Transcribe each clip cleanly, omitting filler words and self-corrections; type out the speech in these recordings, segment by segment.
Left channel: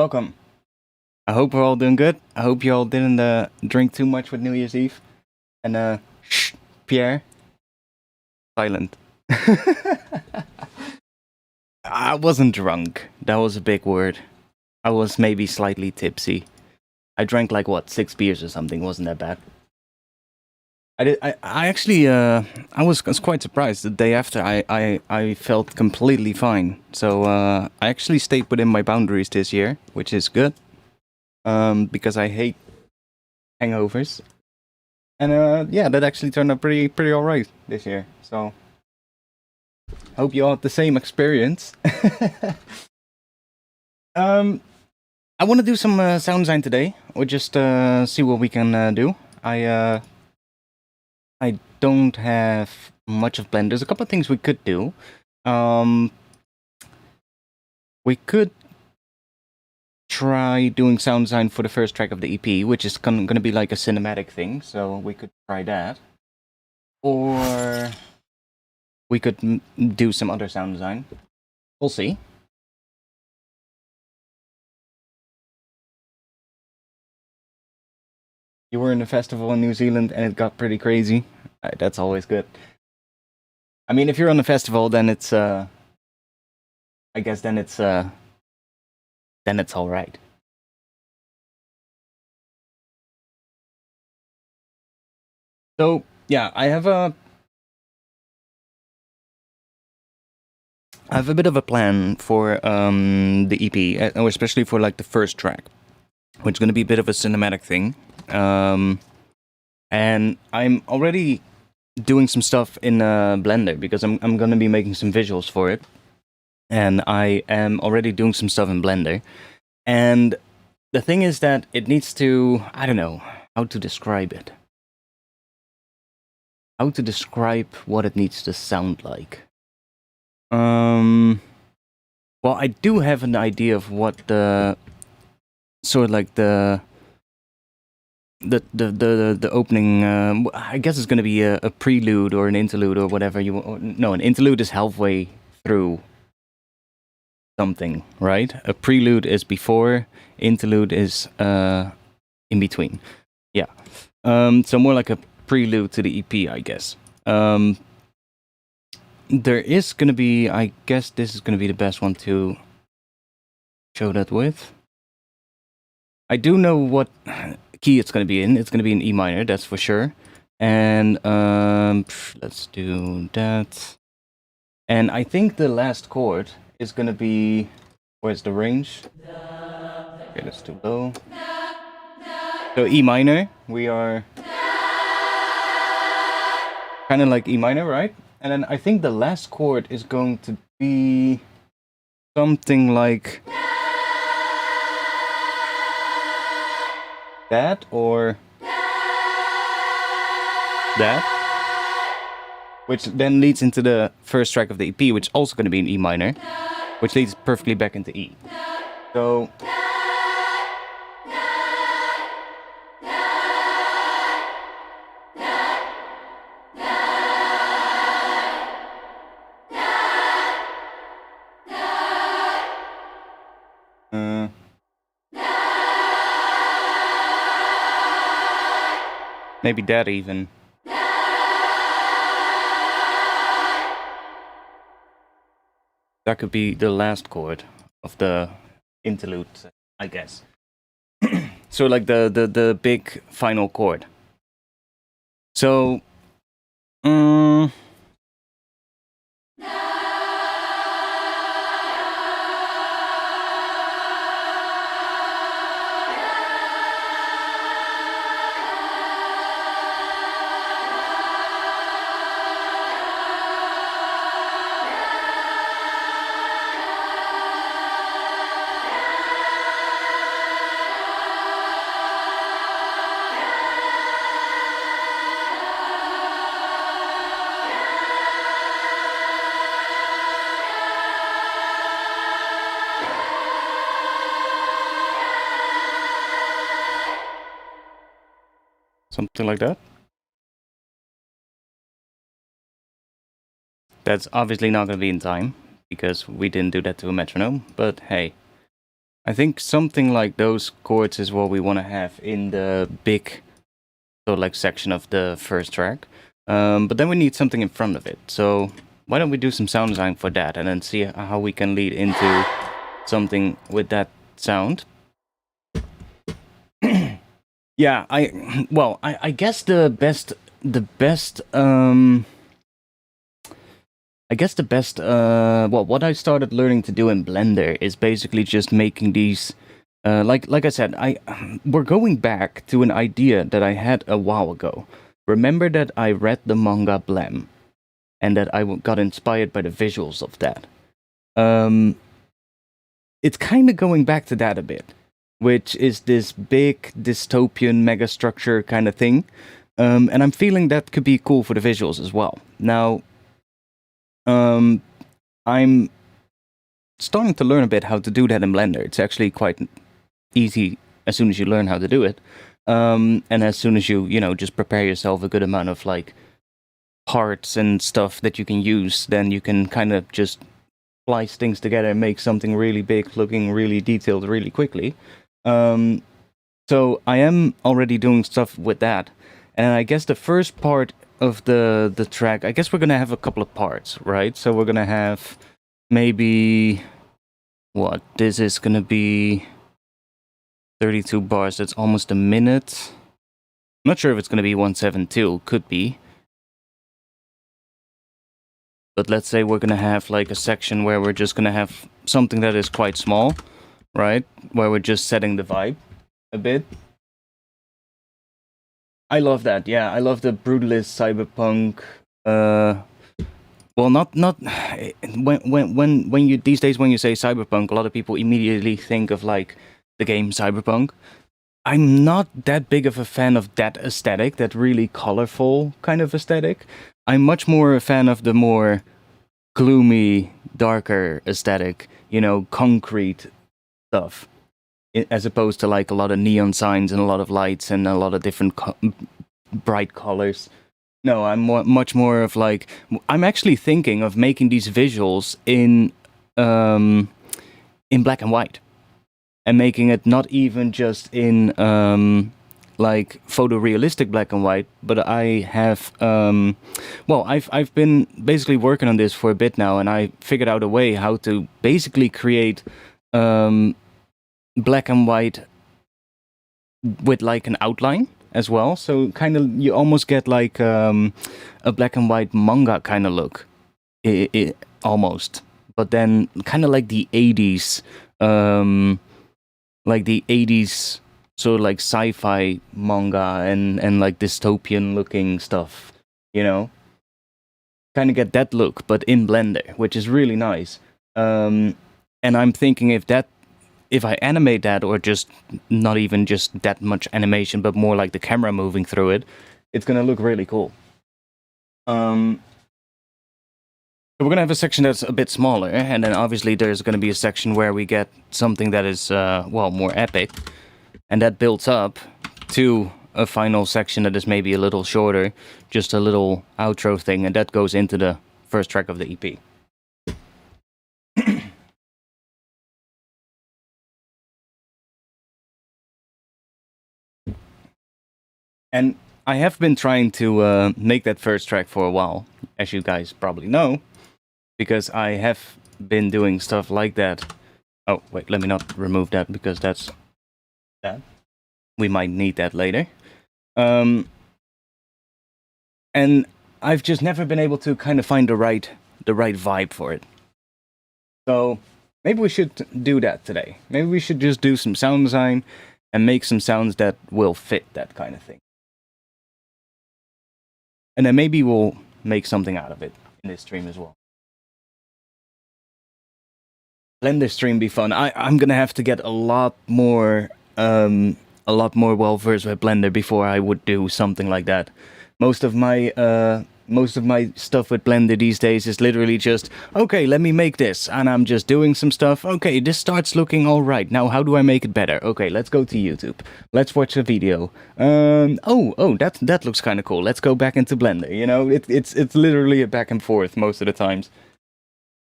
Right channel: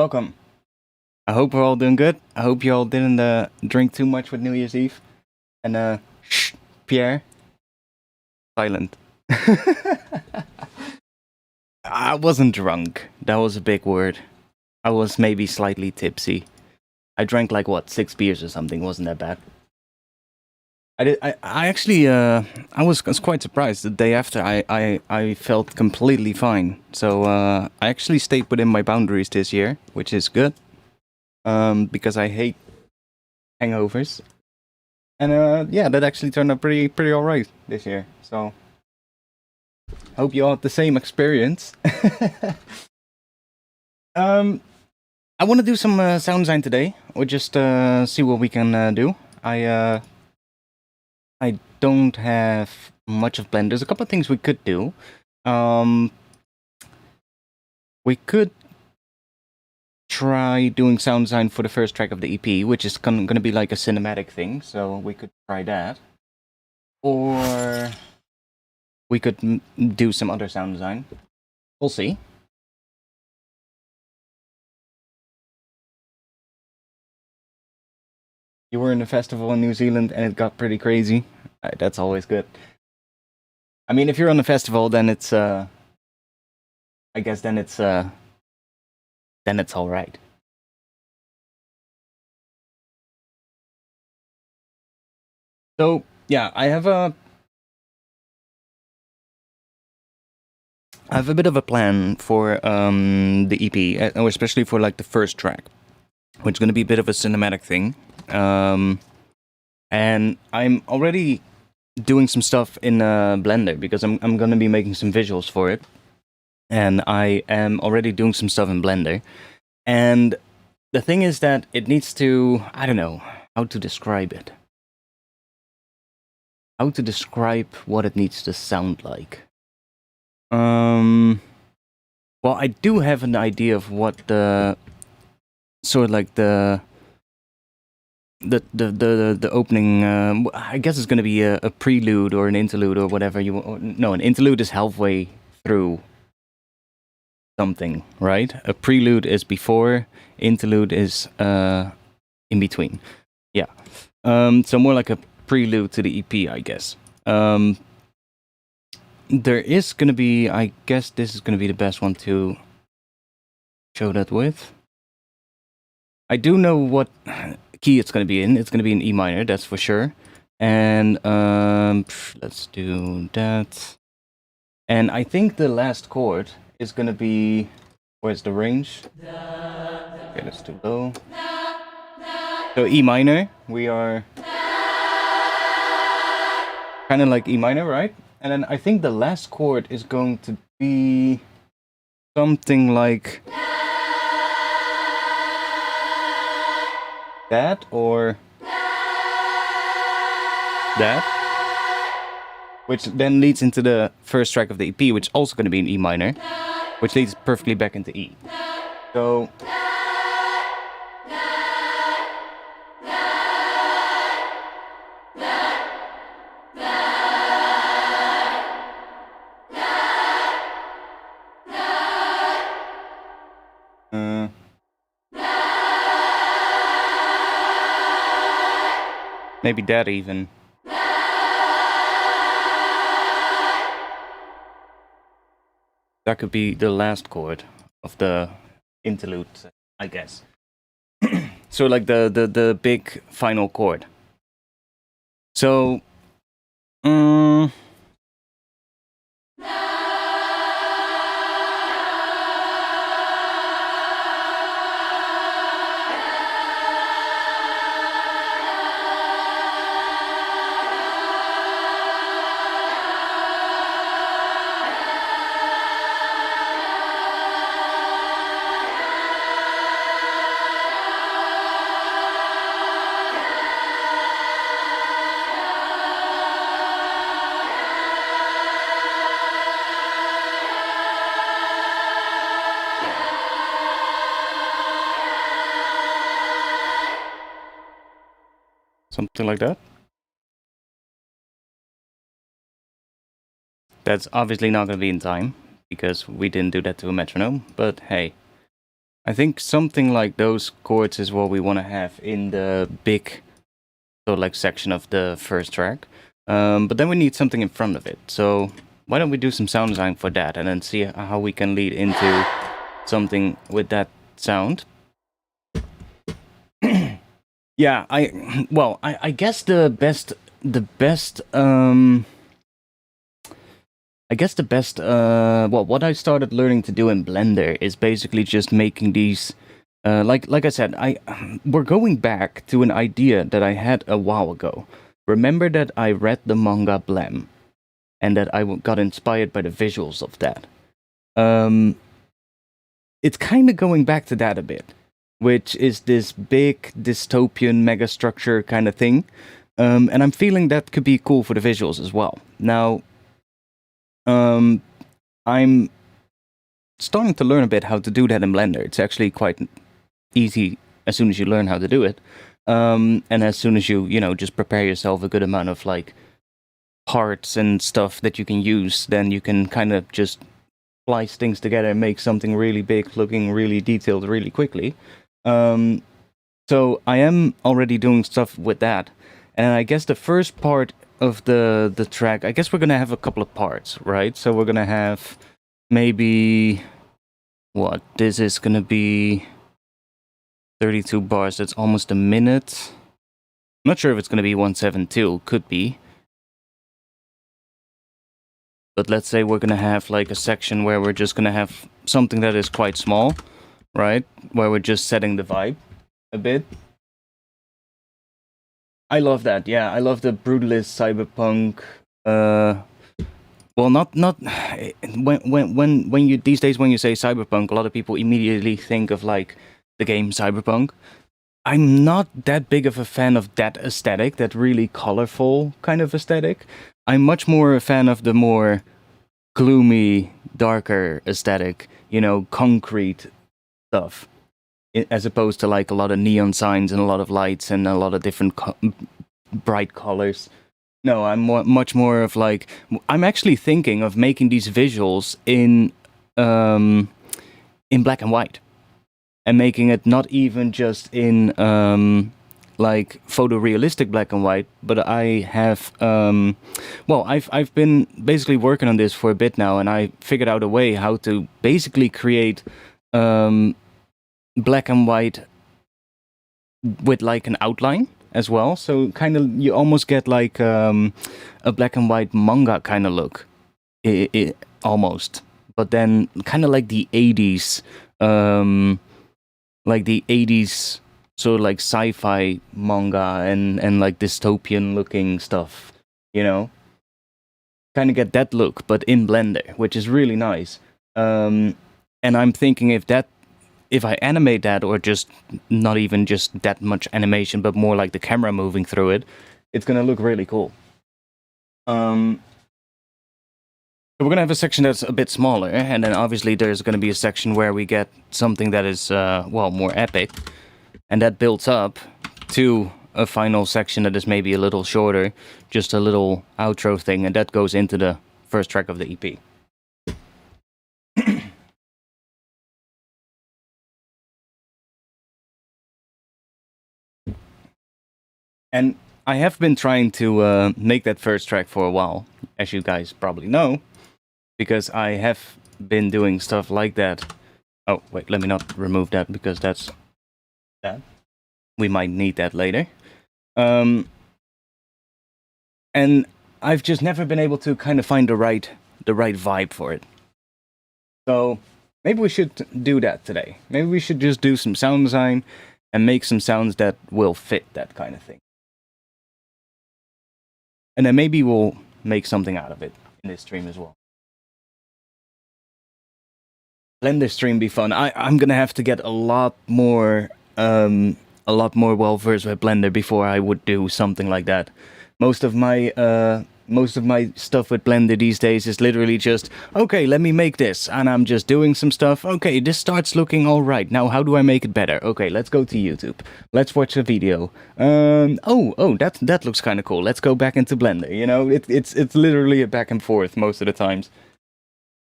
Welcome. I hope we're all doing good. I hope you all didn't drink too much with New Year's Eve. And shh, Pierre, silent. I wasn't drunk. That was a big word. I was maybe slightly tipsy. I drank like what, 6 beers or something. Wasn't that bad. I actually I was quite surprised. The day after I felt completely fine. So I actually stayed within my boundaries this year, which is good. Because I hate hangovers. And yeah, that actually turned out pretty alright this year. So hope you all had the same experience. I want to do some sound design today, or just see what we can do. I don't have much of Blend. There's a couple of things we could do. We could try doing sound design for the first track of the EP, which is going to be like a cinematic thing, so we could try that. Or we could do some other sound design. We'll see. You were in a festival in New Zealand and it got pretty crazy. That's always good. I mean, if you're on a festival, then it's I guess then it's all right. So yeah, I have a bit of a plan for the EP, or especially for like the first track, which is going to be a bit of a cinematic thing. And I'm already doing some stuff in Blender because I'm going to be making some visuals for it. And I am already doing some stuff in Blender. And the thing is that it needs to, I don't know how to describe it. How to describe what it needs to sound like. Well, I do have an idea of what the sort of like the opening. I guess it's going to be a prelude or an interlude or whatever you want. No, an interlude is halfway through something, right? A prelude is before. Interlude is in between. Yeah. So more like a prelude to the EP, I guess. There is going to be, I guess this is going to be the best one to show that with. I do know what key it's going to be in. It's going to be in E minor, that's for sure. And let's do that. And I think the last chord is going to be, where's the range? Okay, that's too low. So E minor, we are kind of like E minor, right? And then I think the last chord is going to be something like that or that, which then leads into the first track of the EP, which is also going to be in E minor, which leads perfectly back into E. So maybe that even. That could be the last chord of the interlude, I guess. So like the big final chord. So something like that. That's obviously not going to be in time, because we didn't do that to a metronome, but hey. I think something like those chords is what we want to have in the big sort of like section of the first track. But then we need something in front of it. So why don't we do some sound design for that and then see how we can lead into something with that sound. Yeah, I guess the best what I started learning to do in Blender is basically just making these, like I said, we're going back to an idea that I had a while ago. Remember that I read the manga Blem, and that I got inspired by the visuals of that. It's kind of going back to that a bit, which is this big dystopian megastructure kind of thing. And I'm feeling that could be cool for the visuals as well. Now, I'm starting to learn a bit how to do that in Blender. It's actually quite easy as soon as you learn how to do it. And as soon as you just prepare yourself a good amount of like parts and stuff that you can use, then you can kind of just splice things together and make something really big, looking really detailed really quickly. So I am already doing stuff with that. And I guess the first part of the track, I guess we're gonna have a couple of parts, right? So we're gonna have maybe this is gonna be 32 bars. That's almost a minute. I'm not sure if it's gonna be 172. Could be. But let's say we're gonna have like a section where we're just gonna have something that is quite small, right? Where we're just setting the vibe a bit. I love that. Yeah, I love the brutalist cyberpunk. Well, not when you these days when you say cyberpunk, a lot of people immediately think of like the game Cyberpunk. I'm not that big of a fan of that aesthetic, that really colorful kind of aesthetic. I'm much more a fan of the more gloomy, darker aesthetic, concrete stuff, as opposed to like a lot of neon signs and a lot of lights and a lot of different bright colors. No, I'm much more of like, I'm actually thinking of making these visuals in black and white, and making it not even just in like photorealistic black and white, but I have I've been basically working on this for a bit now, and I figured out a way how to basically create black and white with like an outline as well. So kind of you almost get like a black and white manga kind of look, almost. But then kind of like the 80s, sort of like sci-fi manga and like dystopian looking stuff, kind of get that look, but in Blender, which is really nice. And I'm thinking if I animate that, or just not even just that much animation, but more like the camera moving through it, it's gonna look really cool. So we're gonna have a section that's a bit smaller, and then obviously there's gonna be a section where we get something that is more epic, and that builds up to a final section that is maybe a little shorter, just a little outro thing, and that goes into the first track of the EP. And I have been trying to make that first track for a while, as you guys probably know, because I have been doing stuff like that. Oh, wait, let me not remove that, because that's that. We might need that later. And I've just never been able to kind of find the right vibe for it. So maybe we should do that today. Maybe we should just do some sound design and make some sounds that will fit that kind of thing. And then maybe we'll make something out of it in this stream as well. Blender stream be fun. I'm gonna have to get a lot more well versed with Blender before I would do something like that. Most of my stuff with Blender these days is literally just, okay, let me make this, and I'm just doing some stuff. Okay, this starts looking all right. Now, how do I make it better? Okay, let's go to YouTube. Let's watch a video. That looks kind of cool. Let's go back into Blender. It's literally a back and forth most of the times.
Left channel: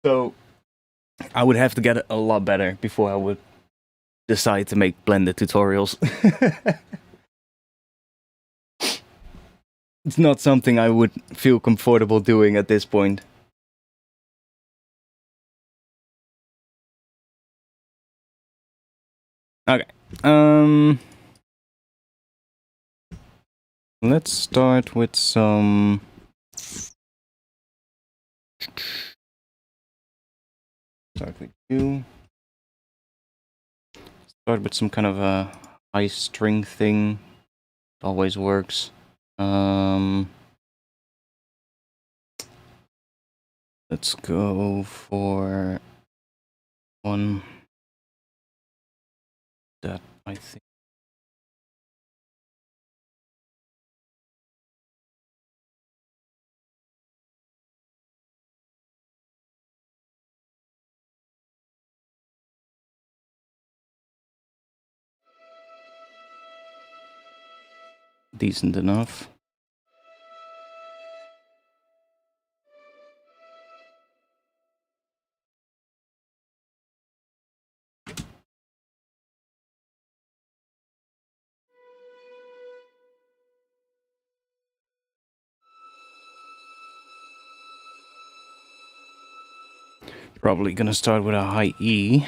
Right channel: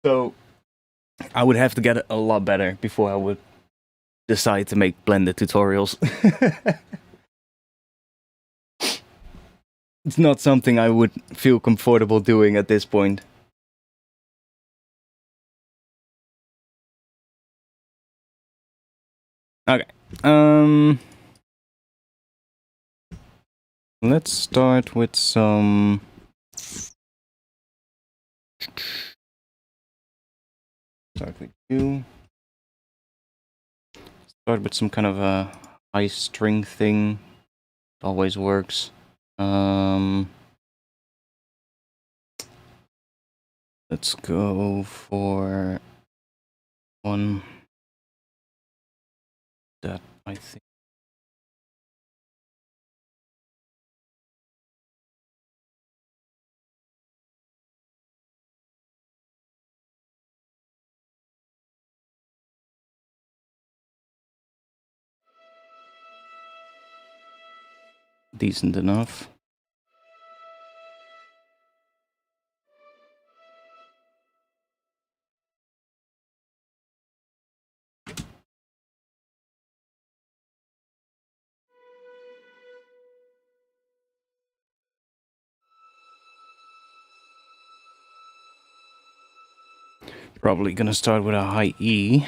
So I would have to get a lot better before I would decide to make blended tutorials. It's not something I would feel comfortable doing at this point. Okay. Let's start with some... Start with you. Start with some kind of a high string thing. It always works. Let's go for one that I think. Decent enough. Probably gonna start with a high E.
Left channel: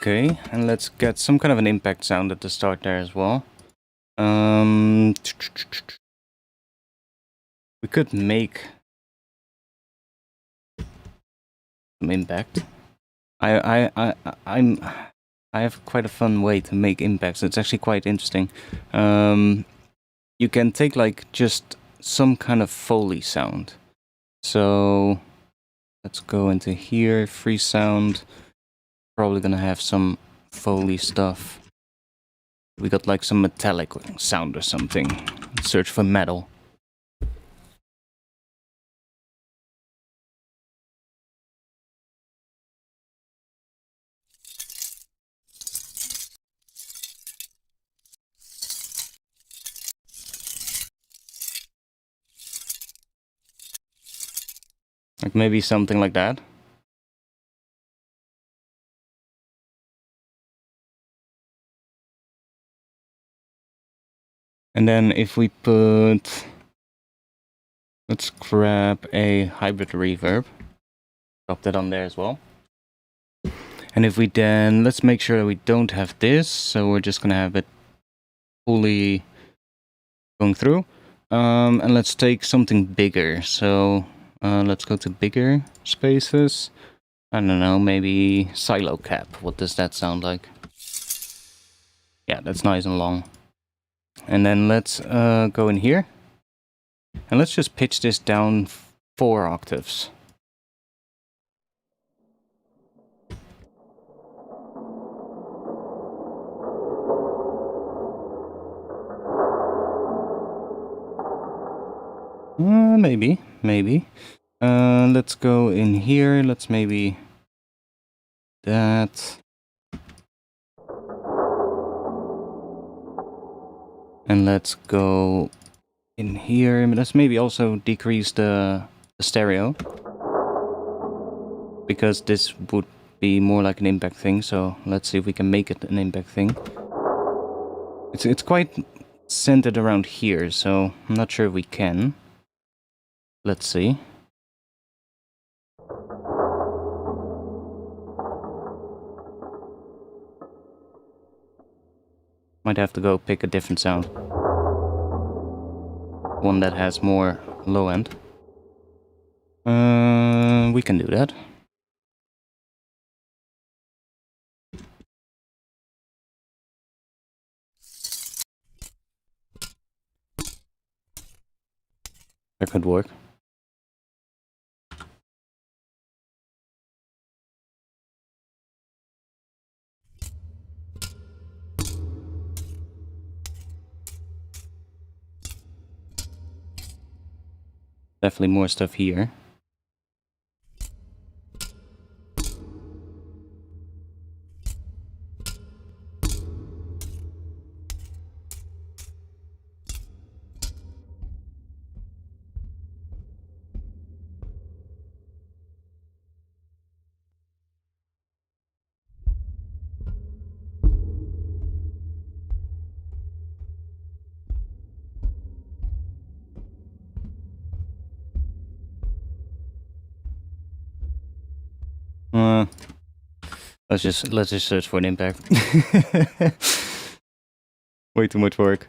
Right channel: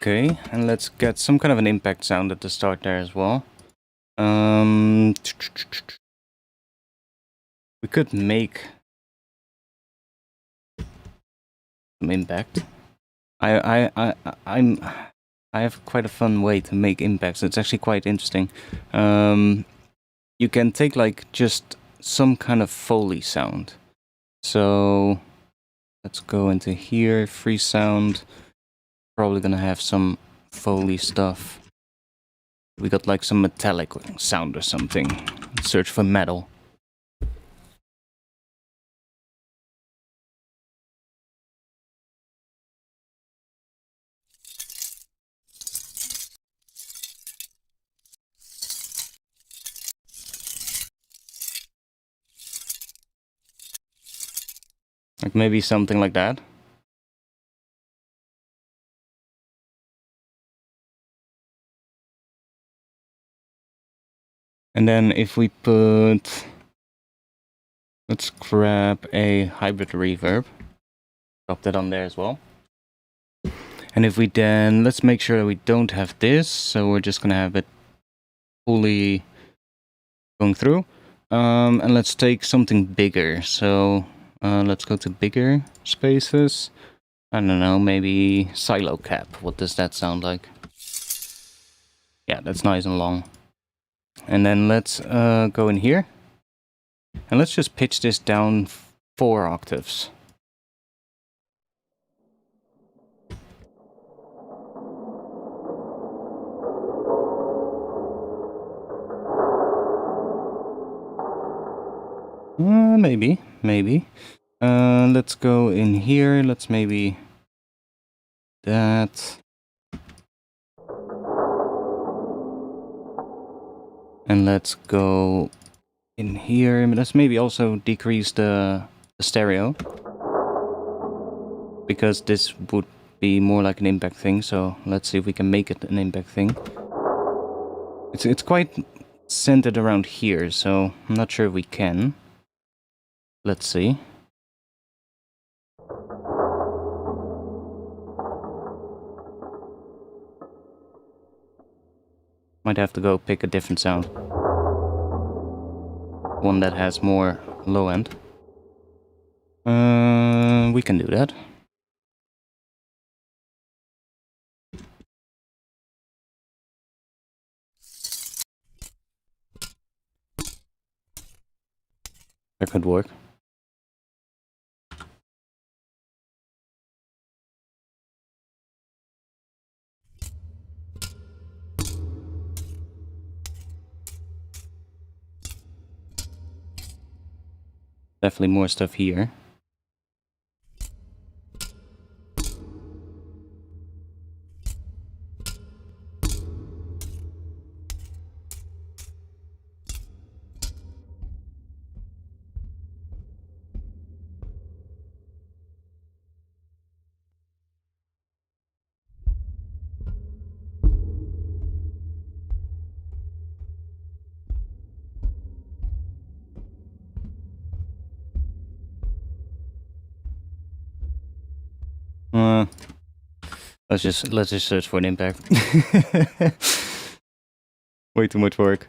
Okay, and let's get some kind of an impact sound at the start there as well. We could make some impact. I have quite a fun way to make impacts. It's actually quite interesting. You can take like just some kind of Foley sound. So let's go into here, free sound. Probably gonna have some Foley stuff. We got like some metallic sound or something. Search for metal. Like maybe something like that. And then if we put... Let's grab a hybrid reverb. Drop that on there as well. And if we then... Let's make sure that we don't have this. So we're just gonna have it fully going through. And let's take something bigger. So let's go to bigger spaces. I don't know, maybe silo cap. What does that sound like? Yeah, that's nice and long. And then let's go in here. And let's just pitch this down 4 octaves. Maybe. Let's go in here. Let's maybe that. And let's go in here. Let's maybe also decrease the stereo. Because this would be more like an impact thing. So let's see if we can make it an impact thing. It's quite centered around here. So I'm not sure if we can. Let's see. Might have to go pick a different sound. One that has more low end. We can do that. That could work. Definitely more stuff here. Let's just search for an impact. Way too much work.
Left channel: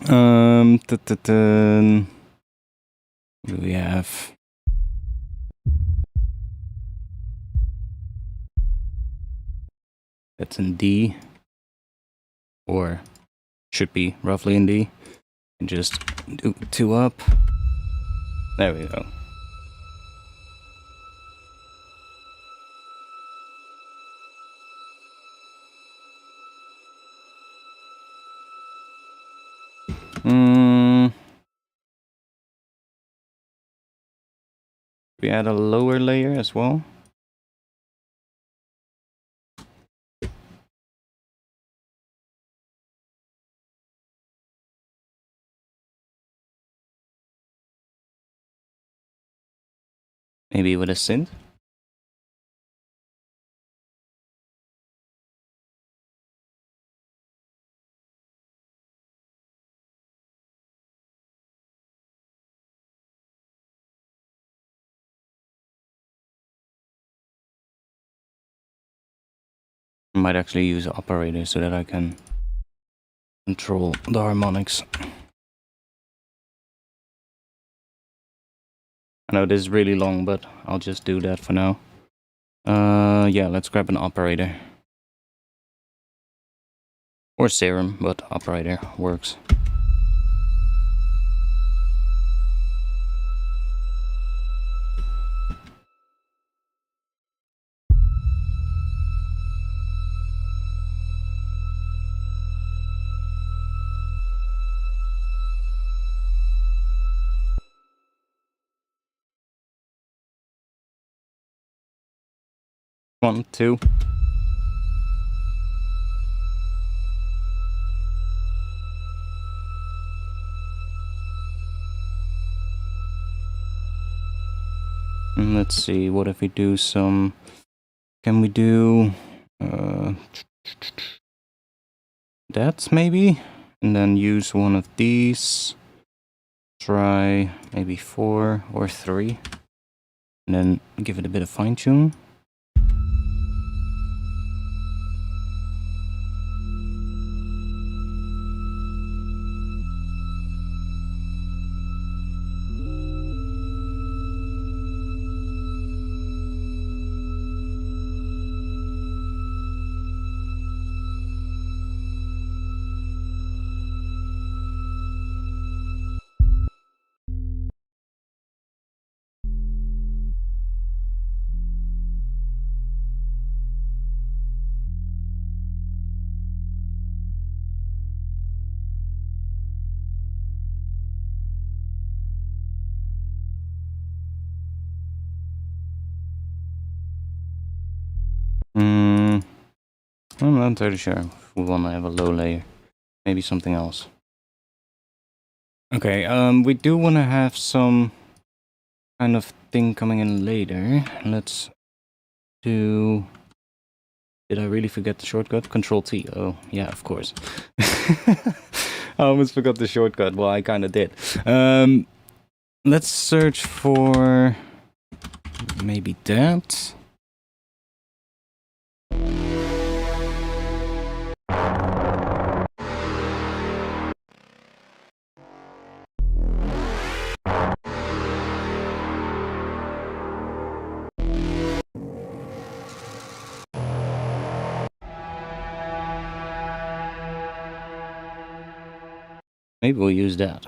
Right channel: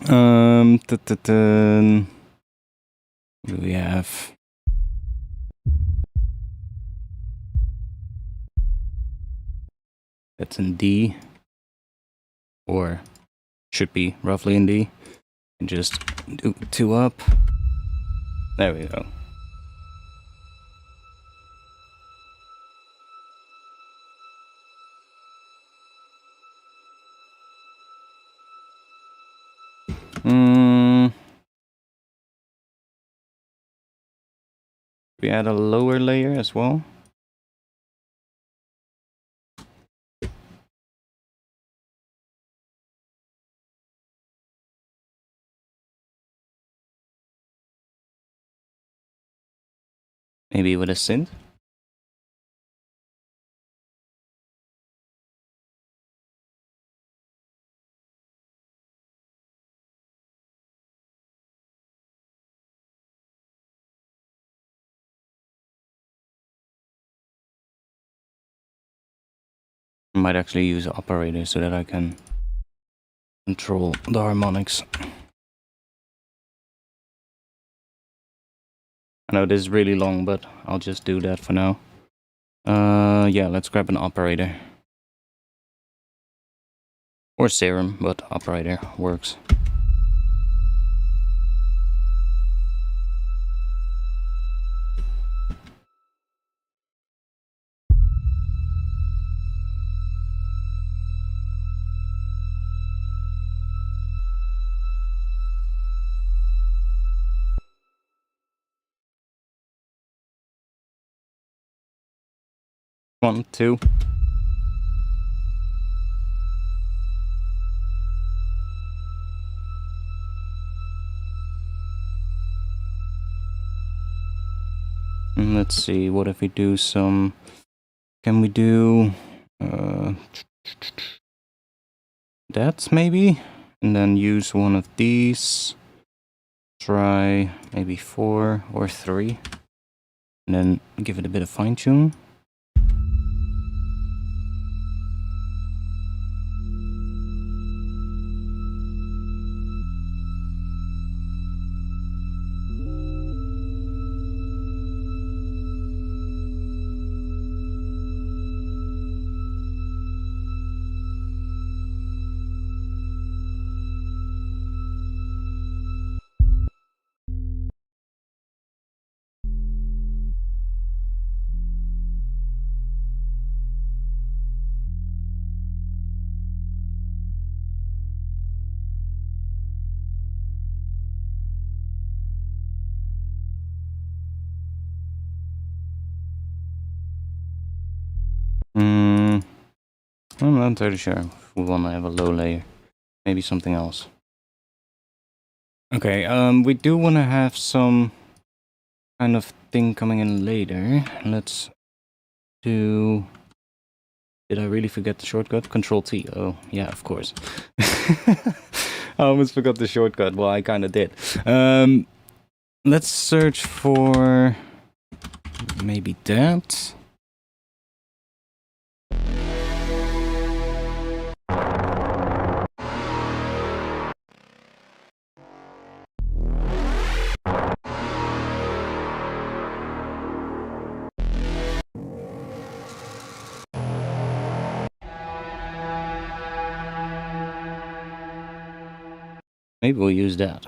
What do we have? That's in D, or should be roughly in D. And just do 2 up. There we go. We add a lower layer as well. Maybe with a synth. I might actually use an operator so that I can control the harmonics. I know this is really long, but I'll just do that for now. Yeah, let's grab an operator. Or serum, but operator works. One, two. And let's see, what if we do some... Can we do... that maybe? And then use one of these. Try maybe 4 or 3. And then give it a bit of fine tune. I'm not entirely sure if we want to have a low layer. Maybe something else. Okay, we do want to have some kind of thing coming in later. Let's do... Did I really forget the shortcut? Control T. Oh, yeah, of course. I almost forgot the shortcut. Well, I kind of did. Let's search for... maybe that. Maybe we'll use that.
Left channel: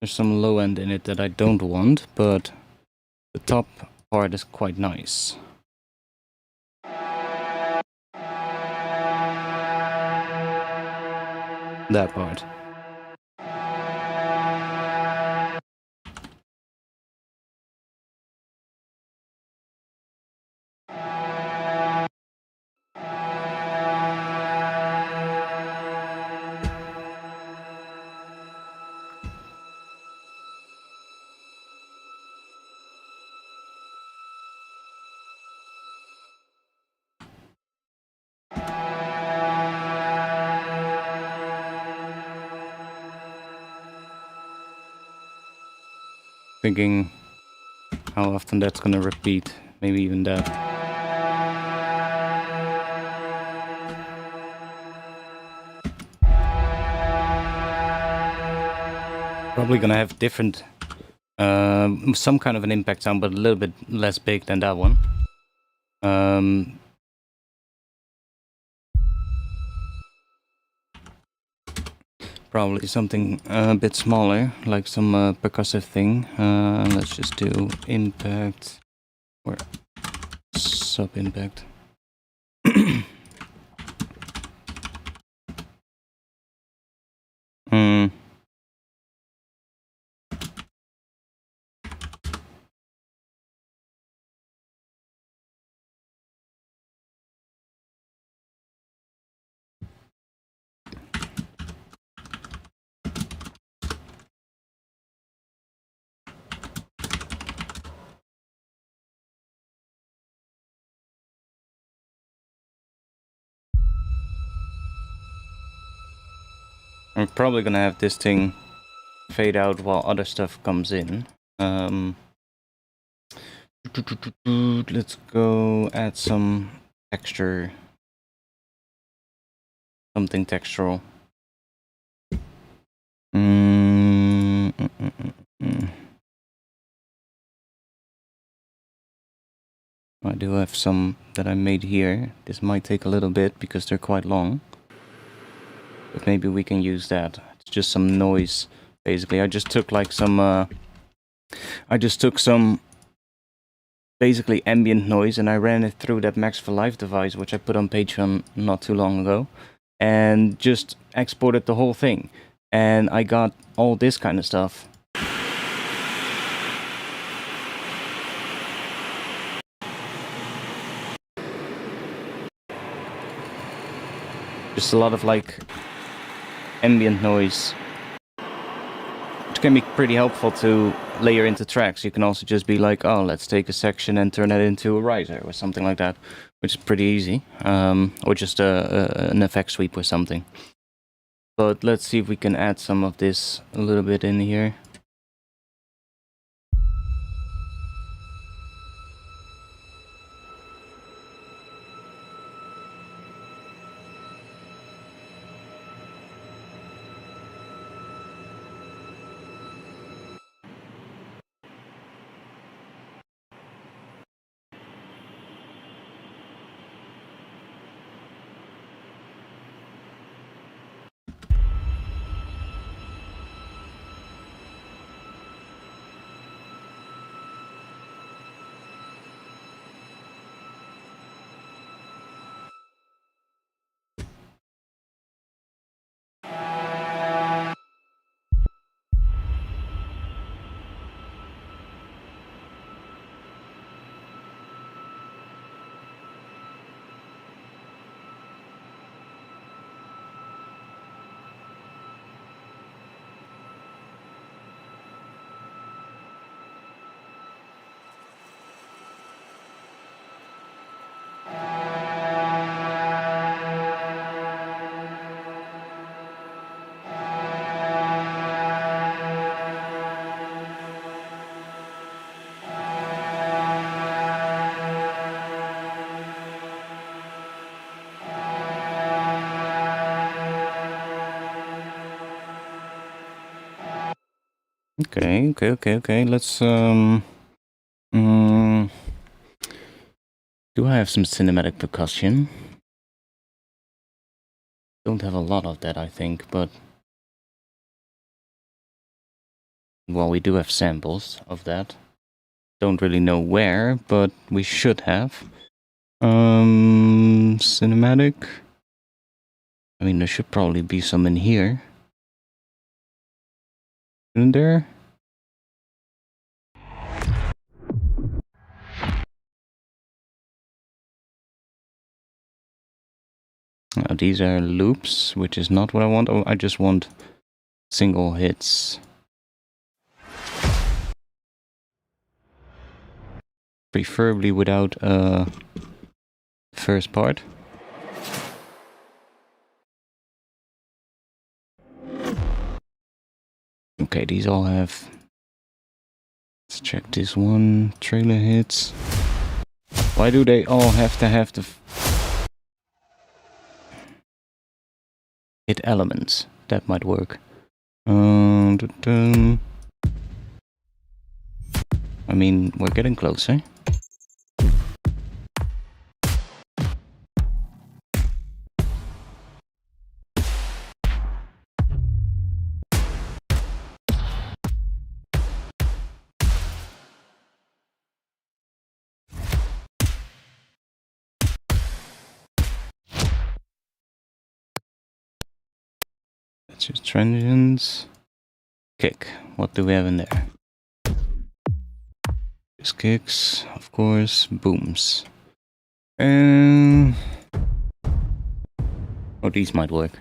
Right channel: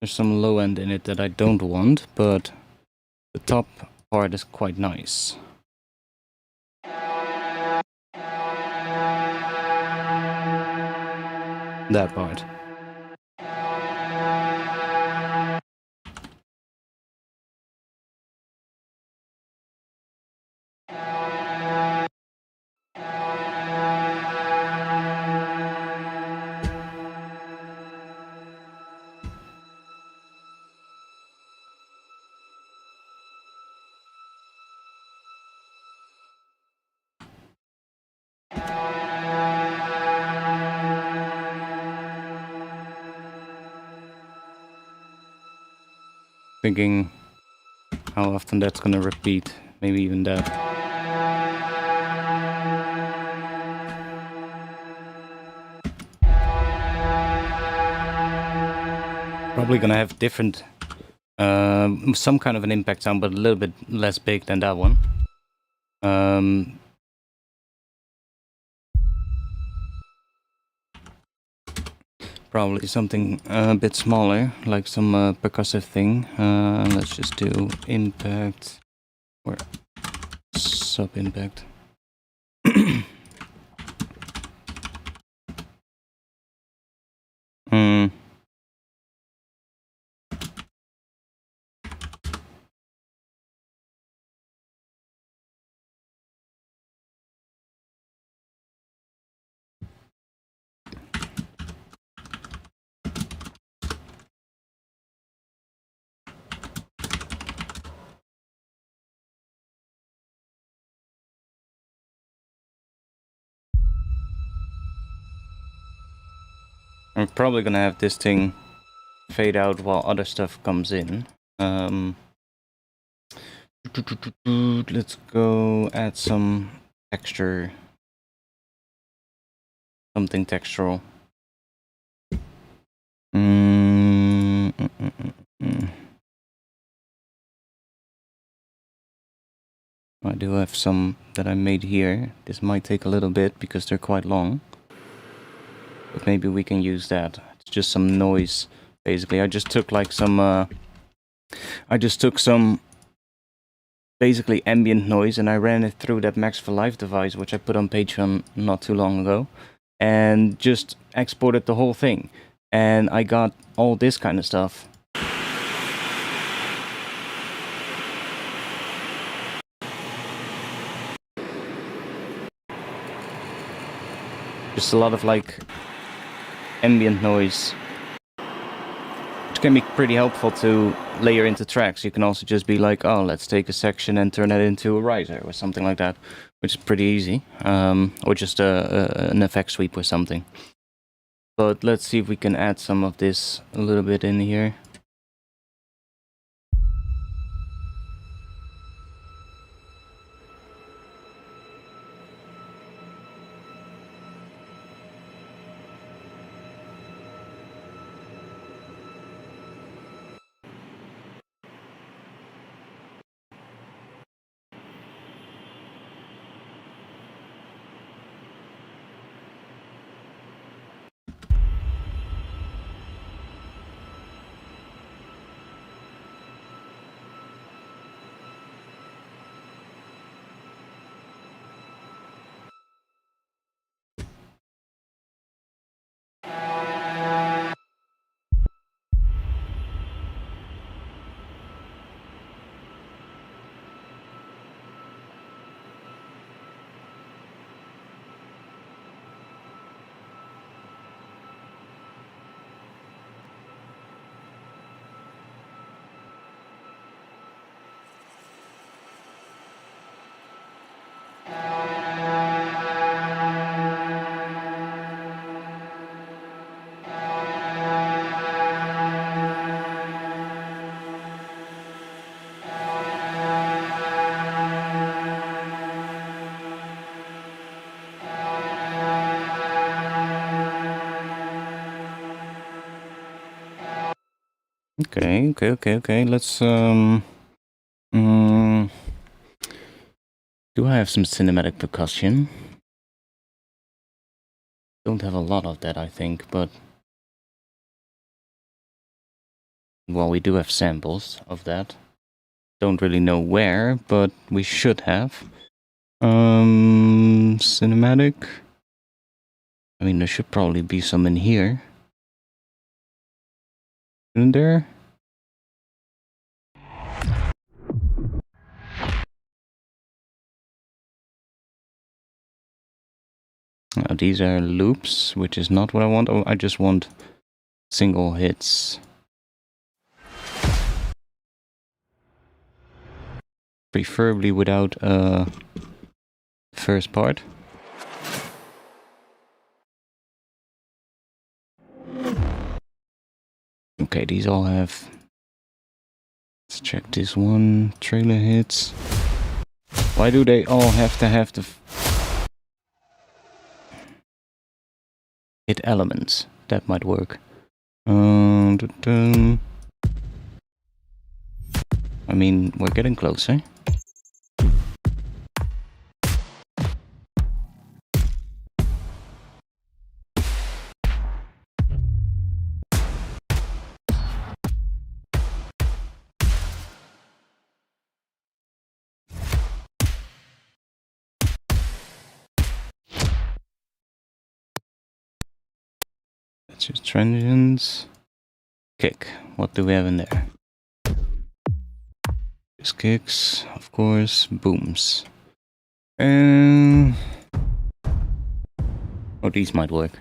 There's some low end in it that I don't want, but the top part is quite nice. That part. Thinking how often that's gonna repeat. Maybe even that. Probably gonna have different, some kind of an impact sound, but a little bit less big than that one. Probably something a bit smaller, like some percussive thing. Let's just do impact or sub-impact. I'm probably gonna have this thing fade out while other stuff comes in. Let's go add some texture. Something textural. I do have some that I made here. This might take a little bit because they're quite long. But maybe we can use that. It's just some noise, basically. I just took like some... basically ambient noise, and I ran it through that Max for Life device, which I put on Patreon not too long ago, and just exported the whole thing. And I got all this kind of stuff. Just a lot of like ambient noise, which can be pretty helpful to layer into tracks. You can also just be like, oh, let's take a section and turn that into a riser or something like that, which is pretty easy. Or just an effect sweep or something. But let's see if we can add some of this a little bit in here. Okay. Let's do I have some cinematic percussion? Don't have a lot of that, I think, but well, we do have samples of that. Don't really know where, but we should have. Cinematic. I mean, there should probably be some in here. Isn't there? Now, these are loops, which is not what I want. Oh, I just want single hits. Preferably without first part. Okay, these all have Let's check this one. Trailer hits. Why do they all have to have the hit elements? That might work. I mean, we're getting closer. That's just transients. Kick. What do we have in there? Just kicks, of course. Booms. And oh, these might work.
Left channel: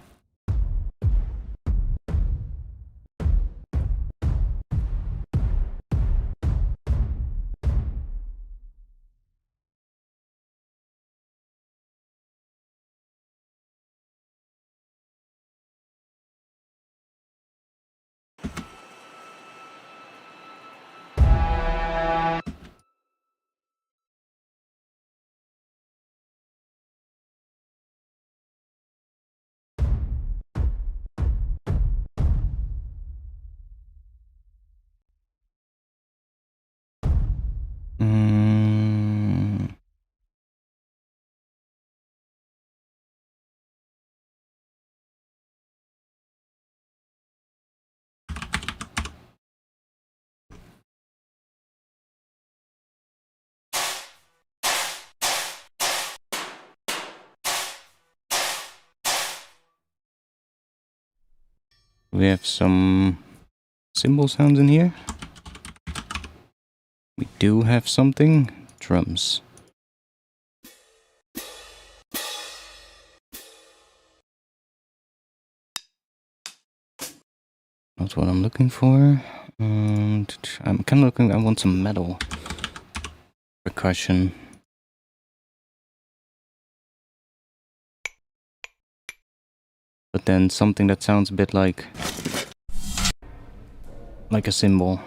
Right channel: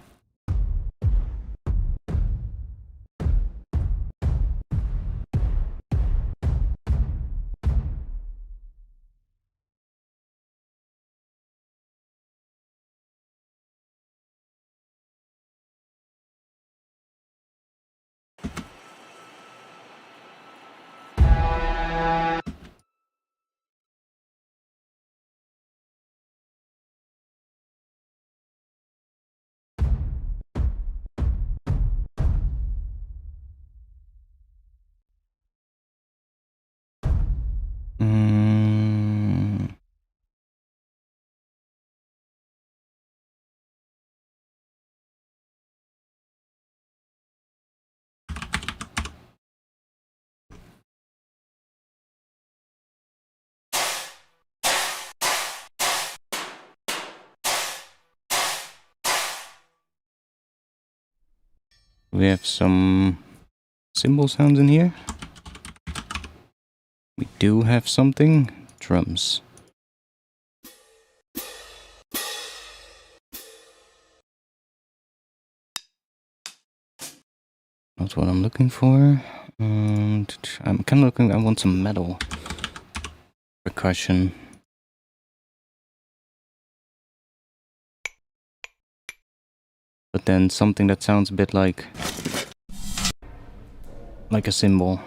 We have some cymbal sounds in here. We do have something. Drums. Not what I'm looking for. I'm kind of looking. I want some metal percussion. But then something that sounds a bit like a cymbal.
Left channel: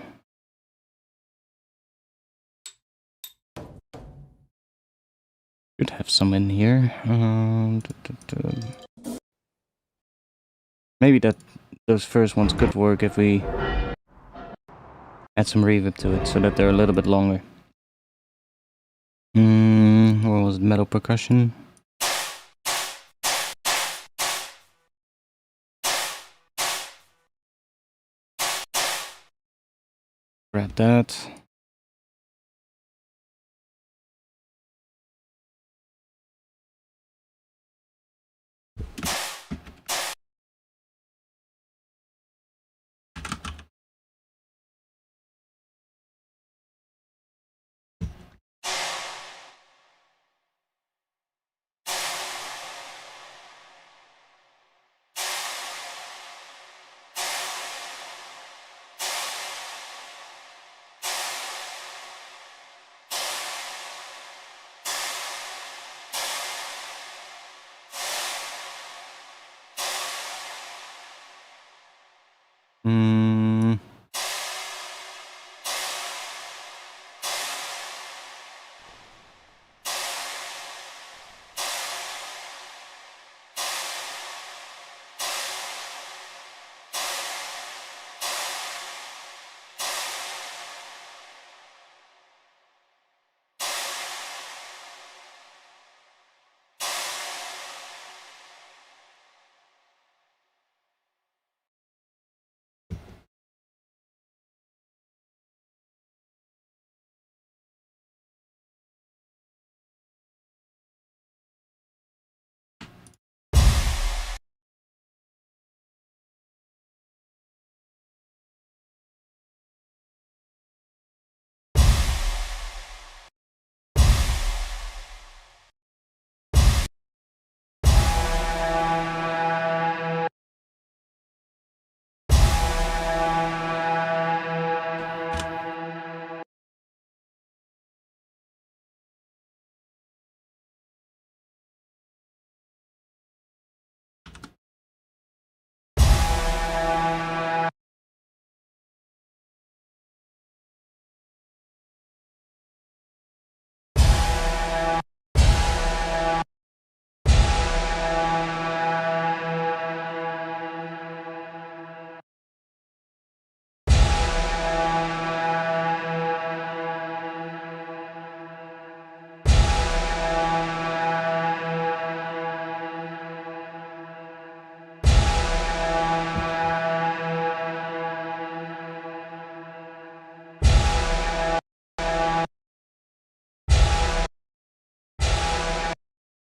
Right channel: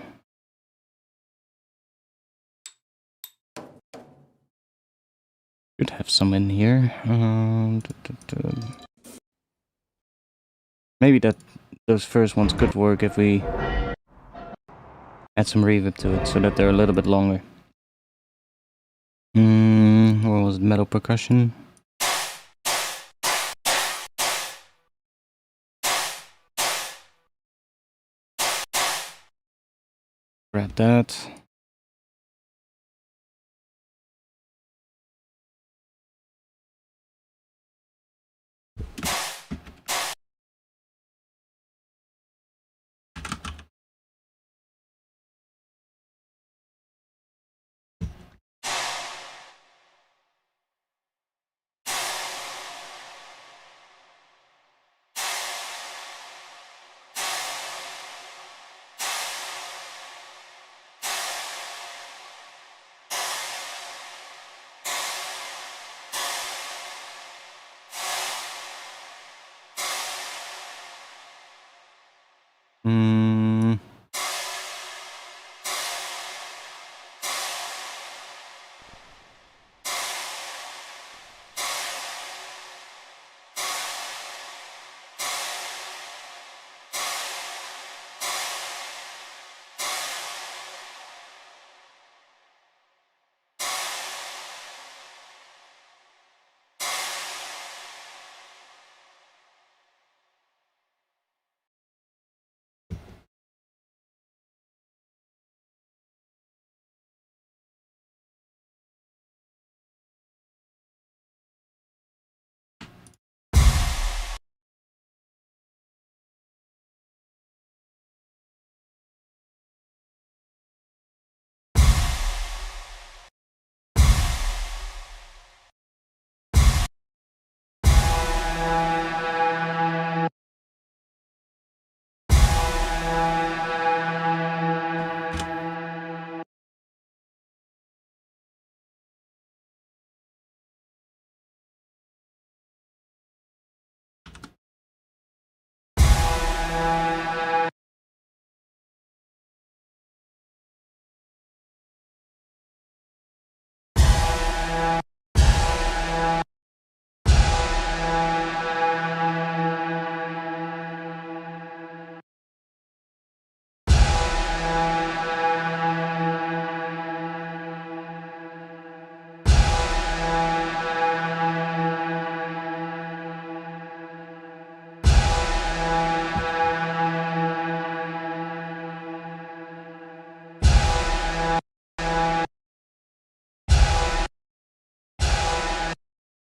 Should have some in here. Maybe those first ones could work if we add some reverb to it so that they're a little bit longer. Or was it metal percussion? Grab that.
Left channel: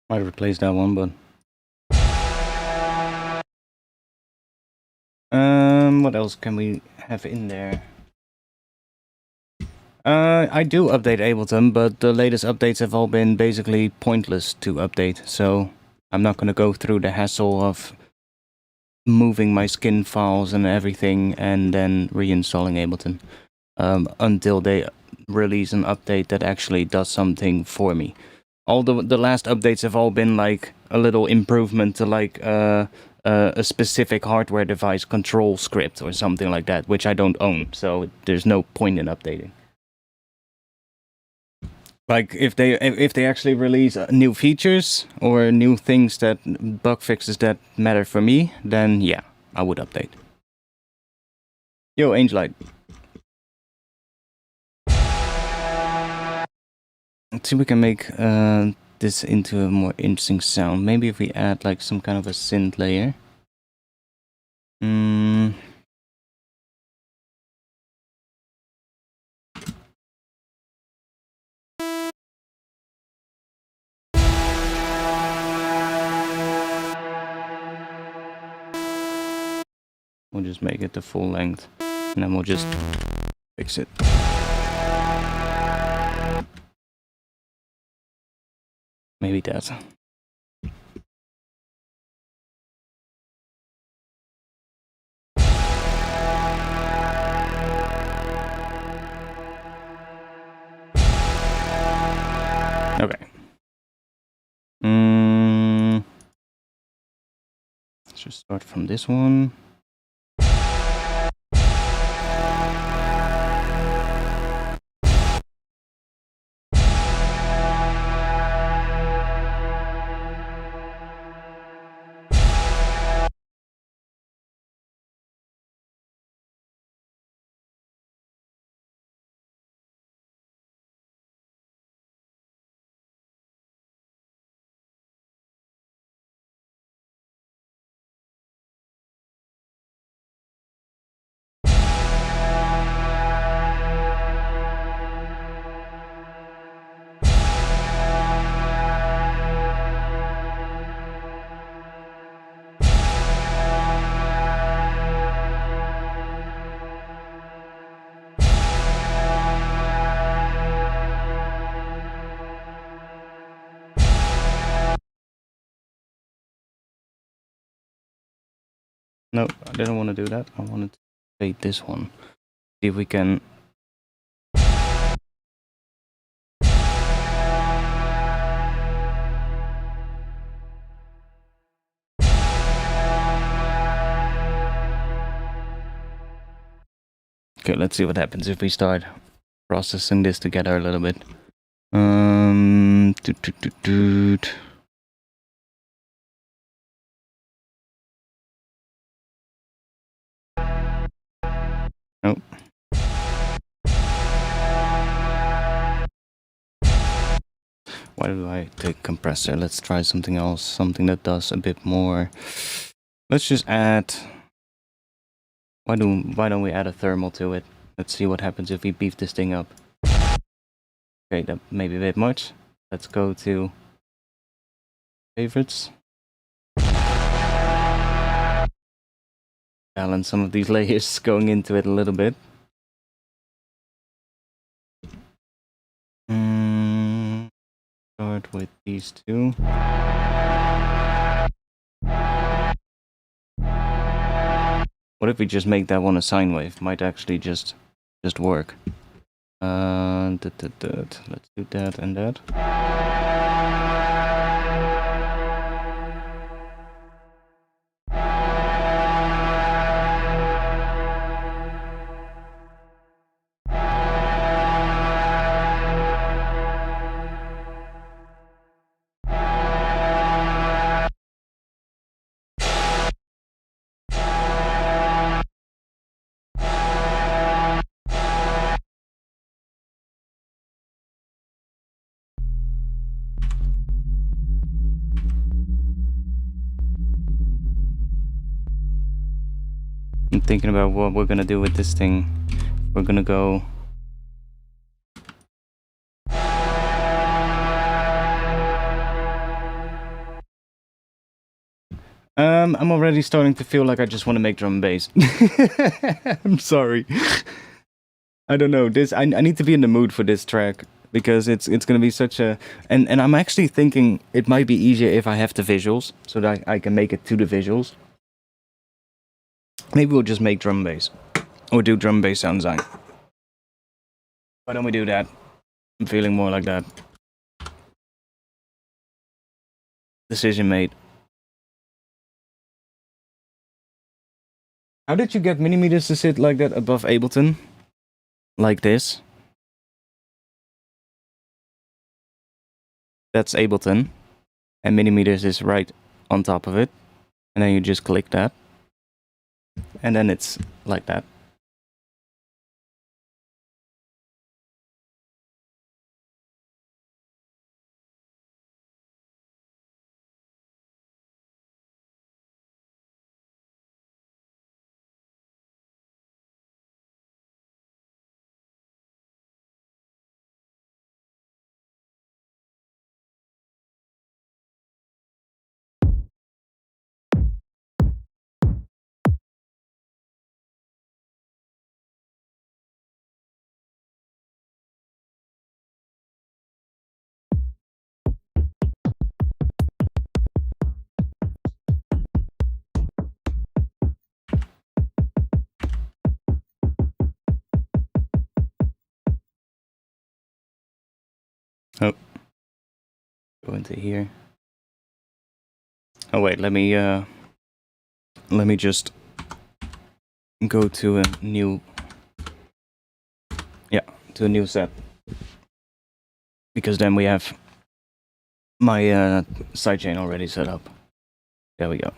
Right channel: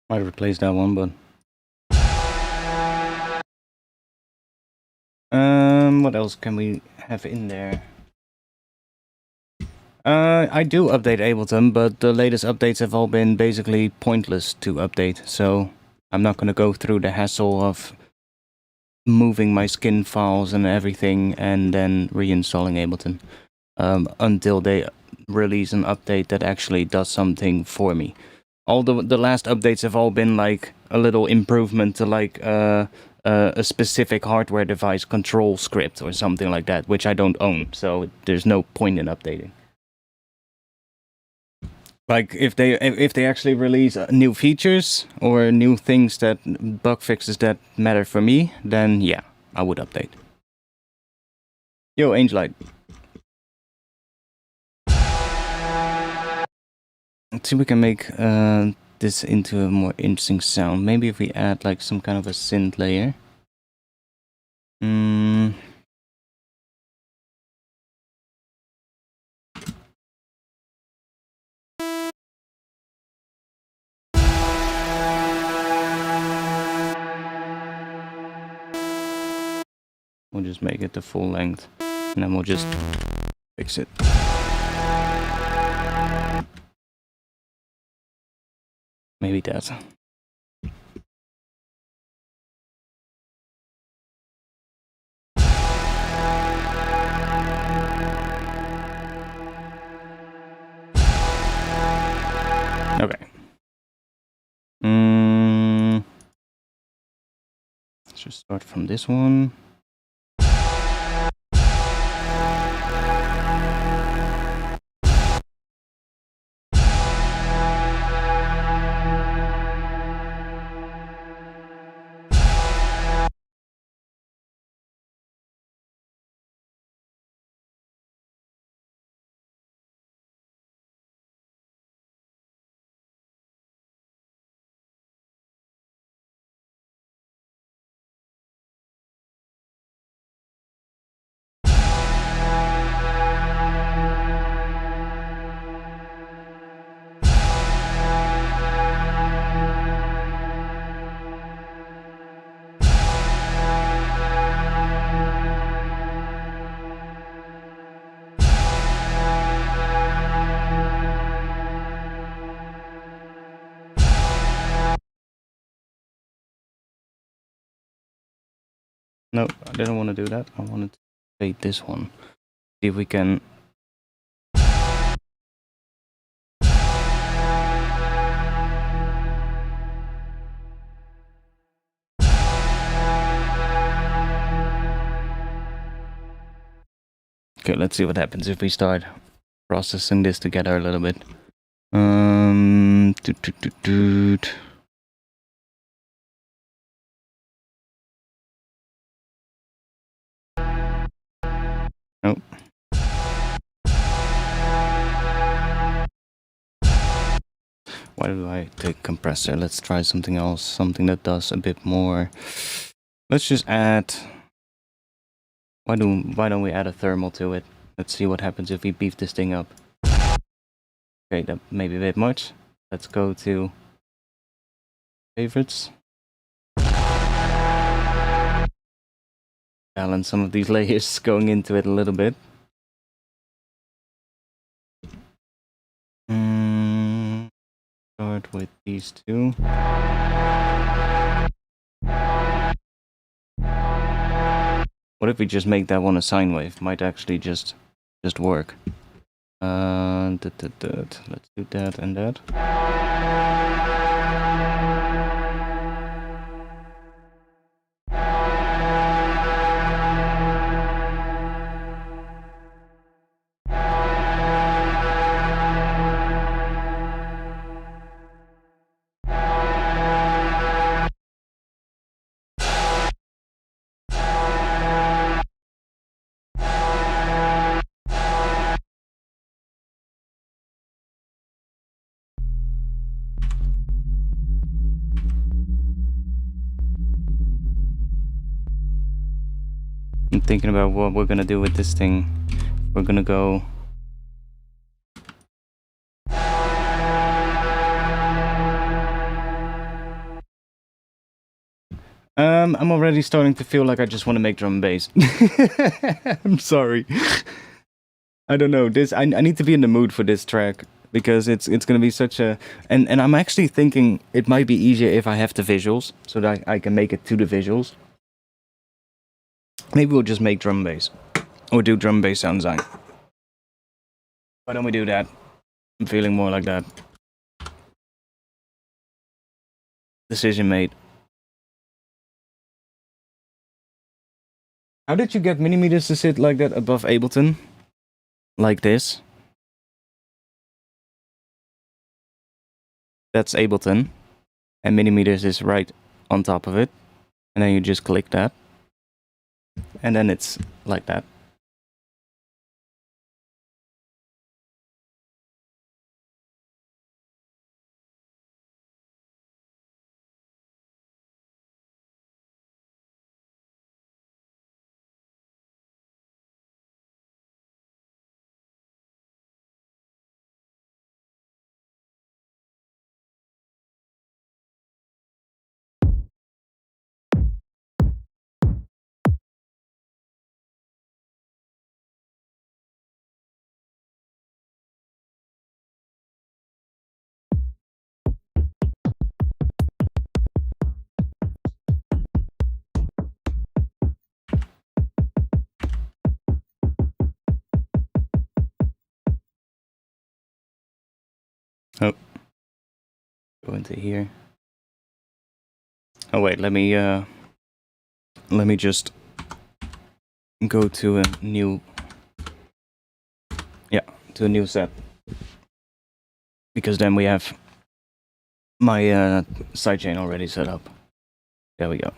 Might replace that one, but what else can we have in there? I do update Ableton, but the latest updates have all been basically pointless to update, so I'm not gonna go through the hassle of moving my skin files and everything and then reinstalling Ableton until they release an update that actually does something for me. All the last updates have all been like a little improvement to like a specific hardware device control script or something like that, which I don't own, so there's no point in updating. Like if they actually release new features or new things that bug fixes that matter for me, then yeah, I would update. Yo, Angelite. Let's see if we can make this into a more interesting sound. Maybe if we add like some kind of a synth layer. We'll just make it the full length, and then we'll just fix it. Maybe that. Okay. Let's just start from this one. No, I didn't want to do that. I wanted to fade this one. See if we can. Okay, let's see what happens if we start processing this together a little bit. Nope. Why do I take compressor? Let's try something else, something that does a bit more. Let's just add. Why don't we add a thermal to it? Let's see what happens if we beef this thing up. Okay, that may be a bit much. Let's go to favorites. Balance some of these layers going into it a little bit. Start with these two. What if we just make that one a sine wave? Might actually just work. Let's do that and that. I'm thinking about what we're gonna do with this thing. We're gonna go. I'm already starting to feel like I just want to make drum and bass. I'm sorry. I don't know. I need to be in the mood for this track because it's gonna be such a and I'm actually thinking it might be easier if I have the visuals so that I can make it to the visuals. Maybe we'll just make drum and bass or do drum and bass sound design. Why don't we do that? I'm feeling more like that. Decision made. How did you get millimeters to sit like that above Ableton? Like this? That's Ableton. And millimeters is right on top of it. And then you just click that. And then it's like that. Oh. Go into here. Oh wait, let me just go to a new to a new set. Because then we have my sidechain already set up. There we go.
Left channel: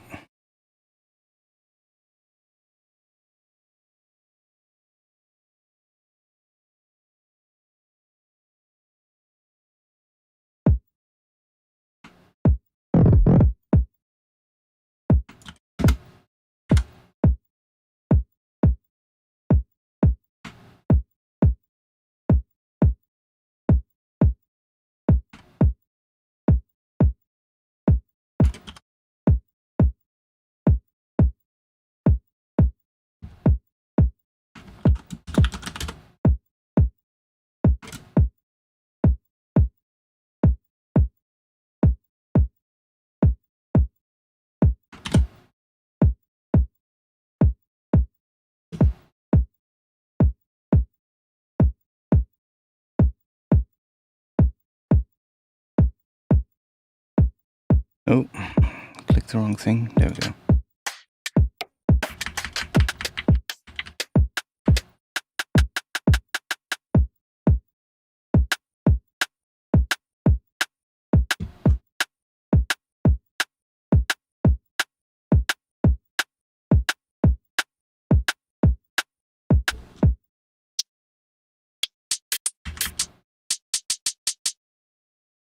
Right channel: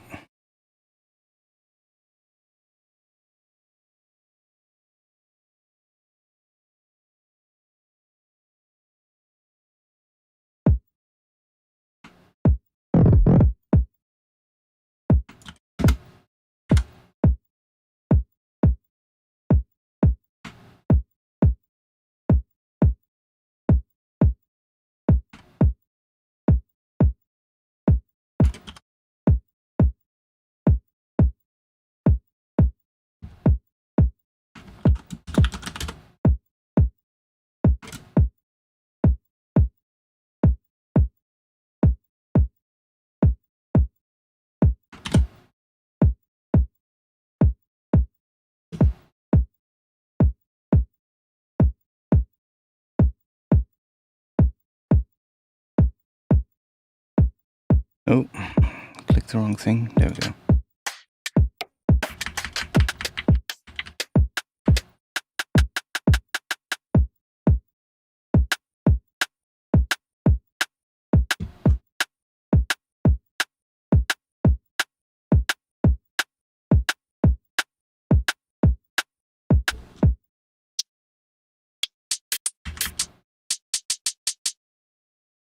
Oh, clicked the wrong thing. There we go.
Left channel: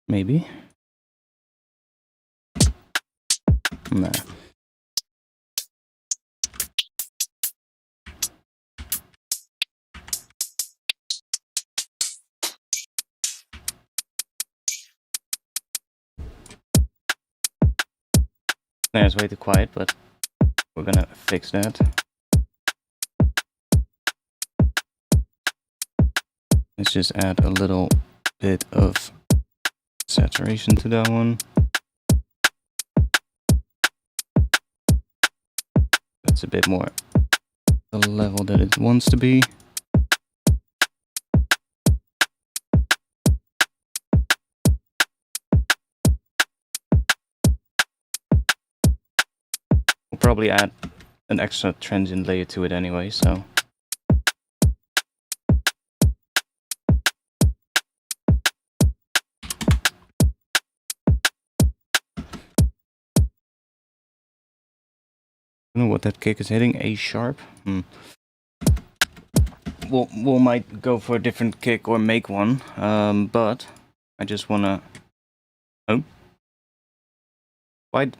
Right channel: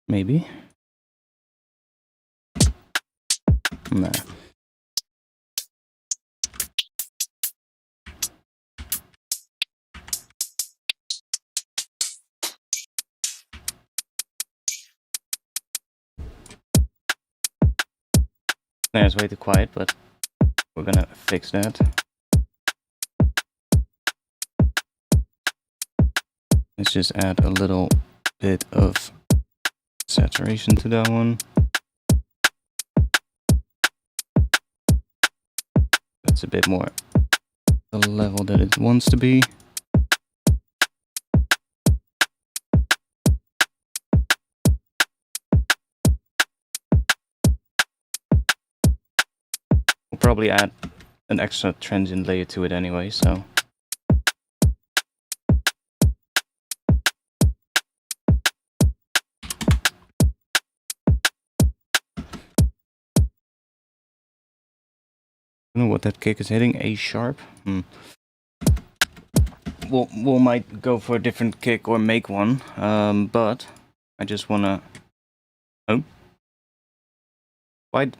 Maybe. Nah. Nah, it's way too quiet, but we're gonna fix that. Let's just add a little bit of saturation to that one. That's a bit more the level that it wants to be. We'll probably add an extra transient layer to it anyway, so. I don't know what that kick is hitting. A sharp. We'll might go for a different kick or make one. But I just wanna. Oh. Why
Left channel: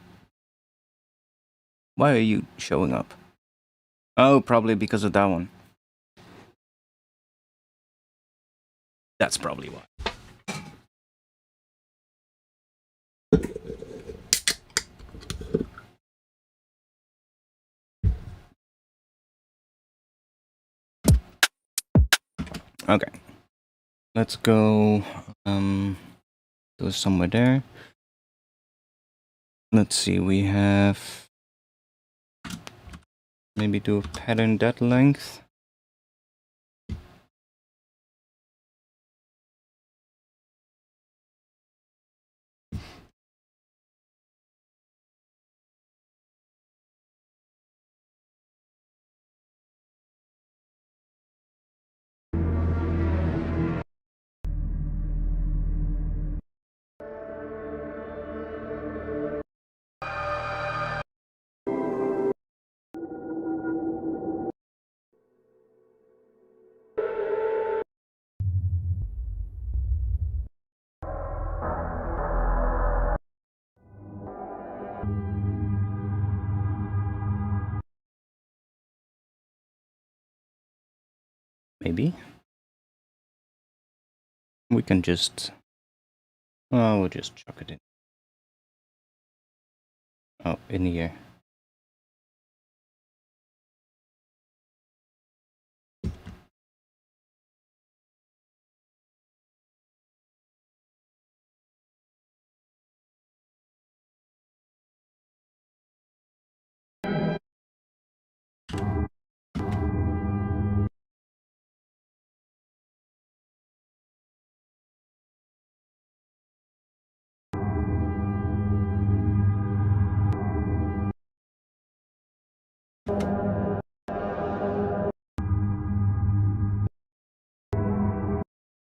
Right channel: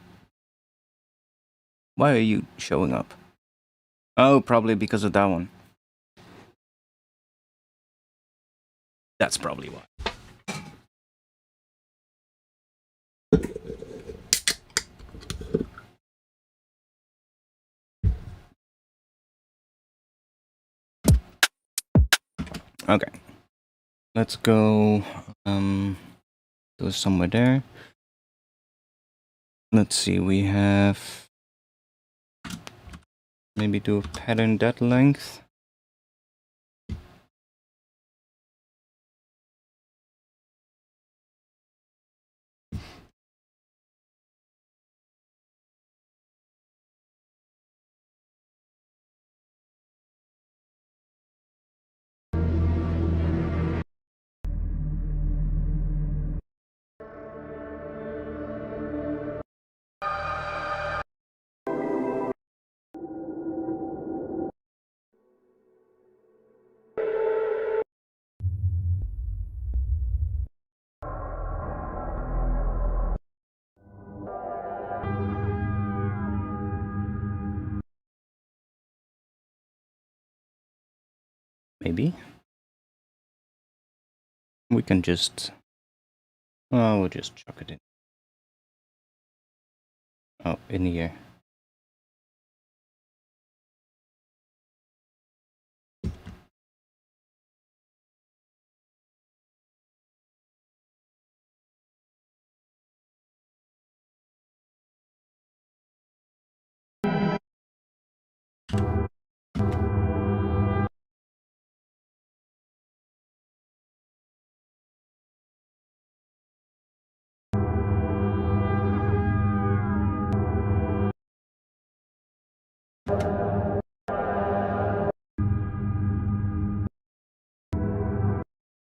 are you showing up? Oh, probably because of that one. That's probably why. Okay. Let's go go somewhere there. Let's see, we have maybe do a pattern that length. Maybe we can just, we'll just chuck it in. Oh, in here.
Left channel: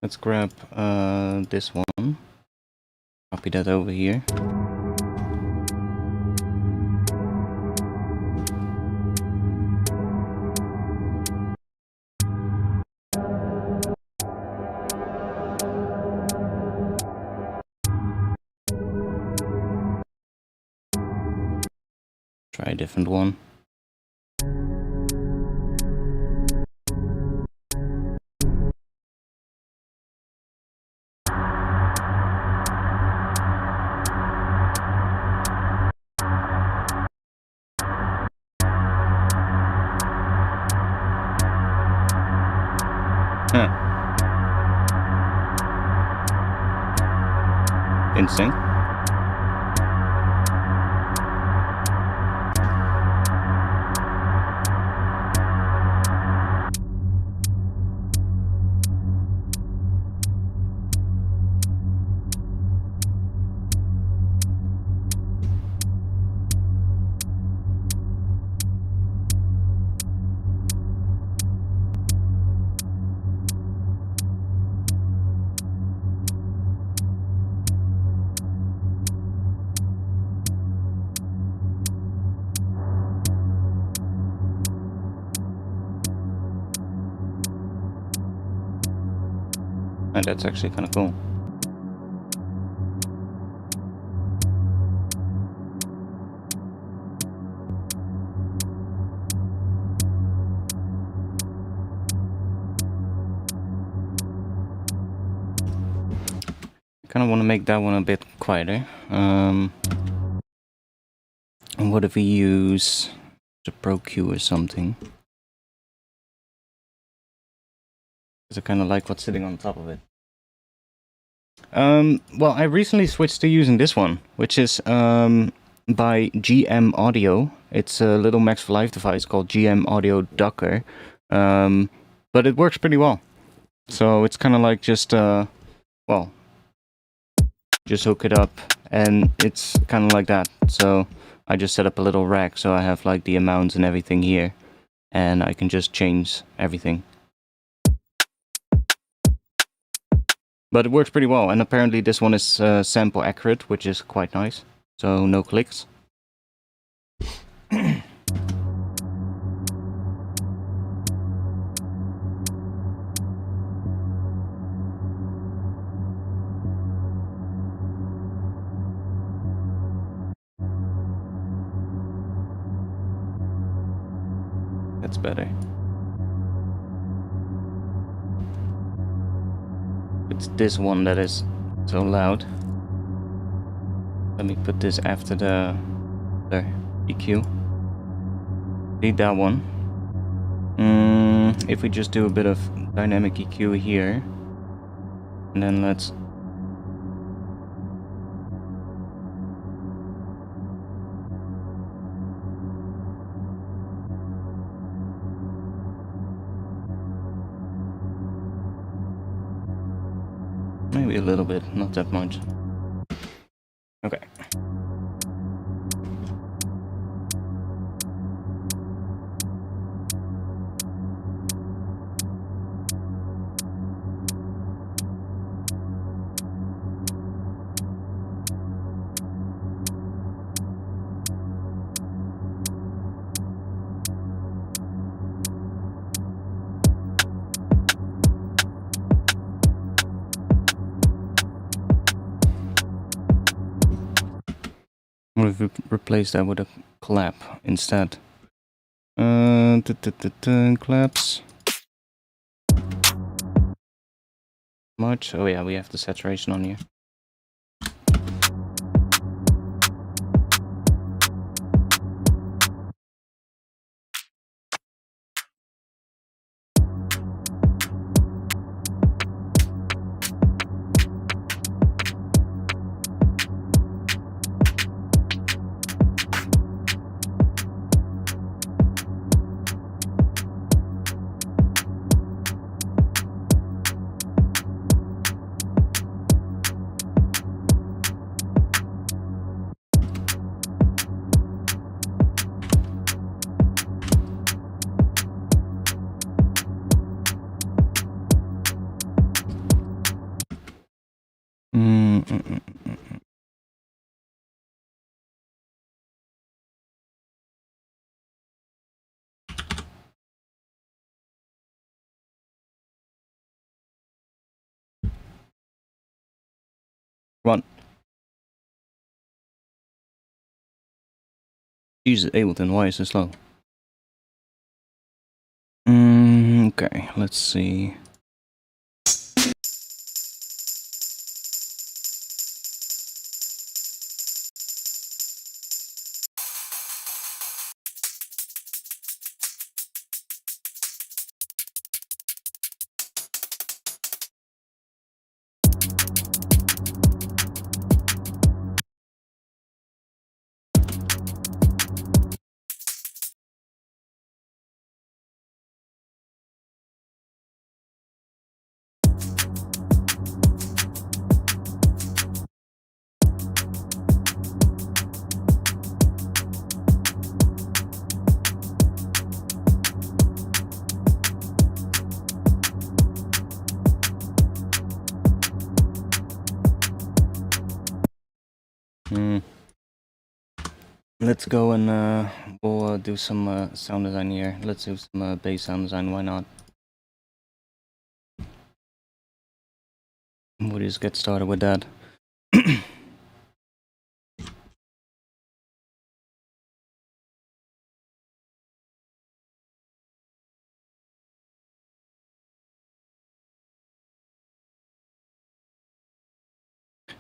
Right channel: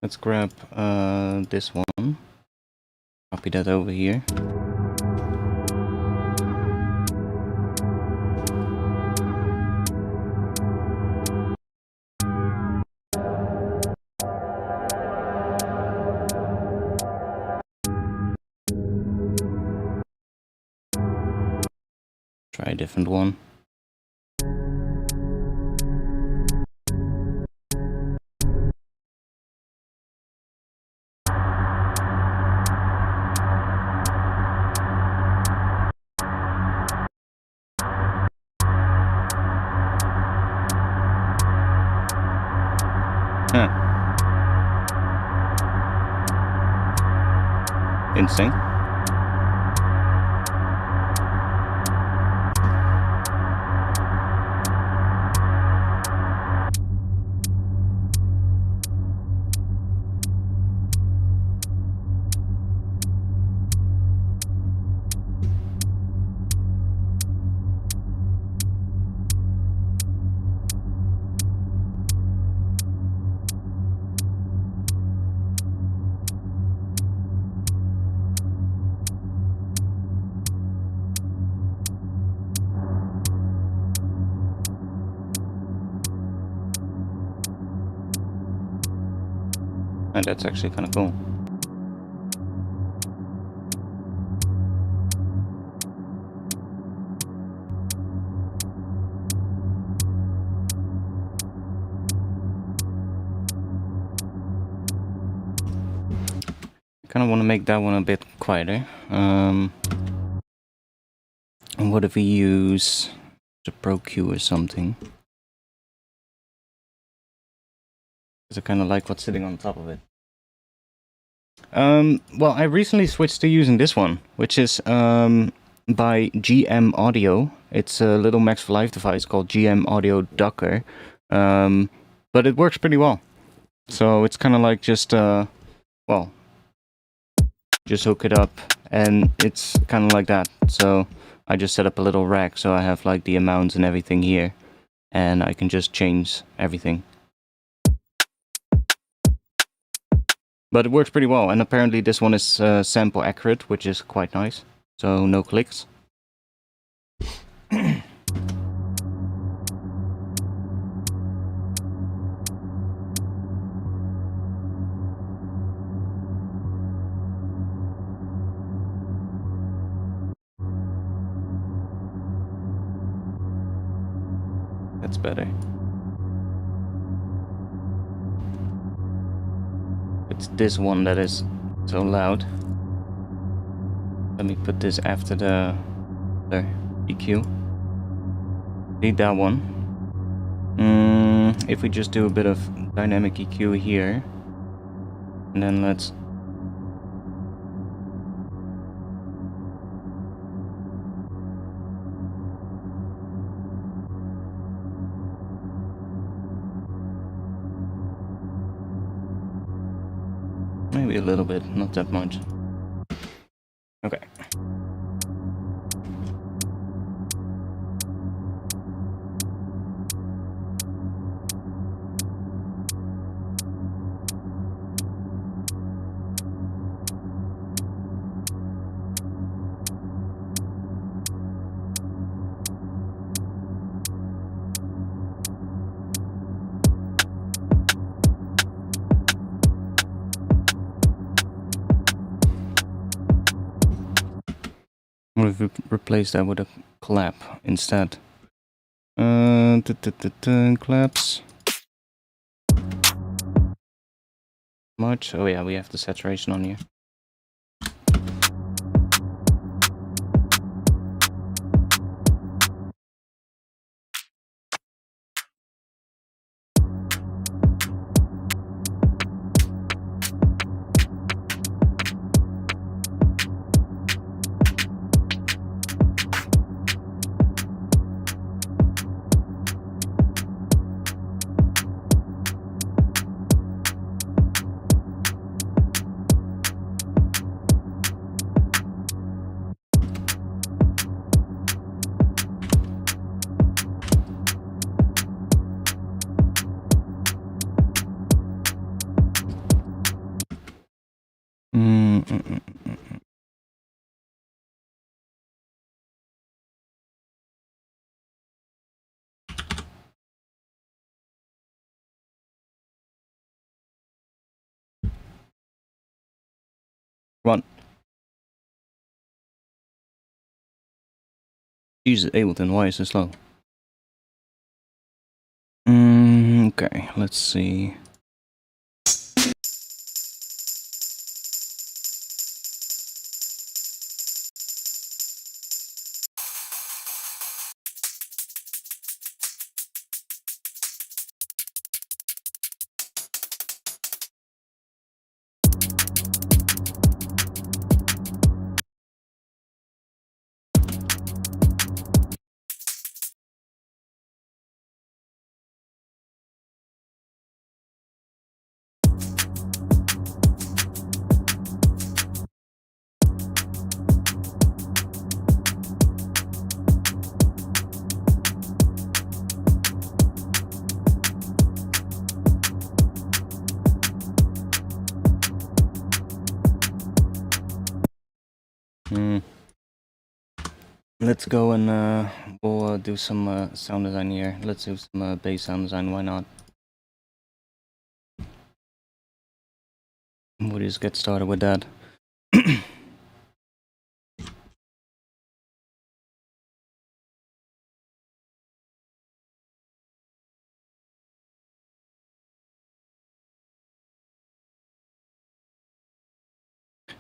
Let's grab this one, copy that over here. Try a different one. Huh. Insane. And that's actually kind of cool. Kind of want to make that one a bit quieter. And what if we use the Pro Q or something? Because I kind of like what's sitting on top of it. Well, I recently switched to using this one, which is by GM Audio. It's a little Max for Life device called GM Audio Docker, but it works pretty well. So it's kind of like just well, just hook it up, and it's kind of like that. So I just set up a little rack, so I have like the amounts and everything here, and I can just change everything. But it works pretty well, and apparently this one is sample accurate, which is quite nice. So no clicks. That's better. It's this one that is so loud. Let me put this after the EQ. Need that one. If we just do a bit of dynamic EQ here, and then let's... maybe a little bit, not that much. Okay. What if we replace that with a clap instead? Claps. Much? Oh yeah, we have the saturation on here. Come on. Jesus, Ableton, why is it slow? Okay, let's see. Let's go and we'll do some sound design here. Let's do some bass sound design, why not? We'll just get started with that.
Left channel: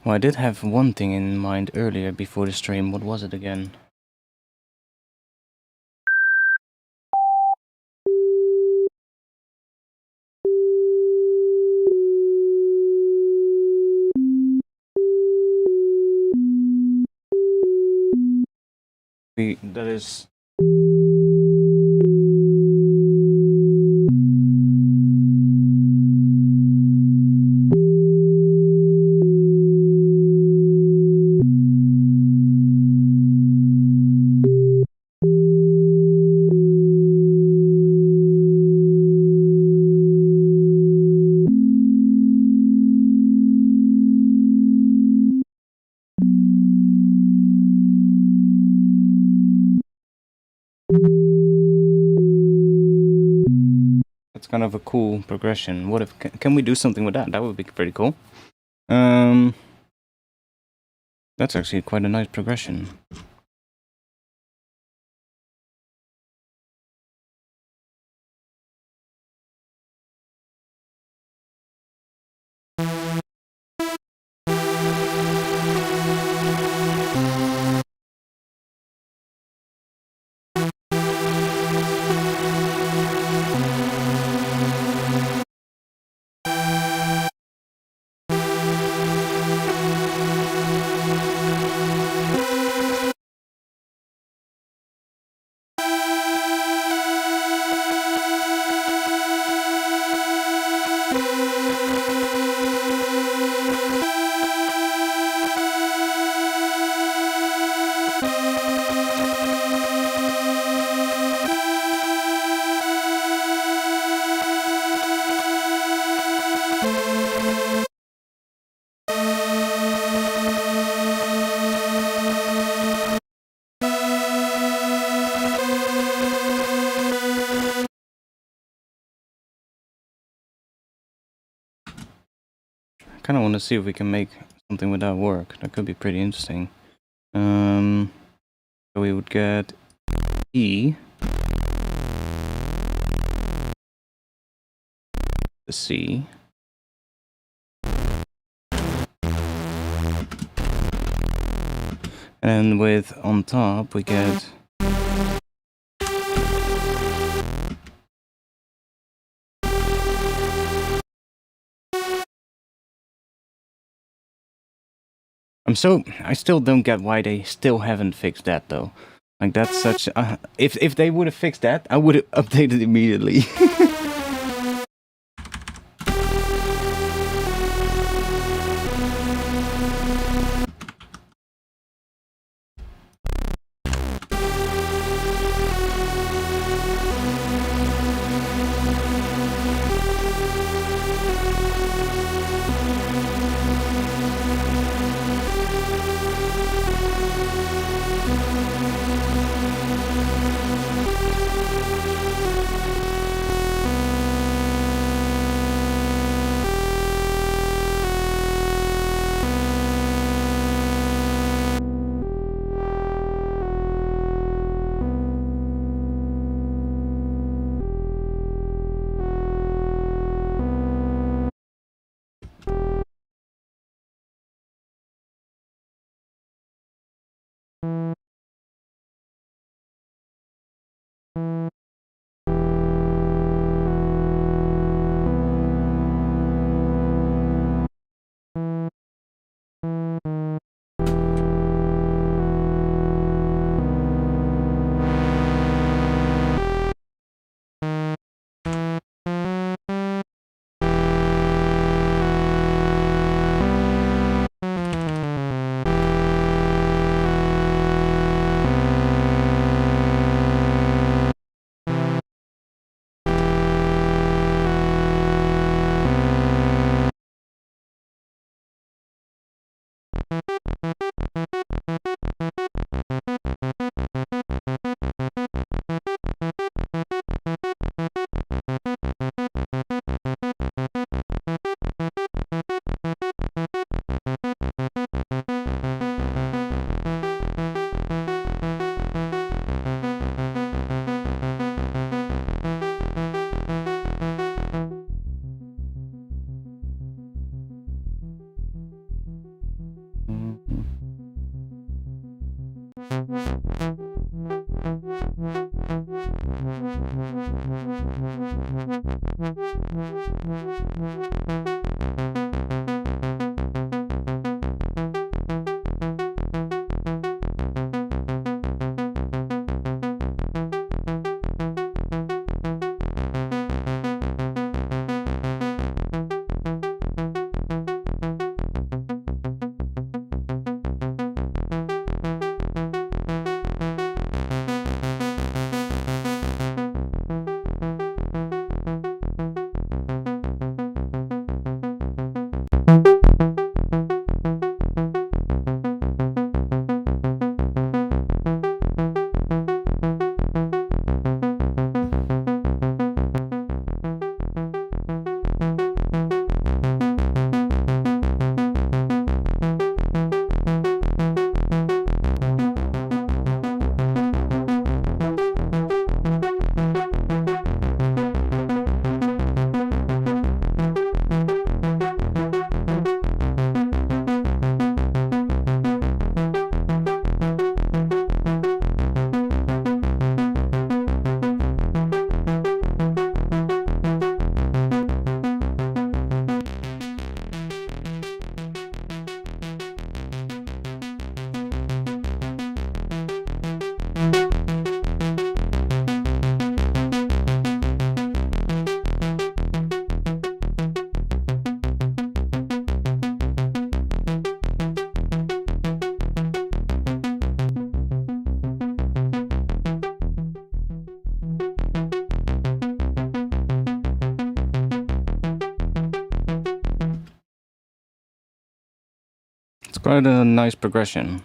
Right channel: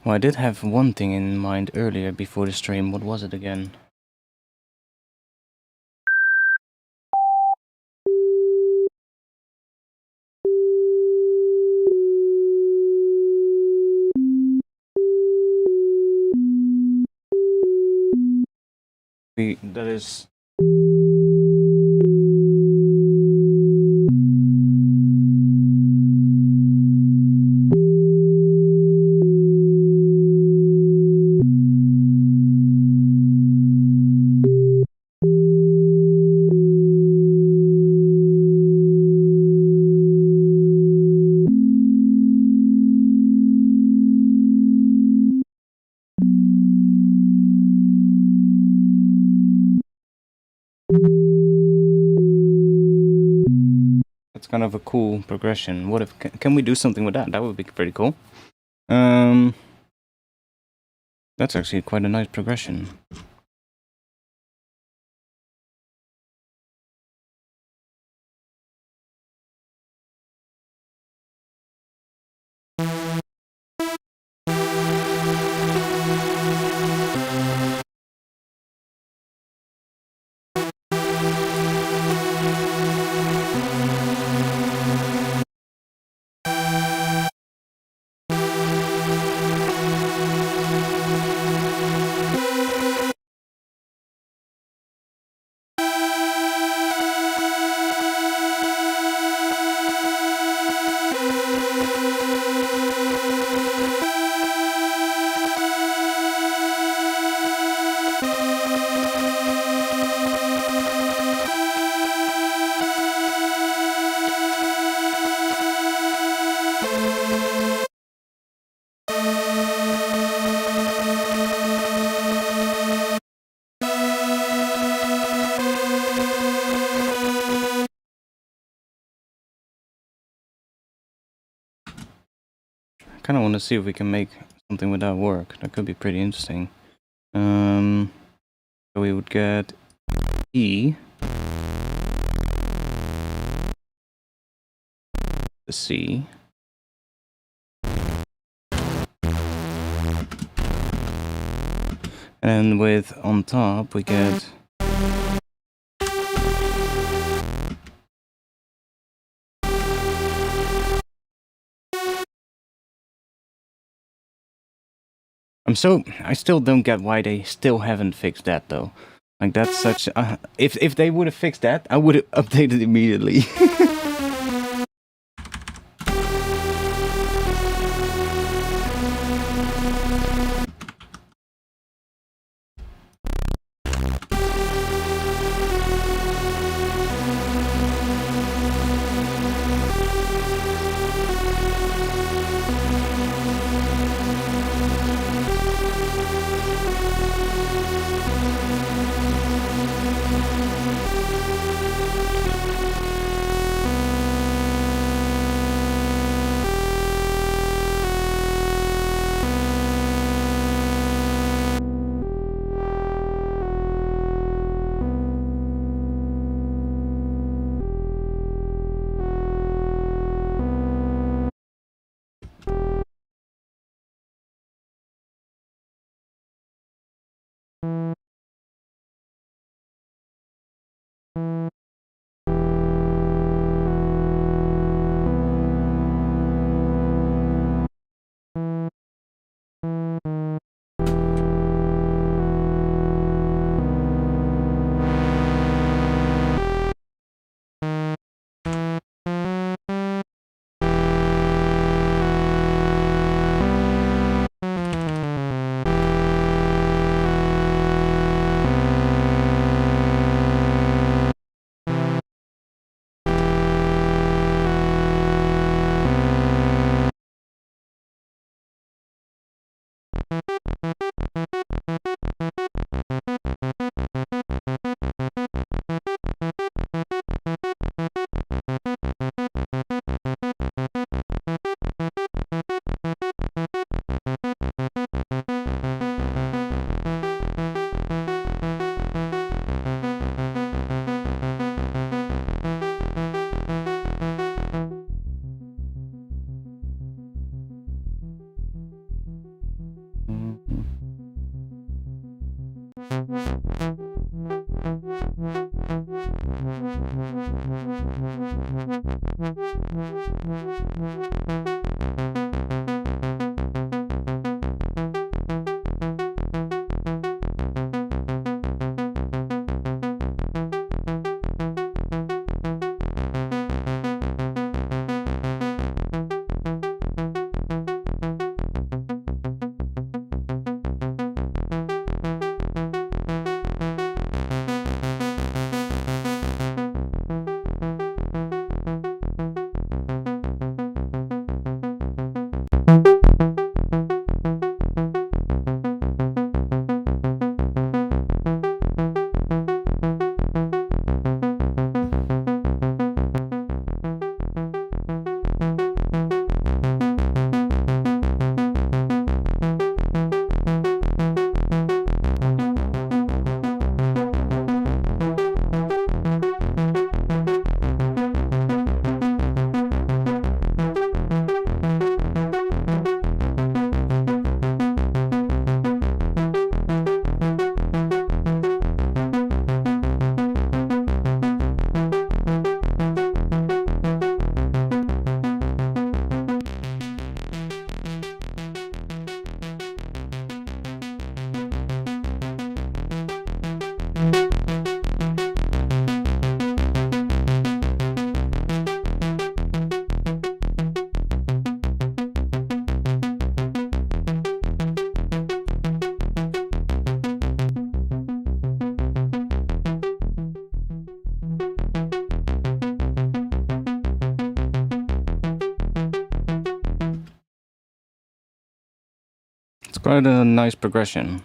Well, I did have one thing in mind earlier before the stream. What was it again? That is... That's kind of a cool progression. What if... Can we do something with that? That would be pretty cool. That's actually quite a nice progression. kind of want to see if we can make something with that work. That could be pretty interesting. So we would get E, the C, and with on top we get I still don't get why they still haven't fixed that though. Like that's such if they would have fixed that, I would have updated immediately. Quite a nice progression.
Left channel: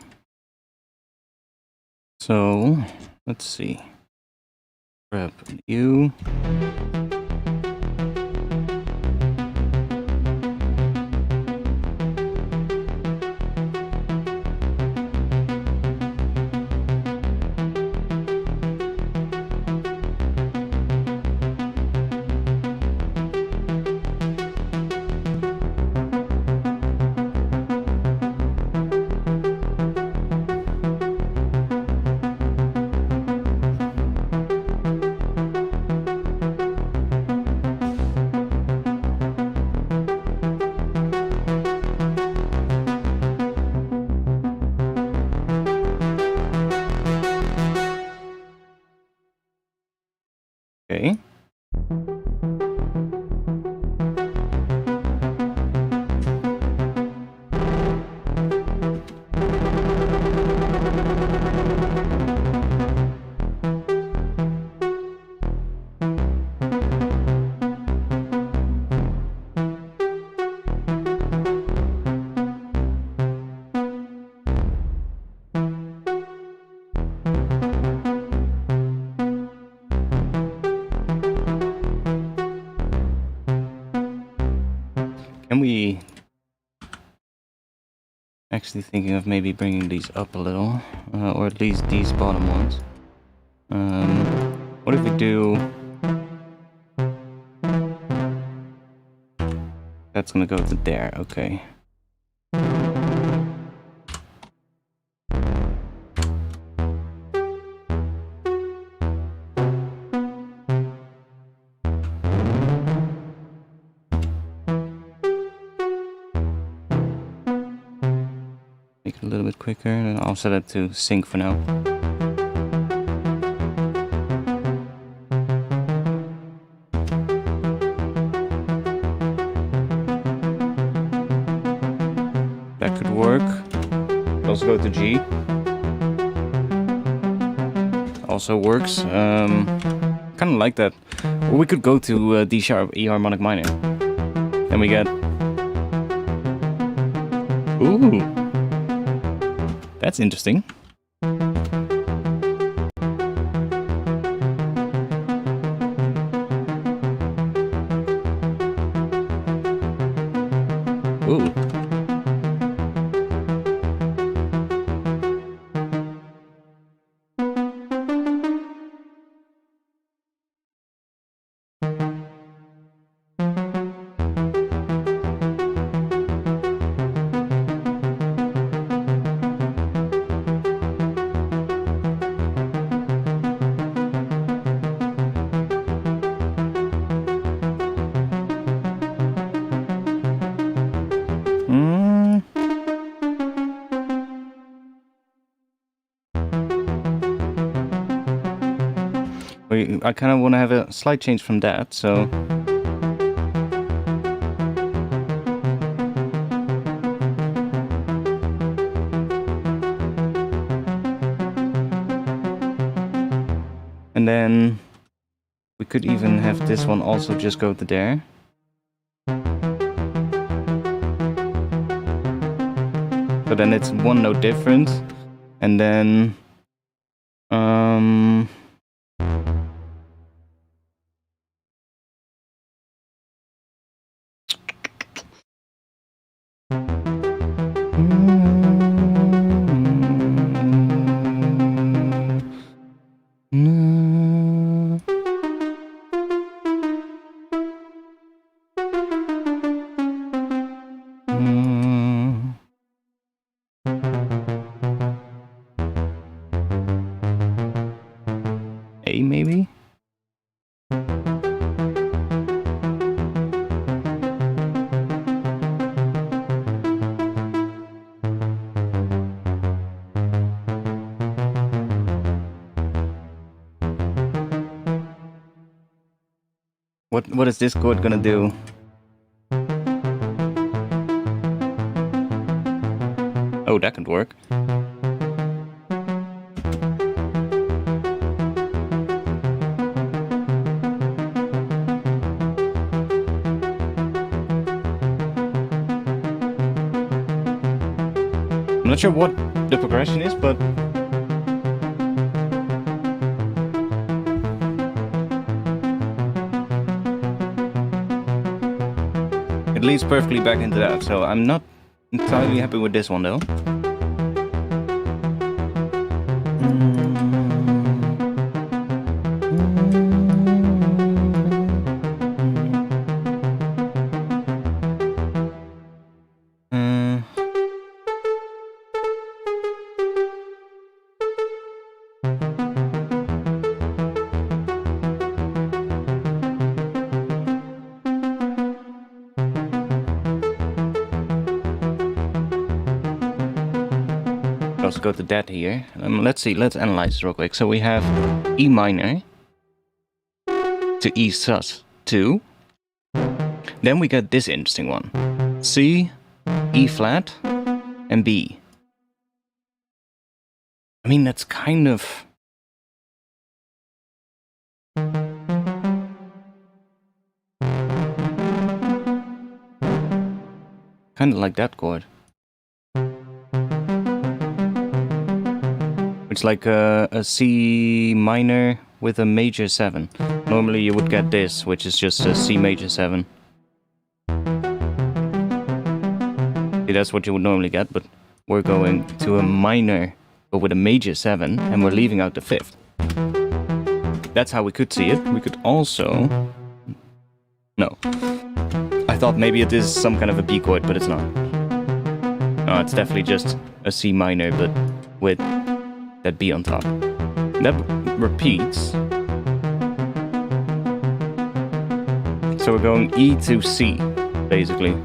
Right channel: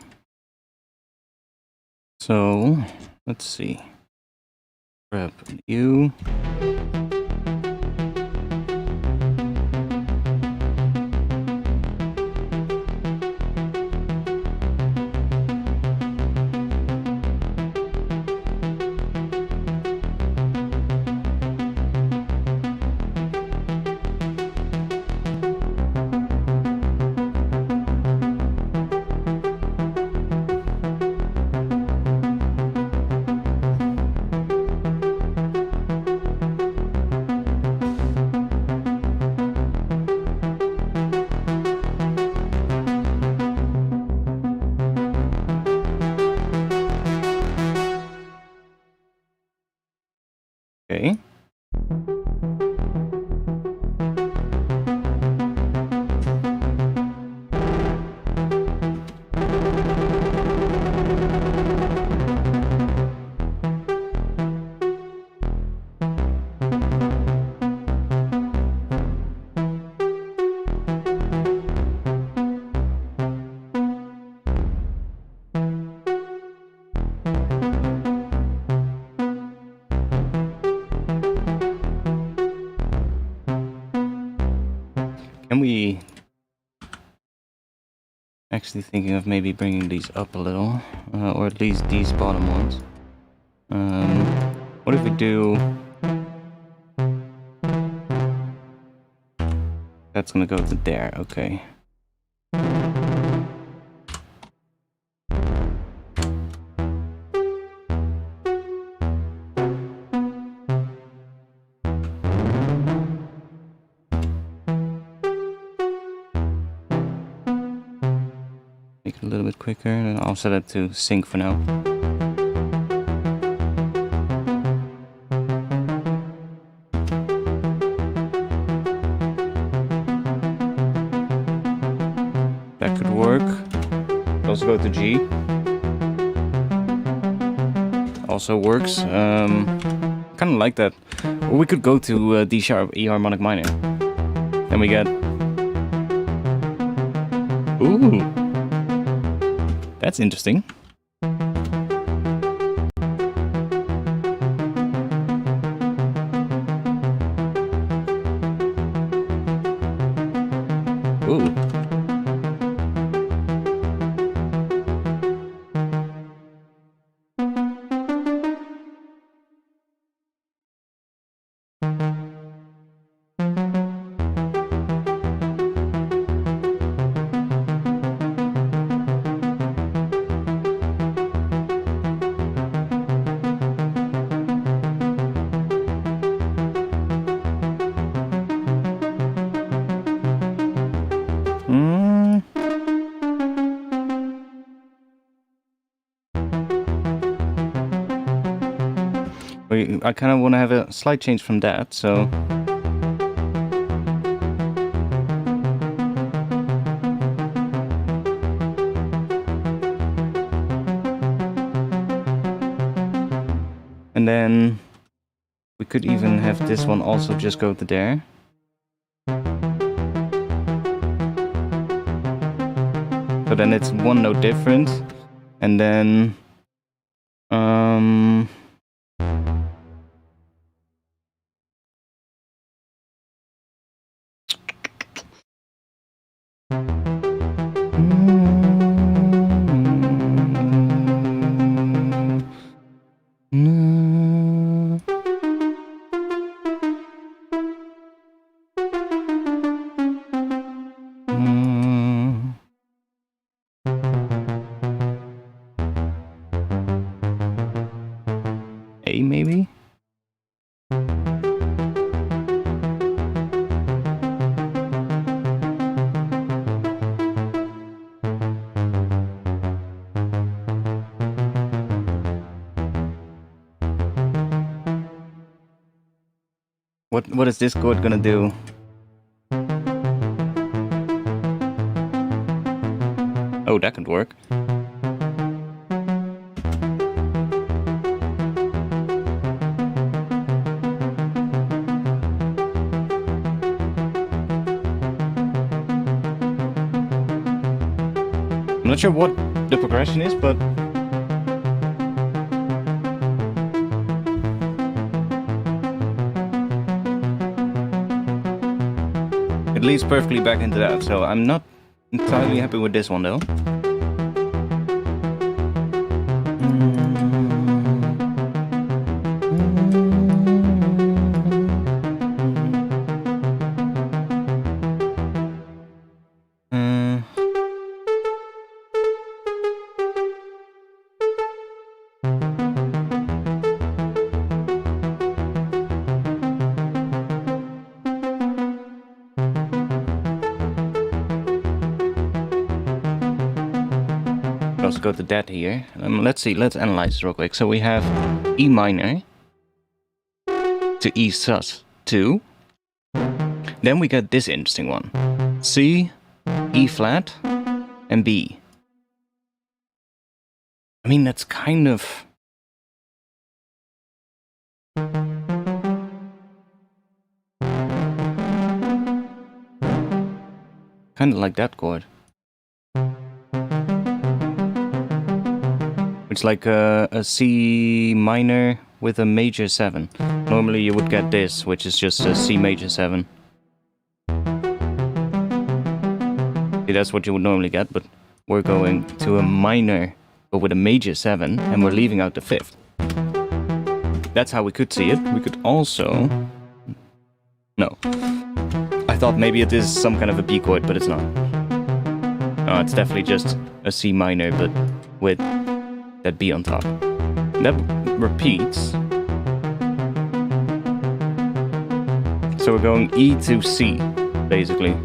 So let's see. Grab U. Okay. Can we... Actually thinking of maybe bringing these up a little, or at least these bottom ones. What if we do... That's gonna go to there, okay. Make it a little bit quicker, and I'll set it to sync for now. That could work. Also go to G. Also works. Kind of like that. Or we could go to D sharp, E harmonic minor. Then we get... Ooh! That's interesting. Ooh. I kind of want to have a slight change from that, so... And then we could even have this one also just go to there. So then it's one note different, and then... A maybe? What is this chord gonna do? Oh, that could work. I'm not sure what the progression is, but... It leads perfectly back into that, so I'm not entirely happy with this one though. Also go to that here. Let's see, let's analyze this real quick. So we have E minor. to E sus2. Then we get this interesting one. C, E flat, and B. I mean, that's kind of... kind of like that chord. It's like a C minor with a major 7. Normally you would get this, which is just a C major 7. See, that's what you would normally get, but we're going to a minor, but with a major 7, and we're leaving out the 5th. That's how we could see it. We could also... No. I thought maybe it is some kind of a B chord, but it's not. No, it's definitely just a C minor, but with that B on top. That repeats. So we're going E to C, basically.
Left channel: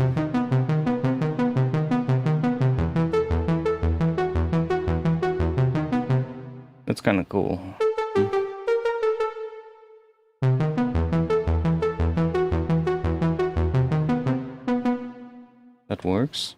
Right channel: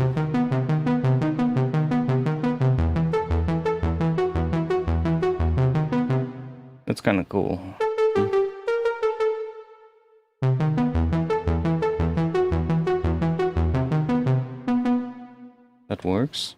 That's kind of cool. That works.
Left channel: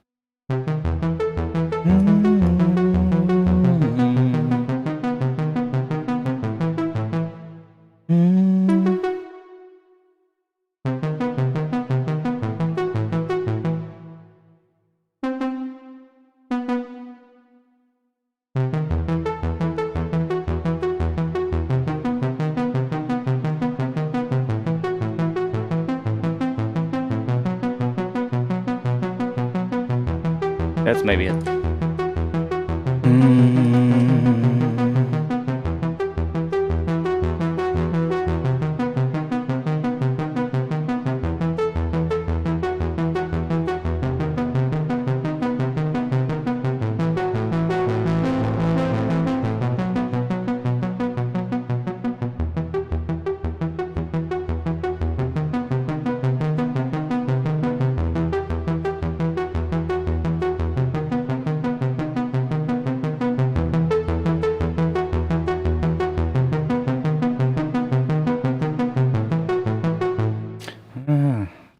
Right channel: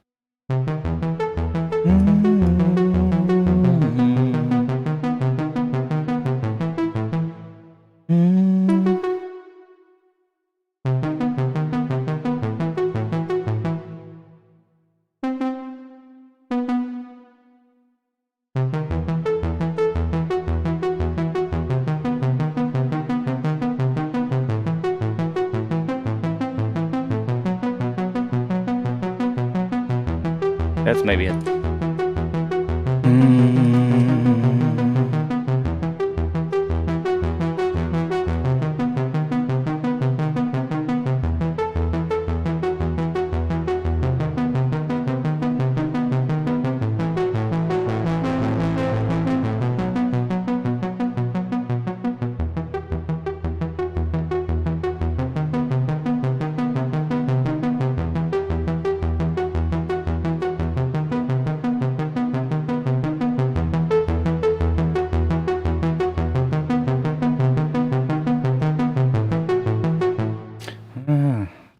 That's maybe it.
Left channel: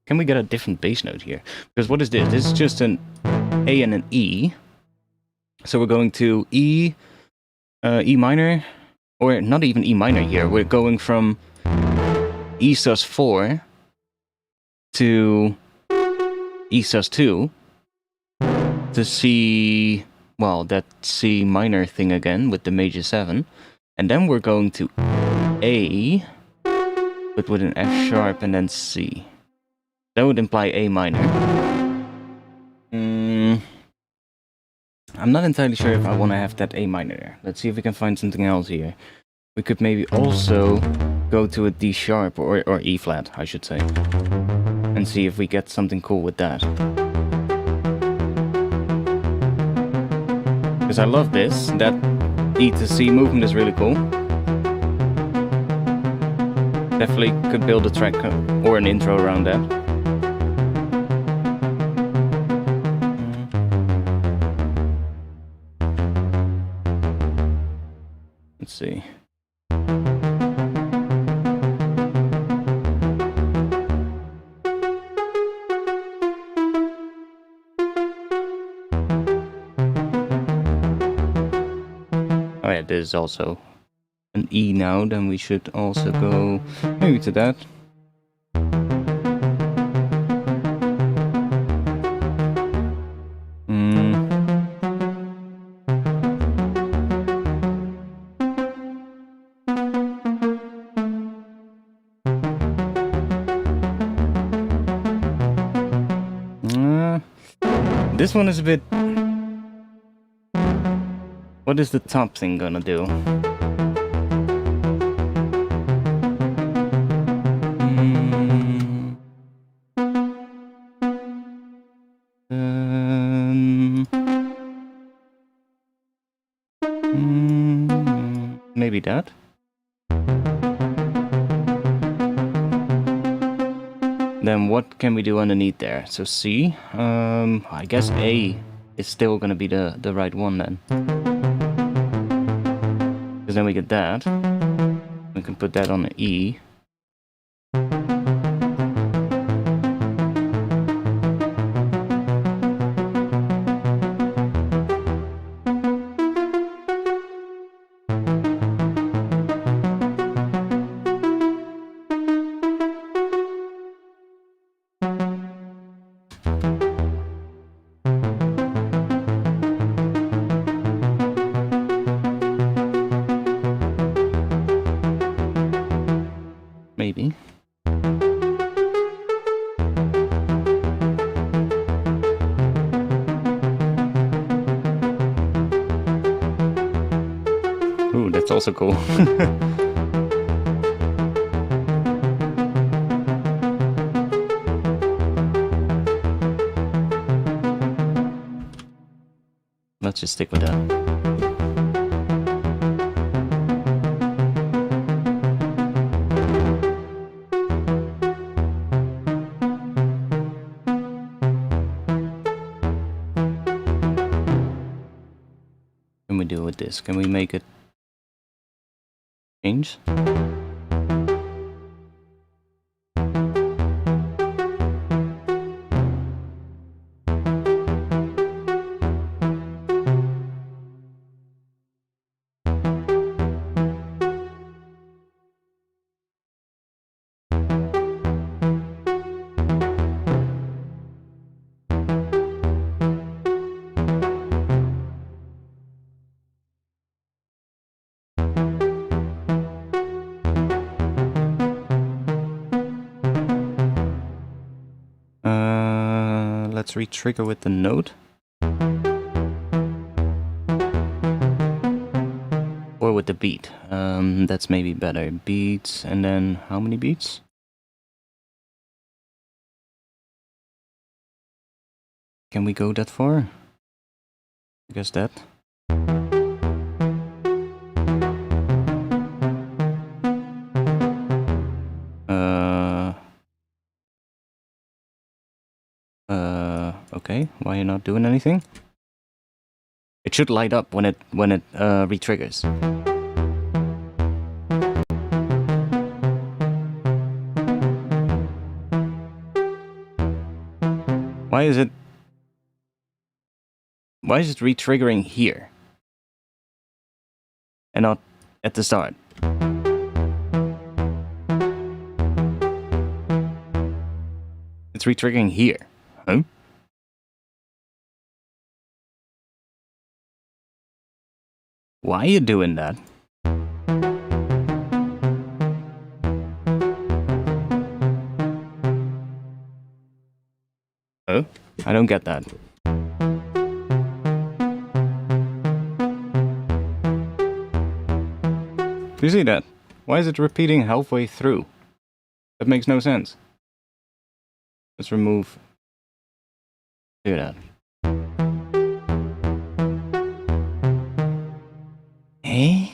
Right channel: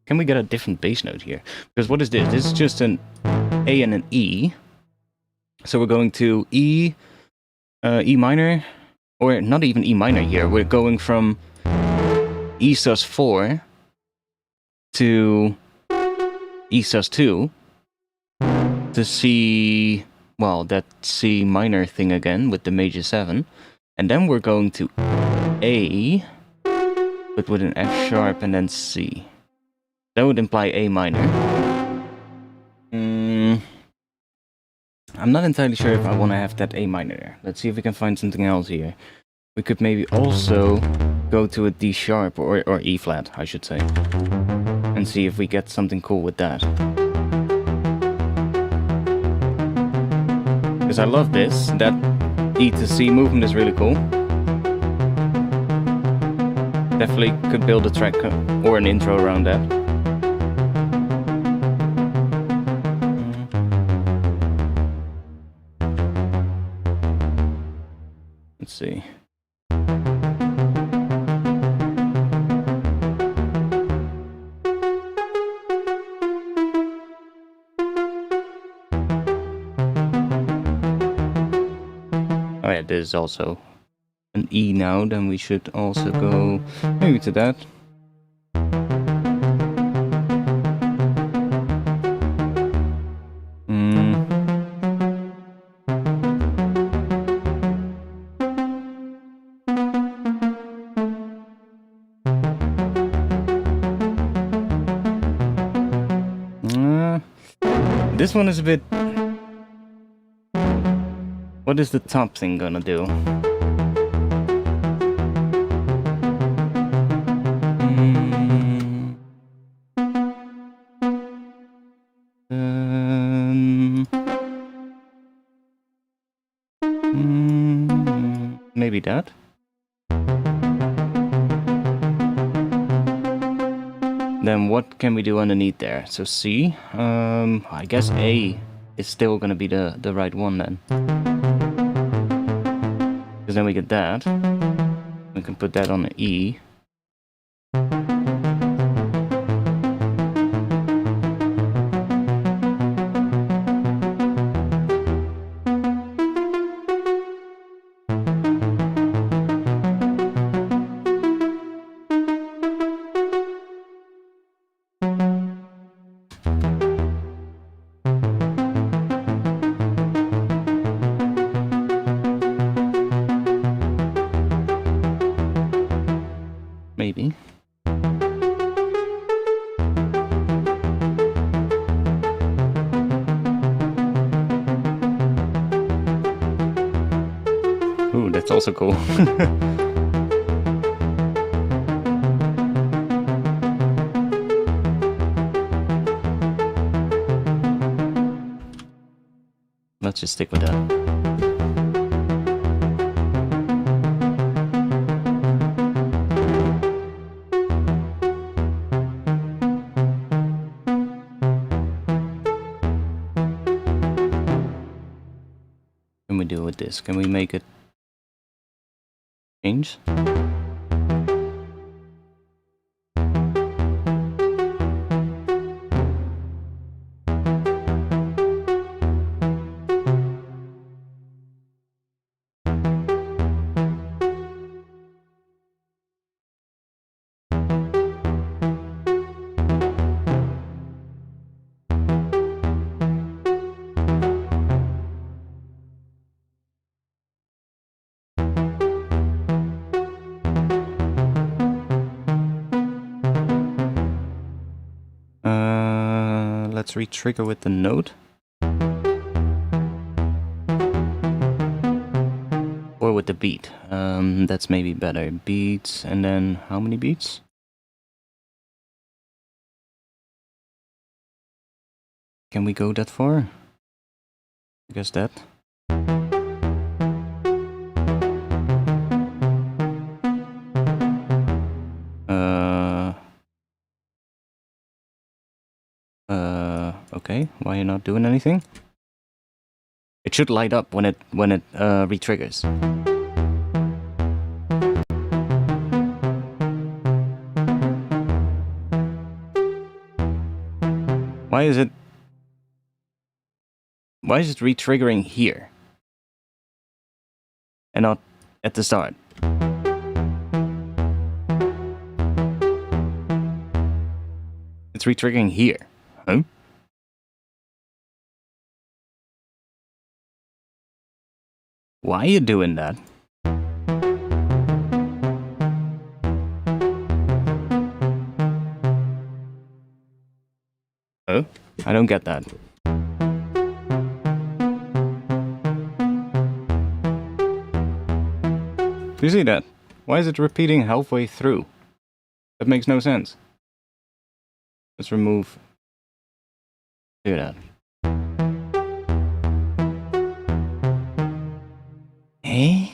Can we get a different bass note here? Because what is this? This is just an A and an E. So we're going to E, E minor, or not even E minor here. We're going from E sus4 to E sus2 to C, well, that C minor thing again with the major 7. And then we're going to A, but with an F sharp and then C. That would imply A minor. I'm not entirely sure if I want to have that A minor there. Let's see if we can find something else here. We could maybe also go to a D sharp, or E flat, I should say. And see if we get something cool with that. Because I love this. That E to C movement is really cool. Definitely could build a track or an intro around that. Let's see. Oh yeah, this is also an E now, then we should also go maybe to that. This one is a bit... What is the top thing gonna do? Maybe that? Then what can we do underneath there? So C, I guess A is still gonna be the right one then. Because then we get that. We can put that on an E. also cool. Let's just stick with that. What can we do with this? Can we make it change? Let's re-trigger with the note. Or with the beat. That's maybe better. Beats, and then how many beats? Can we go that far? I guess that. Okay, why are you not doing anything? It should light up when it re-triggers. Why is it re-triggering here and not at the start? It's re-triggering here. Huh? Why are you doing that? Oh, I don't get that. Do you see that? Why is it repeating halfway through? That makes no sense. Let's remove. Do that. Eh?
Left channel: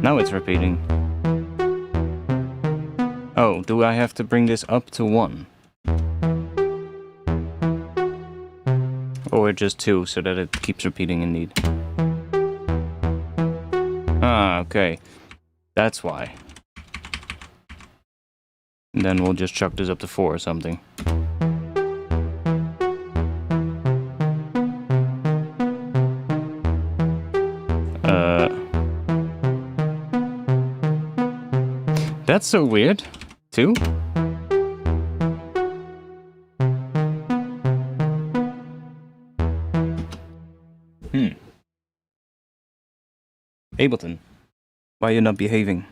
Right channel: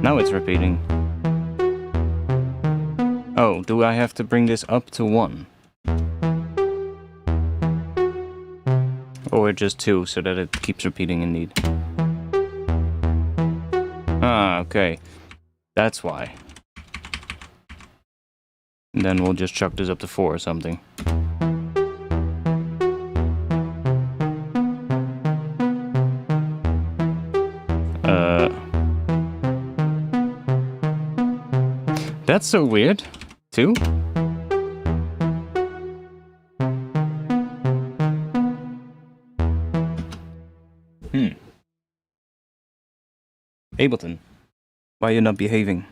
Now it's repeating. Oh, do I have to bring this up to 1? Or just 2, so that it keeps repeating indeed. Ah, okay. That's why. And then we'll just chuck this up to 4 or something. That's so weird, too. Ableton, why are you not behaving?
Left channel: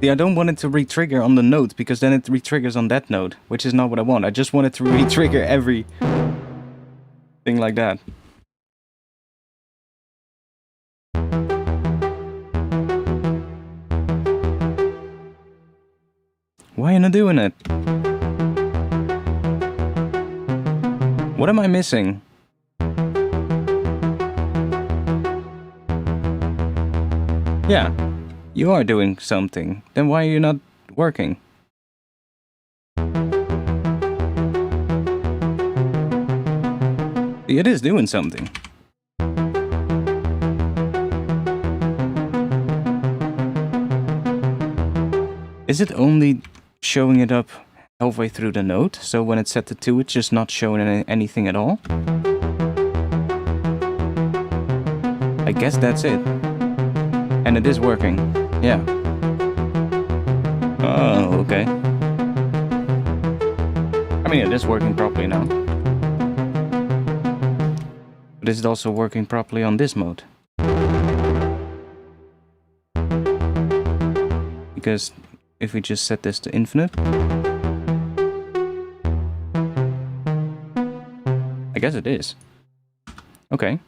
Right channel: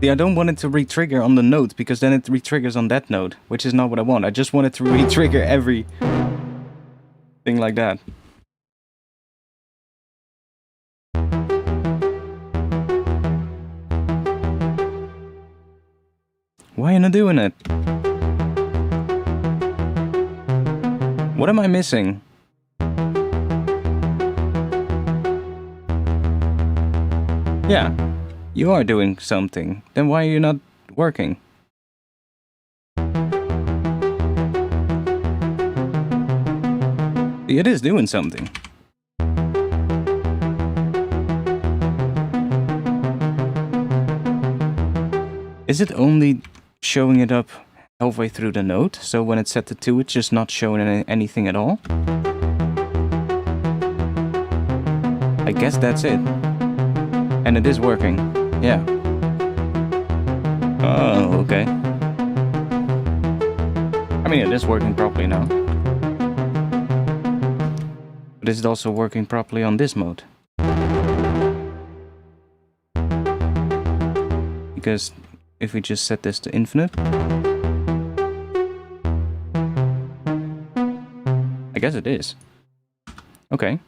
See, I don't want it to re-trigger on the note, because then it re-triggers on that note, which is not what I want. I just want it to re-trigger every thing like that. Why are you not doing it? What am I missing? Yeah, you are doing something. Then why are you not working? It is doing something. Is it only showing it up halfway through the note? So when it's set to 2, it's just not showing anything at all? I guess that's it. And it is working. Yeah. Oh, okay. I mean, it is working properly now. But is it also working properly on this mode? because if we just set this to infinite, I guess it is. Okay.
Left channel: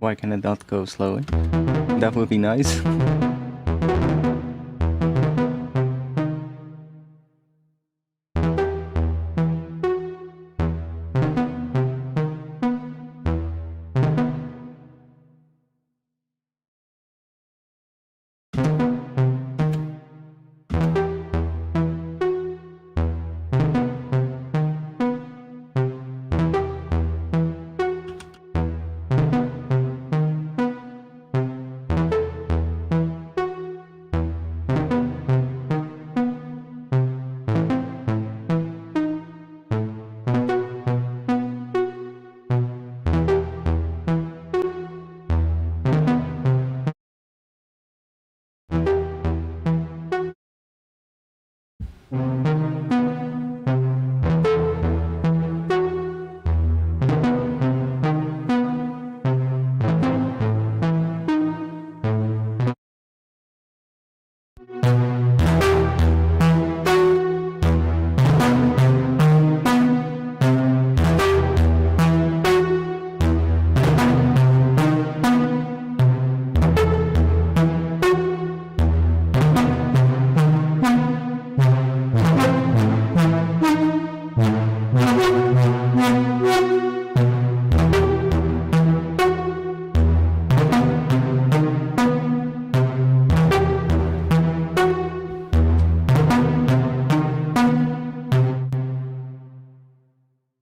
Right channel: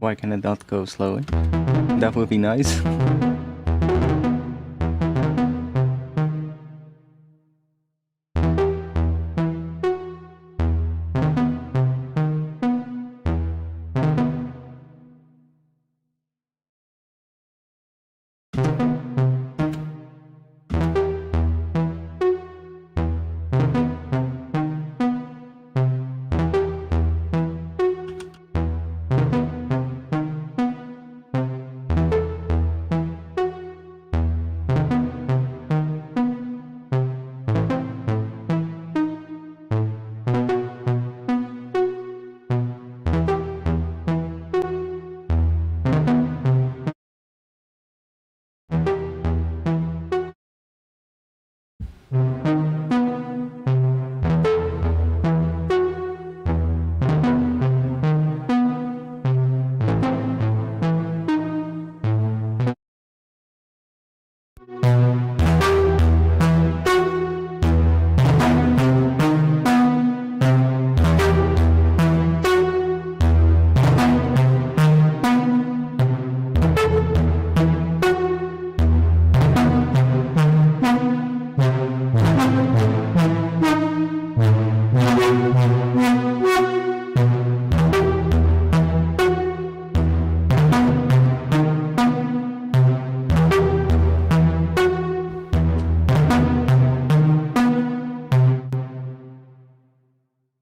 Why can it not go slower? That would be nice.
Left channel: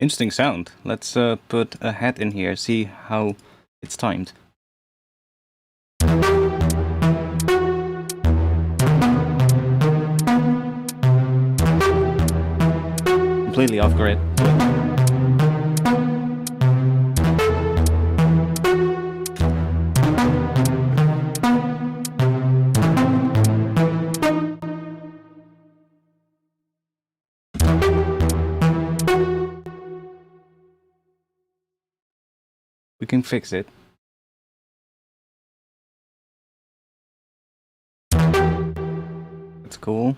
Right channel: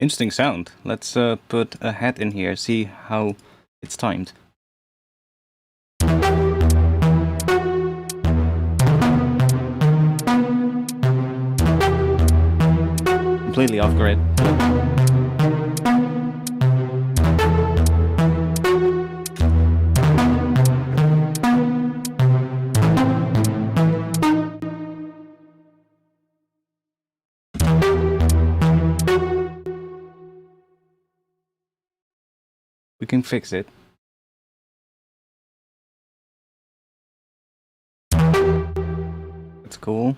Interesting sound. Let's put a hat in here, see how it's timed. Completely off grid. We can fix it. That's cool.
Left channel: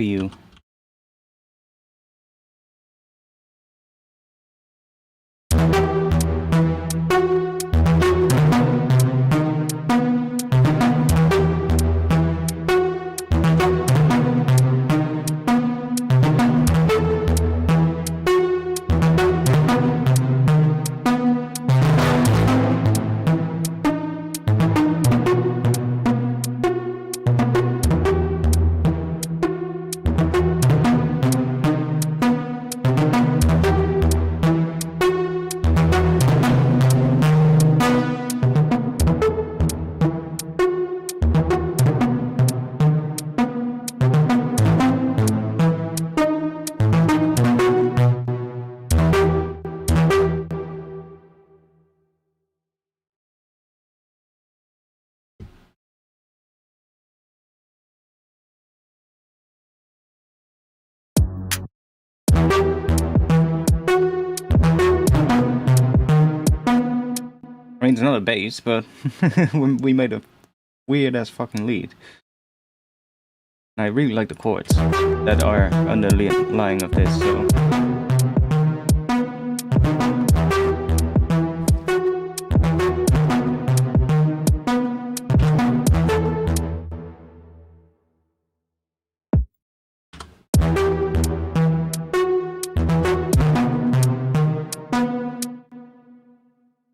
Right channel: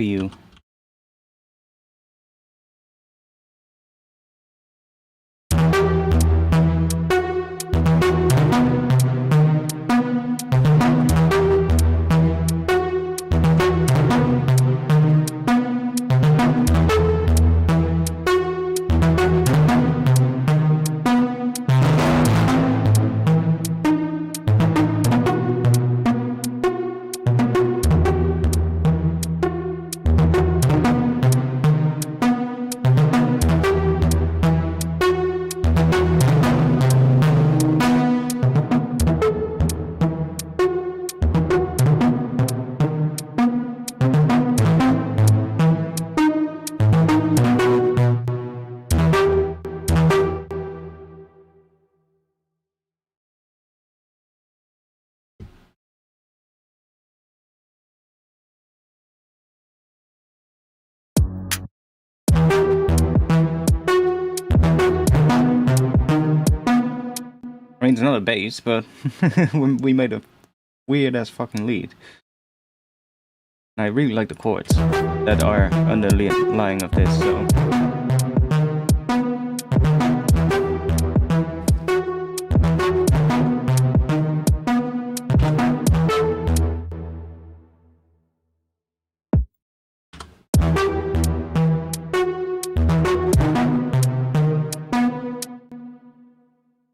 CPU. I mean, it's not a bass, but we made a weird ass fucking lead. And I really like the chords that are underlying of this, so.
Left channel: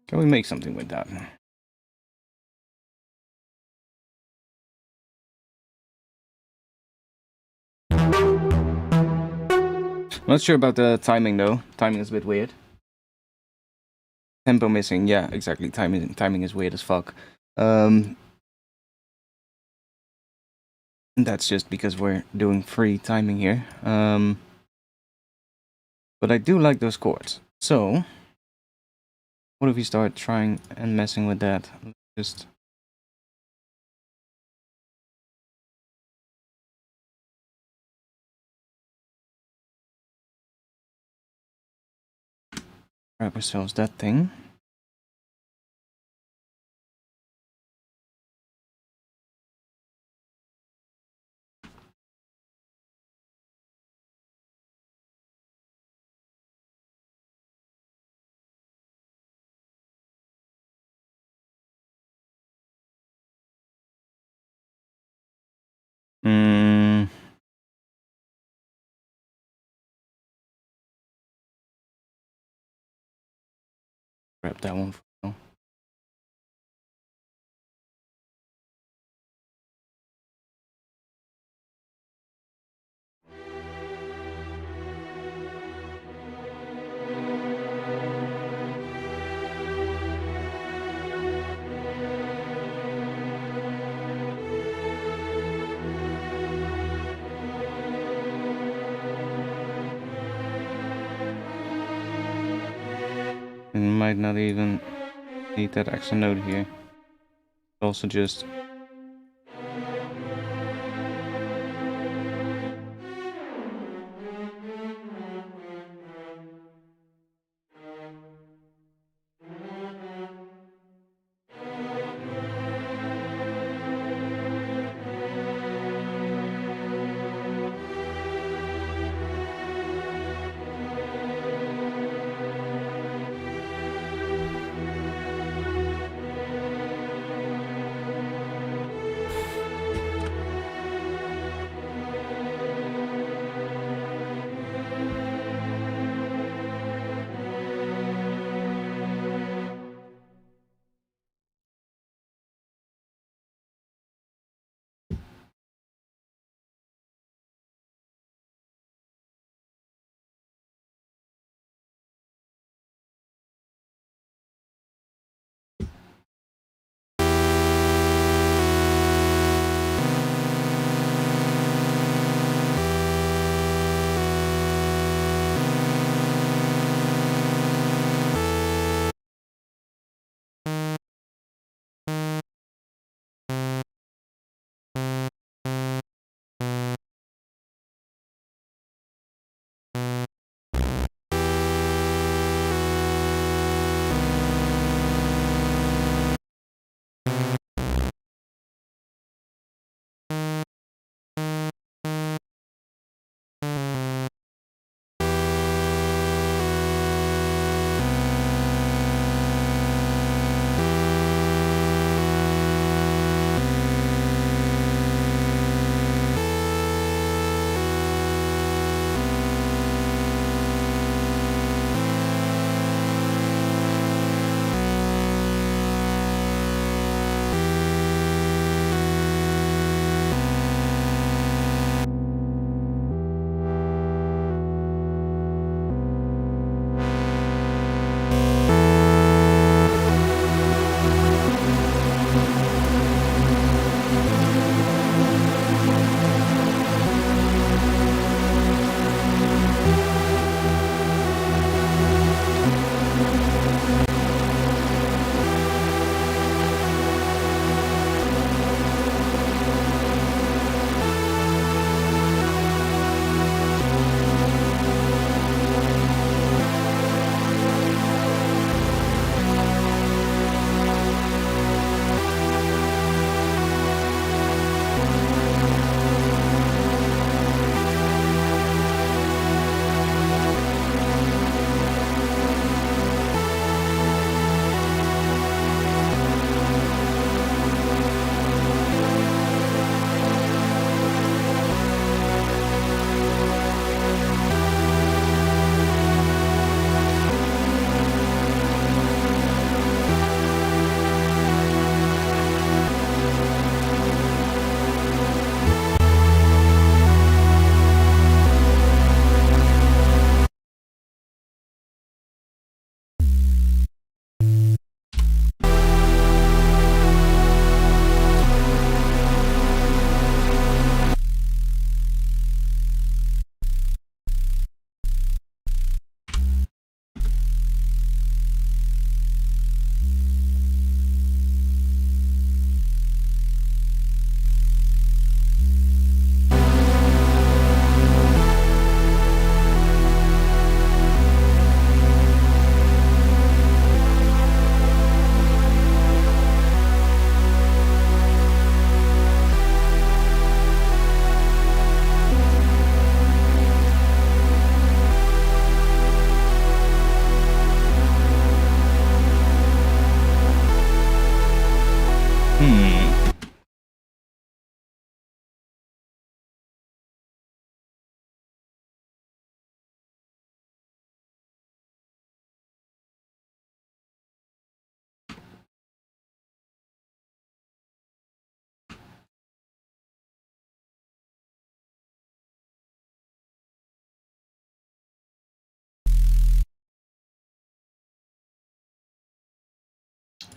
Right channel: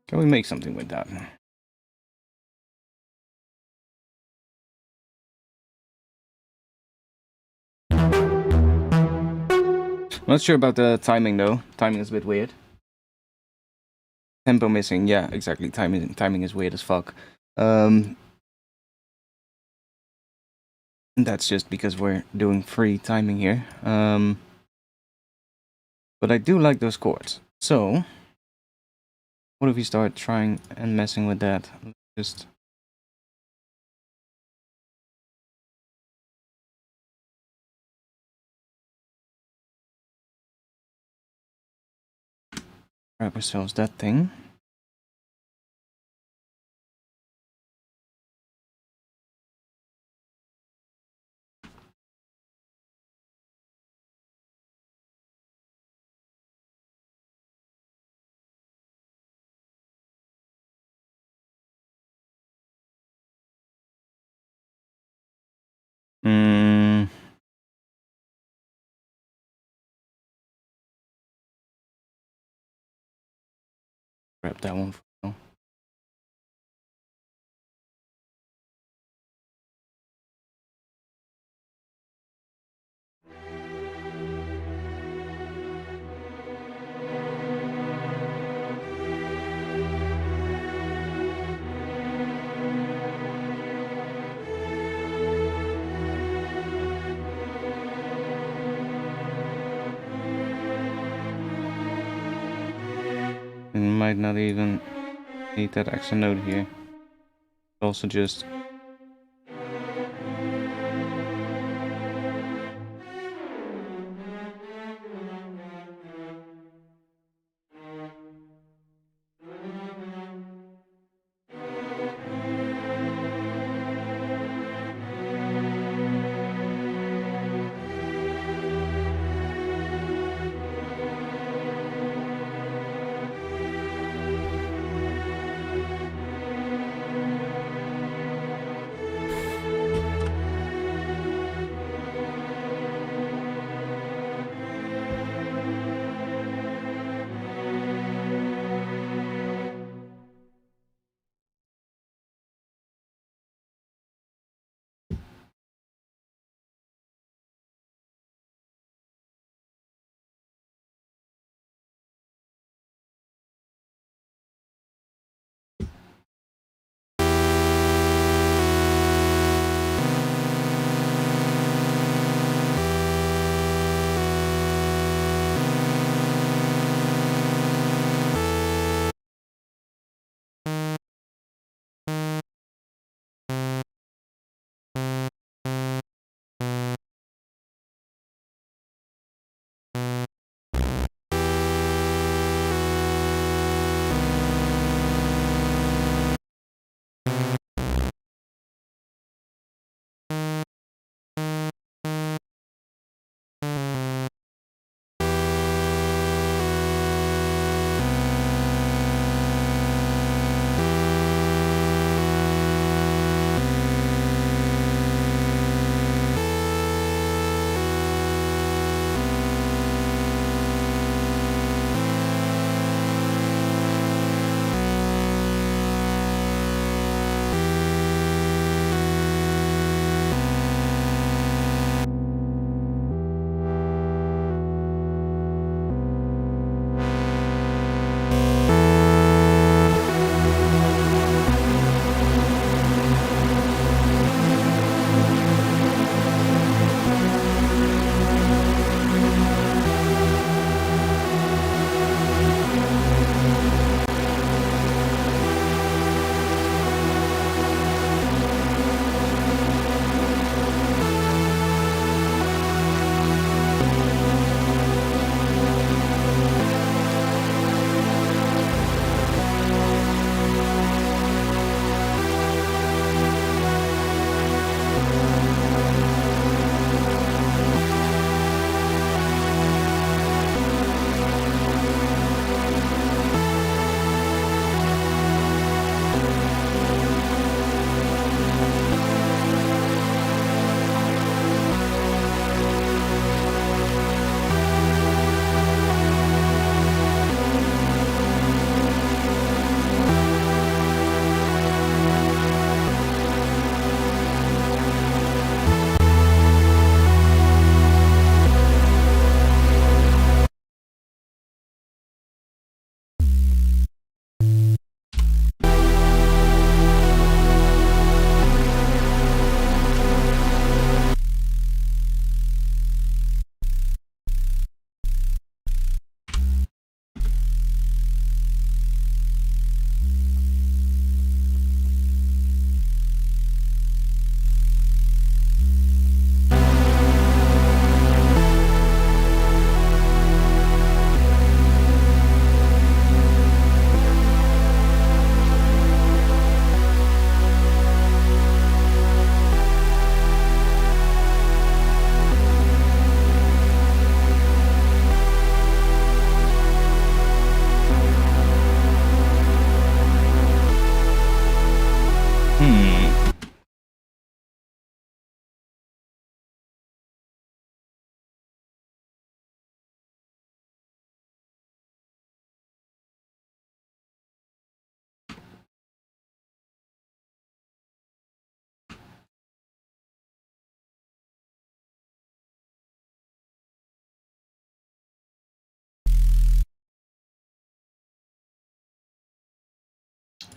Can we make something with that? Not sure about the timing though. Timing is a bit weird. Tempo missing, yeah, exactly. Timing is weird as fuck. That's just because we're doing free timing here. But I do like those chords. So, what if we start trying and messing with that? Just grab ourselves that thing. Grab that one for now. And might not even need that extra note here. Also just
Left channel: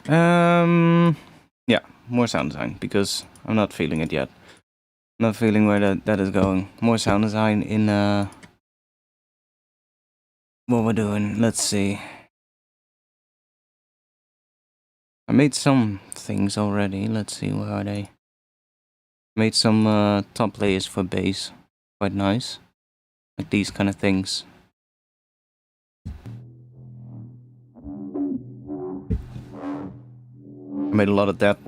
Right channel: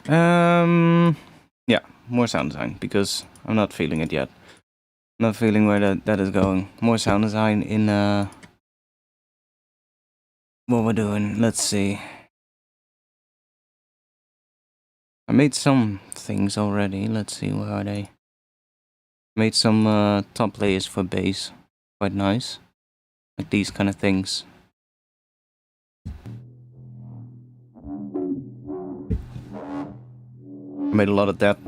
Yeah, more sound design, because I'm not feeling it yet. Not feeling where that is going. More sound design in what we're doing. Let's see. I made some things already. Let's see, where are they? Made some top layers for bass. Quite nice. Like these kind of things. I made a lot of that.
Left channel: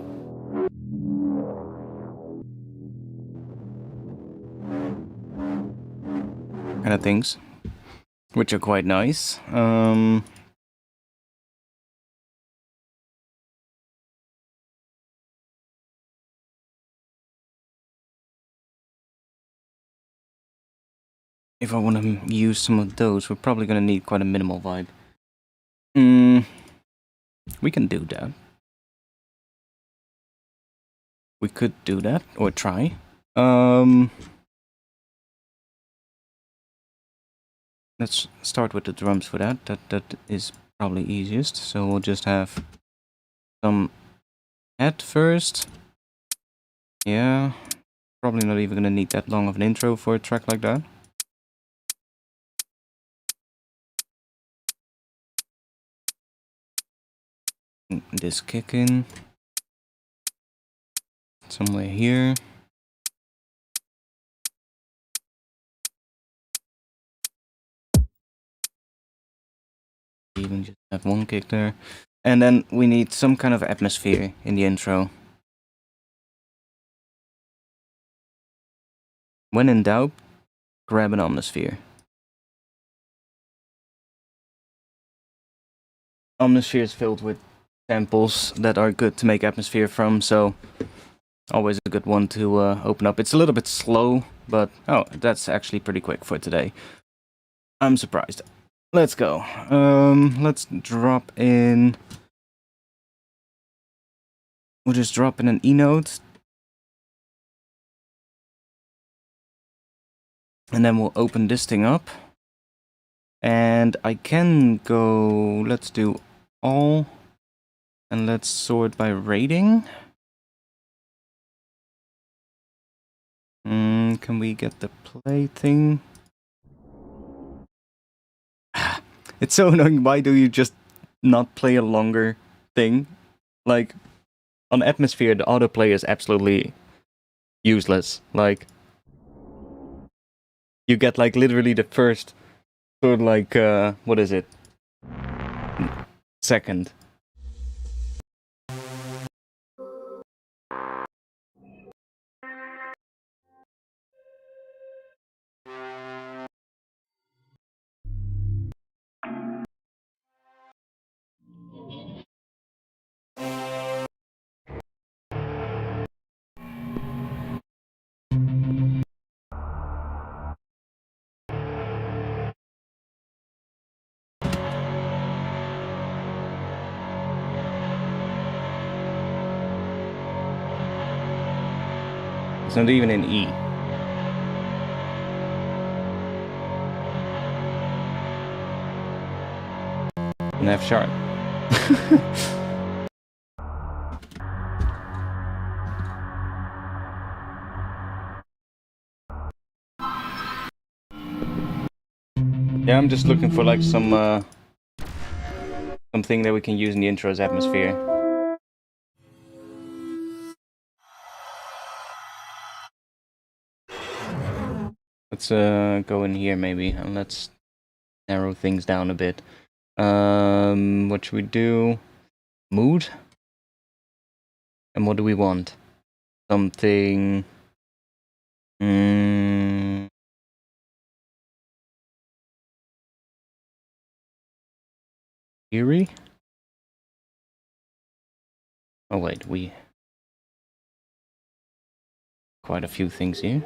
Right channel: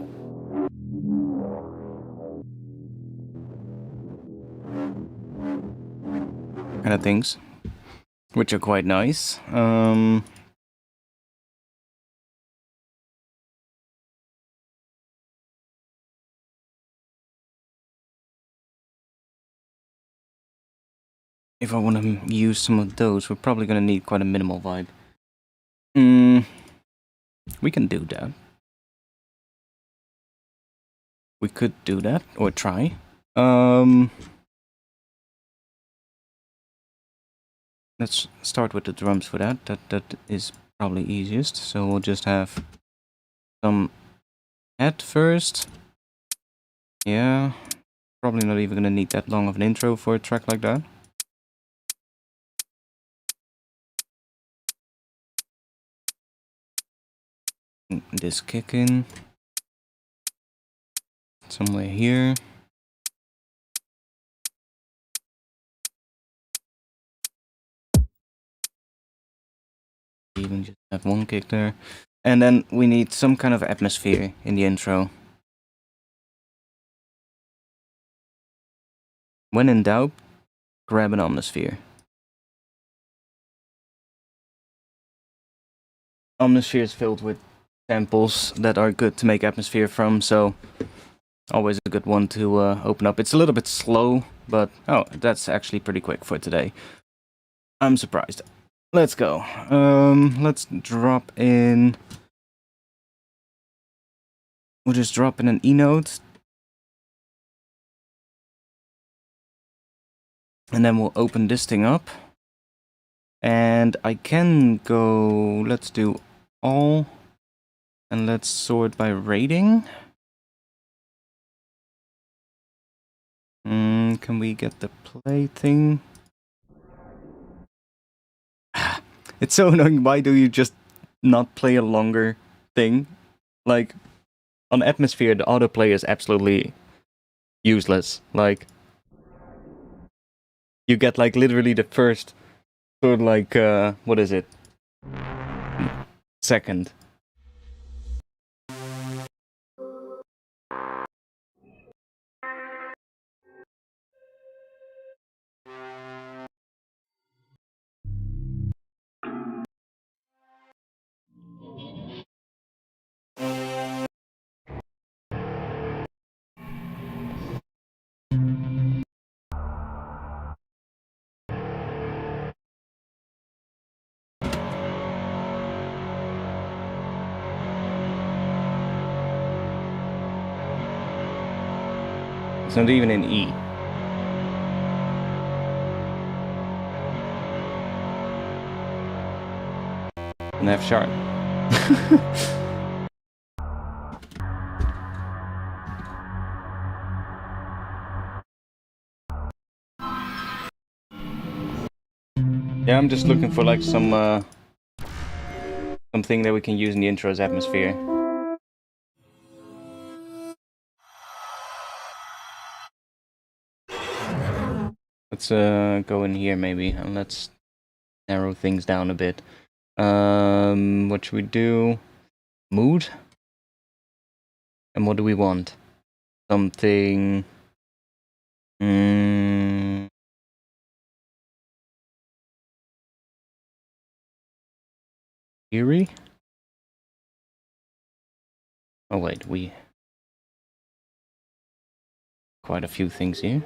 Kind of things. Which are quite nice. If I want to use some of those, we're probably going to need quite a minimal vibe. We can do that. We could do that, or try. Let's start with the drums for that. That is probably easiest. So we'll just have some head first. Yeah, probably not even going to need that long of an intro for a track like that. This kick in somewhere here. Even just have one kick there. And then we need some kind of atmosphere in the intro. When in doubt, grab an Omnisphere. Omnisphere is filled with samples that are good to make atmosphere from, so always a good one to open up. It's a little bit slow, but oh, that's actually pretty quick for today. I'm surprised. Let's go. Let's drop in. We'll just drop in an E note. And then we'll open this thing up. And I can go, let's do all. And let's sort by rating. Can we get the play thing? It's so annoying. Why do you just not play a longer thing? Like, on Atmosphere, the autoplay is absolutely useless. Like, you get, like, literally the first sort of like, what is it? Second. It's not even in E. An F sharp. Yeah, I'm just looking for like something that we can use in the intro as atmosphere. Let's go in here maybe, and let's narrow things down a bit. What should we do? Mood? And what do we want? Something... Eerie? Oh wait, we... Quite a few things here.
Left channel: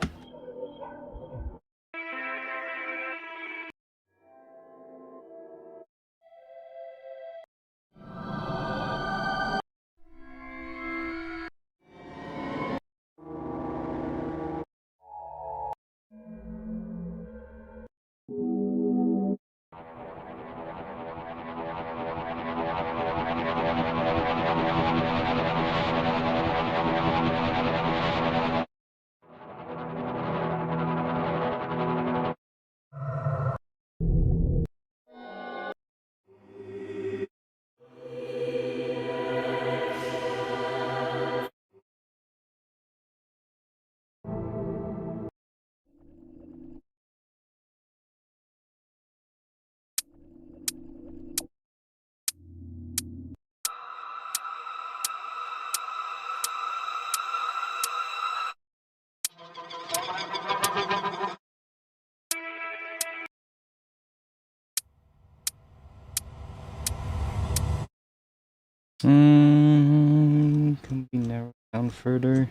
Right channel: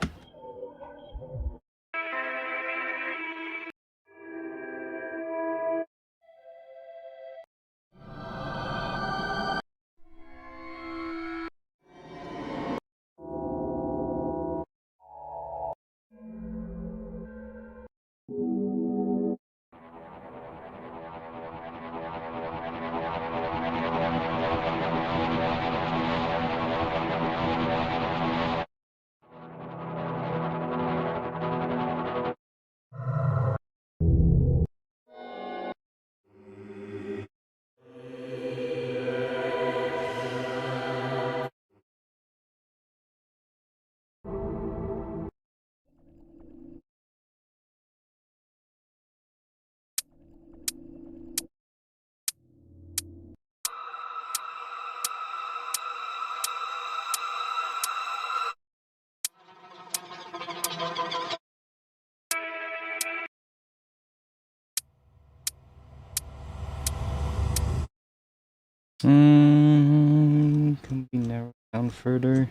Can we narrow down further?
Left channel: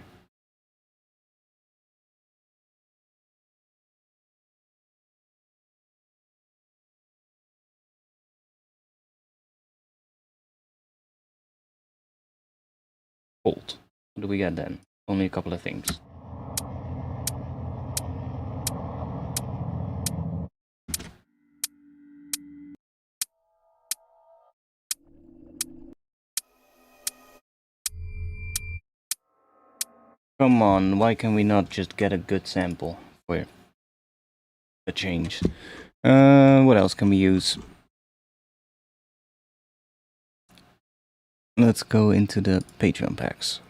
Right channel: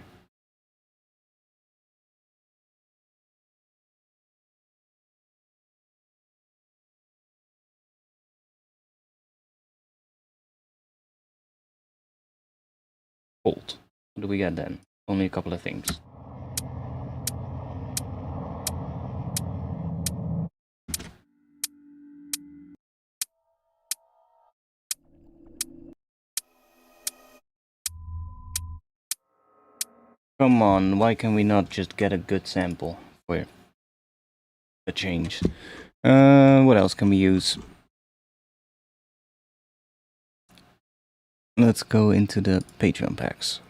Hold. What do we get then? Only a couple of things. Come on, why can we not just get a good sample for a change? What else can we use? Let's go into the Patreon packs.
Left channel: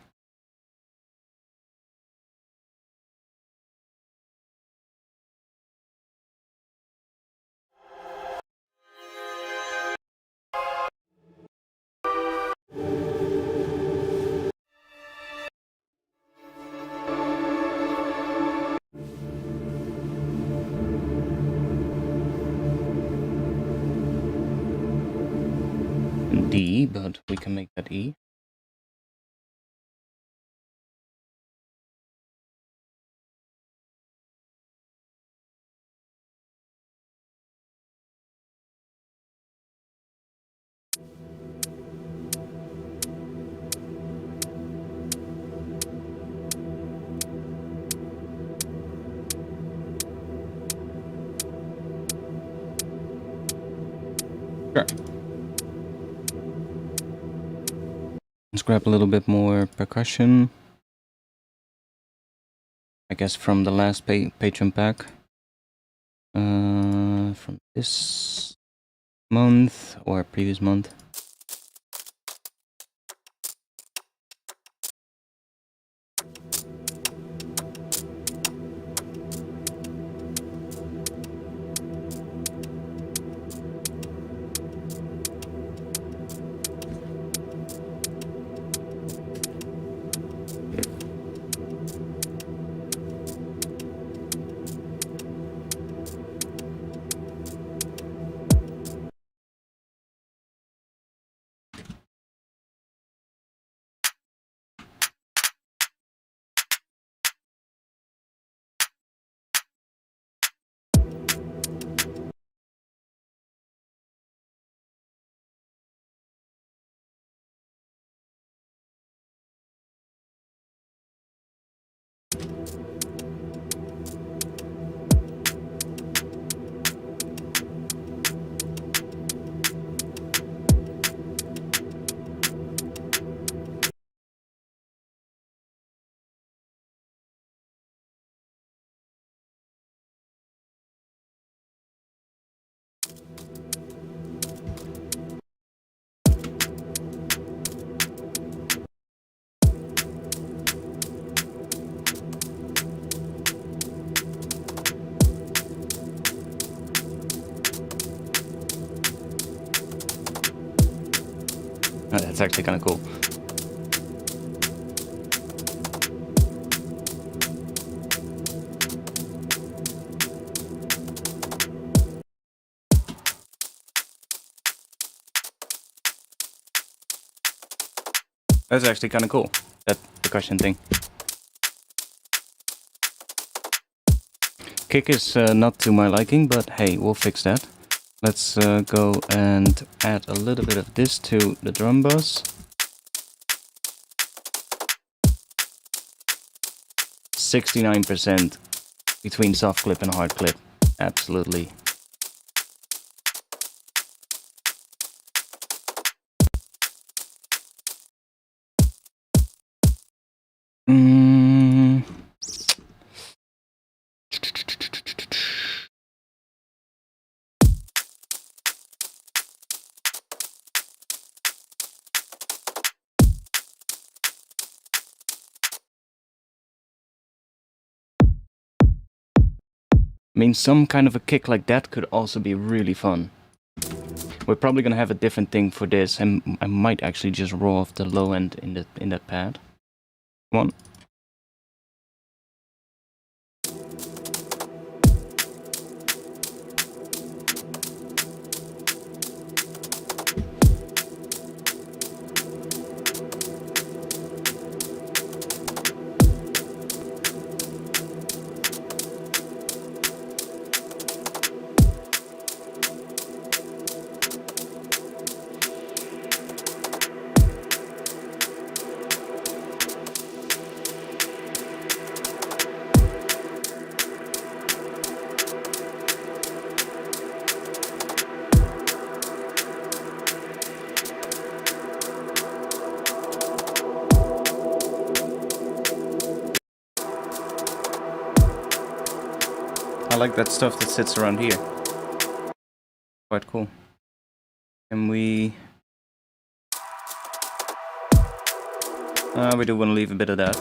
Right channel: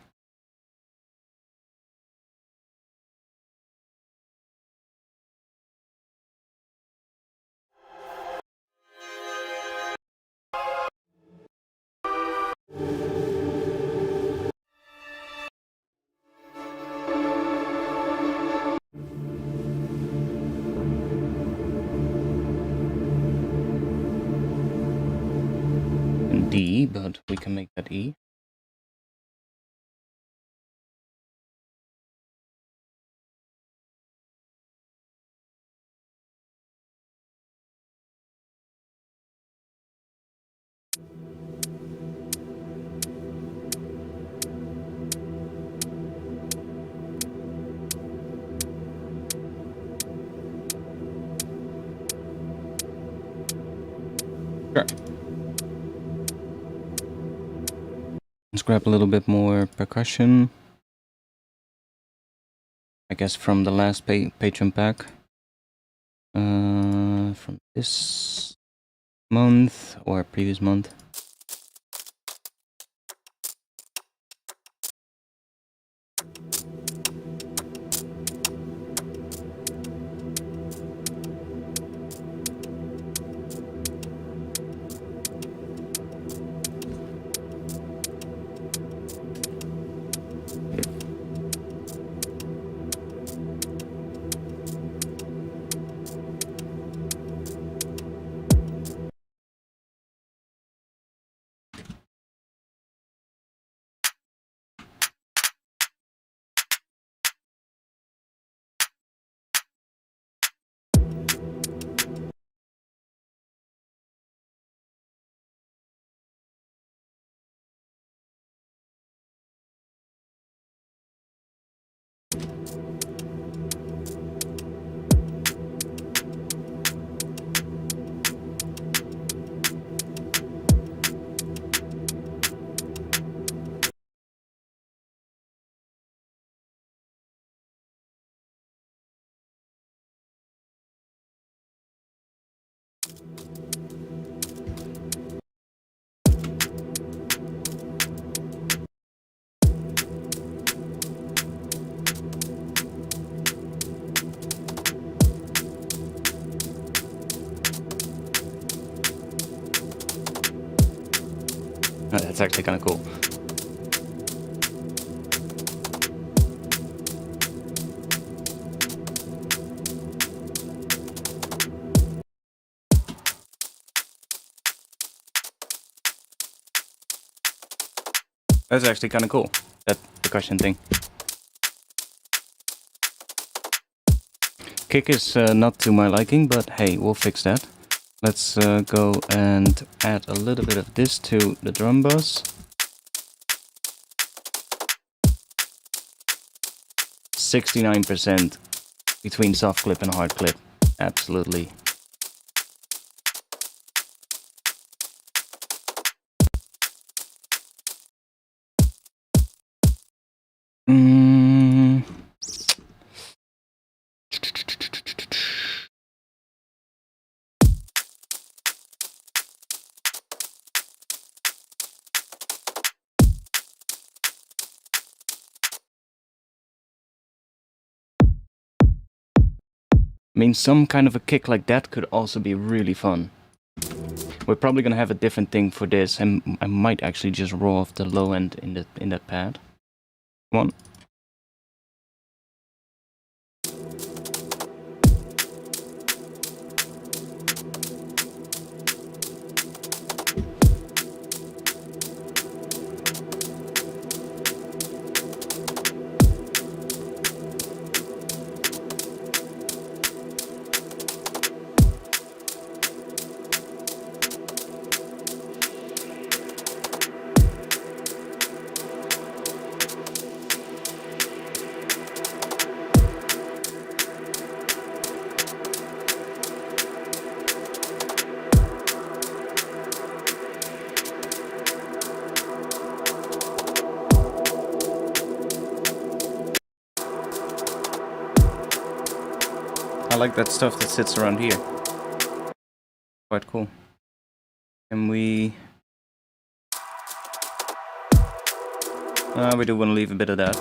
D, but we can make that E. Sure. Let's grab a little bit more percussion. I guess from the last Patreon pack. From this month or previous month. Oh, that's actually kind of cool. That's actually kind of cool, that percussion thing. Kick is not to my liking, but hey, we'll fix that. Let's go and add a little bit of this to the drum bus. 69% between soft clip and hard clip. Absolutely. I mean, some kind of a kick like that could also be really fun. We're probably gonna have a different thing for this, and I might actually just roll off the low end in that pad. Come on. I like that stuff that sits around here. Quite cool. And we do want to leave a bit of that.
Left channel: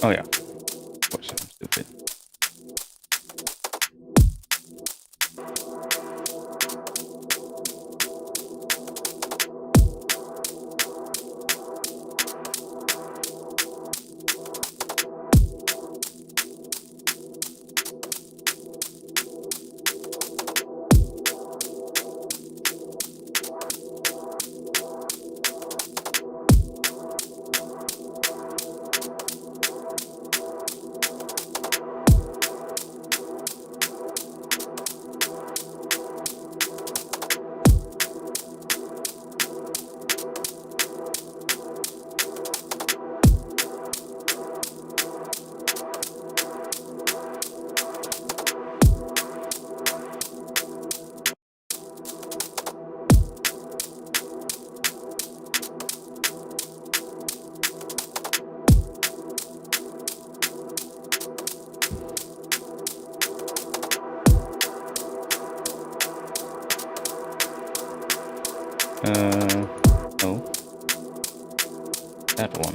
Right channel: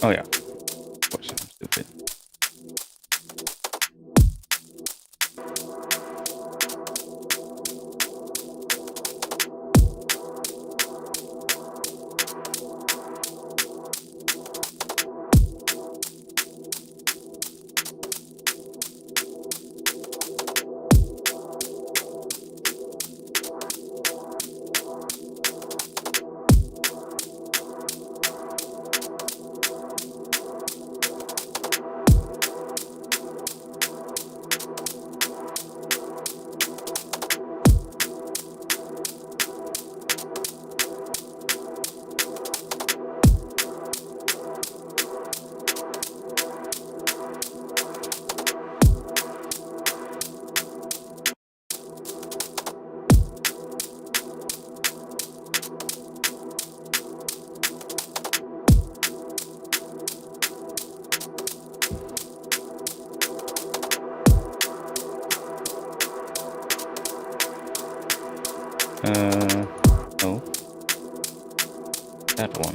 Oh yeah, of course, I'm stupid. No. That one.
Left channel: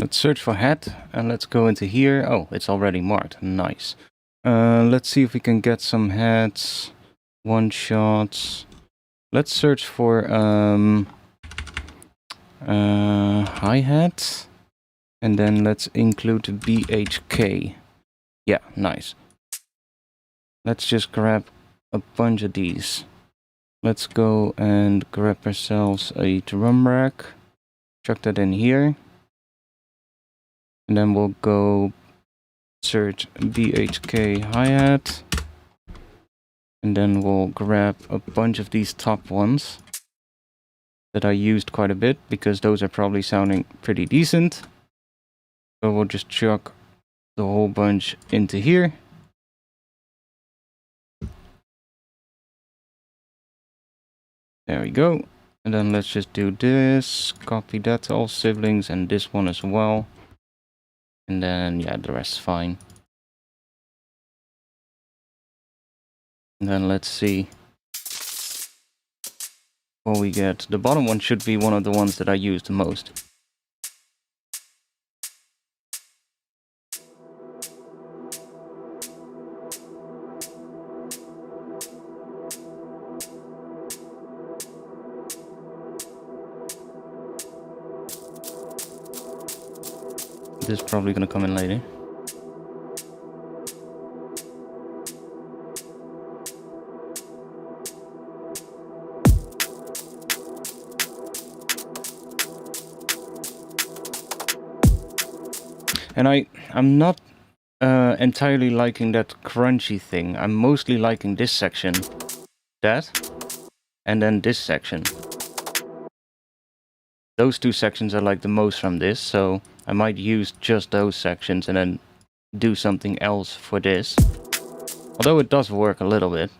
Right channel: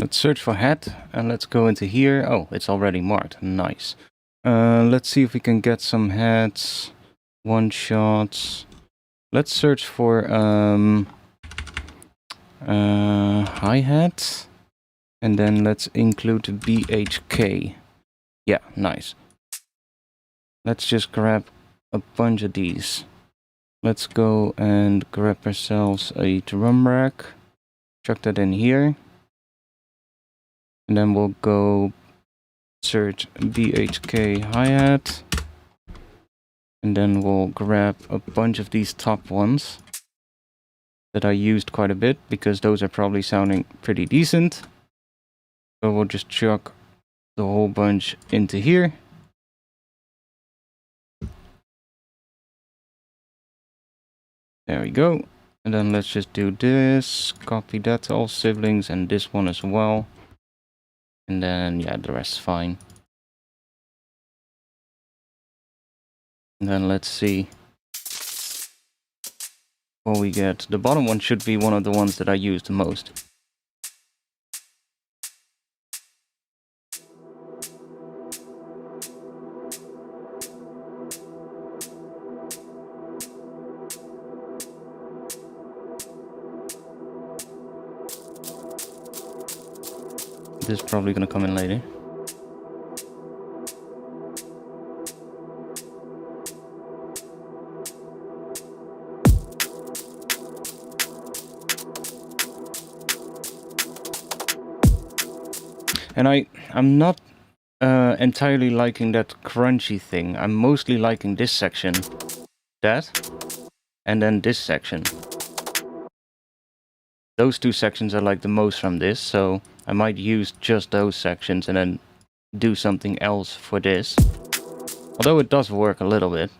Let's search for head and let's go into here. Oh, it's already marked. Nice. Let's see if we can get some heads, one shots. Let's search for hi-hat, and then let's include BHK. Yeah, nice. Let's just grab a bunch of these. Let's go and grab ourselves a drum rack. Chuck that in here. And then we'll go search BHK hi-hat. And then we'll grab a bunch of these top ones that I used quite a bit, because those are probably sounding pretty decent. So we'll just chuck the whole bunch into here. There we go. And then let's just do this, copy that to all siblings, and this one as well. And then, yeah, the rest's fine. And then let's see what we get. The bottom one should be one of the ones that I use the most. This is probably gonna come in later. And I'm not entirely liking that crunchy thing. I'm mostly liking this section, that, and then this section. Those two sections I like the most from this, so I might use just those sections and then do something else for this. Although it does work a little bit.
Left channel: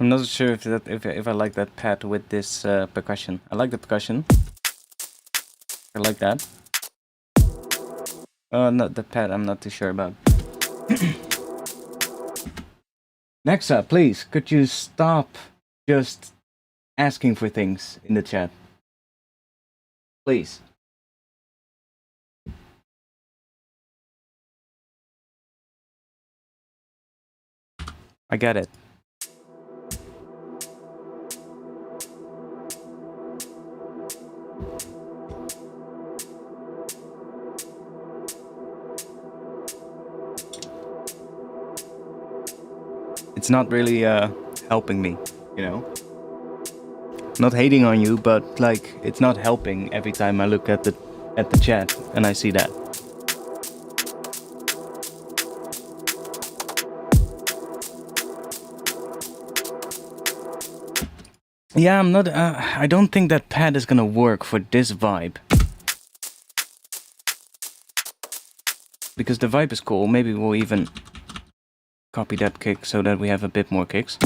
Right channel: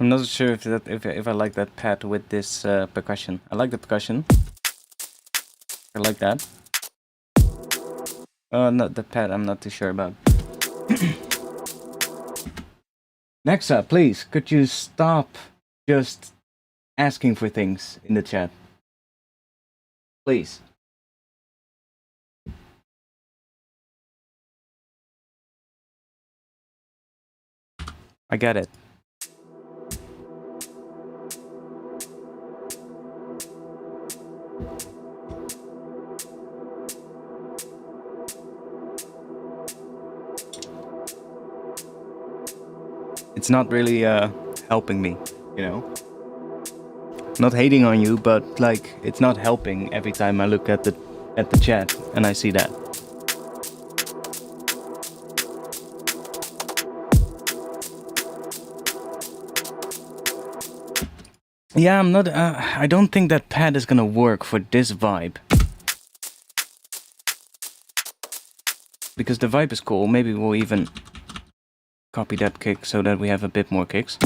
I'm not sure if I like that pad with this percussion. I like the percussion. I like that. Not the pad. I'm not too sure about. Nexa, please, could you stop just asking for things in the chat? Please. I get it. It's not really helping me, you know? Not hating on you, but like it's not helping every time I look at the chat and I see that. Yeah, I'm not I don't think that pad is gonna work for this vibe. Because the vibe is cool. Maybe we'll even copy that kick so that we have a bit more kicks.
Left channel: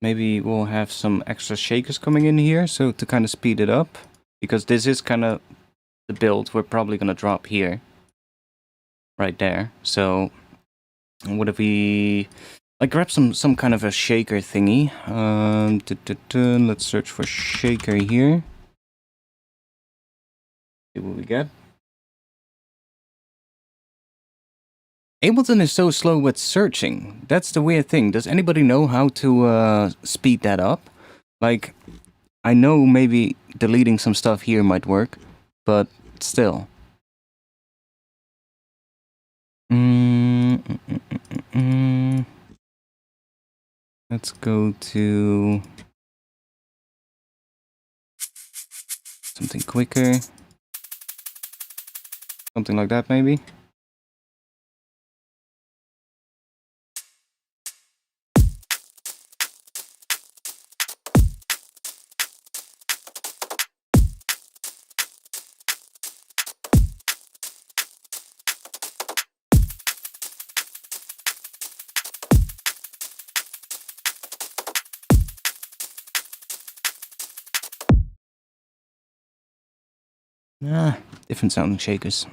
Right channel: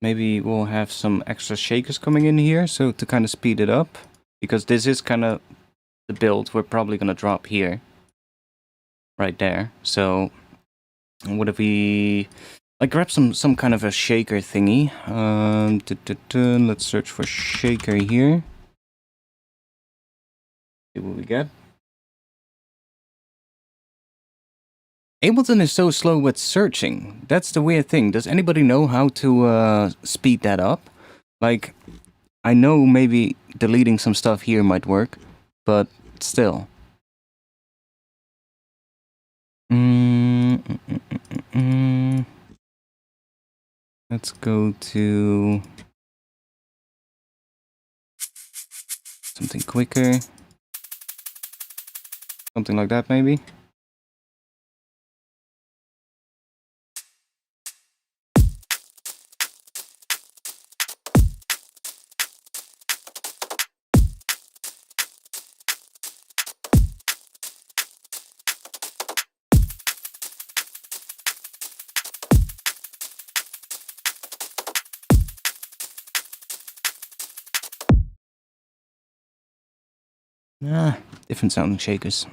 Maybe we'll have some extra shakers coming in here, so to kind of speed it up. Because this is kind of the build we're probably going to drop here. Right there. So, what if we... like grab some kind of a shaker thingy. Let's search for shaker here. See what we get. Ableton is so slow with searching. That's the weird thing. Does anybody know how to speed that up? Like, I know maybe deleting some stuff here might work, but still. Let's go to something quicker. Something like that, maybe. Different sounding shakers.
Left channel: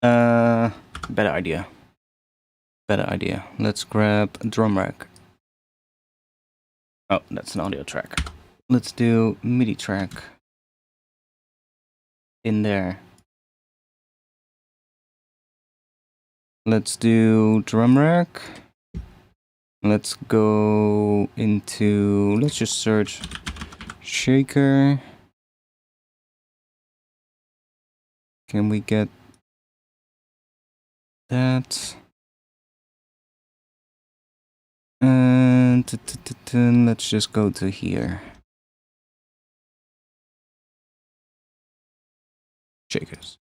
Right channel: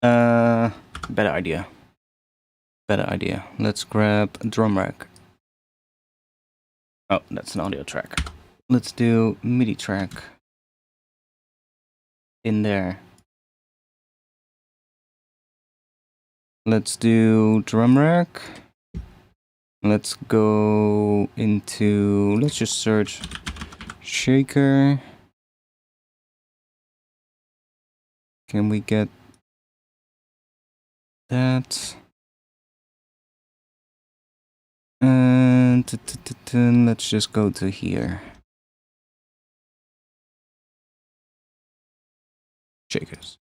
Better idea. Better idea. Let's grab a drum rack. Oh, that's an audio track. Let's do MIDI track in there. Let's do drum rack. Let's go into, let's just search shaker. Can we get that? And let's just go to here. Shakers.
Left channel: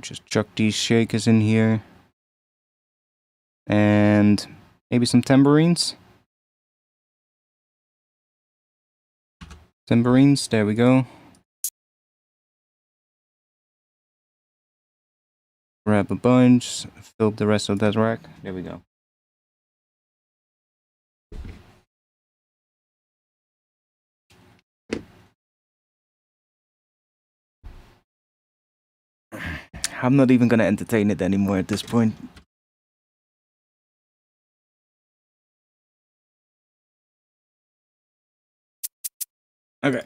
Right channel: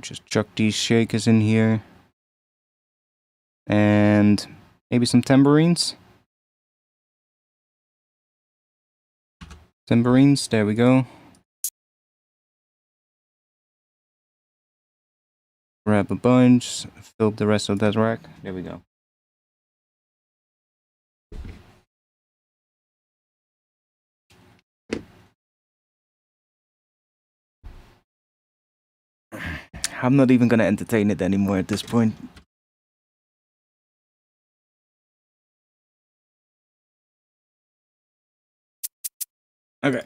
Just chuck these shakers in here. And maybe some tambourines. Tambourines, there we go. Grab a bunch, fill up the rest of that rack. There we go. I'm not even gonna entertain it anymore at this point. Okay,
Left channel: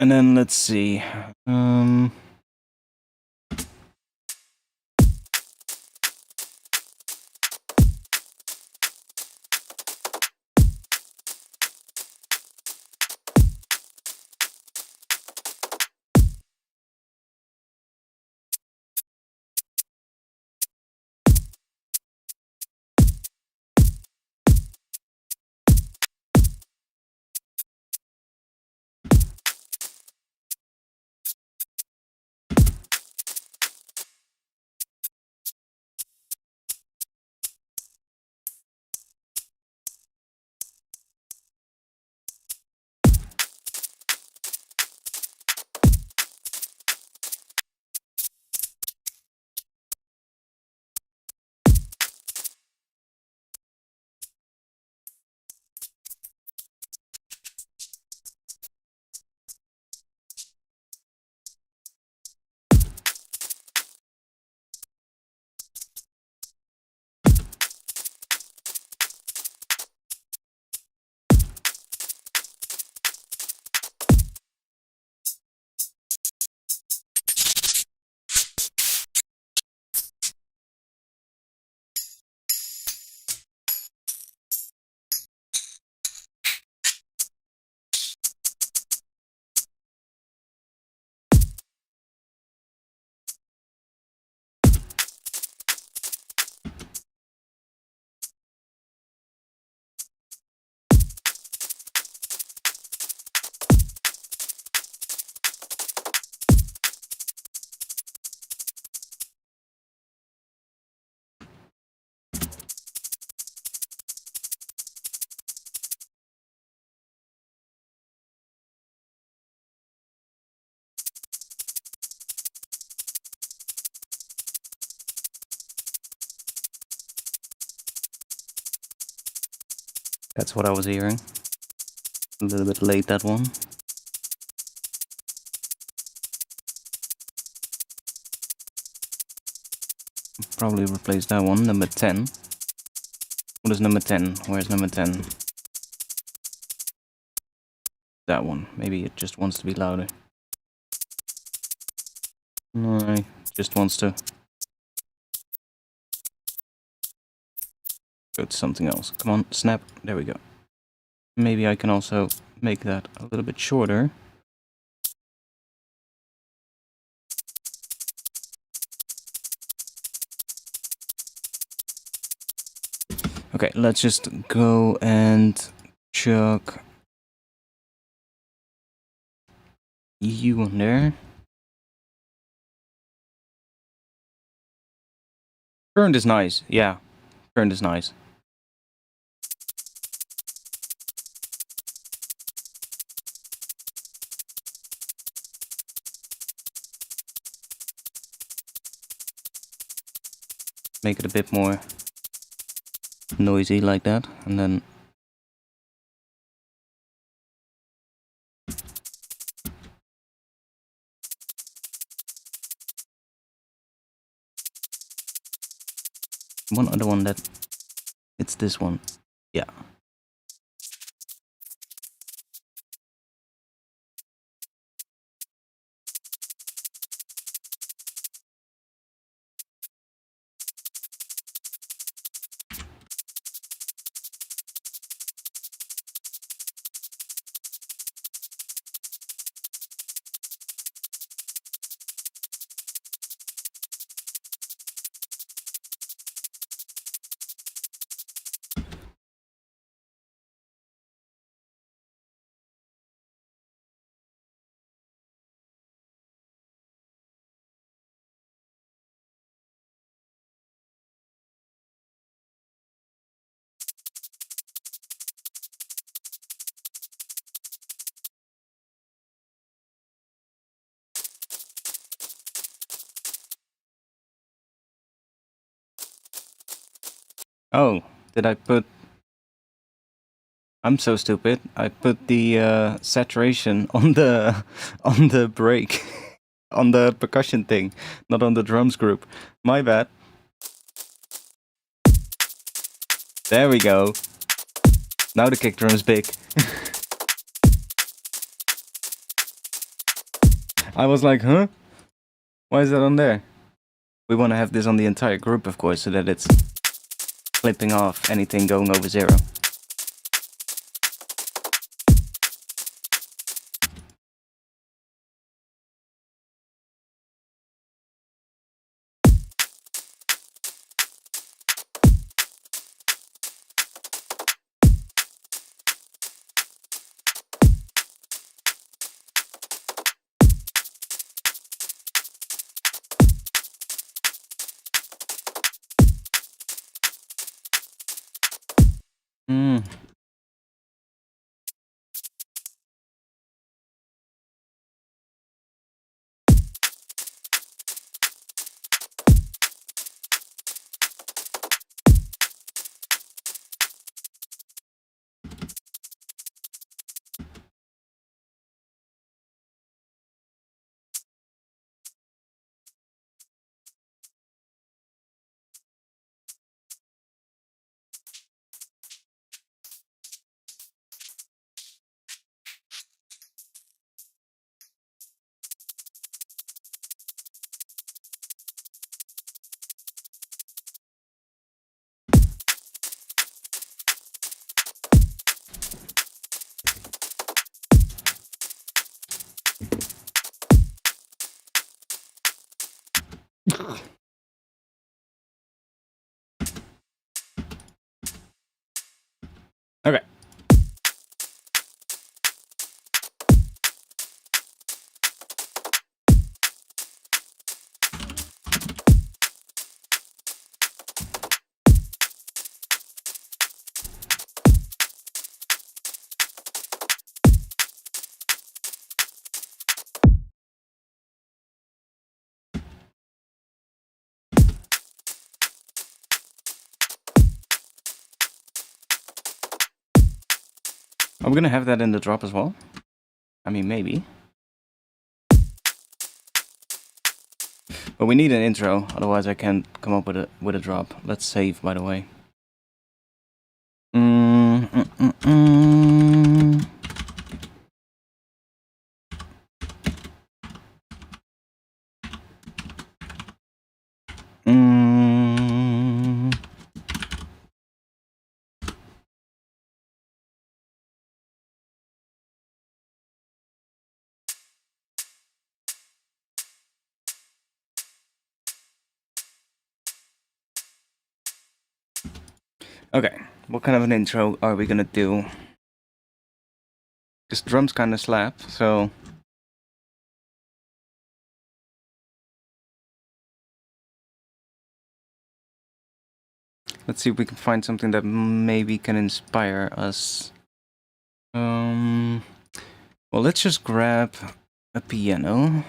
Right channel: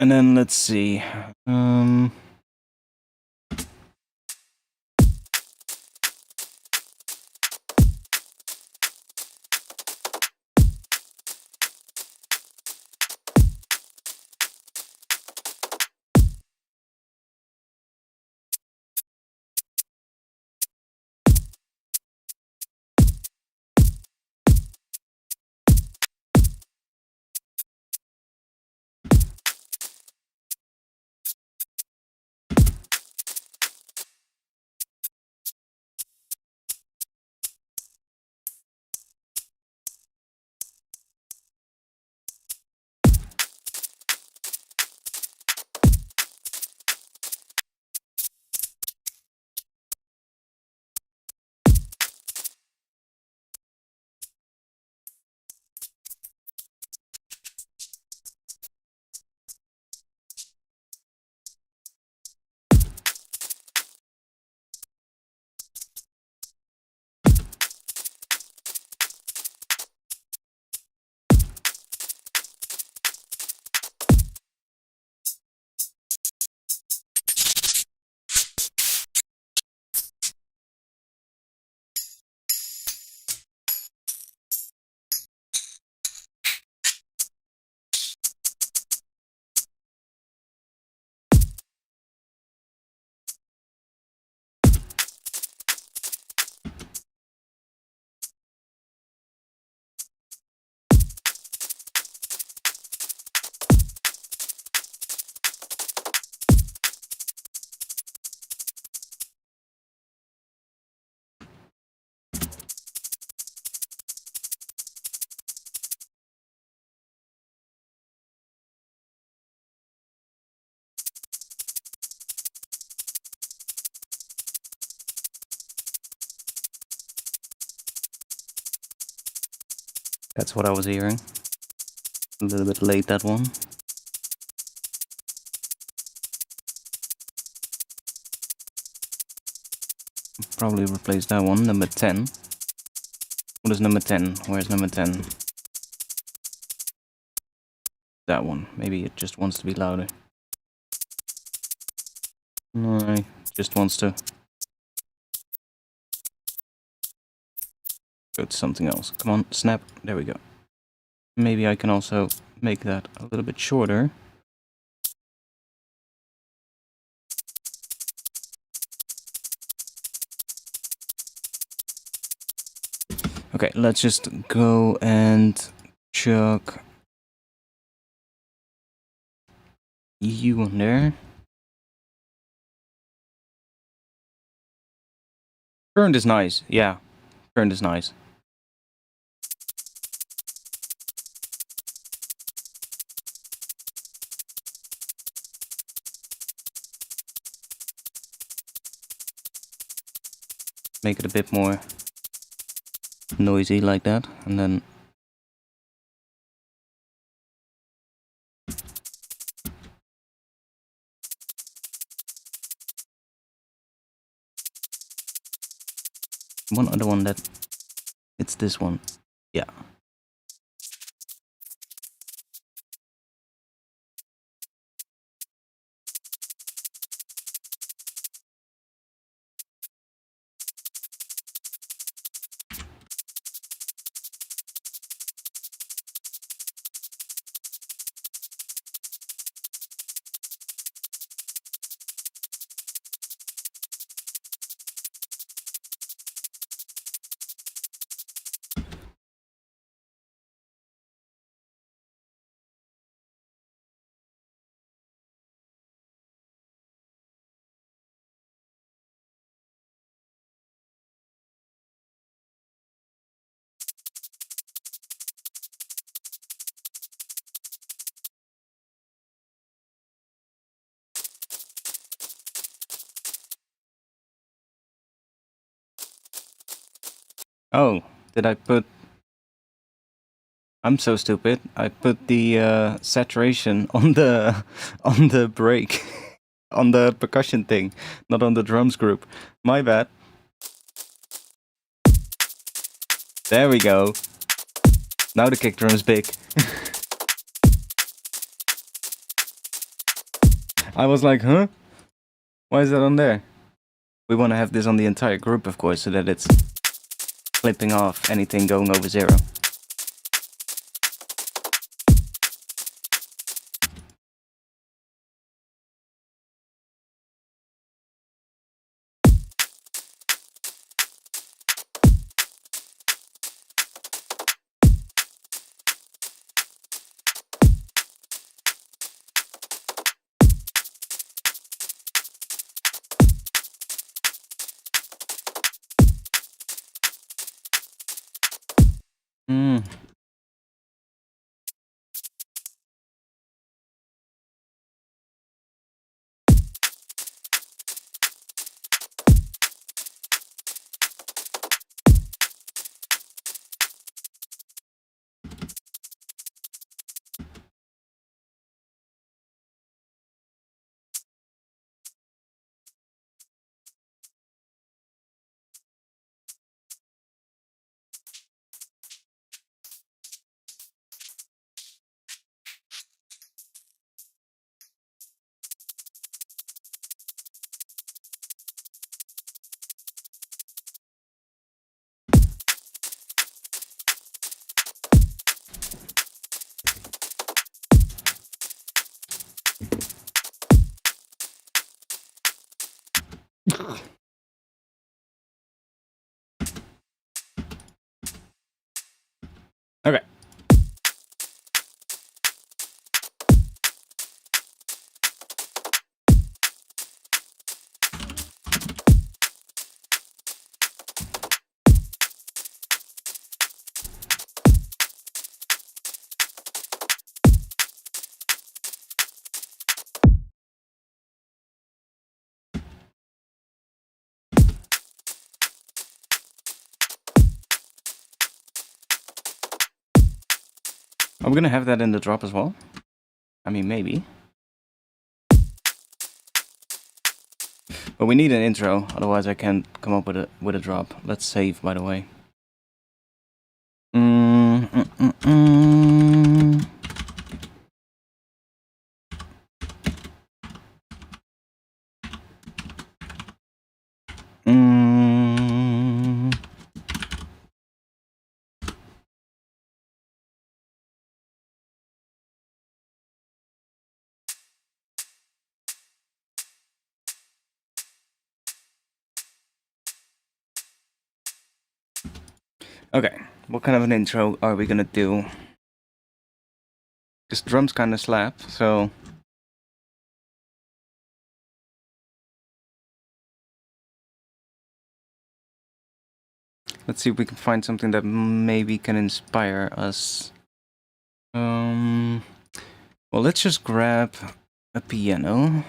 and then let's see. That's what I was hearing. A little bit late, that one. Probably replace that one, number 10. What is number 10? Where's number 10? That one. Maybe it just wants to be louder. No, it just wants to go to something else. Come on, snap. There we go. Maybe I can also make that a little bit shorter. Okay, let's just go and chuck you on there. Current is nice, yeah. Current is nice. Make it a bit more noisy like that, and then one other one that it's this one. Yeah. Oh, did I put... I'm so stupid. I put the saturation on the on the break, on the percussion thing, not on the drums group. My bad. There we go. Now the kick drum is big. I was like, huh? Why is that on there? We want to have this on the entire group, of course, so that it's clipping off anything going over 0. Hmm. Okay. Are we gonna have that in the drop as well? I mean, maybe. But we need an intro, otherwise I can't come up with a drop. Let's save, by the way. Mm, mm, mm, mm. Mm. Okay, what kind of an intro are we gonna do? This drums kind of slap, so... Let's see if we can find something that maybe can inspire us. Well, let's just grab a piano.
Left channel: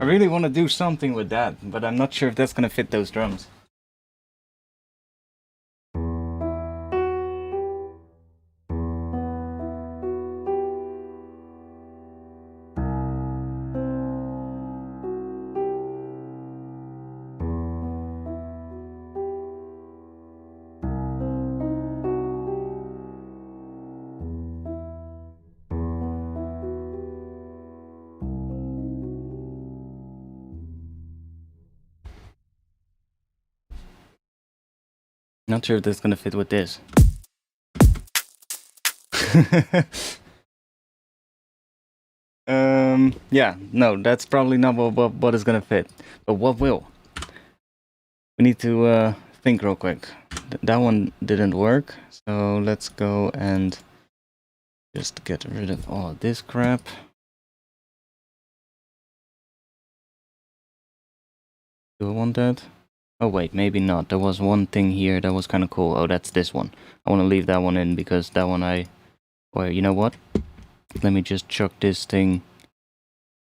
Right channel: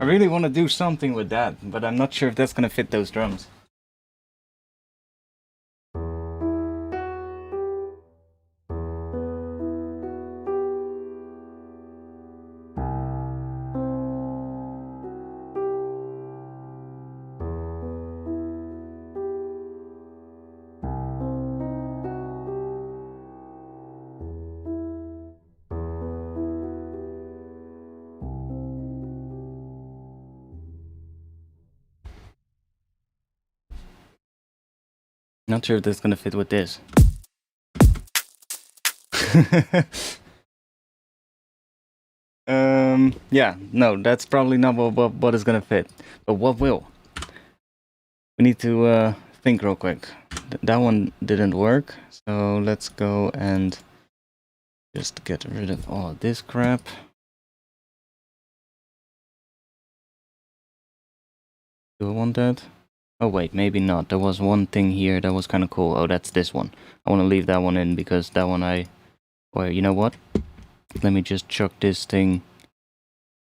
I really want to do something with that, but I'm not sure if that's gonna fit those drums. Not sure if that's gonna fit with this. Yeah, no, that's probably not what is gonna fit. But what will? We need to think real quick. That one didn't work, so let's go and just get rid of all of this crap. Do I want that? Oh wait, maybe not. There was one thing here that was kind of cool. Oh, that's this one. I want to leave that one in because that one Or you know what? Let me just chuck this thing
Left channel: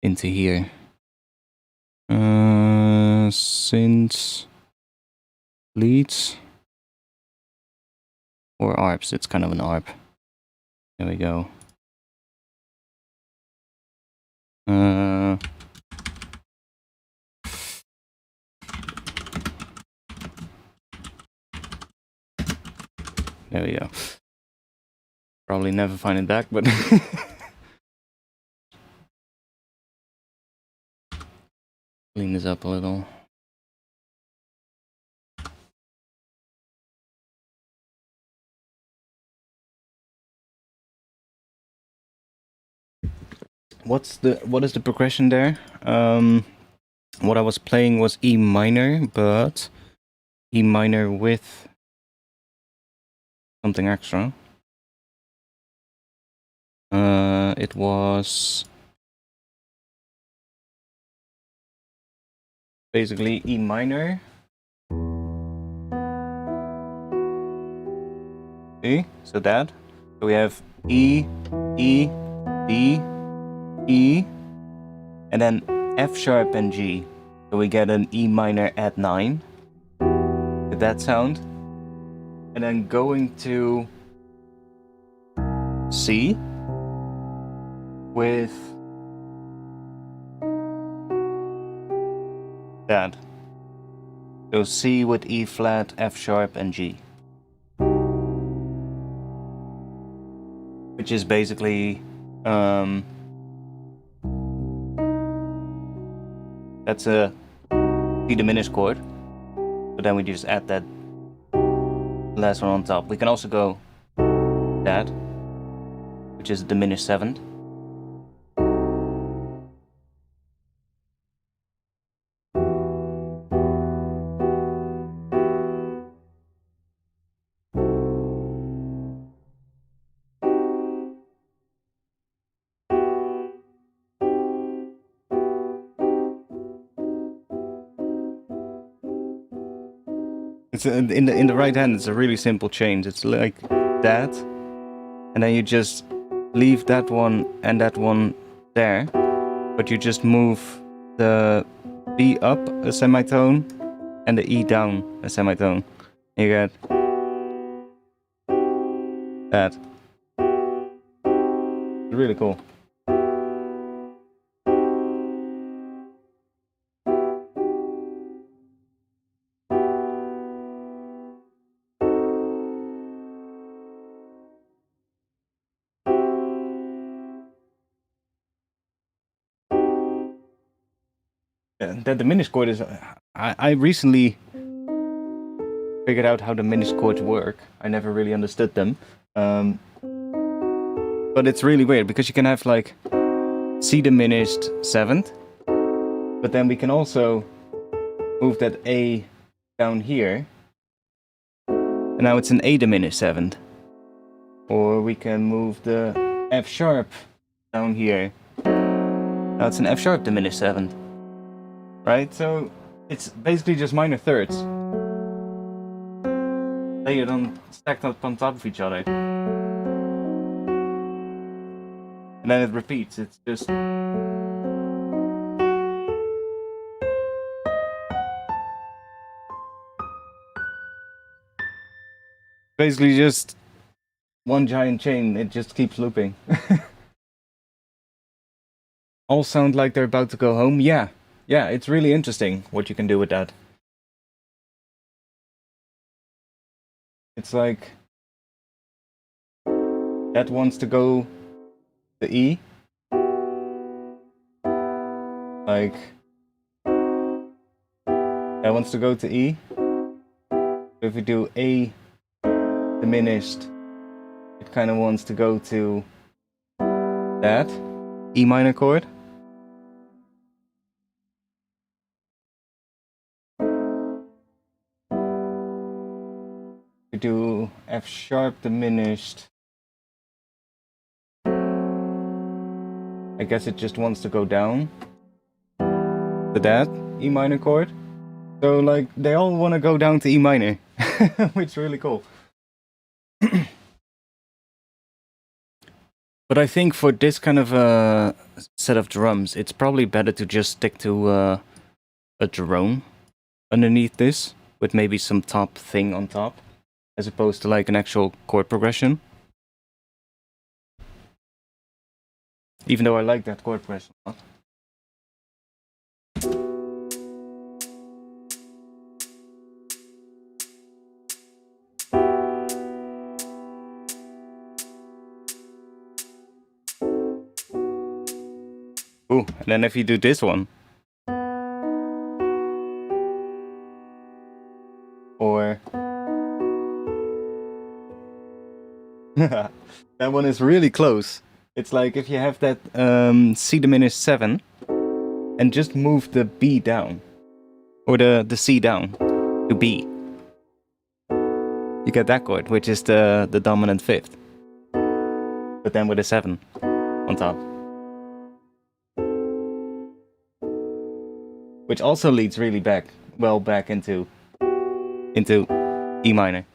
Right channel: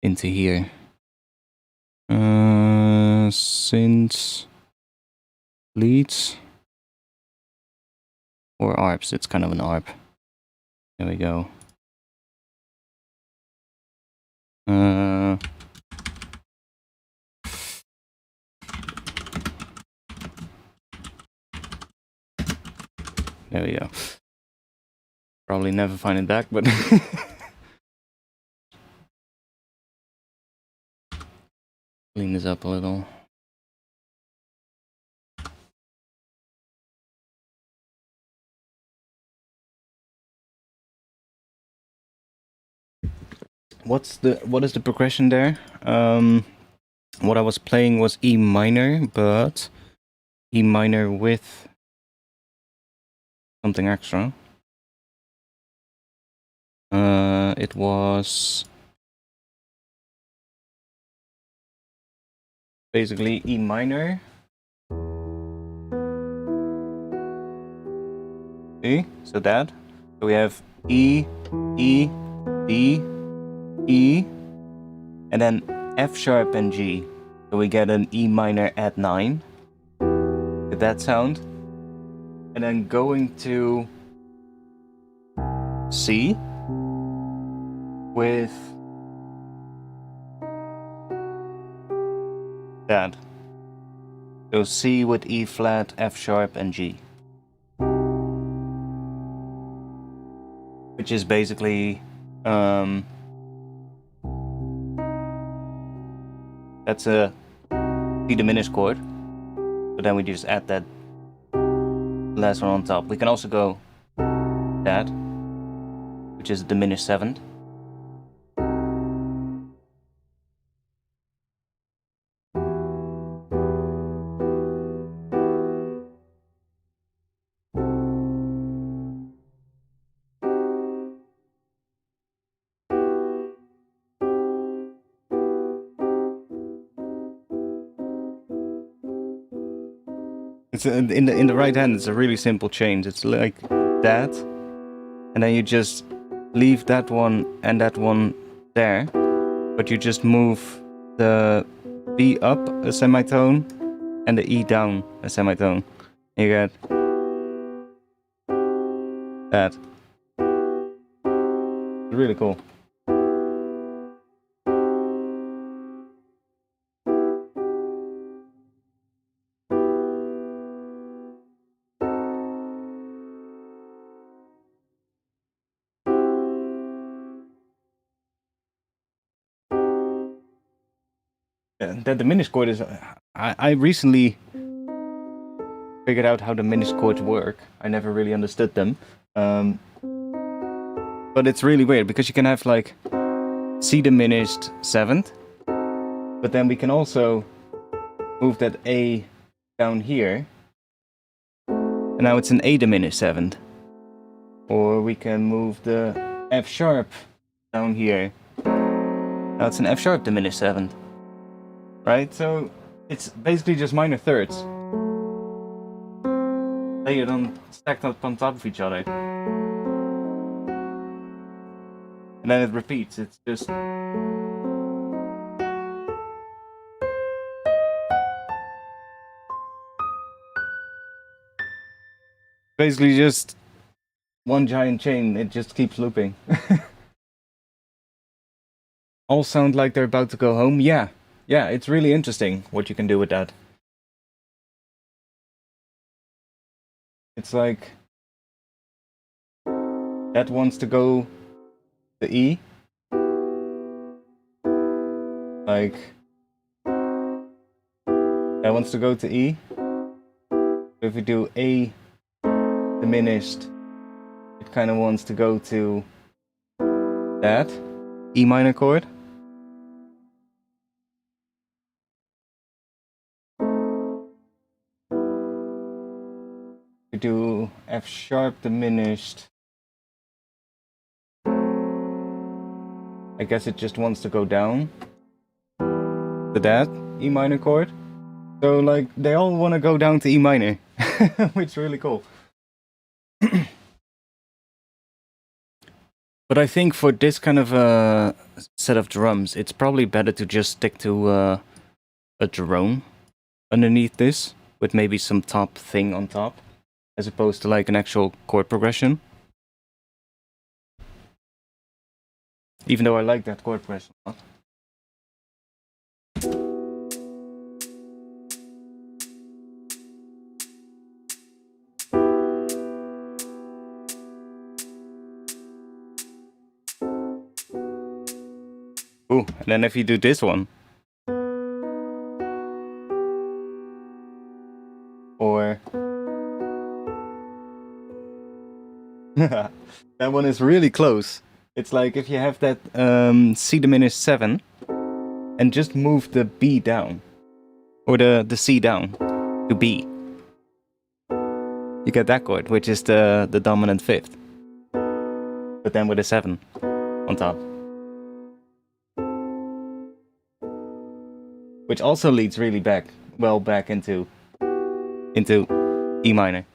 into here. Synth leads or ARPs. It's kind of an ARP. There we go. There we go. Probably never find it back, but clean this up a little. What is the progression there? what I was playing was E minor, but E minor with something extra. It was basically E minor. See? So that. So we have E, E, D, E, and then F sharp and G. So we get an E minor at 9 with that sound. And then going to C with that. So C with E flat, F sharp, and G. Which is basically that's a C diminished chord. So then we just add that last one on top. We can also go that, which is a diminished 7th. It's in the right hand. It's a really simple change. It's like that, and then you just leave that one and that one there, but you just move the B up a semitone and the E down a semitone. You get that. It's really cool. The diminished chord is... I recently figured out how diminished chords work. I never really understood them. But it's really weird, because you can have like C diminished 7th, but then we can also move that A down here, and now it's an A diminished 7th. Or we can move the F sharp down here. Now it's an F sharp diminished 7th. Right? So it's basically just minor thirds layered on, stacked up on top of each other. And then it repeats. It's just... basically just one giant chain. It just keeps looping. All sound like they're about to go home. Yeah, it's really interesting what you can do with that. It's like that wants to go to E. Like that wants to go to E. So if we do A diminished, it kind of wants to go to that E minor chord. We do F sharp diminished. I guess it just wants to go down to that E minor chord. So like they all want to go down to E minor, which is really cool. But I think for this kind of a set of drums, it's probably better to just stick to a drone underneath this, with maybe some top thing on top, as opposed to like an actual chord progression. Even though I like that chord progression a lot. Ooh, and then if you do this one. Or... that one is really close. It's like if you have that C diminished 7, and just move the B down, or the C down to B, you get that chord, which is the dominant fifth, but then with a 7 on top, which also leads really back into E minor.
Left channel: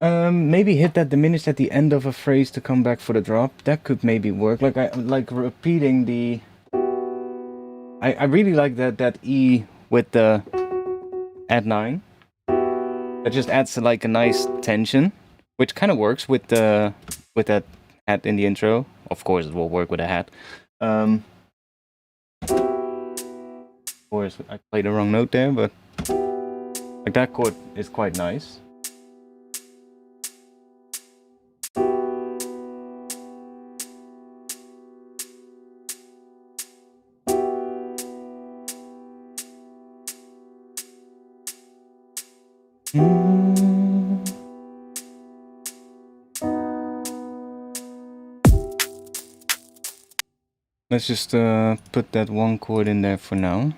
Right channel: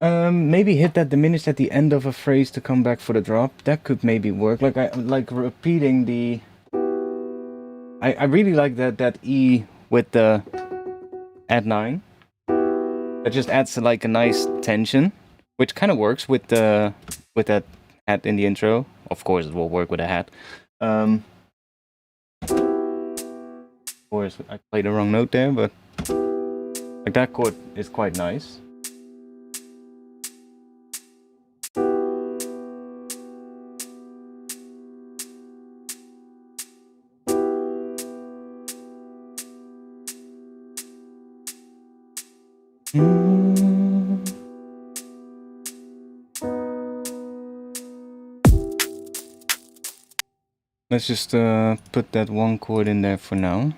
Maybe hit that diminished at the end of a phrase to come back for the drop. That could maybe work. Like repeating the. I really like that E with the add 9. That just adds like a nice tension, which kind of works with that hat in the intro. Of course, it will work with a hat. Of course, I played the wrong note there, but like that chord is quite nice. Let's just put that one chord in there for now.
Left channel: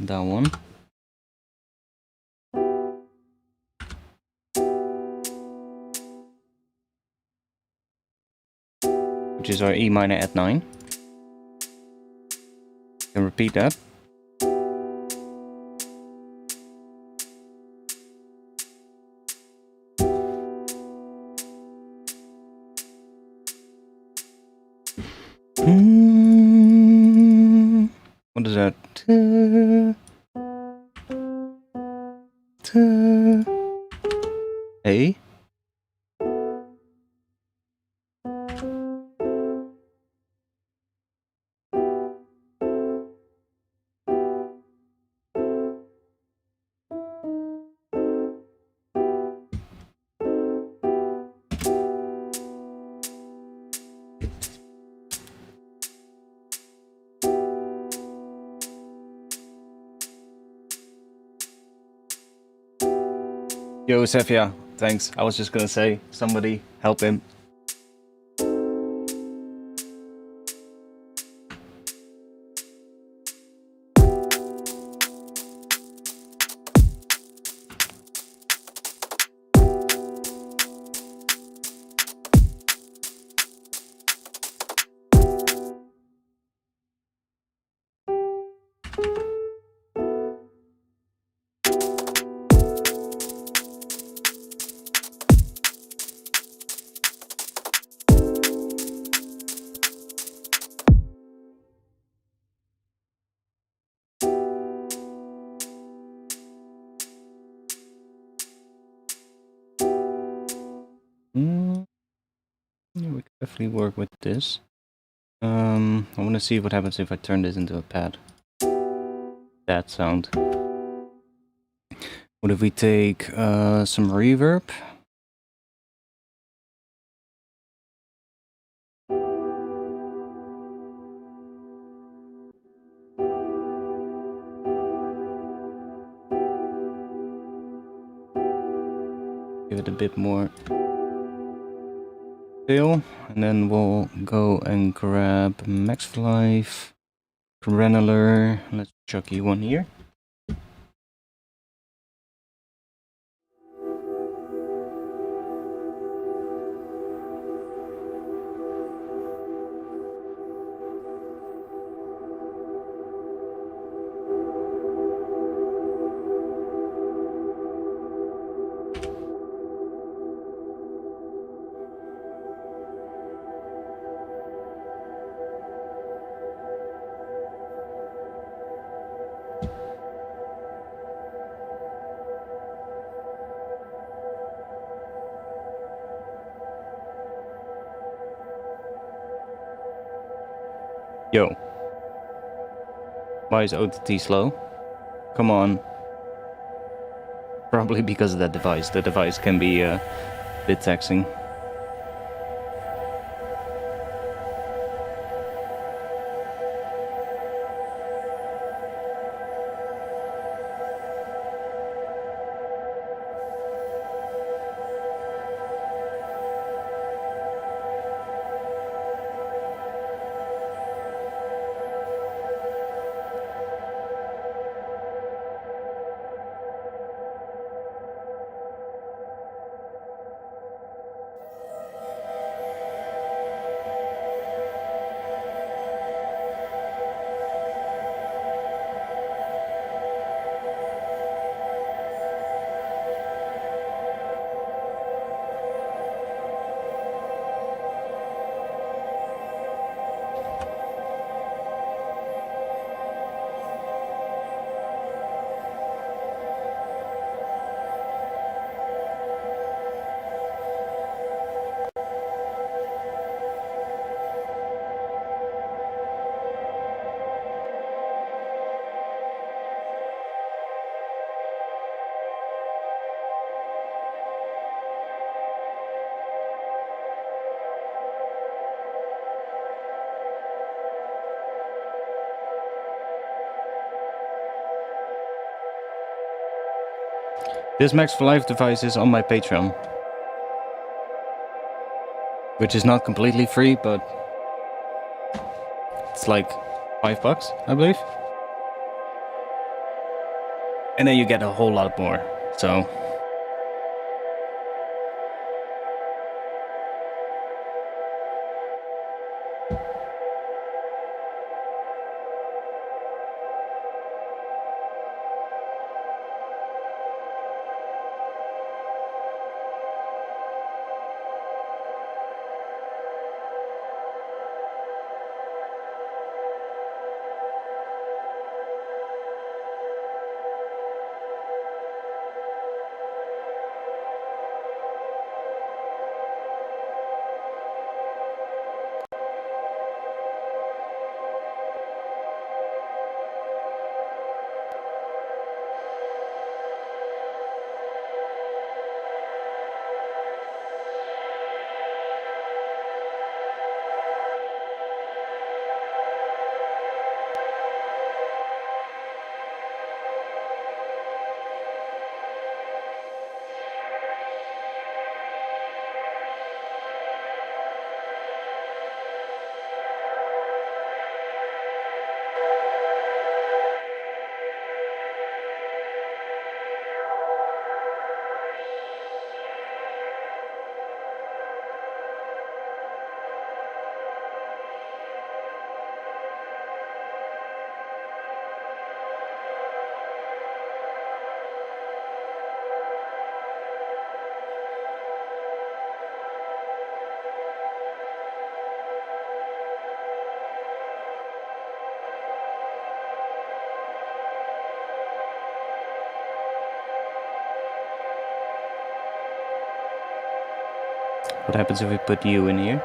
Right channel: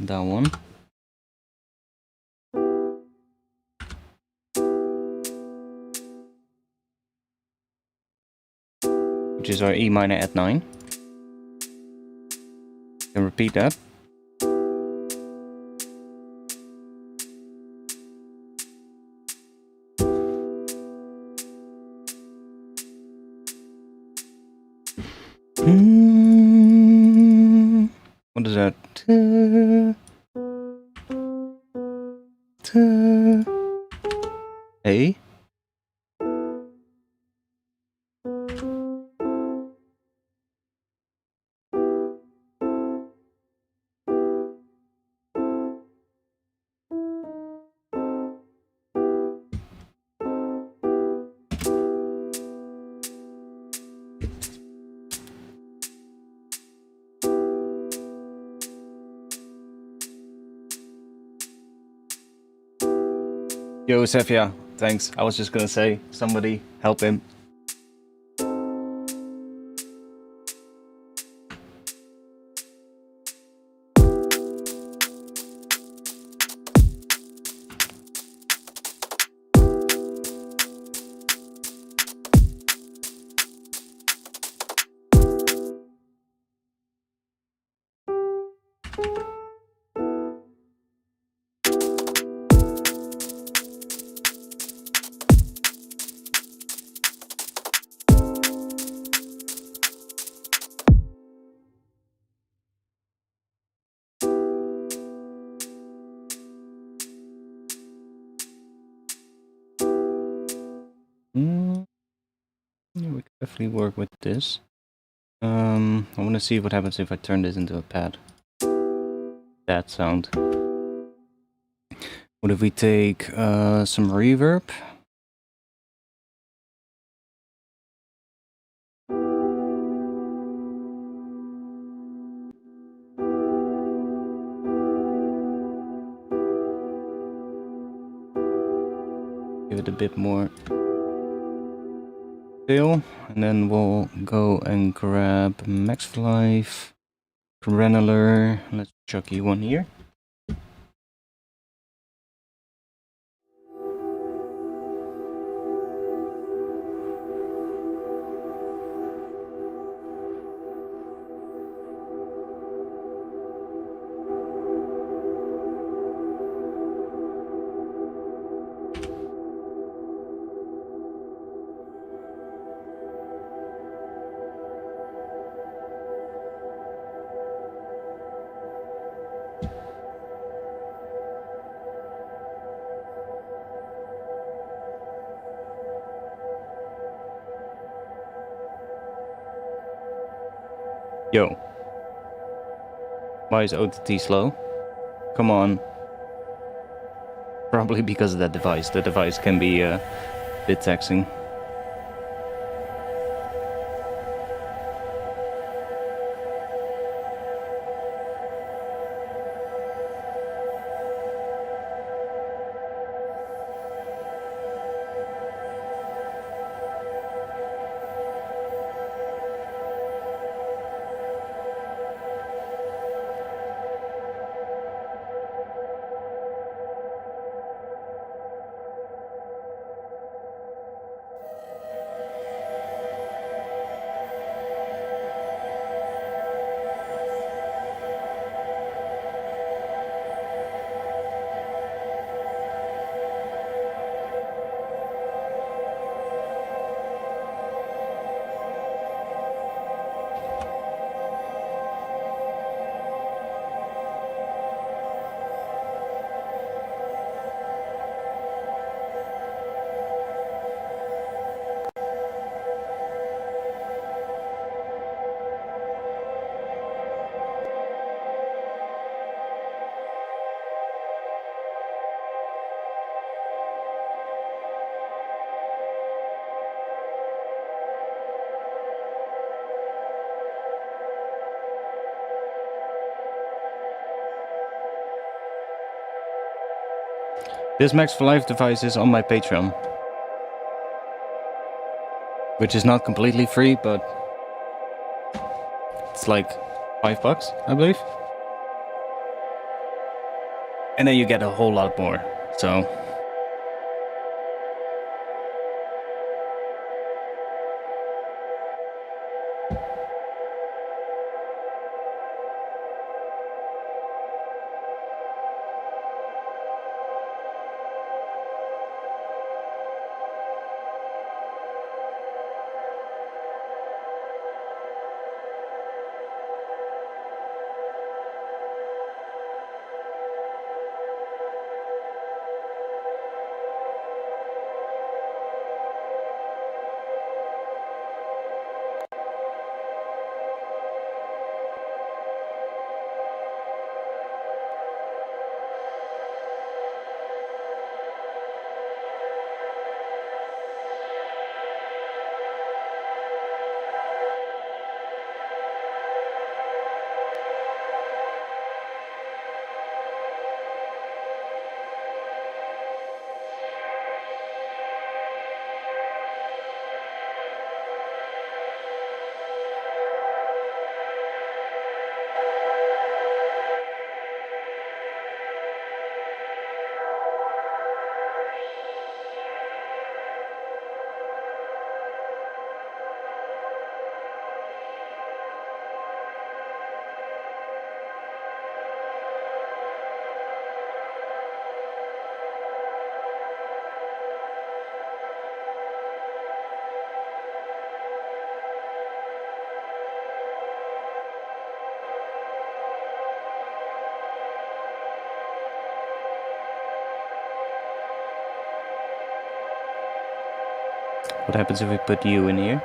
That one. Which is our E minor at 9. Can repeat that. What is that? A. Yo, Sephia, thanks. I was just gonna say, somebody help him. Yeah, we could definitely work with this. I want to see what happens if I turn this into a pad. That sound. What if we take some reverb? Give it a bit more feel, and then we'll go and grab Max Life, Granular. Let's chuck you one here. Yo. Why is OTT slow? Come on. Probably because of that device. The device can be a bit taxing. This Max for Life device is on my Patreon, which is not completely free, but it's like $5, I believe. And then you get a whole lot more, so... What happens if we put you in here?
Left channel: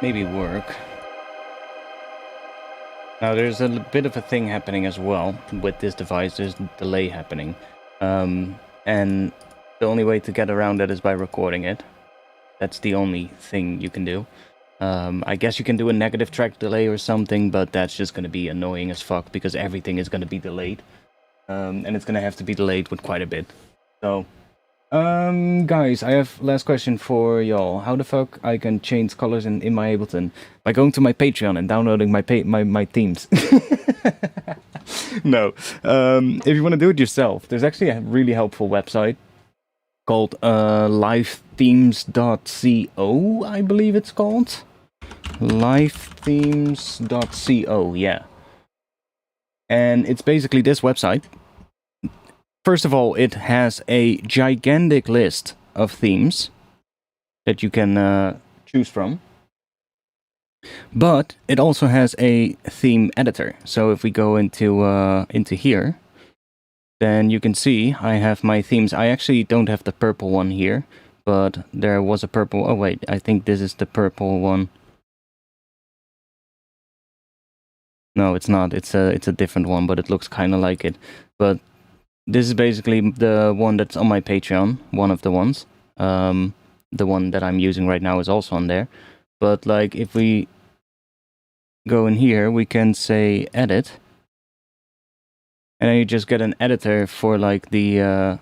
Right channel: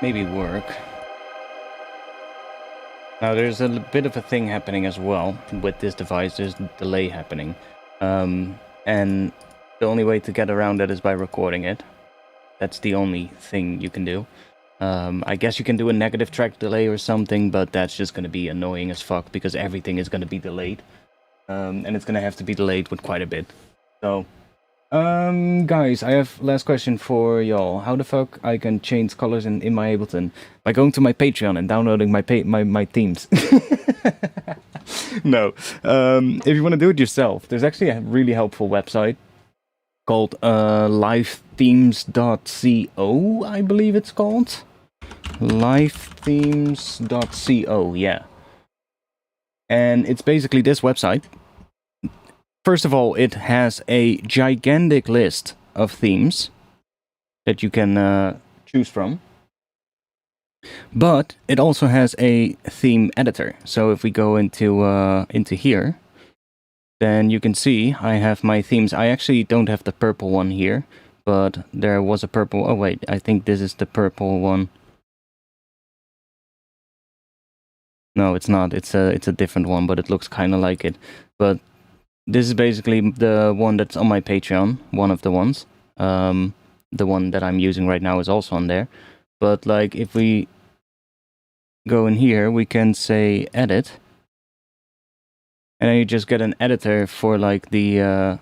Maybe work. Now there's a bit of a thing happening as well with this device. There's delay happening. And the only way to get around that is by recording it. That's the only thing you can do. I guess you can do a negative track delay or something, but that's just going to be annoying as fuck because everything is going to be delayed. And it's going to have to be delayed with quite a bit. So, guys, I have last question for y'all. How the fuck I can change colors in my Ableton? By going to my Patreon and downloading my themes. No. If you want to do it yourself, there's actually a really helpful website called livethemes.co, I believe it's called. Livethemes.co, yeah. And it's basically this website. First of all, it has a gigantic list of themes that you can choose from. But it also has a theme editor. So if we go into here, then you can see I have my themes. I actually don't have the purple one here, but there was a purple. Oh wait, I think this is the purple one. No, it's not. It's a different one, but it looks kind of like it. But this is basically the one that's on my Patreon, one of the ones. The one that I'm using right now is also on there. But like if we go in here, we can say edit. And then you just get an editor for like the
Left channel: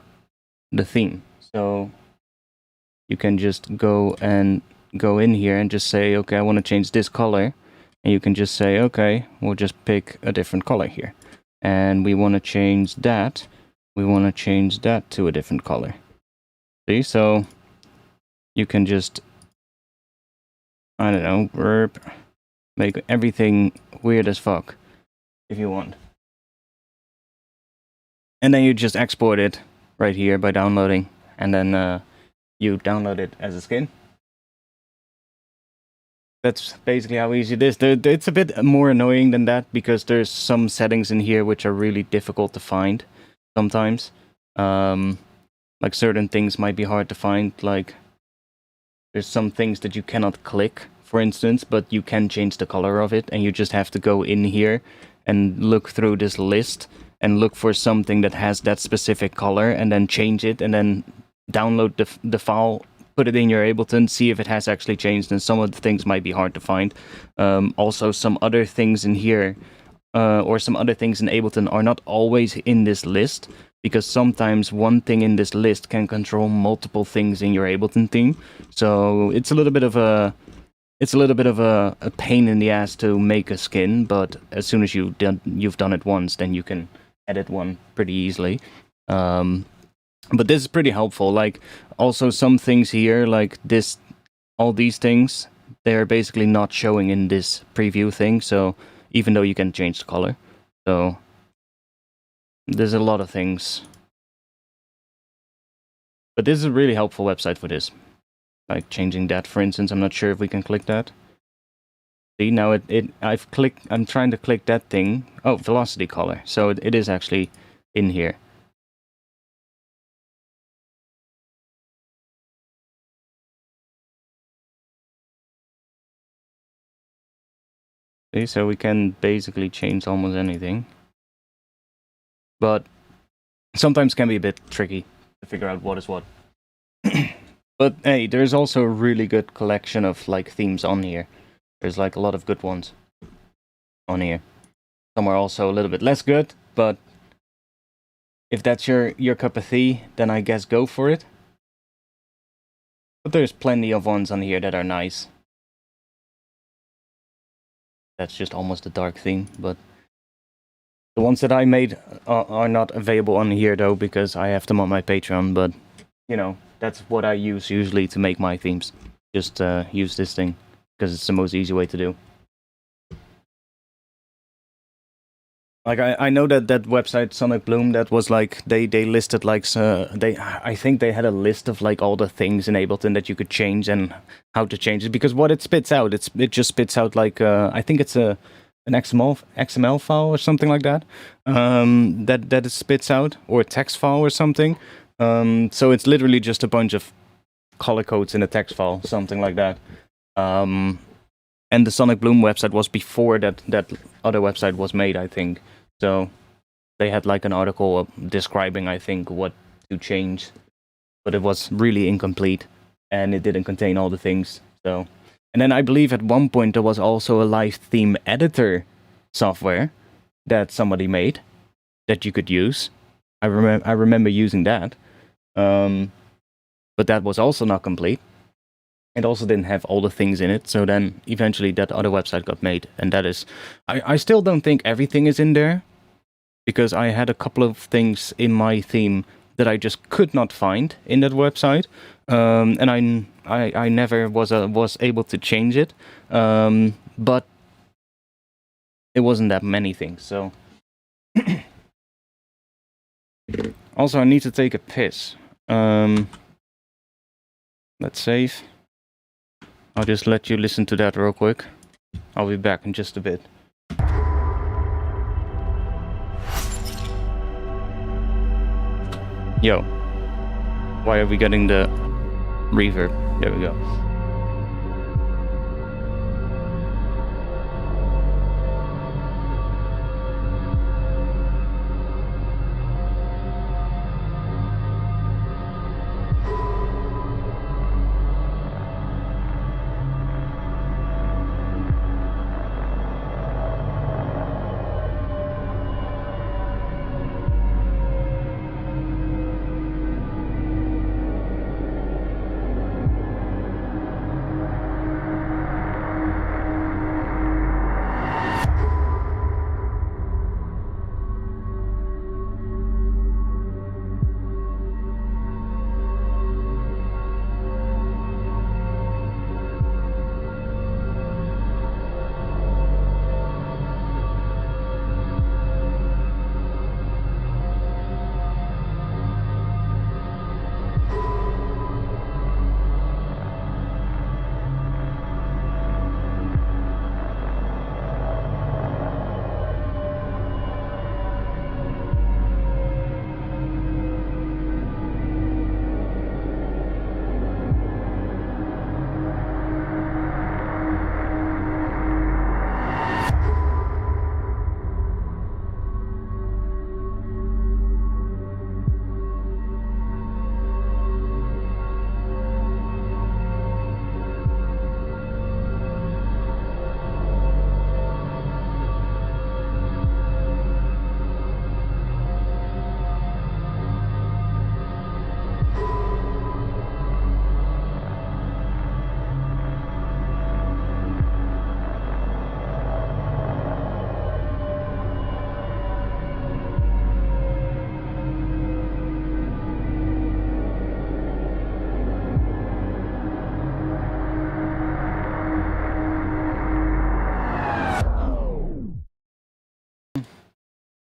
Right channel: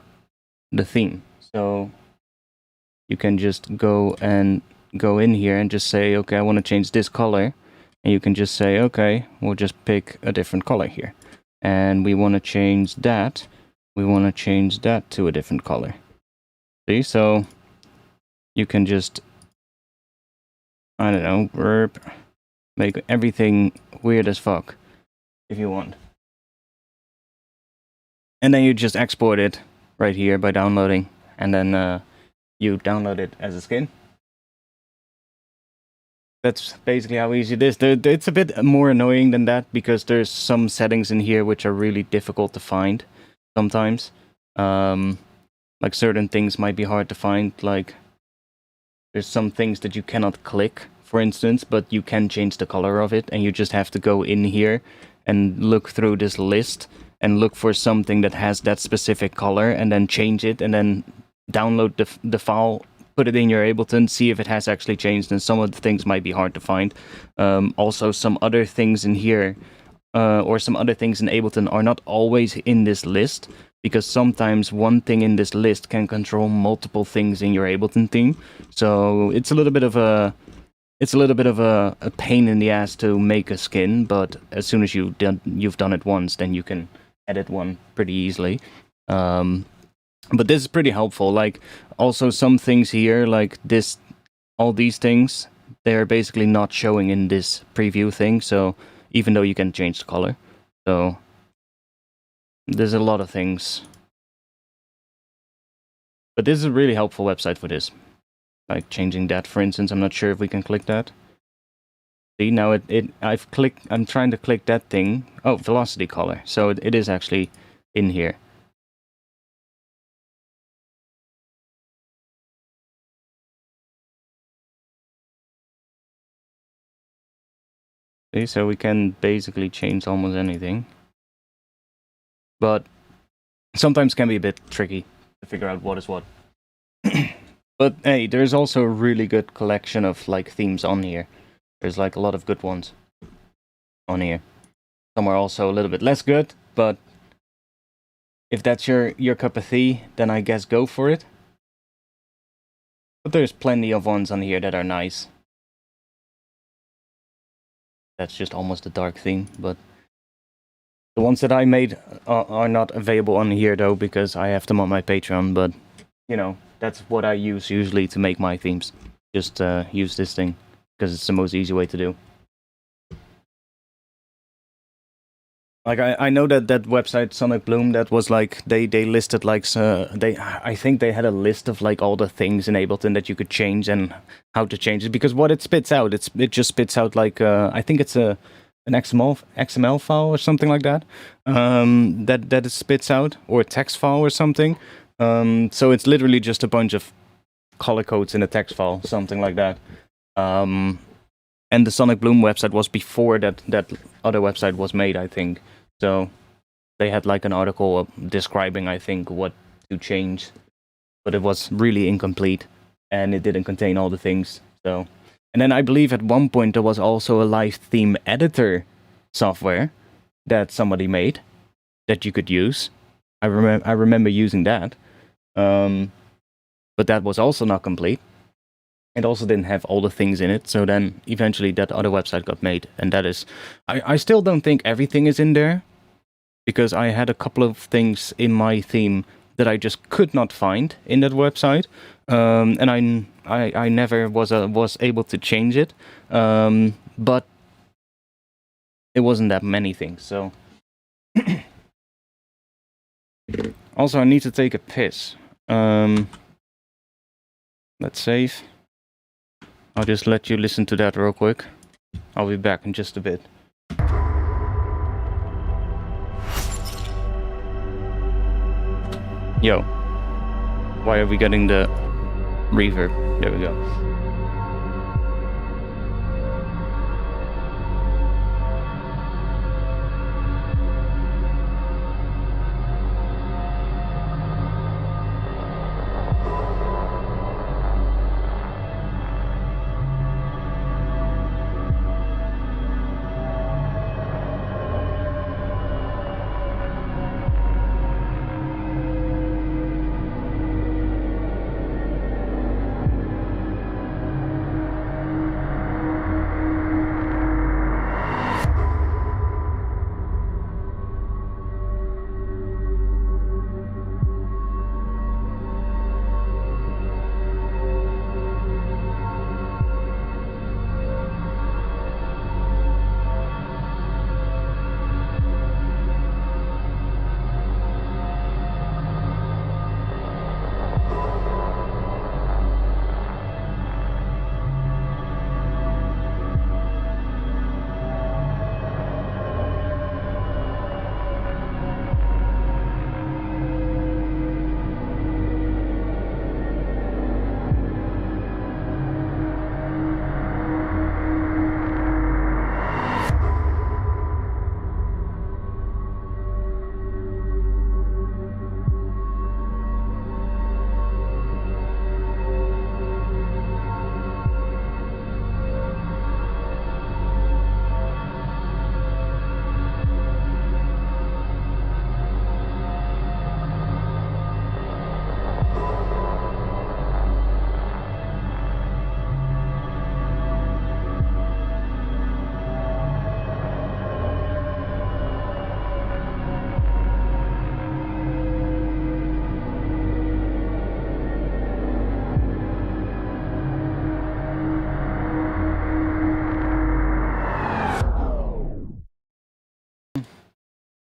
theme. So you can just go in here and just say, okay, I want to change this color. And you can just say, okay, we'll just pick a different color here. And we want to change that. We want to change that to a different color. See, so you can just, I don't know, make everything weird as fuck if you want. And then you just export it right here by downloading. And then you download it as a skin. That's basically how easy it is. It's a bit more annoying than that because there's some settings in here which are really difficult to find sometimes. Like certain things might be hard to find. Like there's some things that you cannot click, for instance, but you can change the color of it. And you just have to go in here and look through this list and look for something that has that specific color and then change it and then download the file, put it in your Ableton, see if it has actually changed, and some of the things might be hard to find. Also, some other things in here, or some other things in Ableton are not always in this list, because sometimes one thing in this list can control multiple things in your Ableton theme. So it's a little bit of a pain in the ass to make a skin, but as soon as you've done it once, then you can edit one pretty easily. But this is pretty helpful. Like, also some things here, like this, all these things, they're basically not showing in this preview thing, so even though you can change the color. So there's a lot of things. But this is a really helpful website for this. Like changing that, for instance, I'm not sure if we can click that. See, now I'm trying to click that thing. Oh, velocity color. So it is actually in here. See, so we can basically change almost anything. But sometimes can be a bit tricky to figure out what is what. But hey, there's also a really good collection of like themes on here. There's like a lot of good ones on here. Some are also a little bit less good, but if that's your cup of tea, then I guess go for it. But there's plenty of ones on here that are nice. That's just almost a dark theme, but the ones that I made are not available on here though, because I have them on my Patreon, but you know, that's what I use usually to make my themes. Just use this thing, because it's the most easy way to do. Like I know that website Sonic Bloom, that was like they listed like I think they had a list of like all the things in Ableton that you could change and how to change it, because what it spits out, it just spits out like I think it's an XML file or something like that, that it spits out, or a text file or something. So it's literally just a bunch of color codes in a text file, something like that. And the Sonic Bloom website was before that other website was made, I think. So they had like an article describing, I think, what to change, but it was really incomplete and it didn't contain all the things. So, and then I believe at one point there was also a live theme editor software that somebody made that you could use. I remember using that, but that was also not complete. It also didn't have all the things in it. So then eventually that other website got made, and that is, I still don't think everything is in there, because I had a couple of things in my theme that I just could not find in that website, and I never was able to change it, but it wasn't that many things. So also I need to take a piss. Let's save. I'll just let you listen to that real quick. I'll be back in just a bit. Yo, why are we getting the reverb? There we go.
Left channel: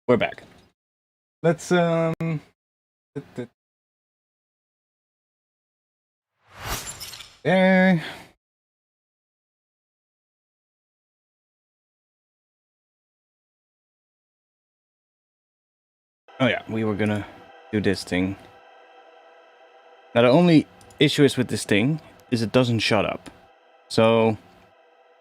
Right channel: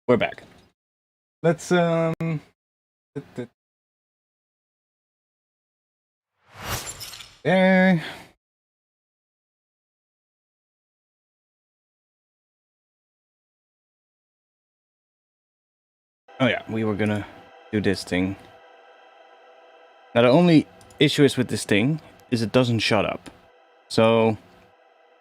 We're back. Let's there. Oh yeah, we were gonna do this thing. Now the only issue is with this thing is it doesn't shut up. So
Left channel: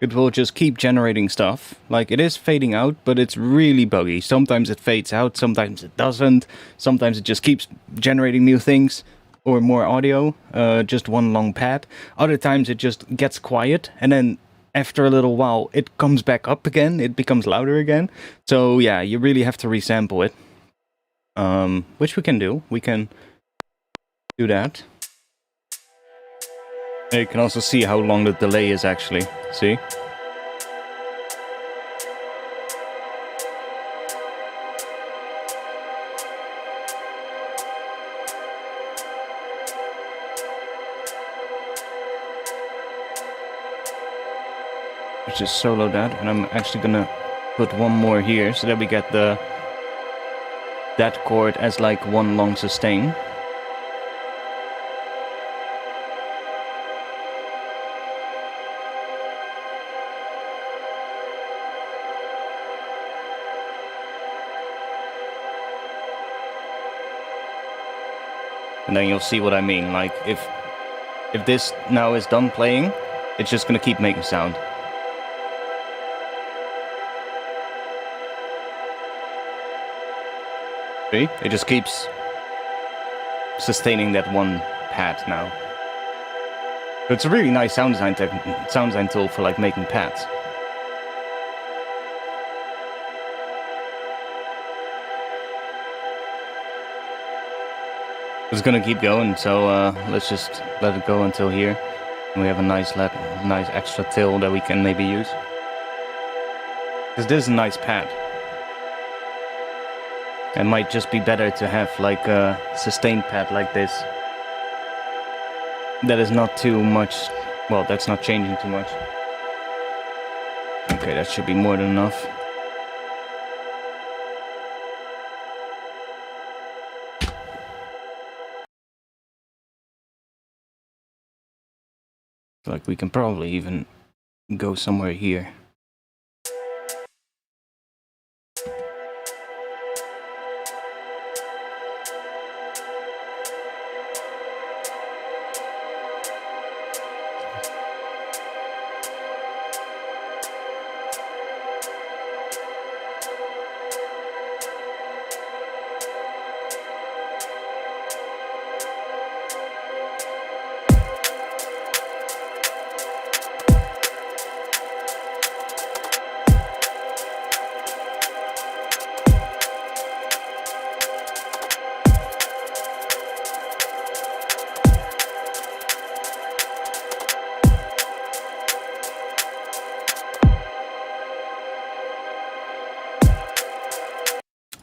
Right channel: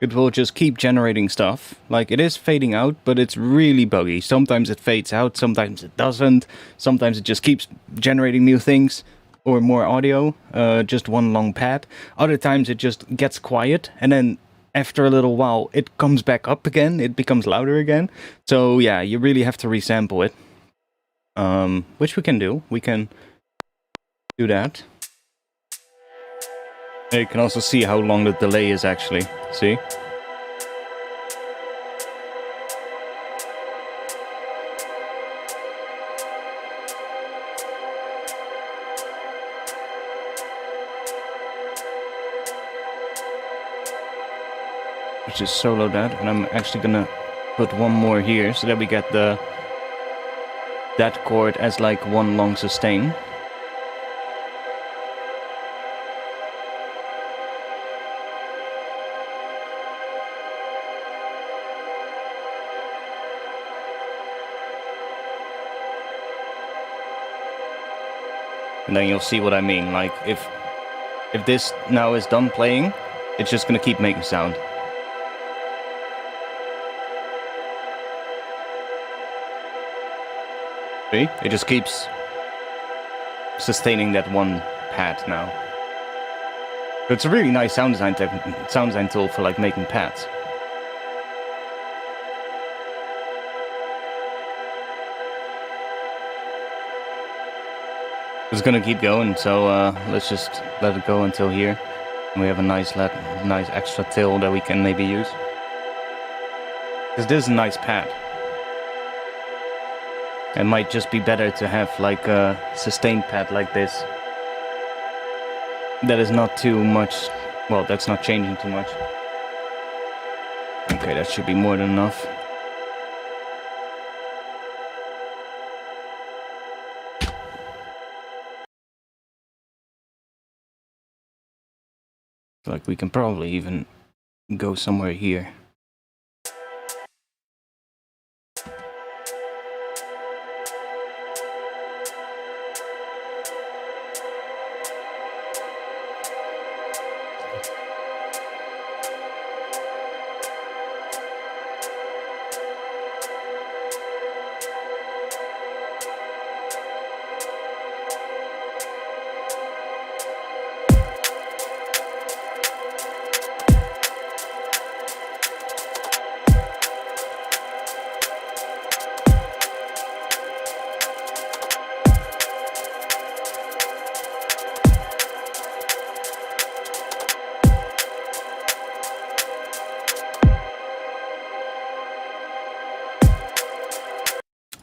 it will just keep generating stuff. Like, it is fading out, but it's really buggy. Sometimes it fades out, sometimes it doesn't. Sometimes it just keeps generating new things or more audio, just one long pad. Other times it just gets quiet, and then after a little while it comes back up again, it becomes louder again. So yeah, you really have to resample it. Which we can do. We can do that. You can also see how long the delay is actually. See? Let's just solo that, and I'm actually gonna put one more here so that we get that chord as like one long sustain. And then you'll see what I mean. Like, if If this now is done playing, it's just gonna keep making sound. See? It just keeps sustaining that one pad now. So it's a really nice sound design tool for like making pads. It's gonna keep going, so let's just let it go until here. And we have a nice extra tail that we can maybe use. Because this is a nice pad. It might just be better to have like a sustained pad like this. That is not too much, well, that's not changing too much. Okay, that should be more than enough. Like we can probably even go somewhere here.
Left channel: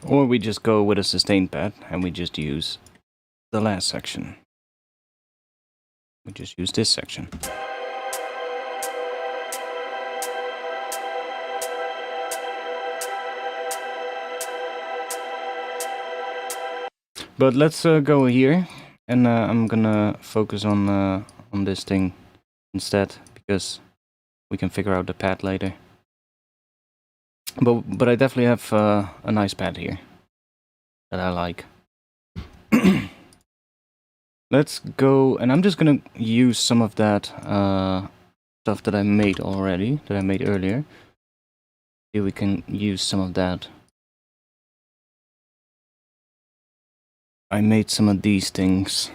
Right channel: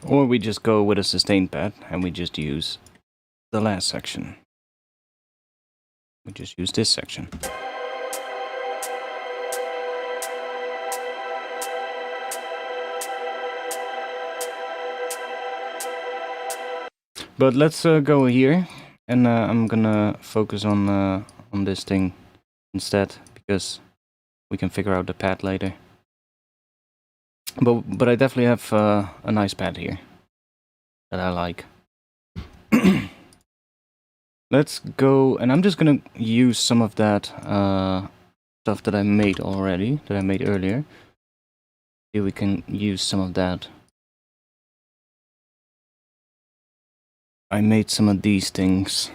Or we just go with a sustain pad and we just use the last section. We just use this section. But let's go here, and I'm gonna focus on this thing instead, because we can figure out the pad later. But I definitely have a nice pad here that I like. Let's go, and I'm just gonna use some of that stuff that I made already, that I made earlier. Here we can use some of that. I made some of these things.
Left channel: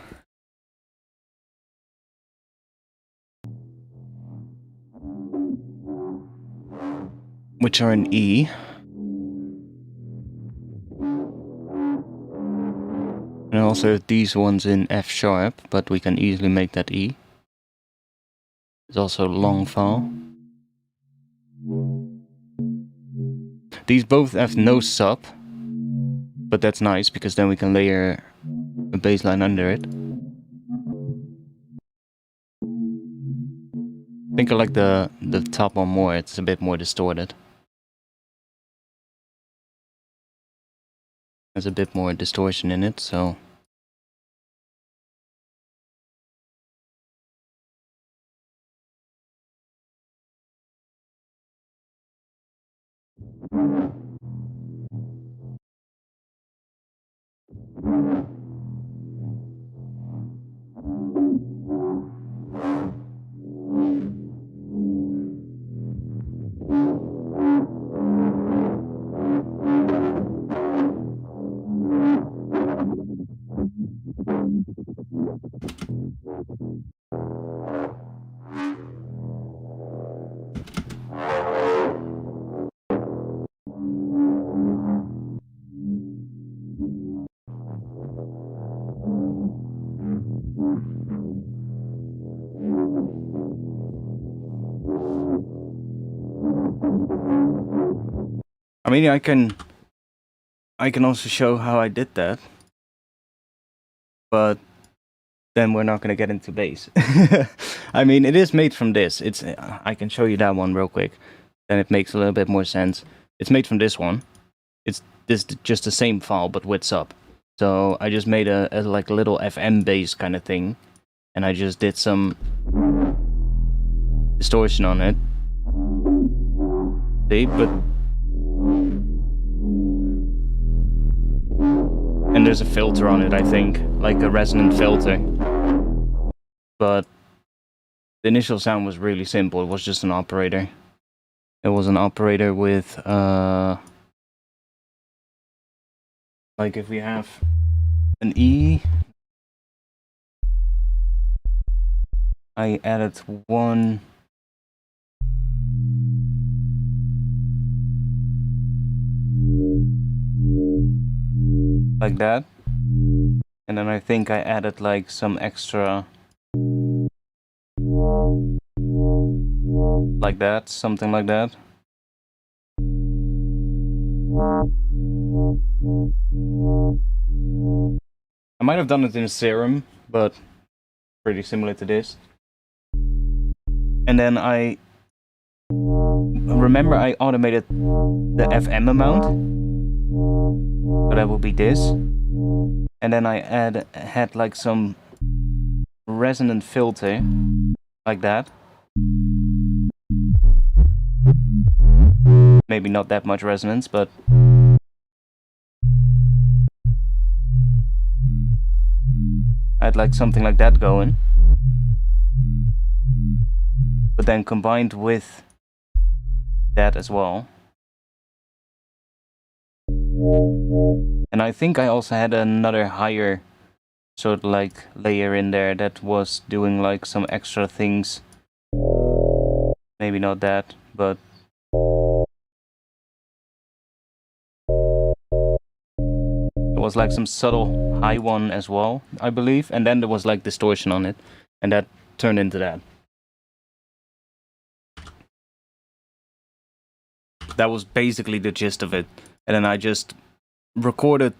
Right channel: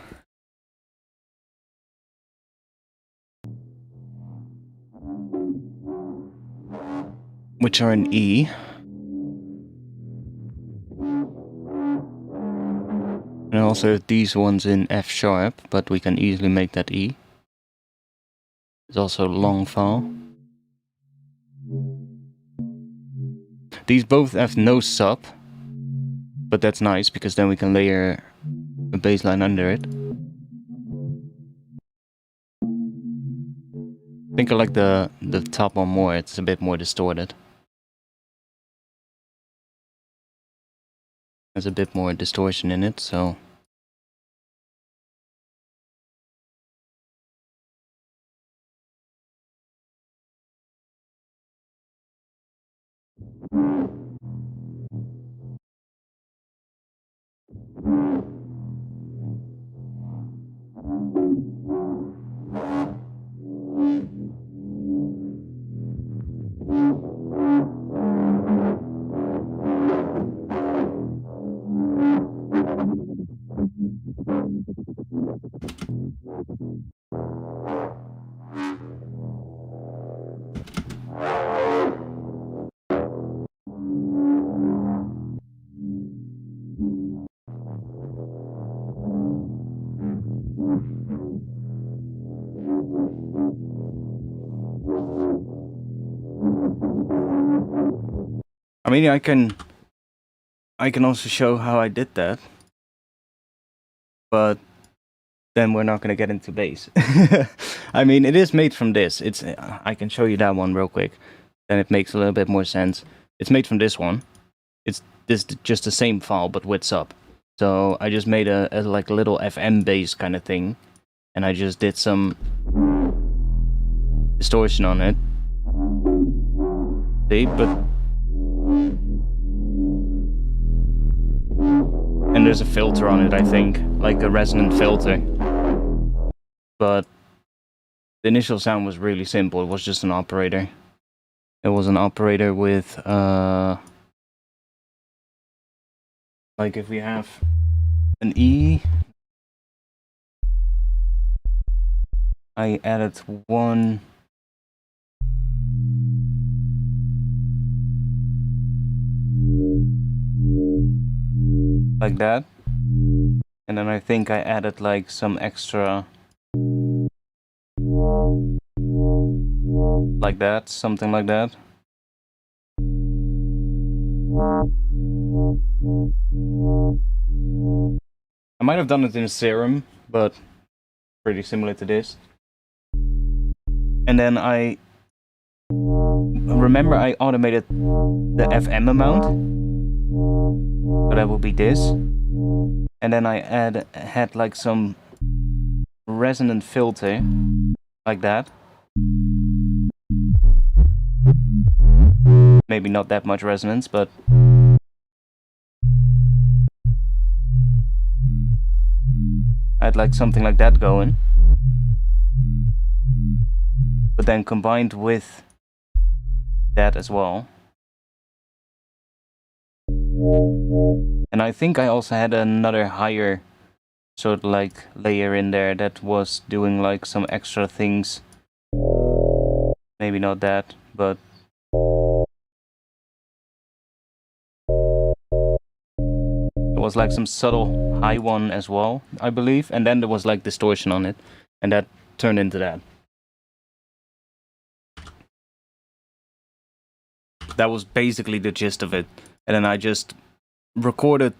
Which are in E. And also these ones in F sharp, but we can easily make that E. It's also a long file. These both have no sub, but that's nice because then we can layer a bass line under it. I think I like the top one more, it's a bit more distorted. There's a bit more distortion in it, so... I mean, I can also show how I did that, but then we're not going to get into bass. I mean, it is made from this. I can show you that one real quick, then it makes a little bit more sense. It's made from this one. It's just the same file, but with sub. So I just made a like a little FM bass kind of thing, and I just did some distortion on it. See, but... And there's a filter on it, I think, like a resonant filter. But the initial sound was really simple. It was just an operator. It was an operator with like if we have an E, I added one like that, and then I think I added like some extra like that, something like that. I might have done it in a serum, but pretty similar to this. And then I remember I automated the FM amount, so that would be this. And then I had like some resonant filter, like that. Maybe not that much resonance, but I had like something like that going. But then combined with that as well. And I think I also had another higher sort of like layer in there that was doing like some extra things. Maybe not that, but it was like some subtle high one as well, I believe. And then there was like distortion on it, and that turned into that. That was basically the gist of it. And then I just recorded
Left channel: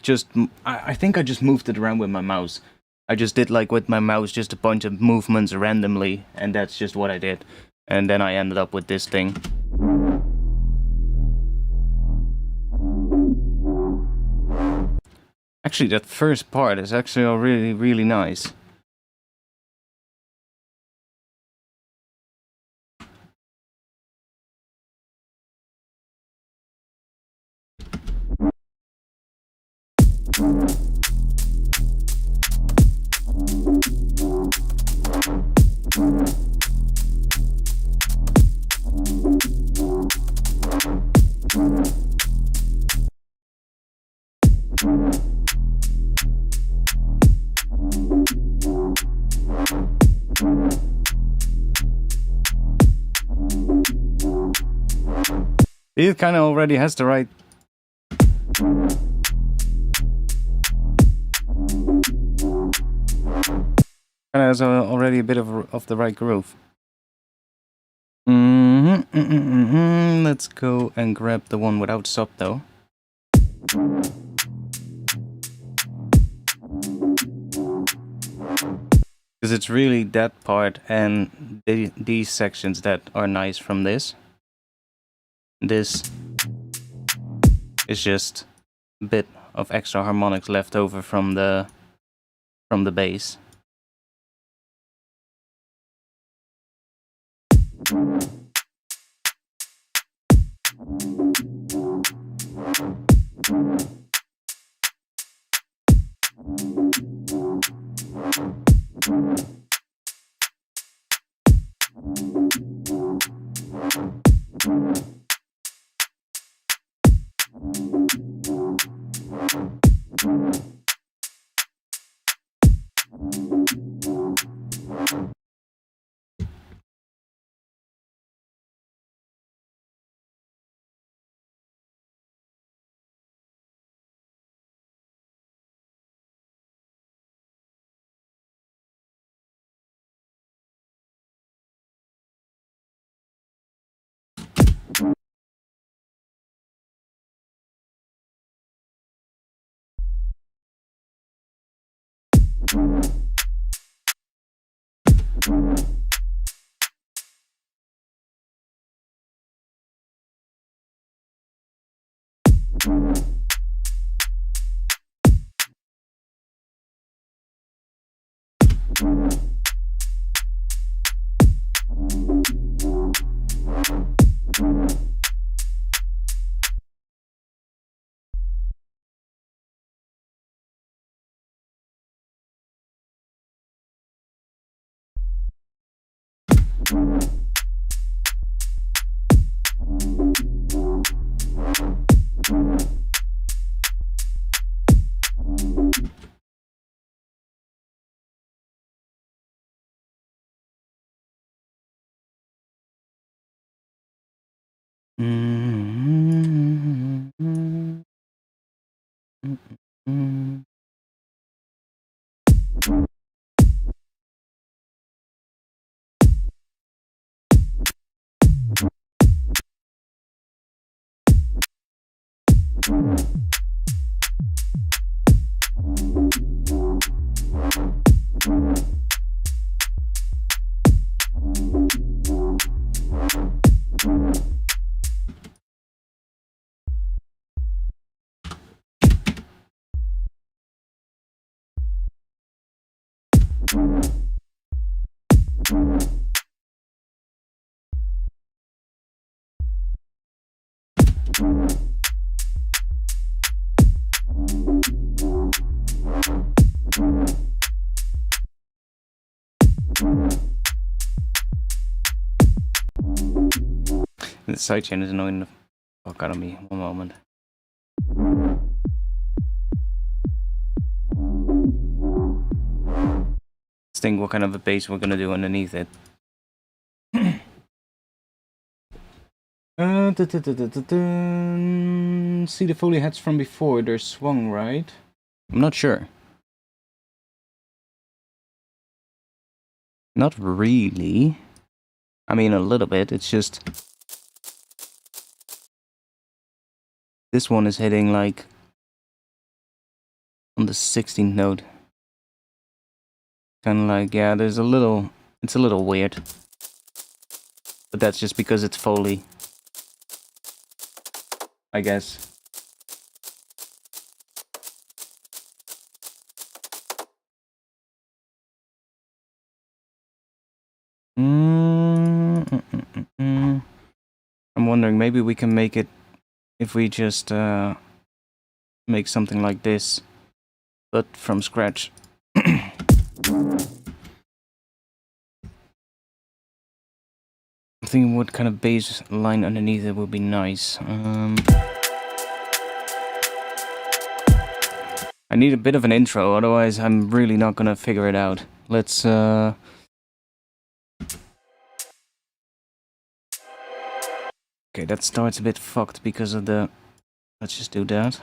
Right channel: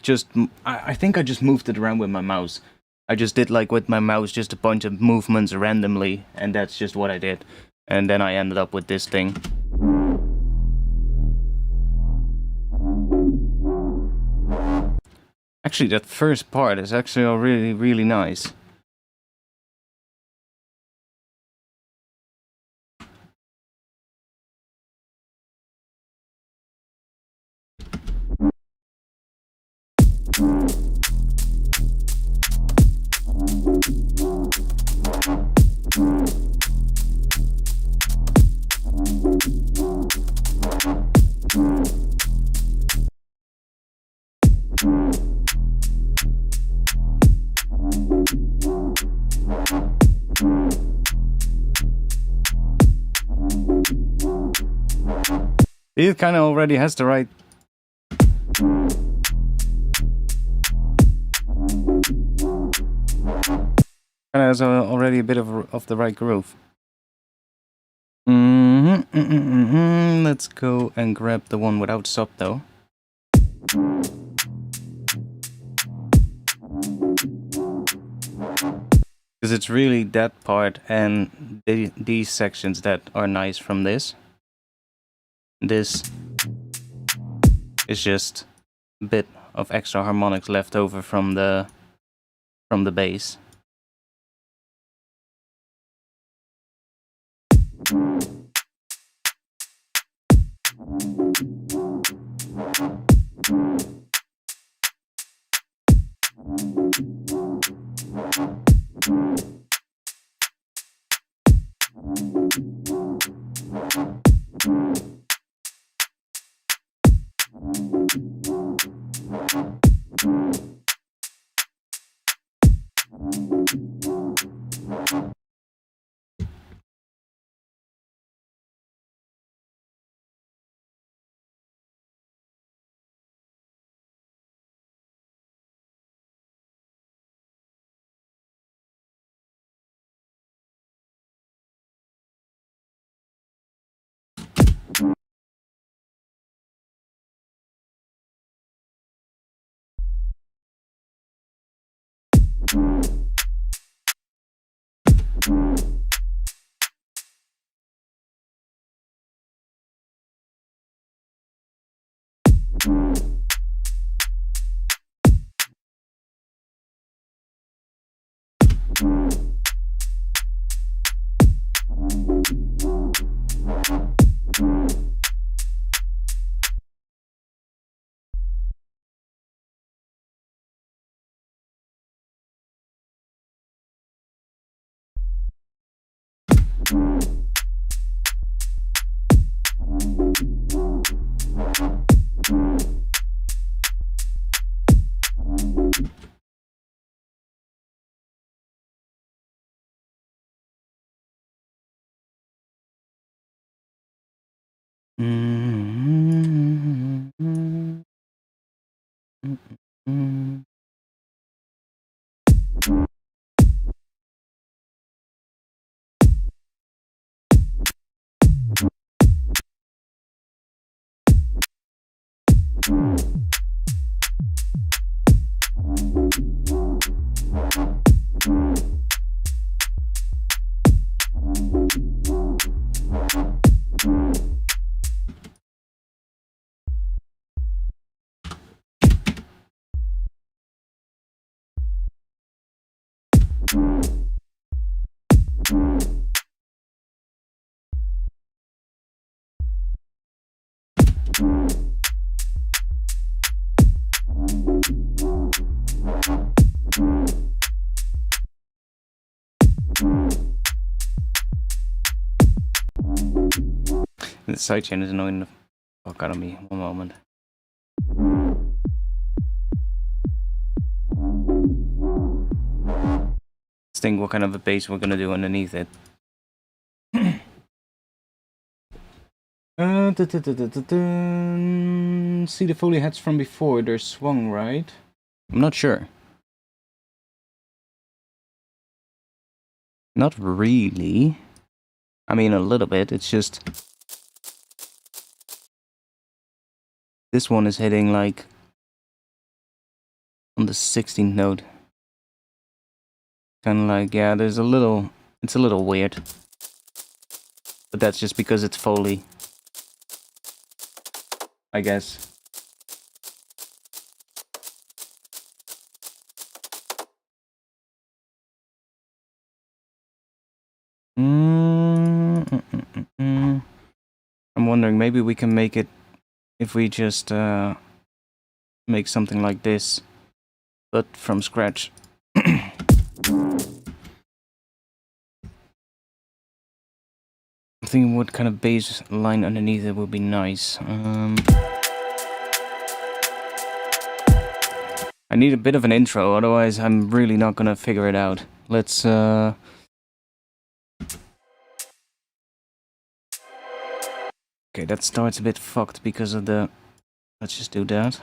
I think I just moved it around with my mouse. I just did like with my mouse just a bunch of movements randomly, and that's just what I did. And then I ended up with this thing. Actually, that first part is actually really, really nice. It kind of already has the right... Kind of has already a bit of the right groove. Let's go and grab the one without stop though. Because it's really that part and these sections that are nice from this. This is just a bit of extra harmonics left over from the bass. The sidechain is annoying the fuck out of me. One moment. Let's think what kind of a bass we're gonna do underneath it. See the Foley heads from before, they're swung, right? I'm not sure. Not really. I mean, a little bit, it's just... This one is hitting like... on the 16th note. Kinda like, yeah, there's a little... It's a little weird. But that's just because it's Foley, I guess. I'm wondering, maybe we can make it if we just make something like this, but from scratch. I think what kind of bass line underneath it would be nice. I need a bit of an intro, otherwise I'm really not gonna figure it out. Let's Okay, that starts a bit fucked because of the... Let's just do that.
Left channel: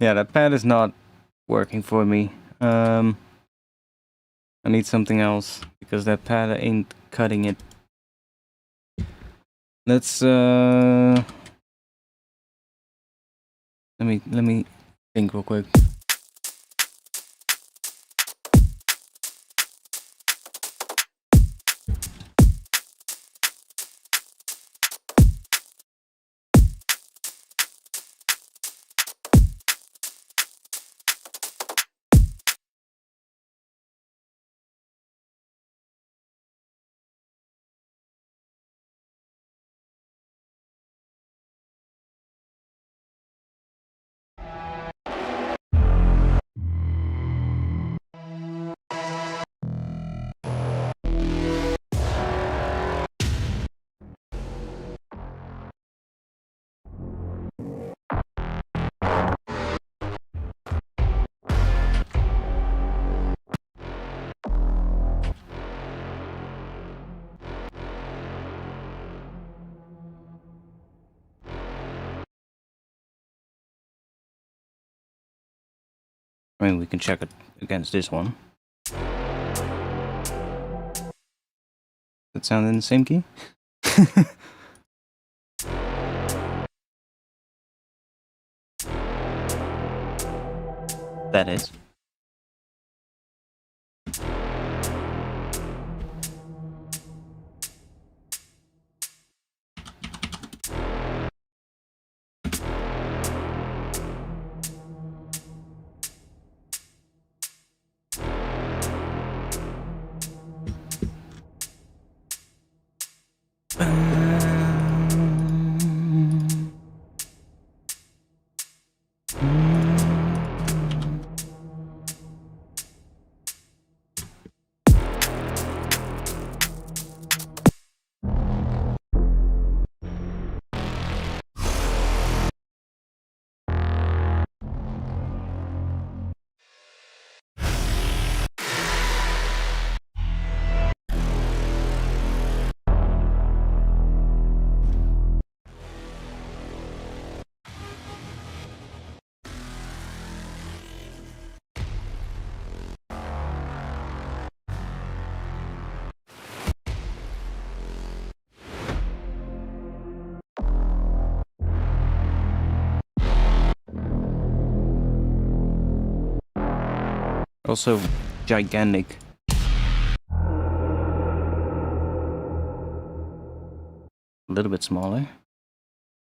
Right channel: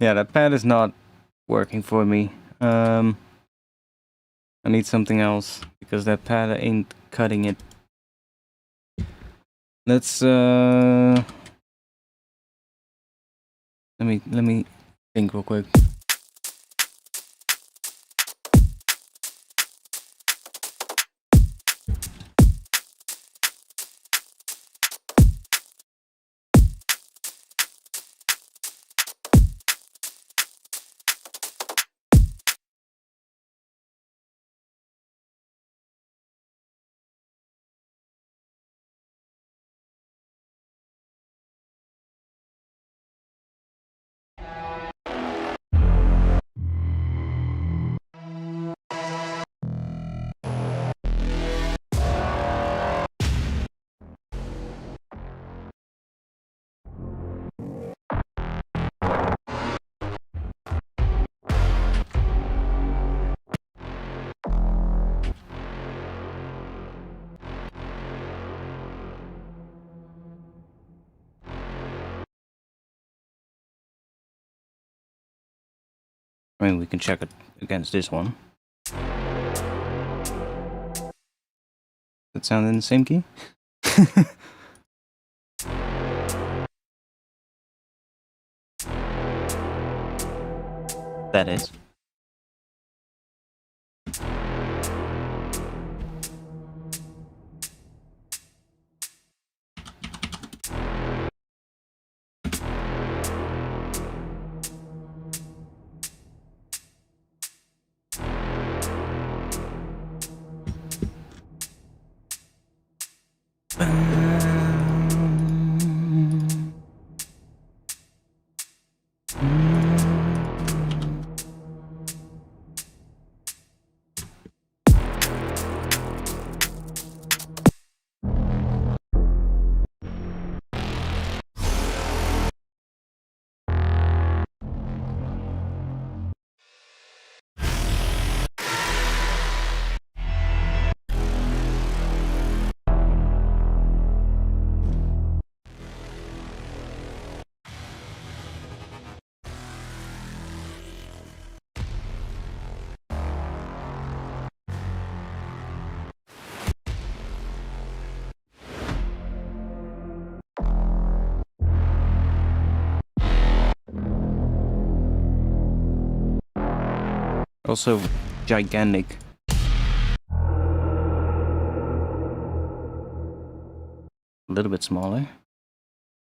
Yeah, that pad is not working for me. I need something else because that pad ain't cutting it. Let's let me think real quick. I mean, we can check it against this one. That sound in the same key? That is. Also gigantic. A little bit smaller.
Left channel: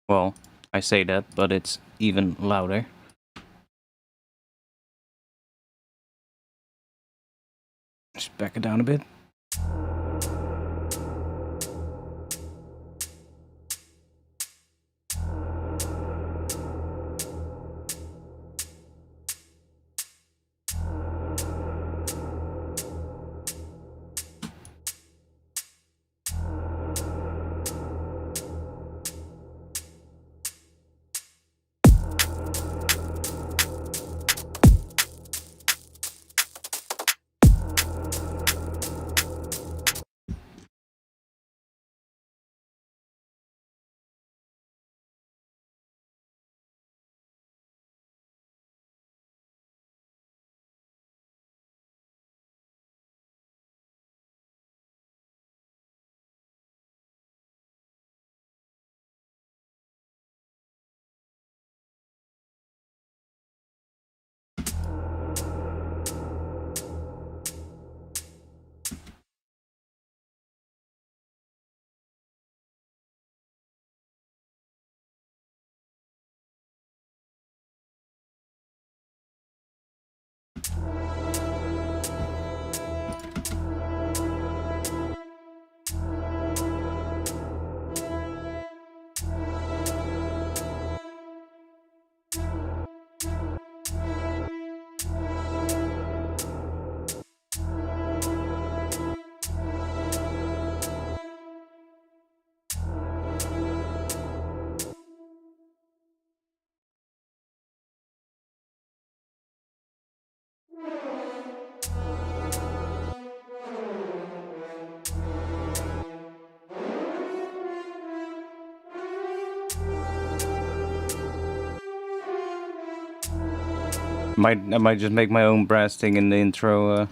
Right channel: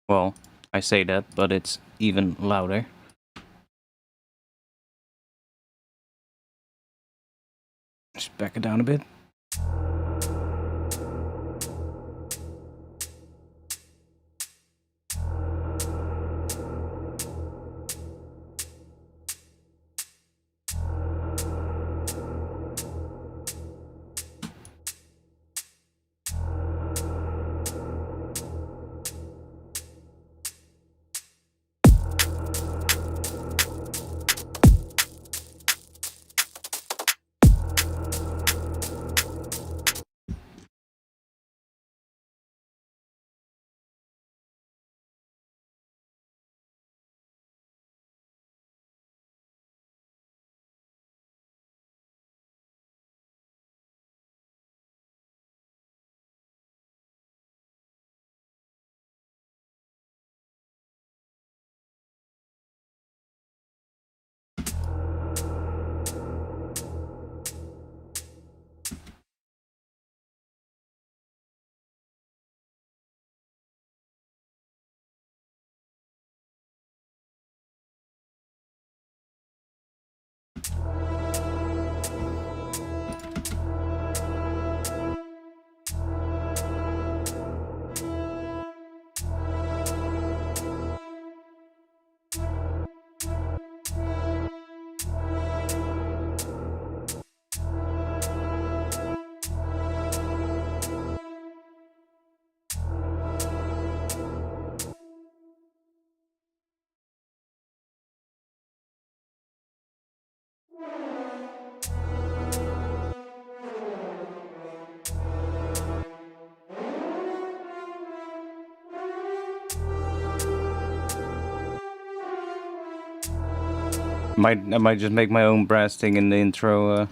Well, I say that, but it's even louder. Just back it down a bit. I might just make my own brass thing in the intro.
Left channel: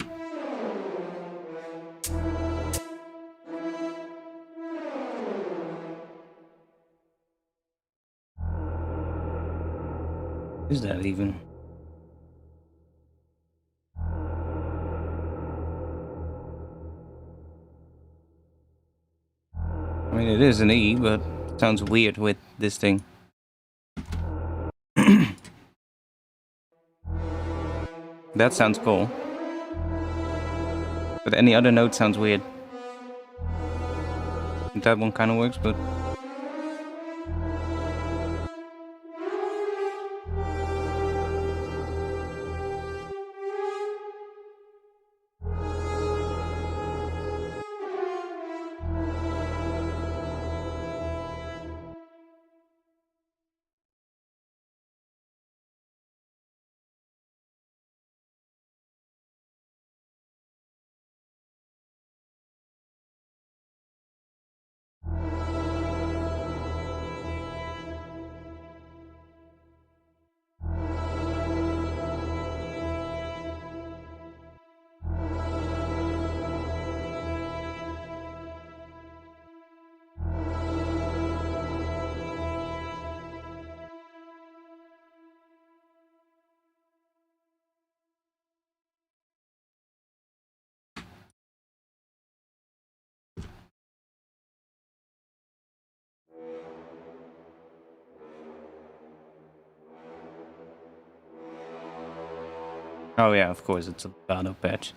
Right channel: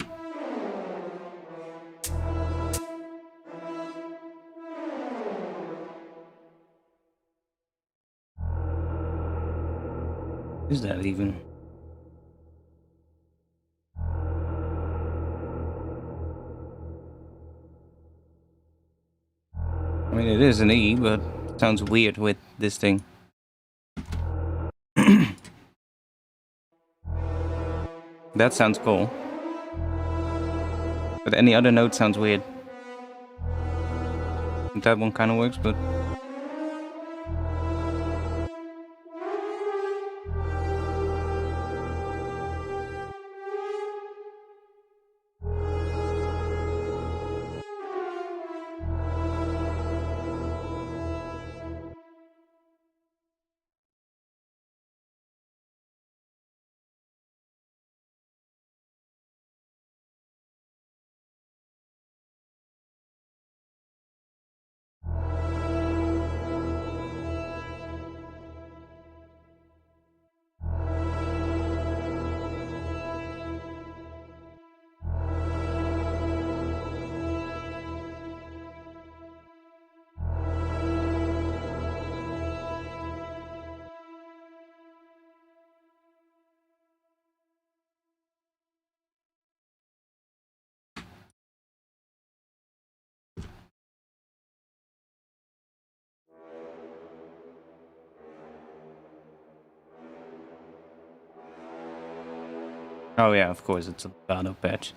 Is that even? I mean, it is an E, but it sounds weird with this thing. That sounds cool. But any other note sounds weird. That one kind of works, but... Oh yeah, of course, it's a Legato patch.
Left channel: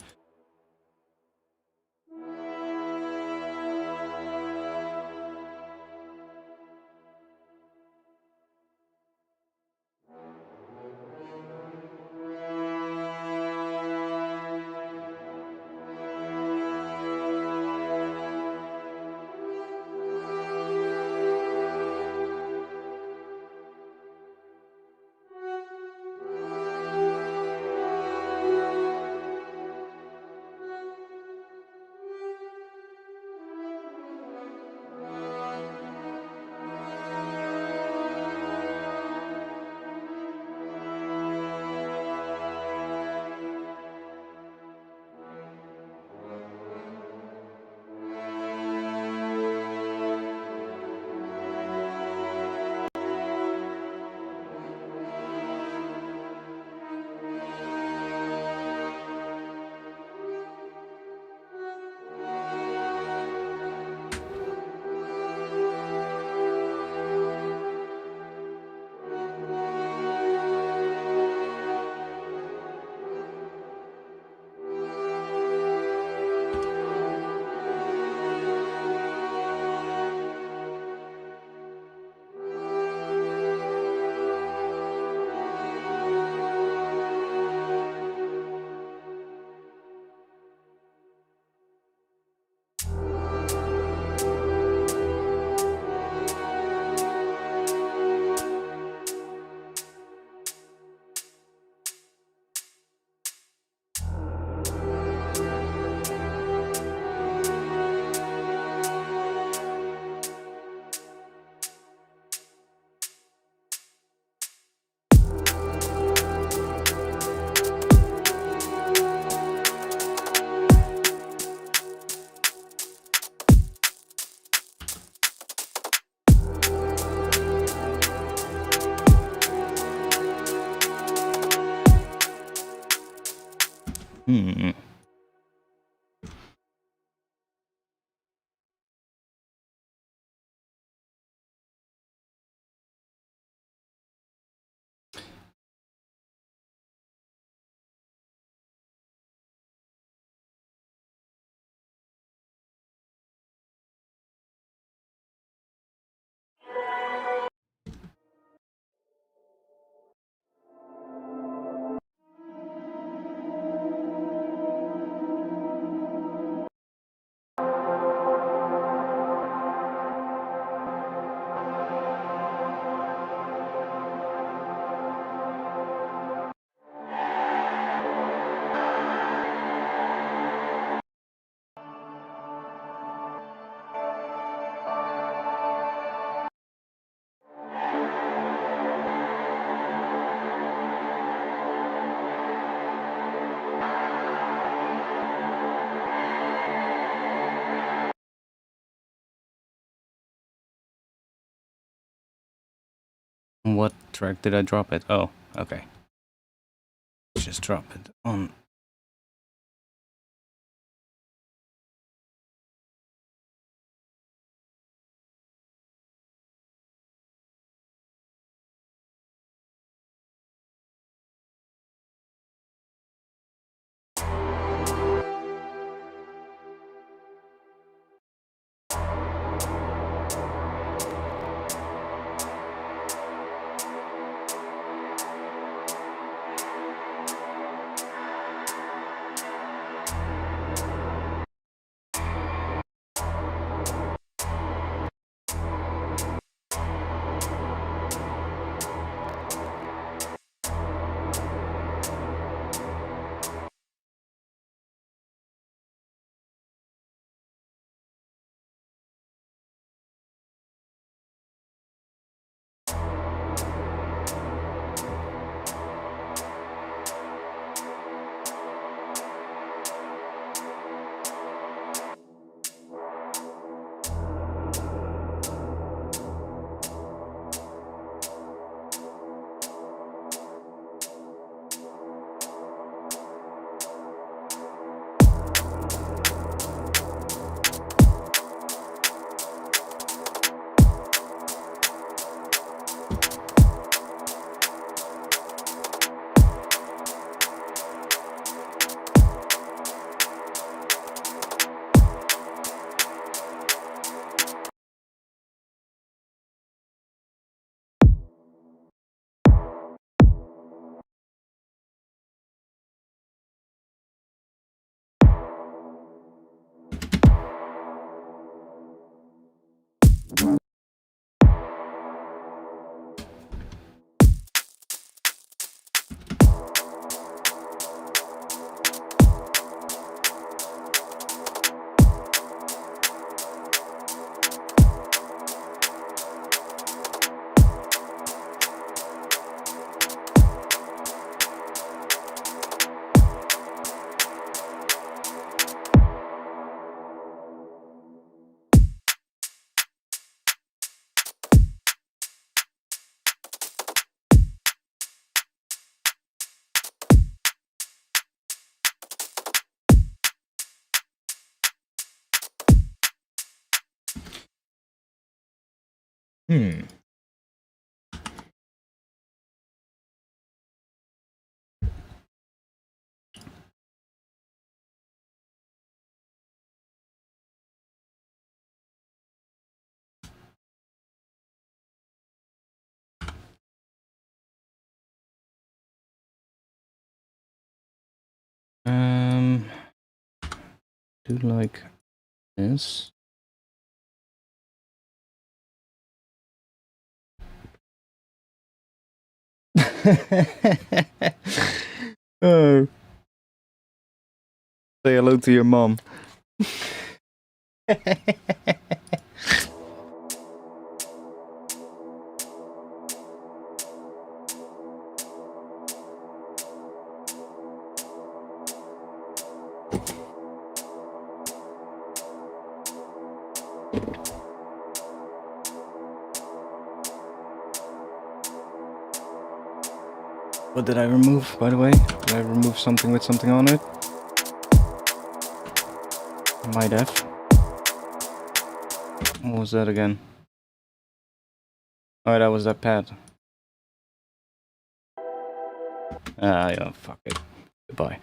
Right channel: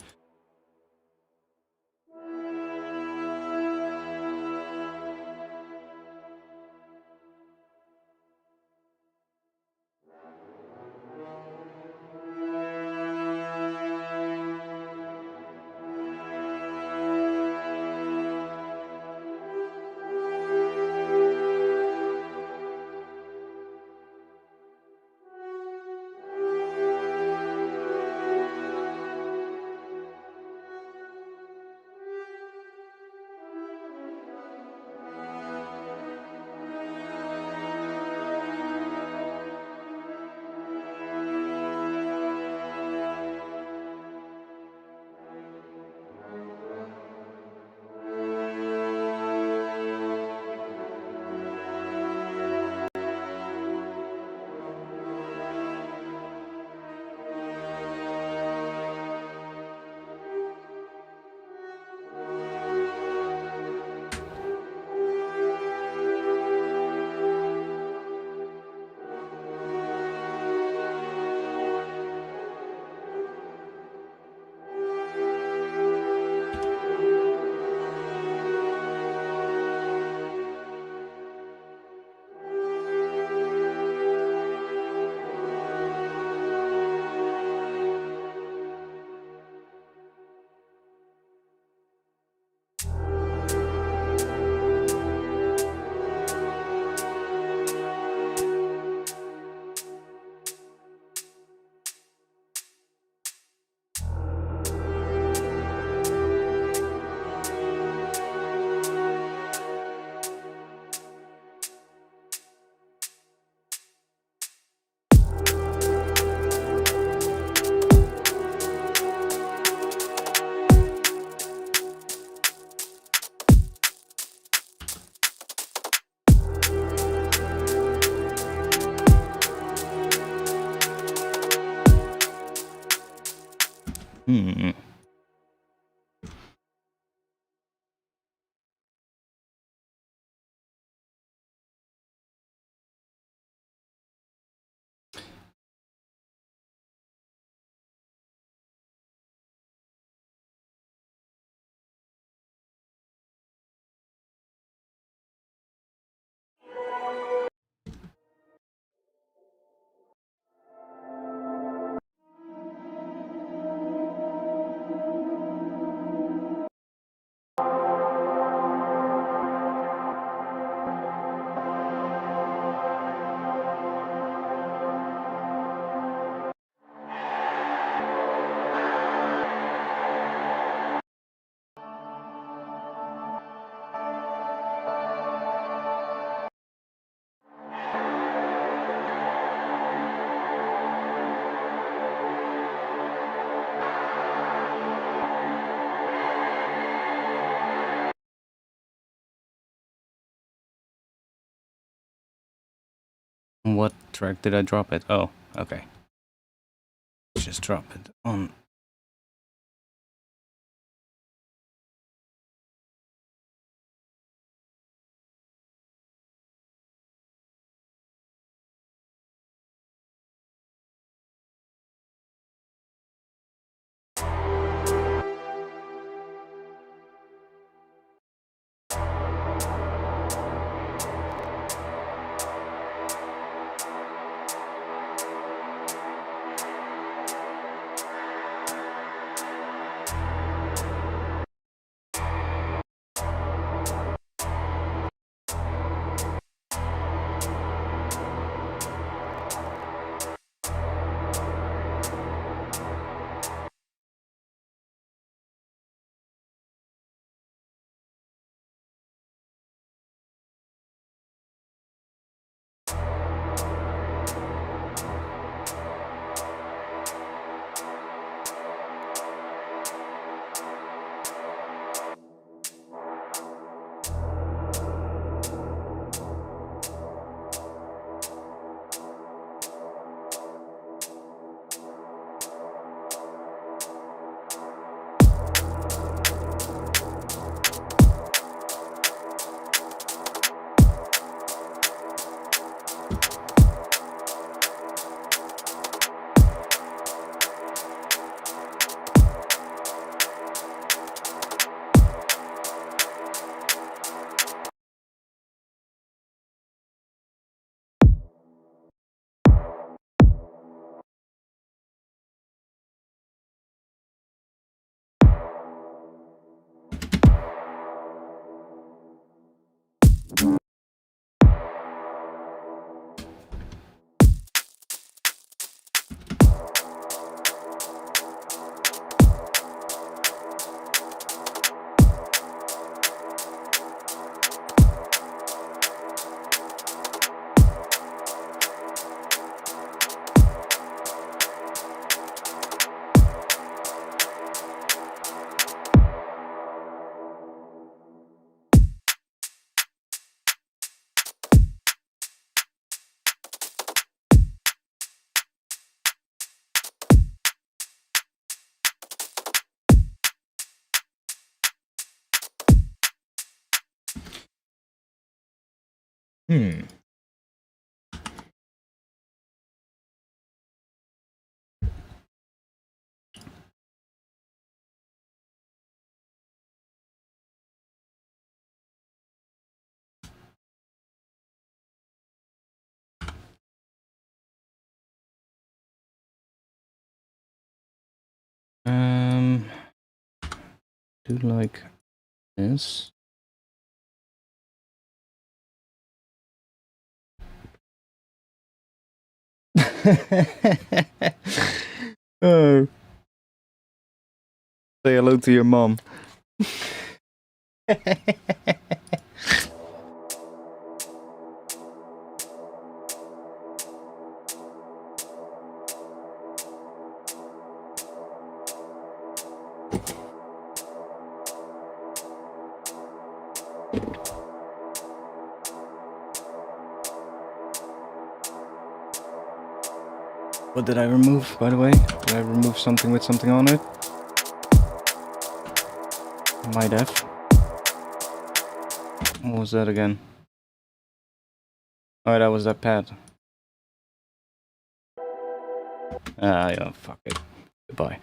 Hmm. What track did I drop it? Oh, okay. Just drop it on. Do like this. Oh. Say hello to your mom. What did I remove, by the way? Did I remove something with something on it? I might have. What was that again? Oh, that was that pad. Ah, yeah, fuck it. Goodbye.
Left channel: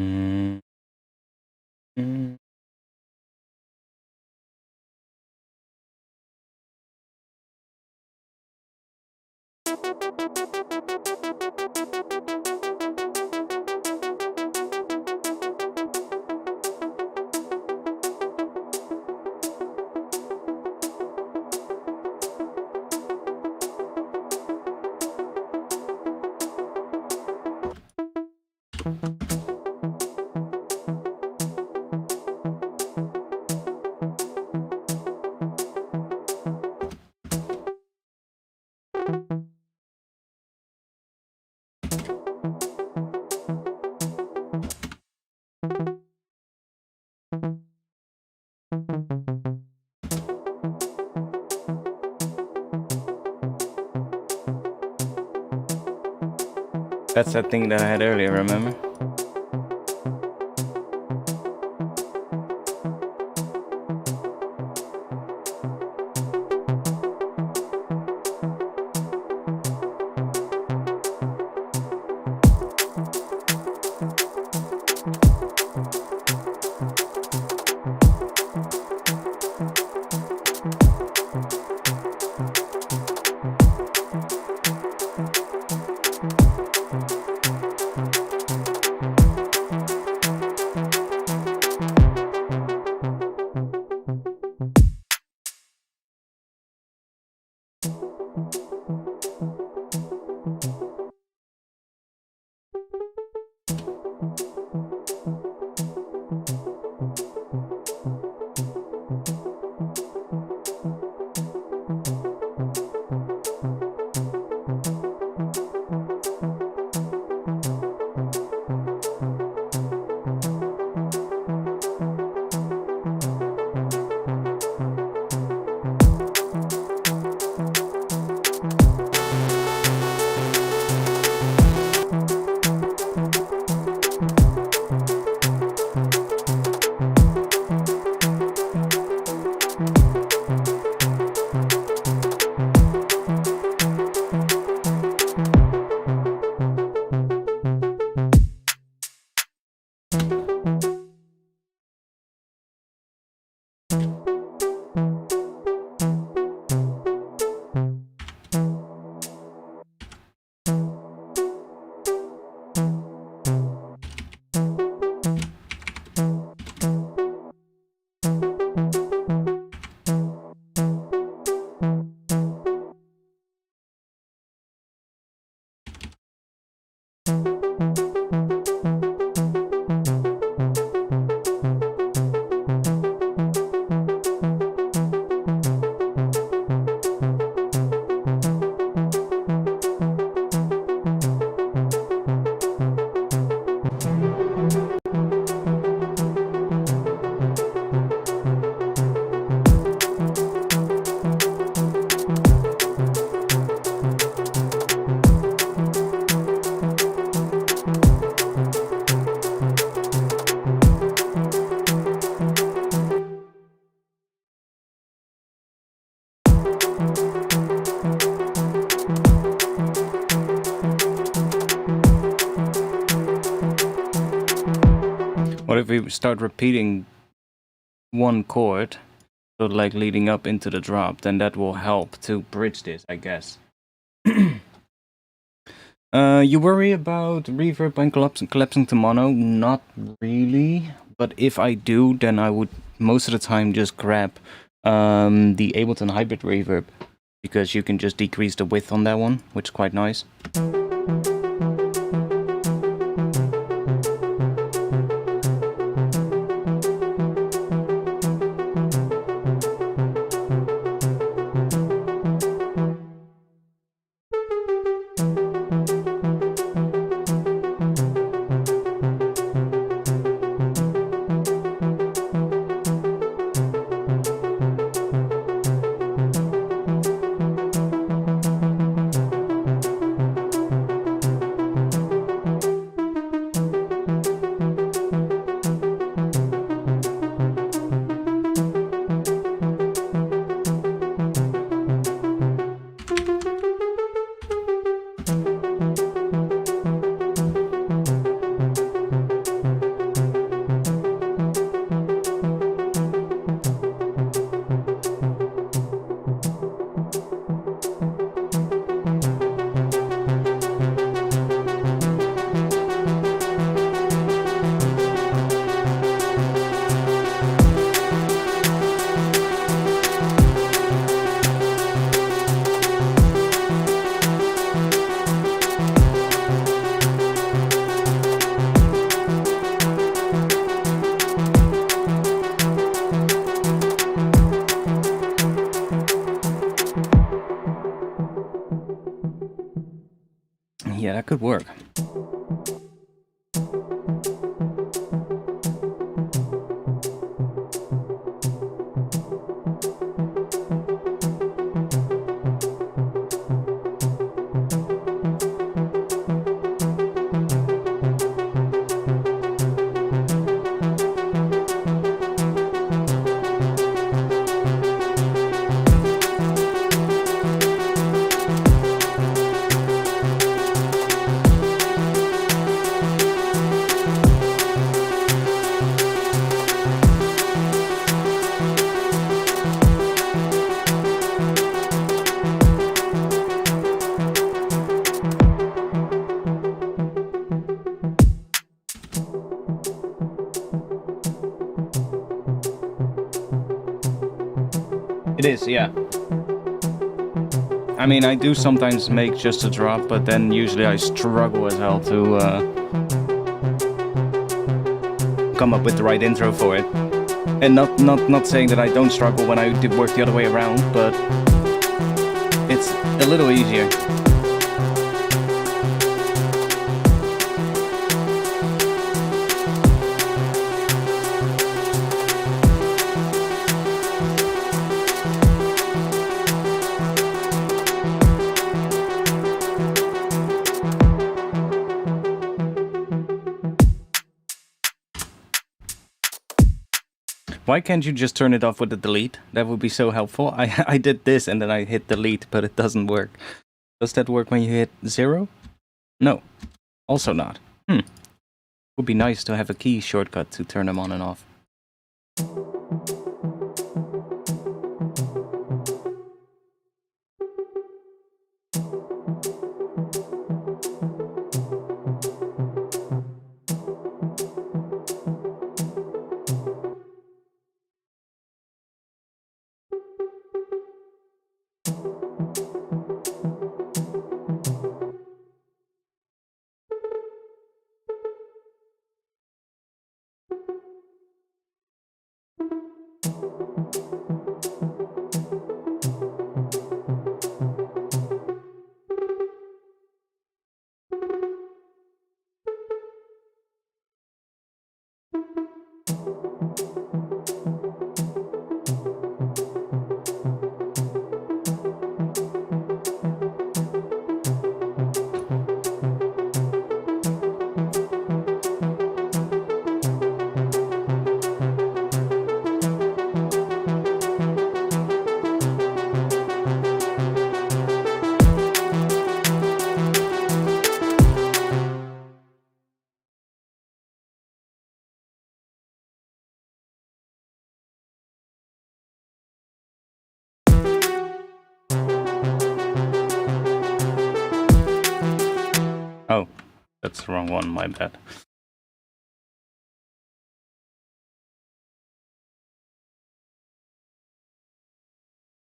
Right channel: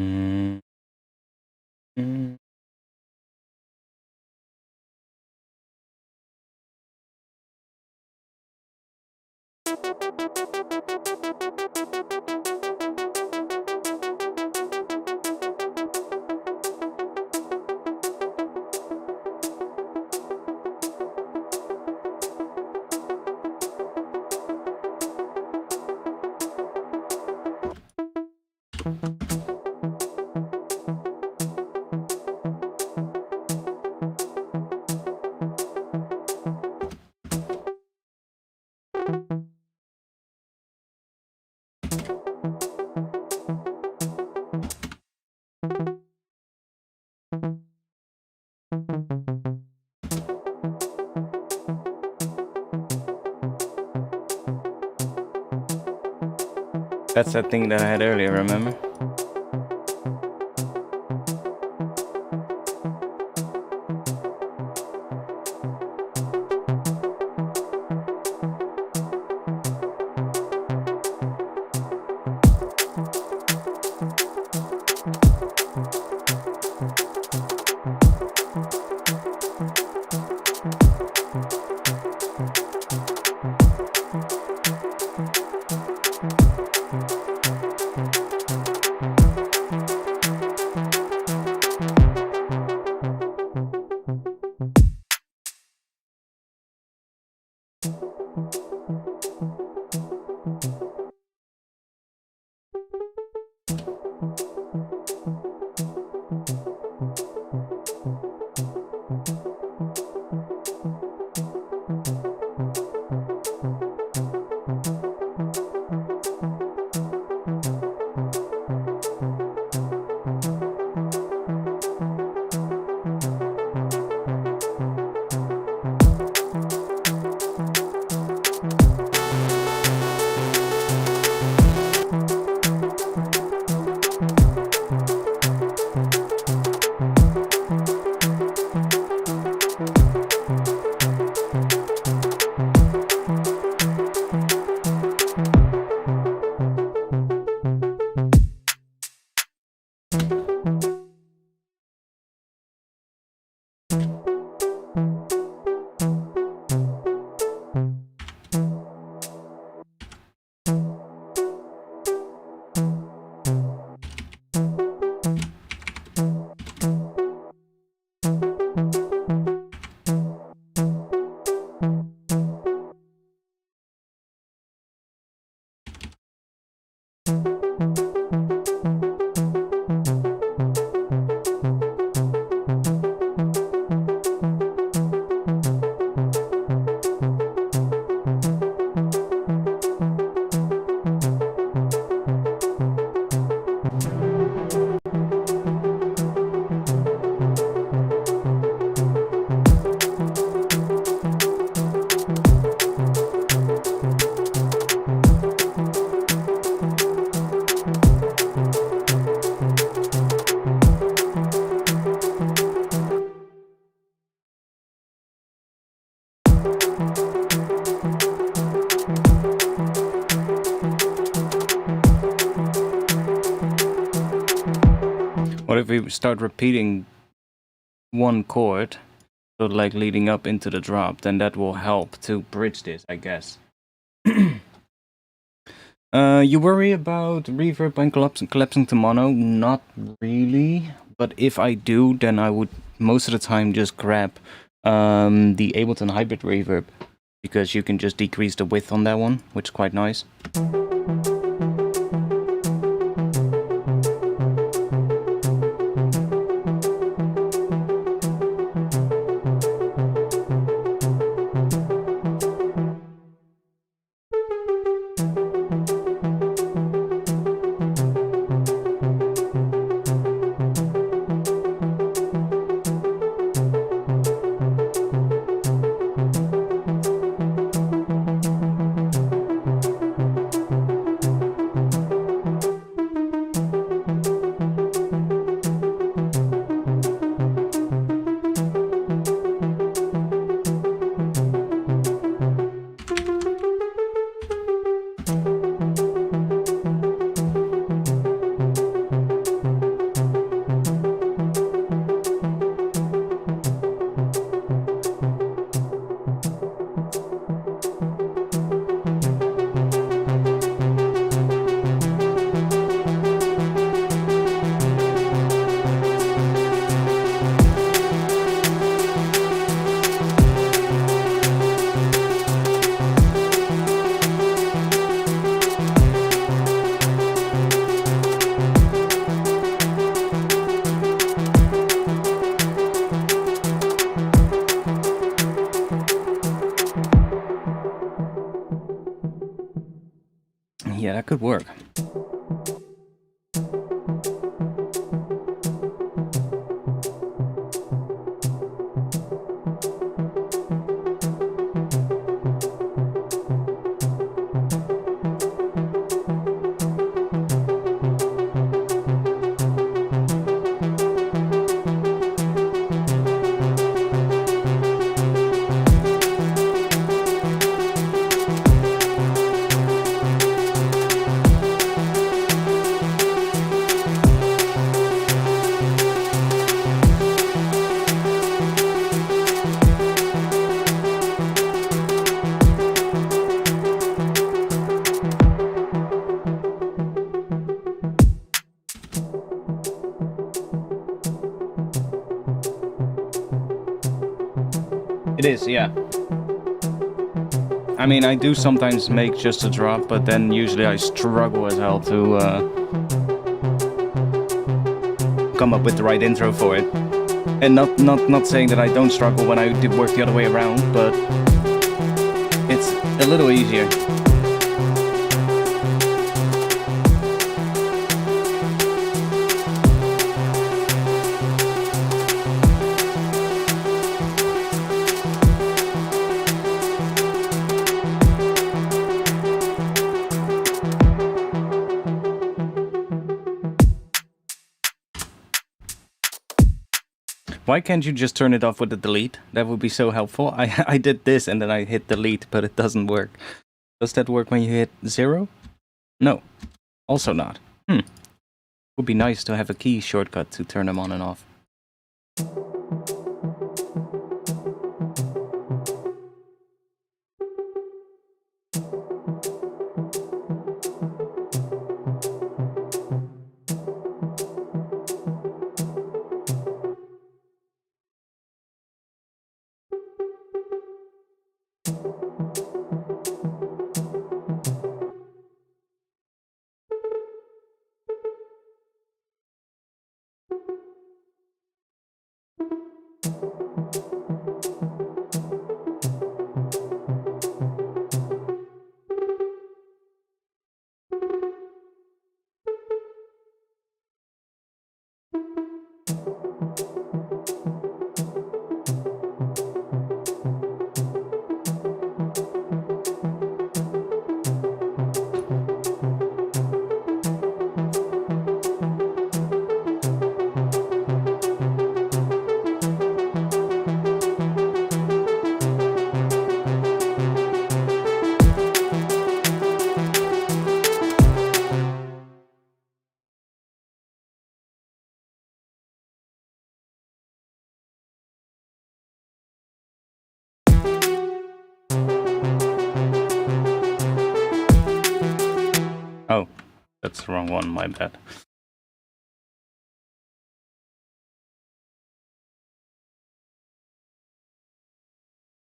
Mm. Mm. That's that thing that I had earlier, remember? What if we start repeating one chord, so like leading up into the drop, then that will help to bridge this, I guess. You worry about reverb and collapsing to mono? Not really, but if I do, then I would most of the time just grab the Ableton hybrid reverb, because you can just decrease the width on that one, which is quite nice. Yeah, that could work. It is, yeah. I mean, I do sometimes make just a drop, but then usually I struggle as hell to come up with the right intro for it. And not saying that I don't struggle when I do work the other way around, but it's a little easier. Why can't you just turn it off with the delete? That would be so helpful. I did this and then I hit delete, but it doesn't work. Does that work when you hit 0? No. Also not. Would be nice to have a key shortcut to turn them on and off. the wrong one, my bad.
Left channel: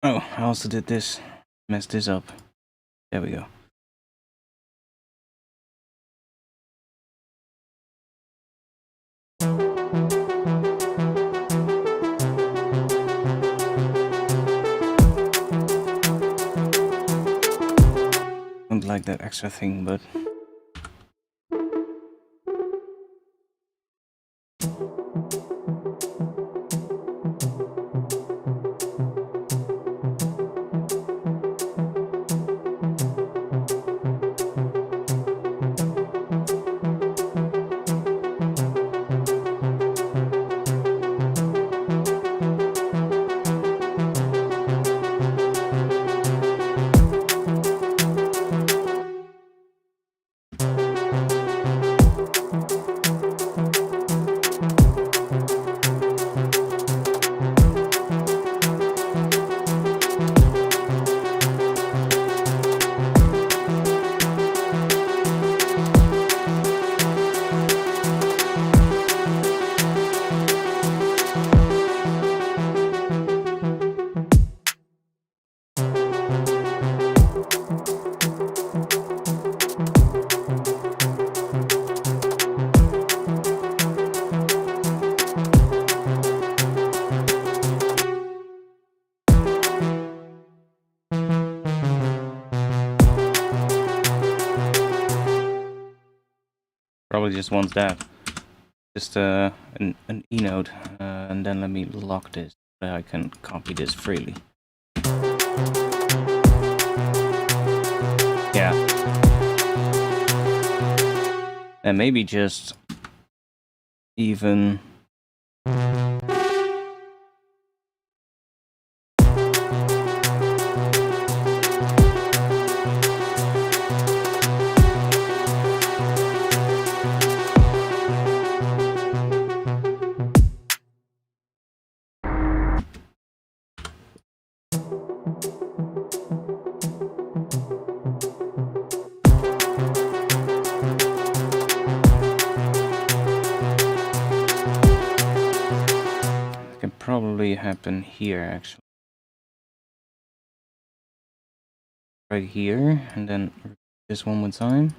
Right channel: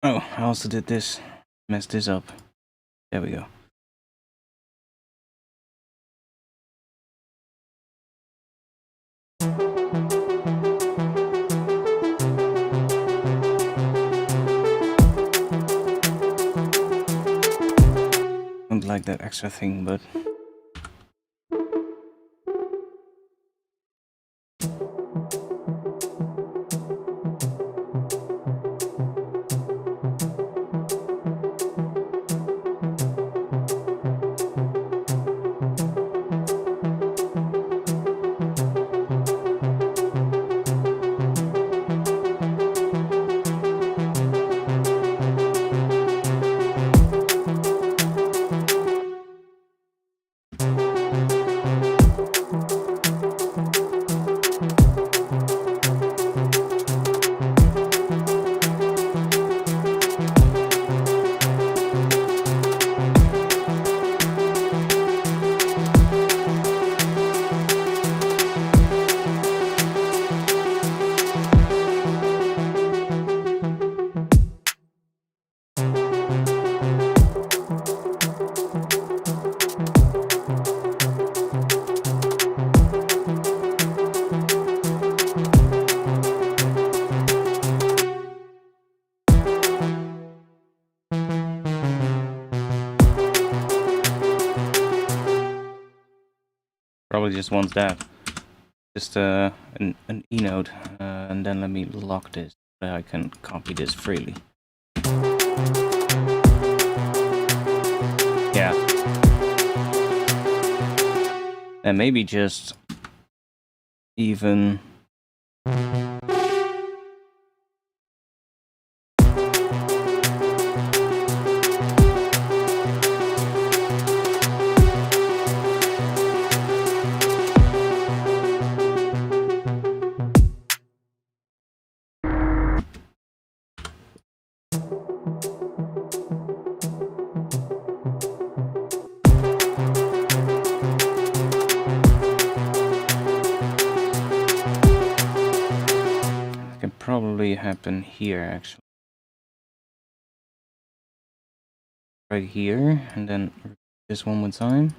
Oh, I also did this. Messed this up. There we go. Don't like that extra thing, but... Probably just wants that. Just an E note, and then let me lock this so I can copy this freely. Yeah. And maybe just even... probably happen here actually. Right here, and then this one more time.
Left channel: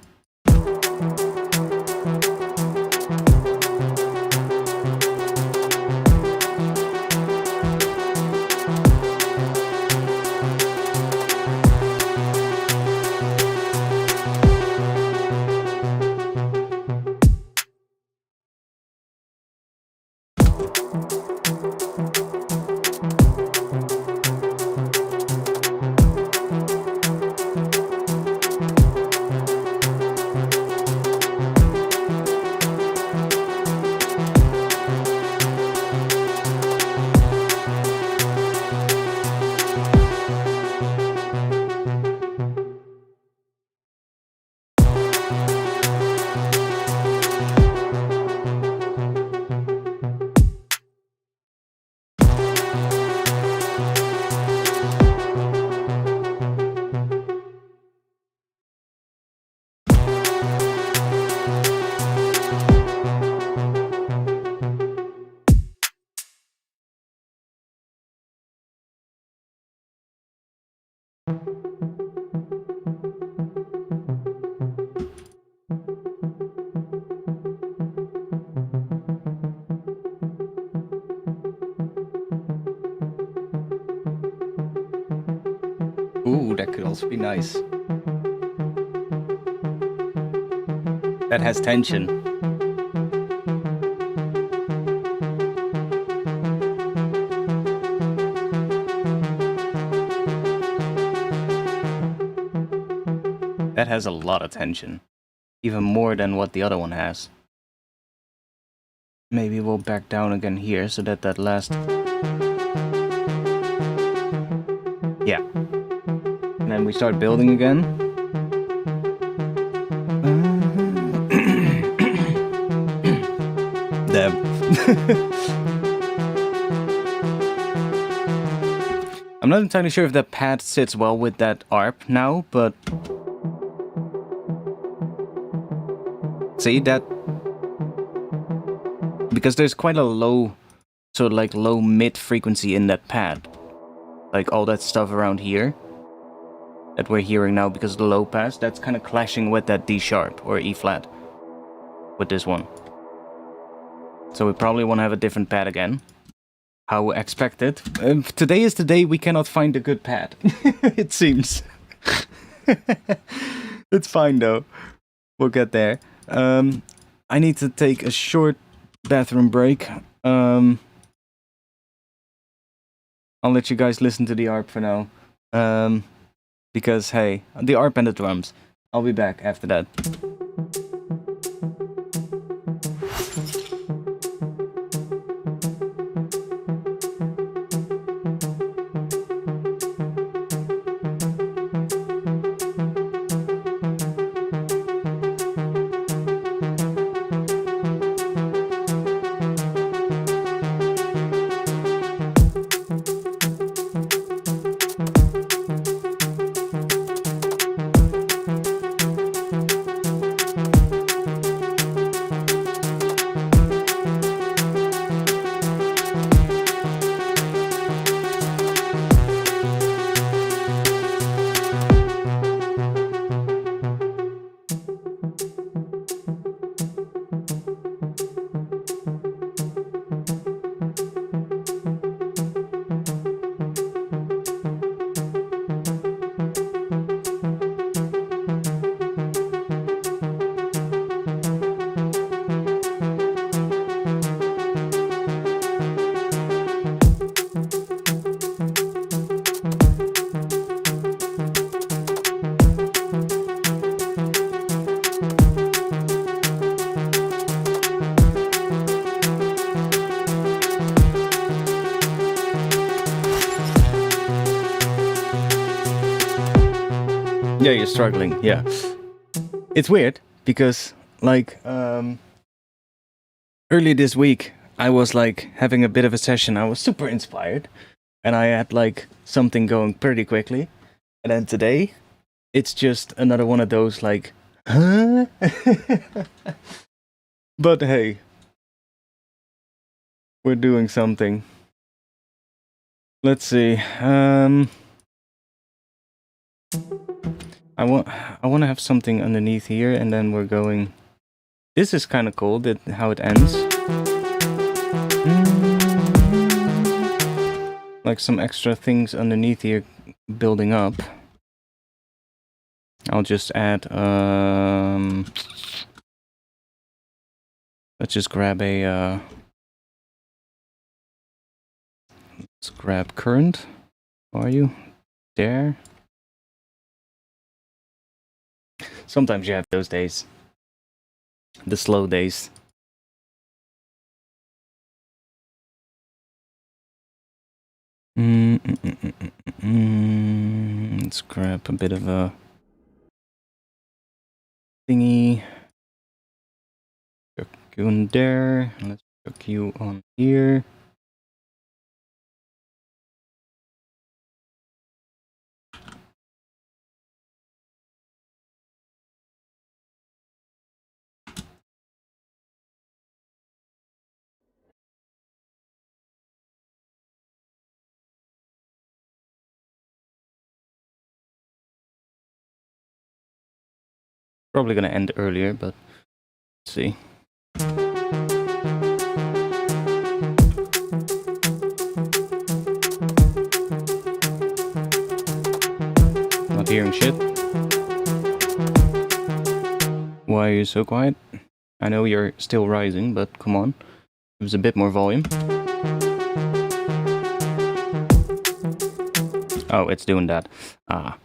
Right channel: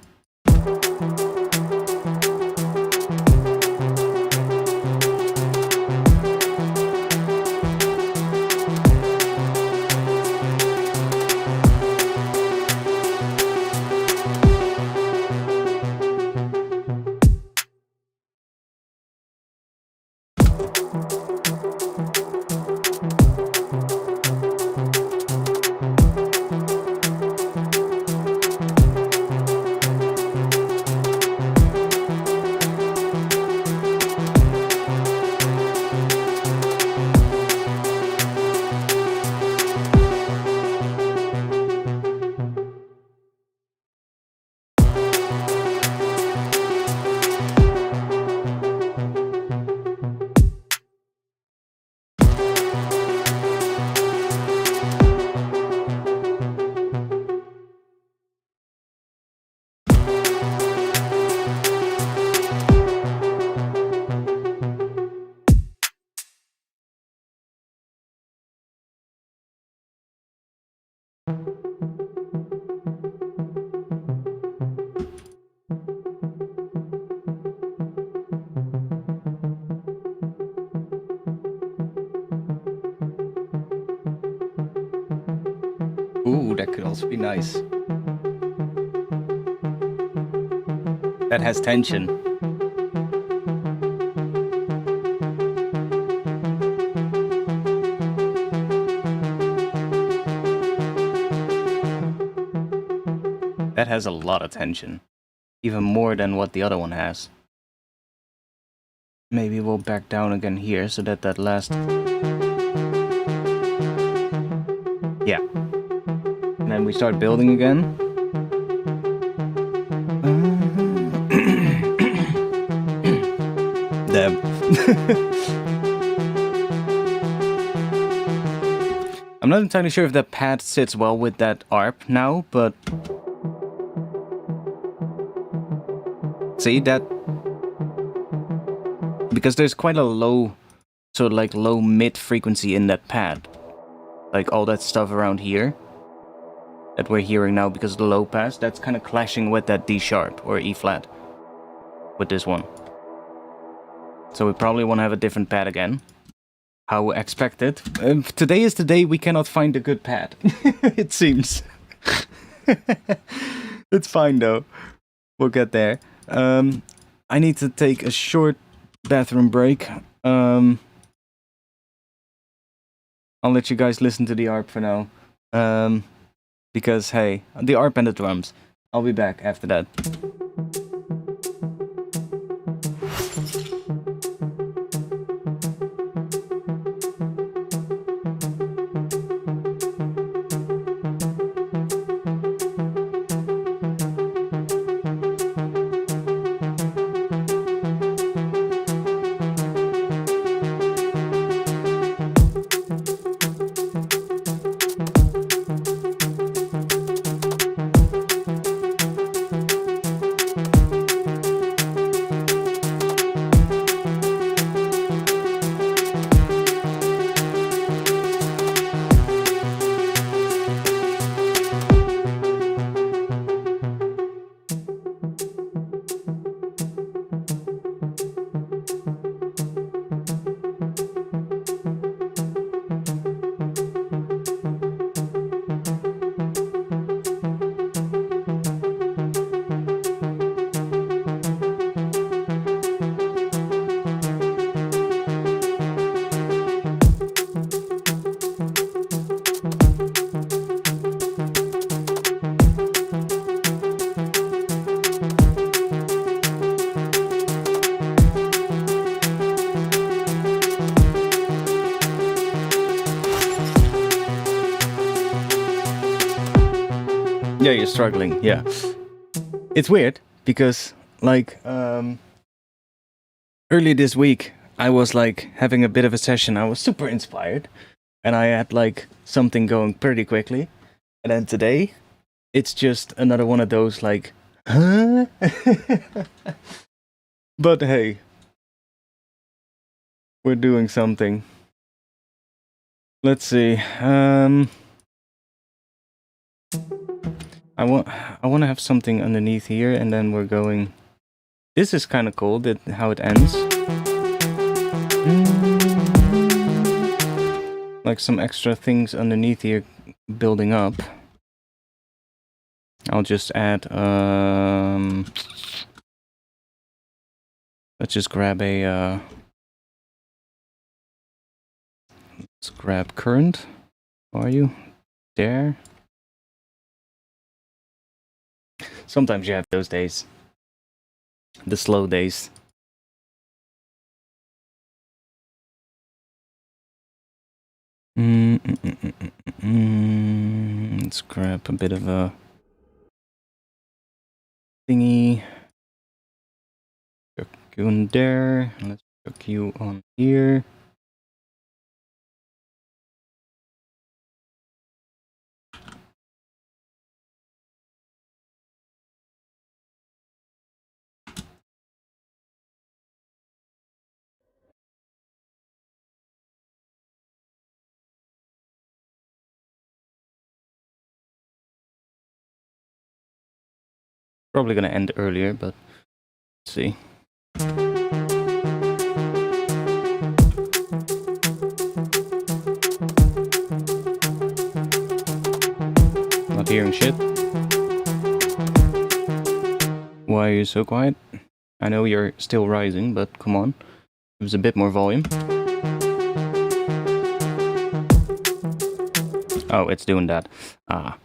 Ooh, that could also be nice. That has tension. That has a lot of tension. Even more than what the other one has. Maybe we'll back down again here so that that last... Yeah. And then we start building again. Damn. I'm not entirely sure if that pad sits well with that ARP now, but... See that? Because there's quite a low, sort of like low mid frequency in that pad. Like all that stuff around here that we're hearing now because of the low pass, that's kind of clashing with that D sharp or E flat with this one. So we probably want to have a different pad again. How expected. Today is the day we cannot find a good pad. It seems. It's fine though. We'll get there. I need to take a short bathroom break. I'll let you guys listen to the ARP for now. Because, hey, the ARP and the drums. I'll be back after that. Yeah, you're struggling, yeah. It's weird, because, like, earlier this week, I was, like, having a bit of a session. I was super inspired, and I had, like, something going pretty quickly. And then today, it's just another one of those, like, huh? But hey, we're doing something. Let's see, I want to have something underneath here, and then we're going. This is kind of cool, that how it ends. Like some extra things underneath here building up. I'll just add. Let's just grab a. Let's grab current. How are you? There. Sometimes you have those days. The slow days. Let's grab a bit of a thingy. Hook you in there. Let's hook you on here. Probably gonna end earlier, but let's see. Not hearing shit. Why are you so quiet? I know you're still rising, but come on. Give us a bit more volume. Oh, it's doing that. Ah.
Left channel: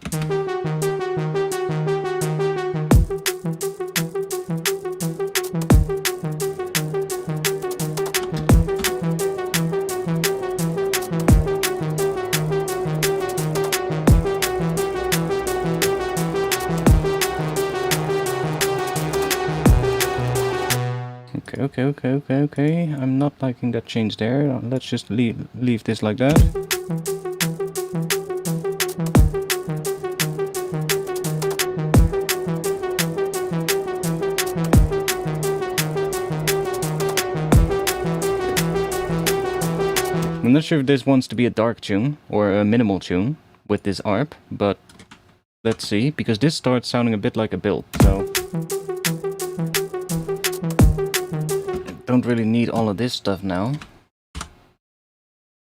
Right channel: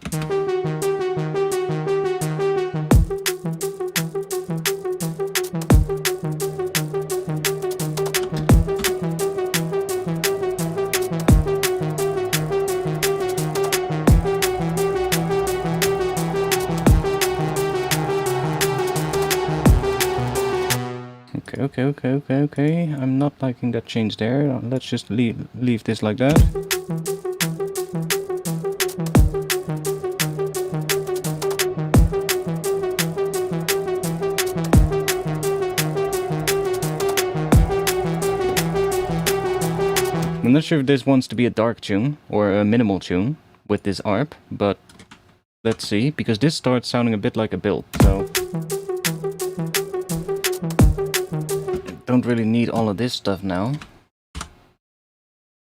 Okay. I'm not liking that change there. Let's just leave this like that. I'm not sure if this wants to be a dark tune or a minimal tune with this ARP, but let's see, because this starts sounding a bit like a build, so I don't really need all of this stuff now.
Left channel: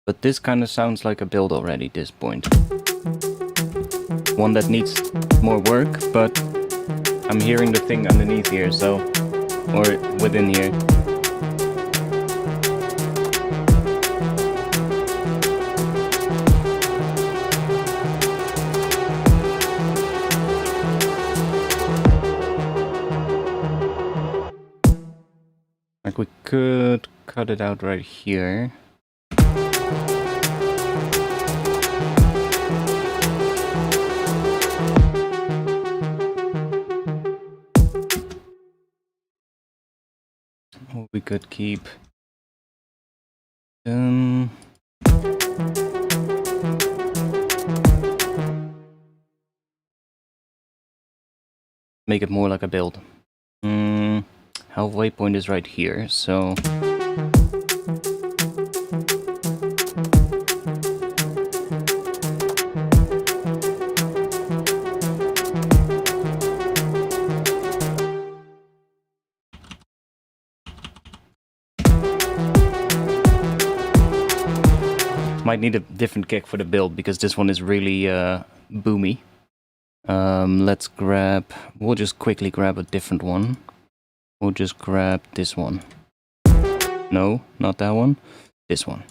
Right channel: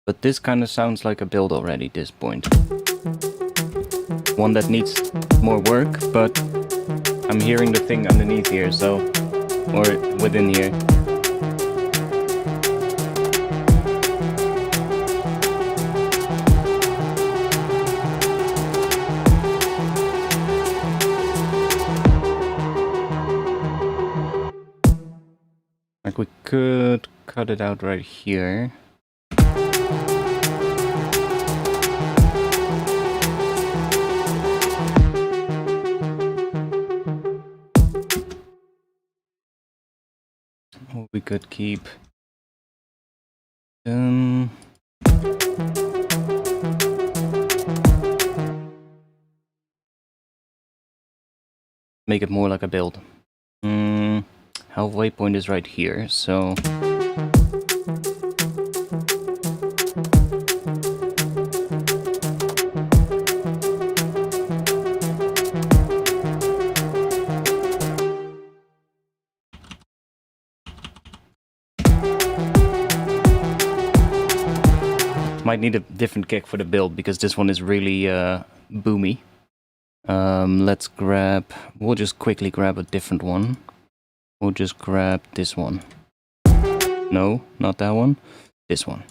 But this kind of sounds like a build already at this point. One that needs more work, but I'm hearing the thing underneath here, so, or within here. Like we could cut it out right here. Or we could keep make it more like a build. Halfway point is right here, so might need a different kick for the build because this one is really boomy. Let's grab, we'll just quickly grab a different one. We'll just grab this one. No, not that one. This one.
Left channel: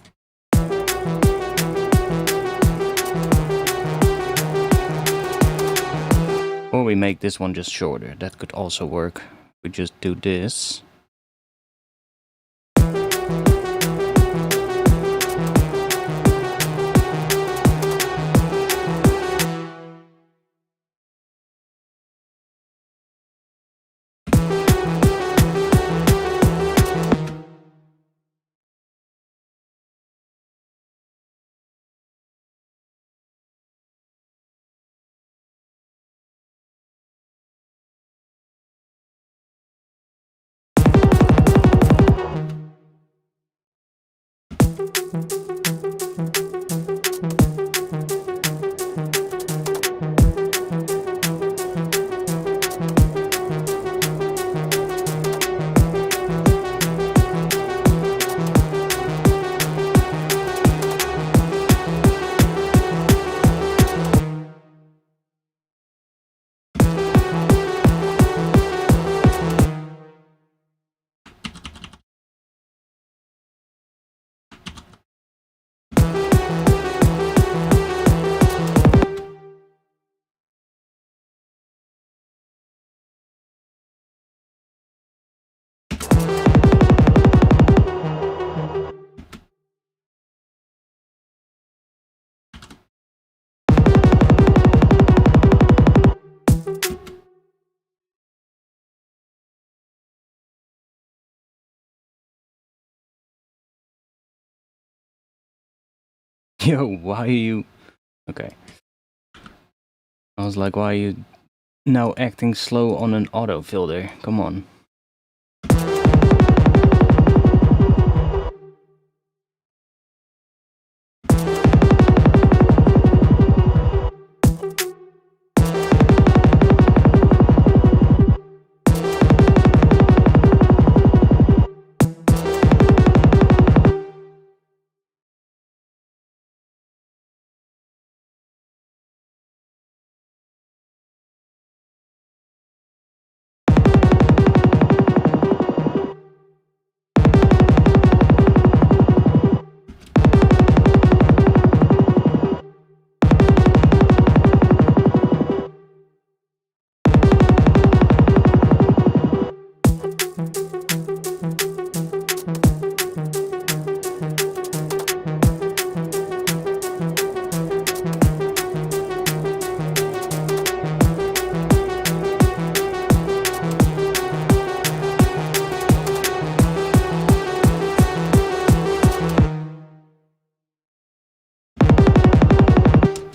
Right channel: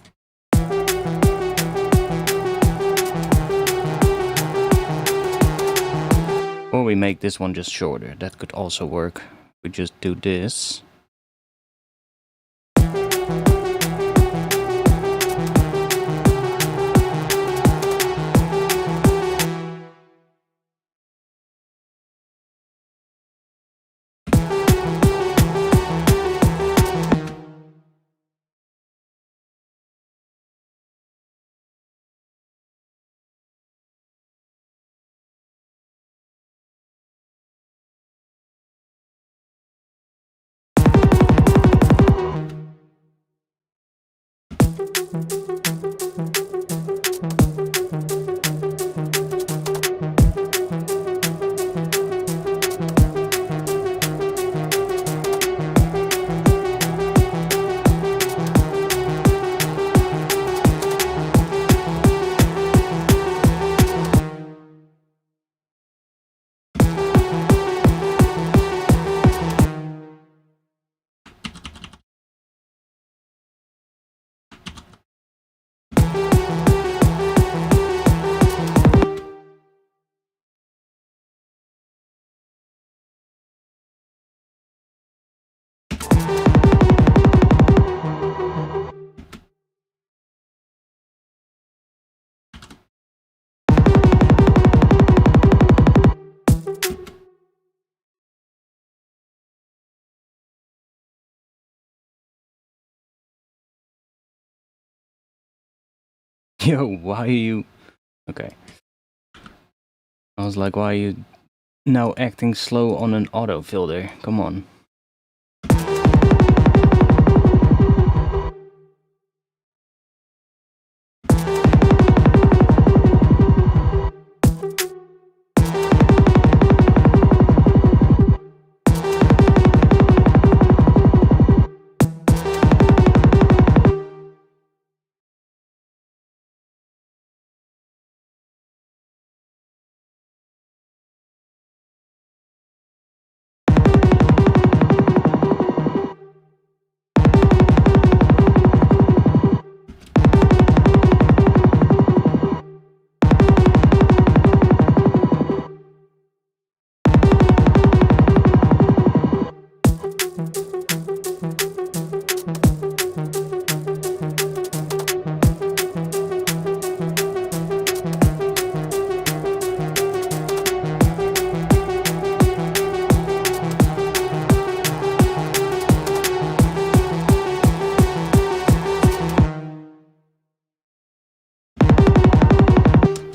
Or we make this one just shorter. That could also work. We just do this. Yo, why are you... Okay. I was like, why are you now acting slow on an auto filter? Come on.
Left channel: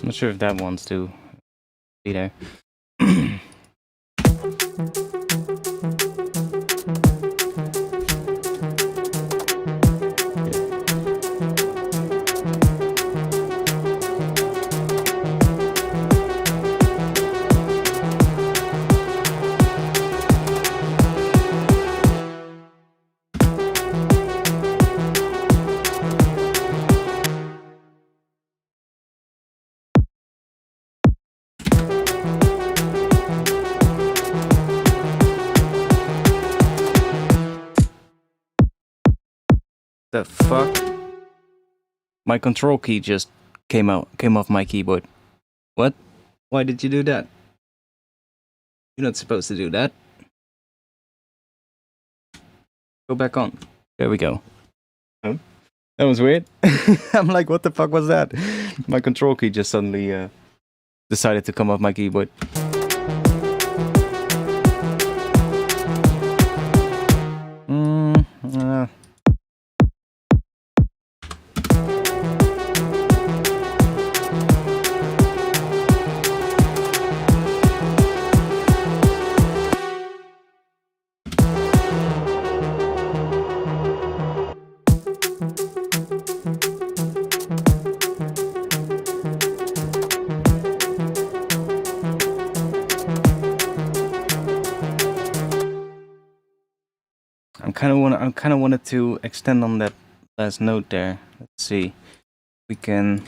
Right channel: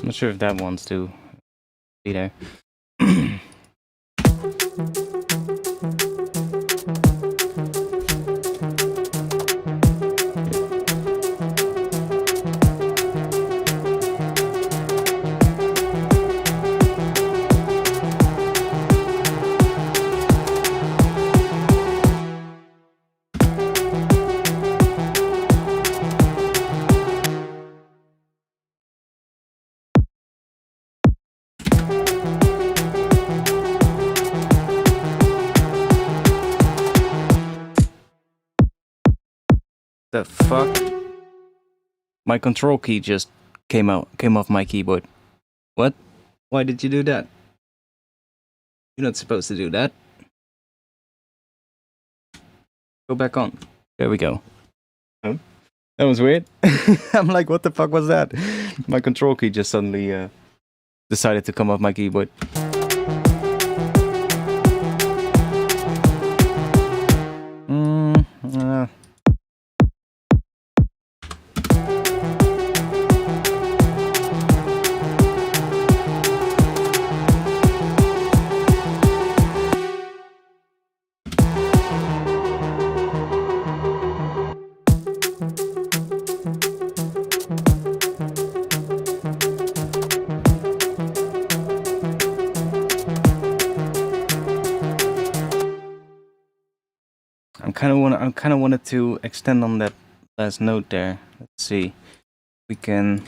Not sure if that wants to be there. The fuck? My control key just came off my keyboard. What? Why did you do that? You're not supposed to do that. Go back on. There we go. Oh, that was weird. I'm like, what the fuck was that? My control key just suddenly decided to come off my keyboard. I kind of wanted to extend on that last note there. Let's see. We can.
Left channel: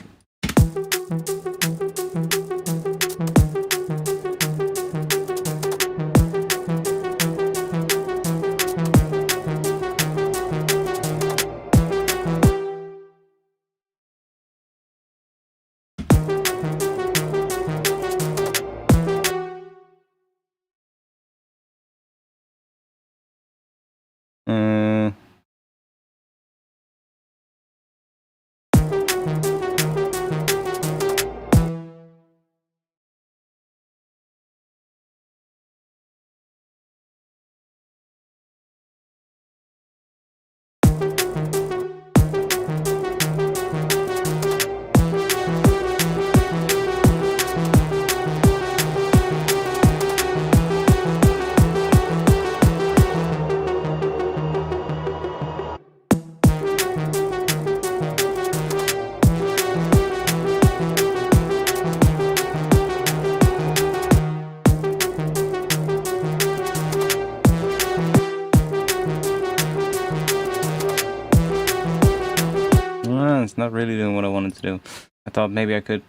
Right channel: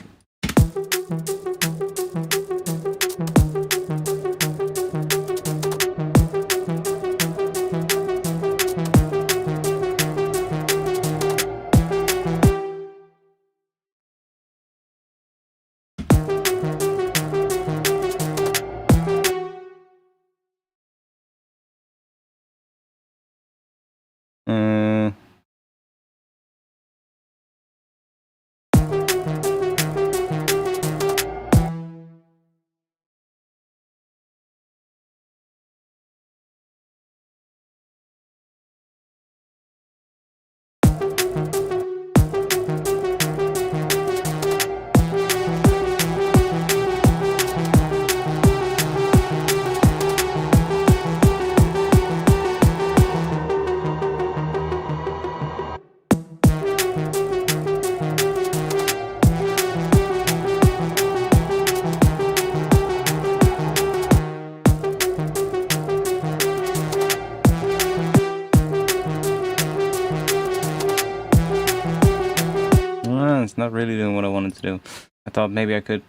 It's not really doing what I wanted to do. I thought maybe I could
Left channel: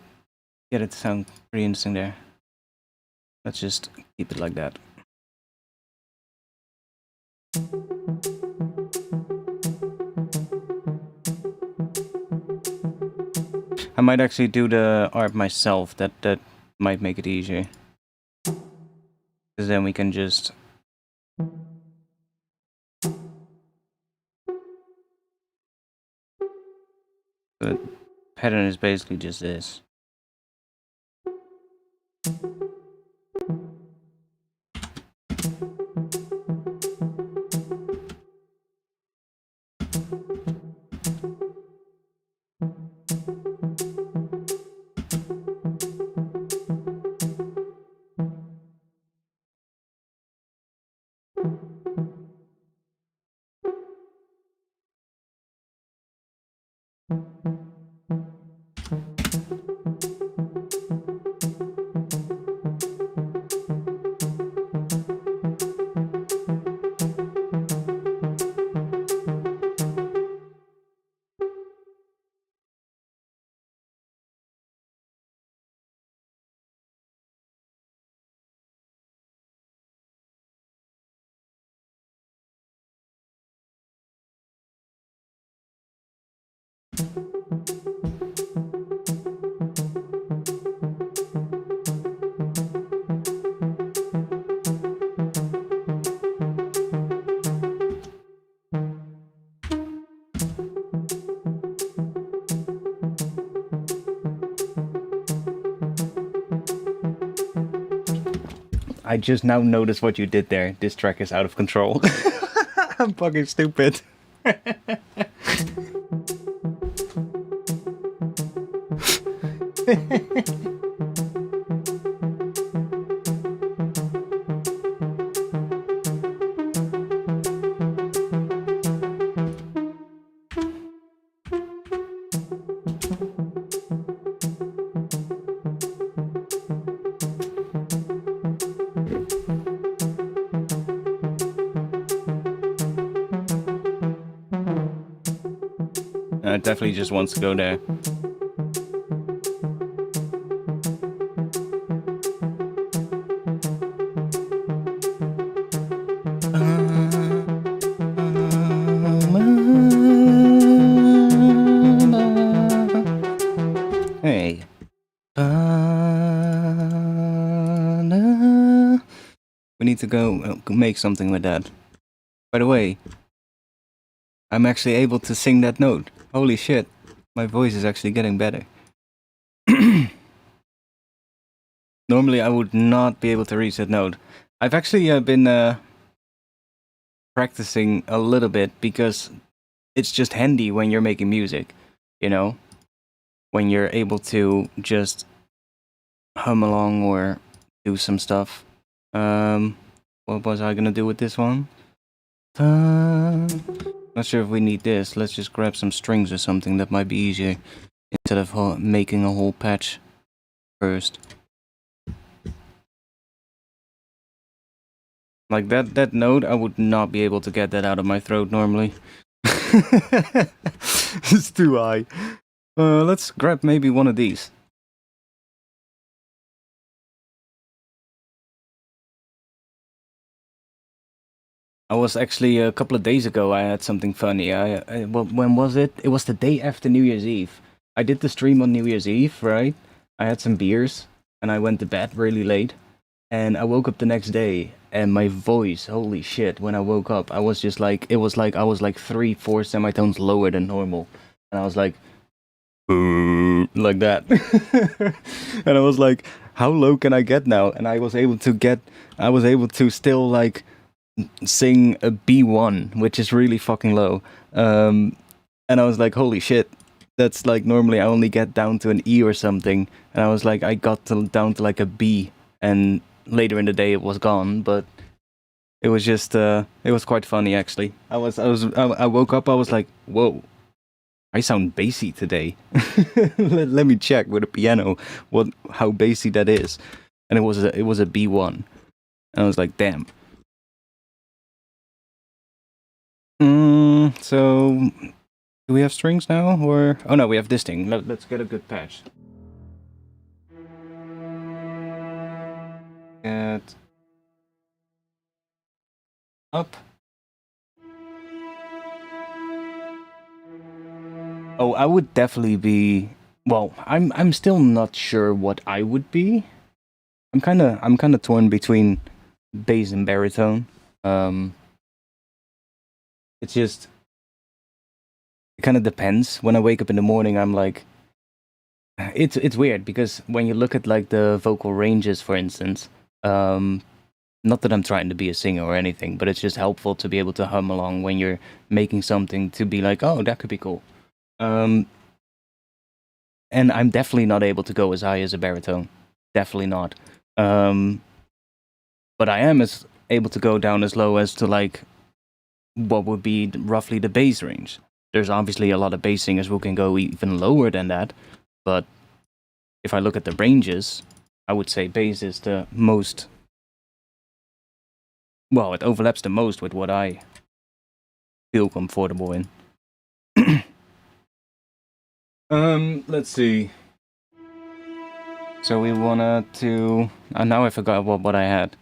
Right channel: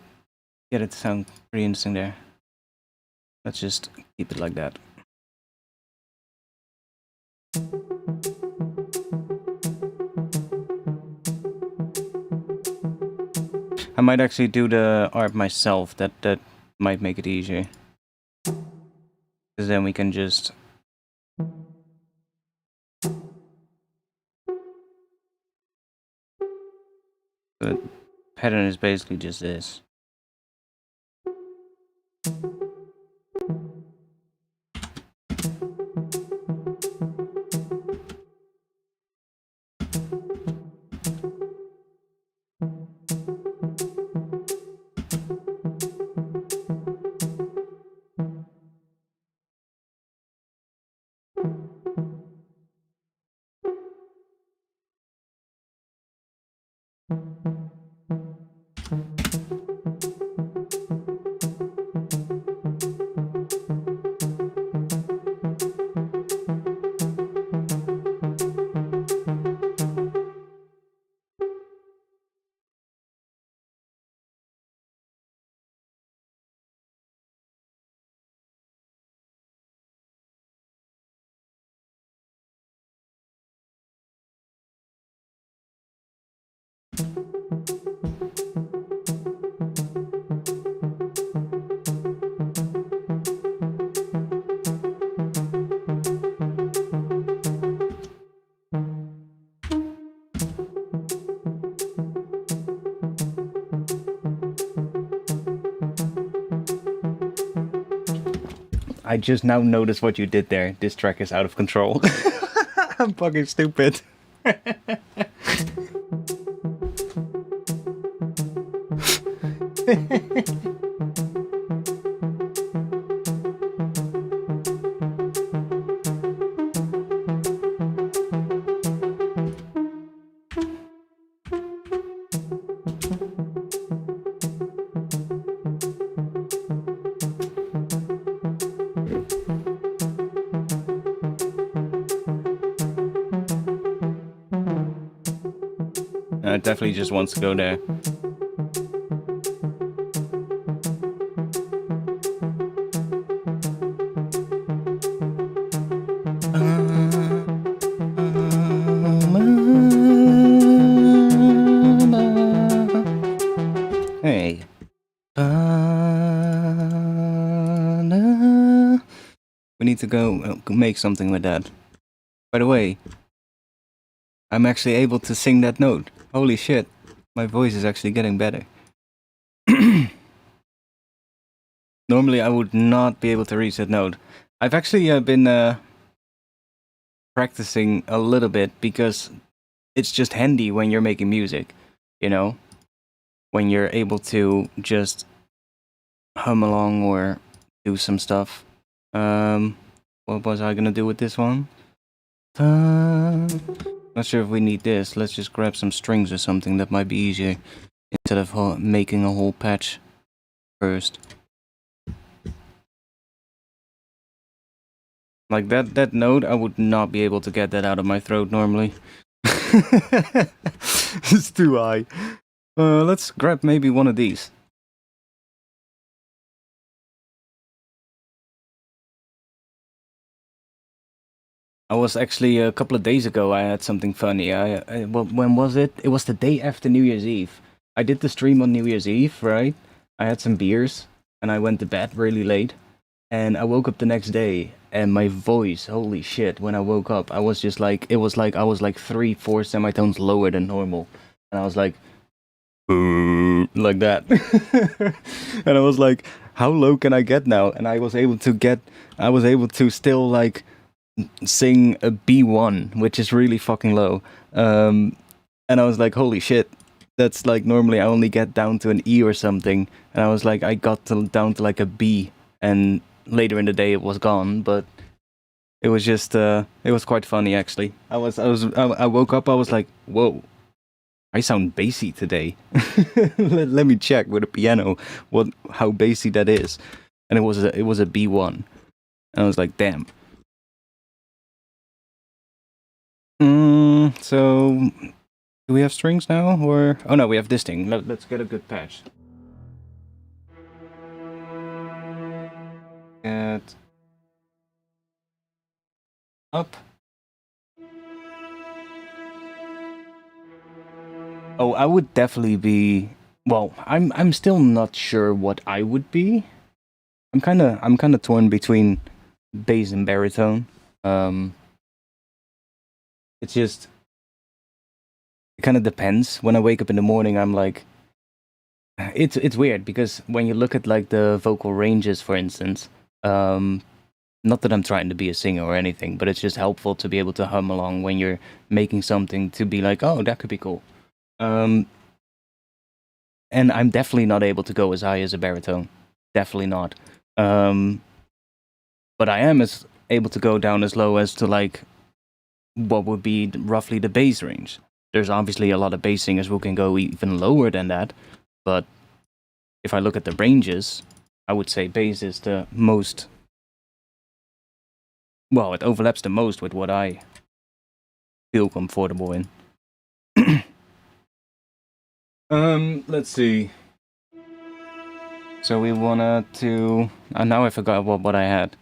get it to sound pretty interesting there. Let's just keep it like that. I might actually do the art myself. That might make it easier. Because then we can just... The pattern is basically just this. I just now noticed what you did there. This track is out of control. I'm fucking stupid. It definitely just wants to go there. Hey. We need to go make something with that. By the way, I'm actually able to sing that note. Holy shit. My voice is actually getting better. Normally I would not be able to reach that note. I've actually been practicing a little bit because it's just handy when you're making music, you know? When you're able to just hum along or do some stuff. What was I gonna do with this one? Not sure if we need this. Let's just grab some strings or something. That might be easier instead of making a whole patch first. Like that note, I would not be able to get that out of my throat normally. It's too high. Let's grab maybe one of these. I was actually a couple of days ago. I had something funny. Well, when was it? It was the day after New Year's Eve. I did the stream on New Year's Eve, right? I had some beers and I went to bed really late. And I woke up the next day, and my voice, holy shit! When I woke up, I was just like, it was like I was like 3-4 semitones lower than normal, and I was like, like that, and I was like, how low can I get now? And I was able to still like sing a B1, which is really fucking low. And I was like, holy shit, that's like normally I only get down to an E or something, and I was like, I got down to like a B, and later in the day it was gone, but it was just it was quite funny actually. I woke up, I was like, whoa, I sound bassy today. let me check with a piano how bassy that is, and it was a B1, and I was like, damn. So do we have strings now, or oh no, we have this thing. Let's get a good patch. Get up. Oh, I would definitely be. Well, I'm still not sure what I would be. I'm kind of torn between bass and baritone. It's just it kind of depends. When I wake up in the morning, I'm like, it's weird because when you look at like the vocal ranges, for instance, not that I'm trying to be a singer or anything, but it's just helpful to be able to hum along when you're making something to be like, oh, that could be cool. And I'm definitely not able to go as high as a baritone. Definitely not. But I am able to go down as low as to like what would be roughly the bass range. There's obviously a lot of bass singers who can go even lower than that, but if I look at the ranges, I would say bass is the most. Well, it overlaps the most with what I feel comfortable in. Let's see. So we wanted to. Now I forgot what I had.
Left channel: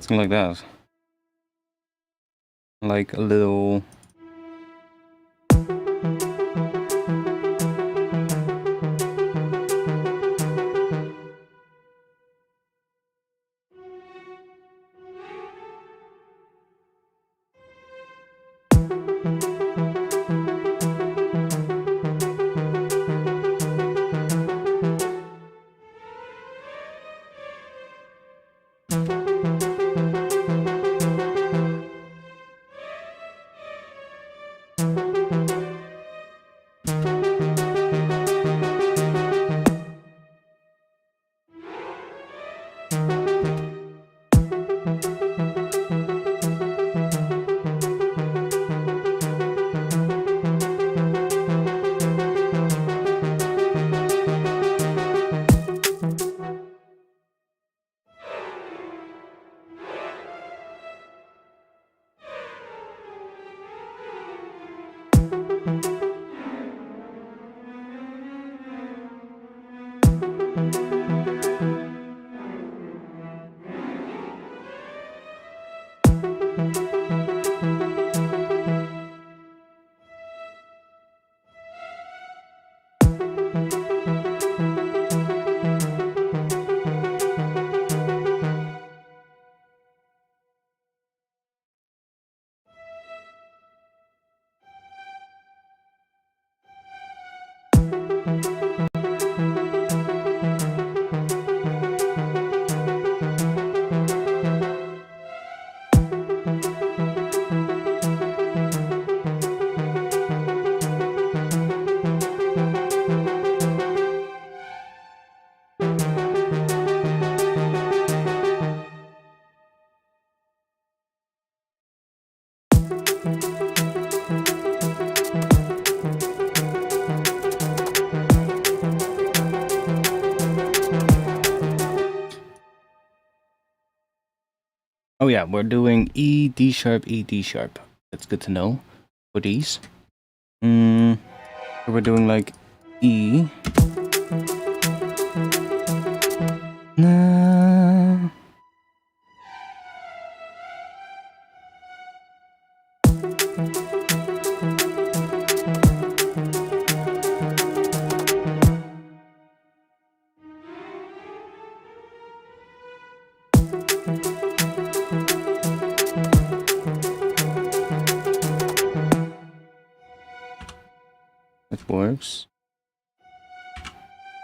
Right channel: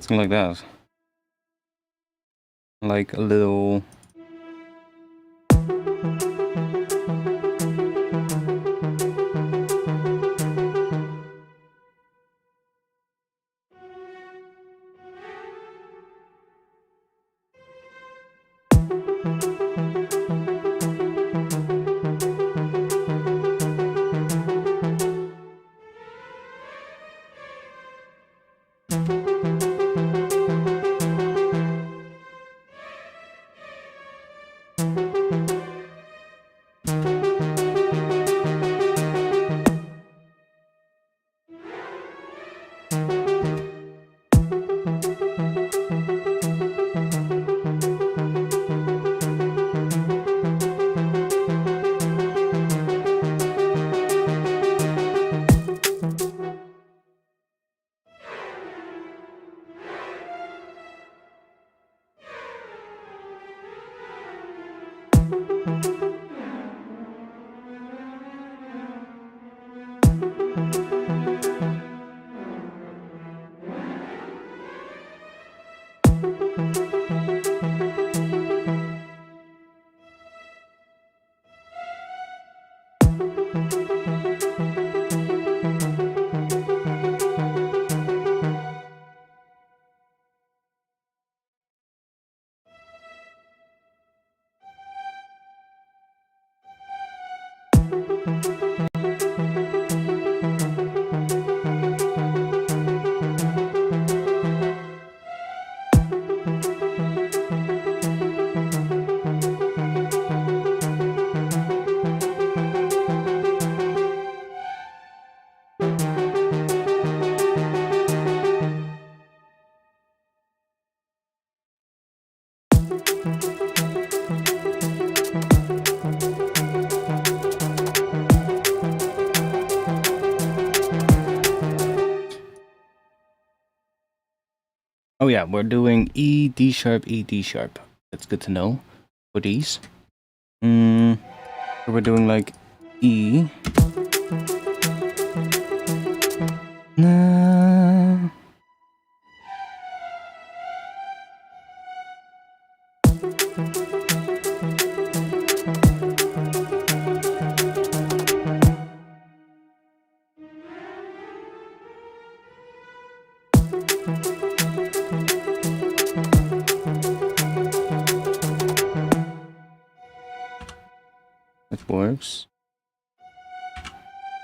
Something like that. Like a little. Oh yeah, we're doing E, D sharp, E, D sharp. That's good to know for these. So we're doing like E. Nah. It works.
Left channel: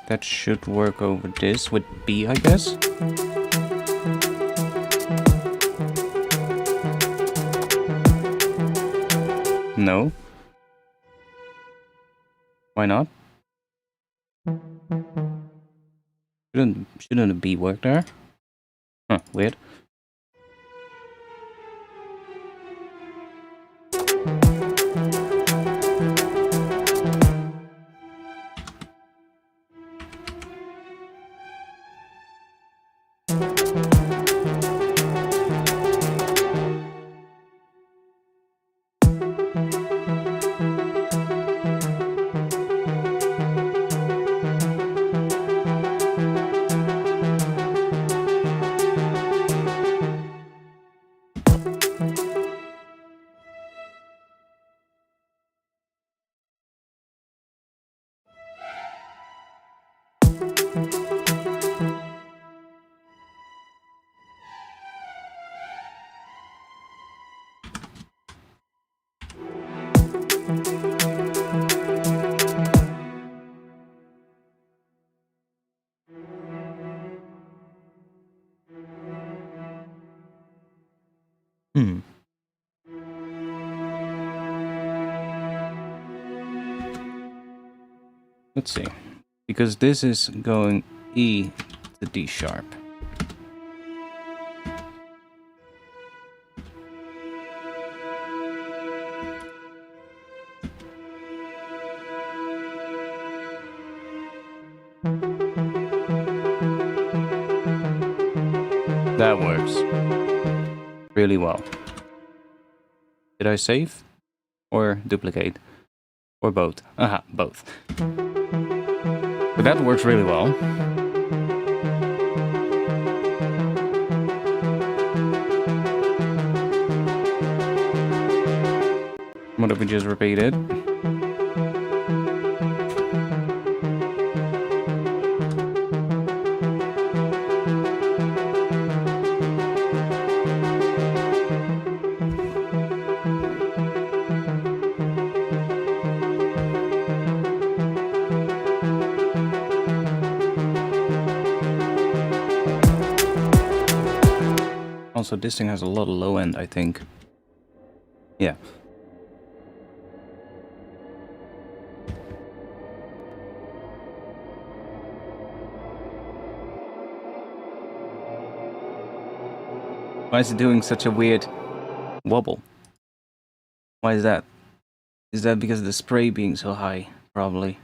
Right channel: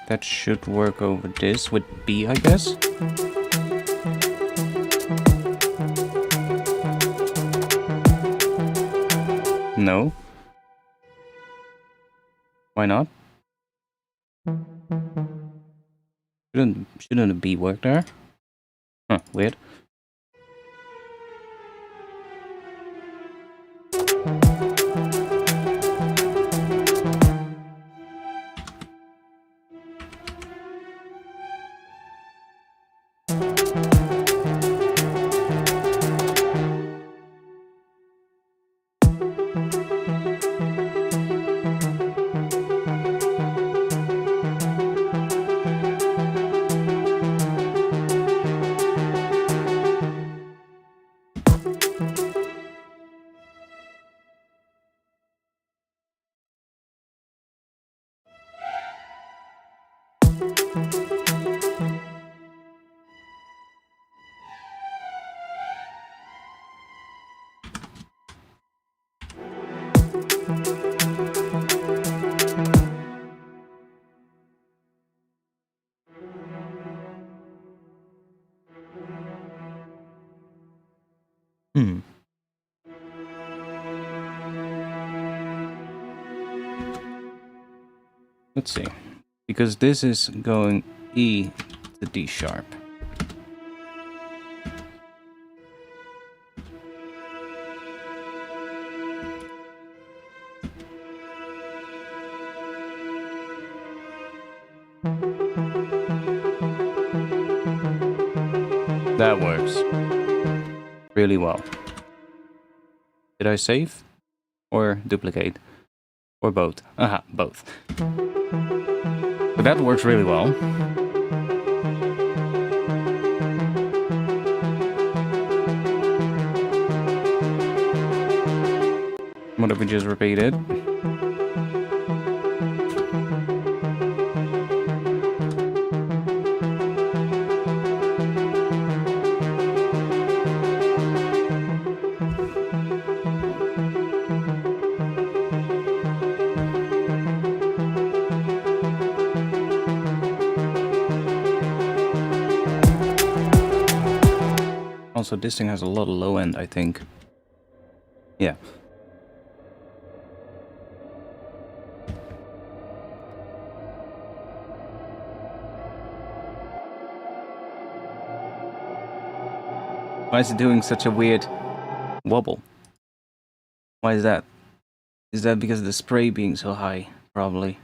That should work over this with B, I guess. No. Why not? Shouldn't a B work there? Huh, weird. Let's see. Because this is going E to D sharp. That works really well. Did I save? Or duplicate? Or both? Aha, both. But that works really well. What if we just repeat it? Also, this thing has a lot of low end, I think. Yeah. Why is it doing such a weird wobble? Why is that? Is that because of the spray being so high? Probably.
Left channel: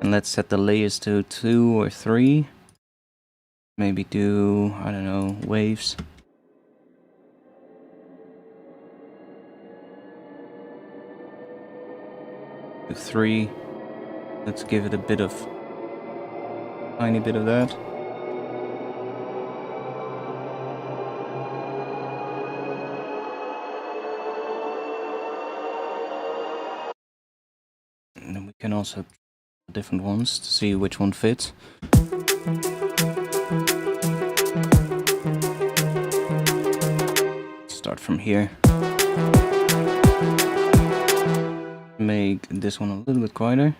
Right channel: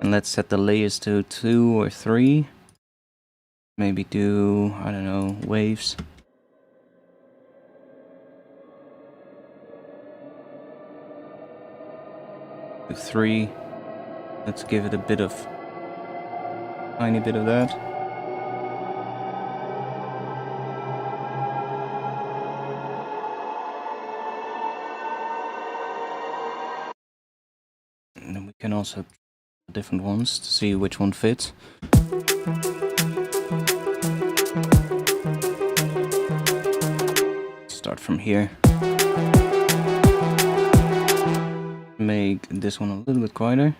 And let's set the layers to 2 or 3. Maybe do, I don't know, waves. To 3. Let's give it a bit of, tiny bit of that. And then we can also try different ones to see which one fits. Start from here. Make this one a little bit quieter.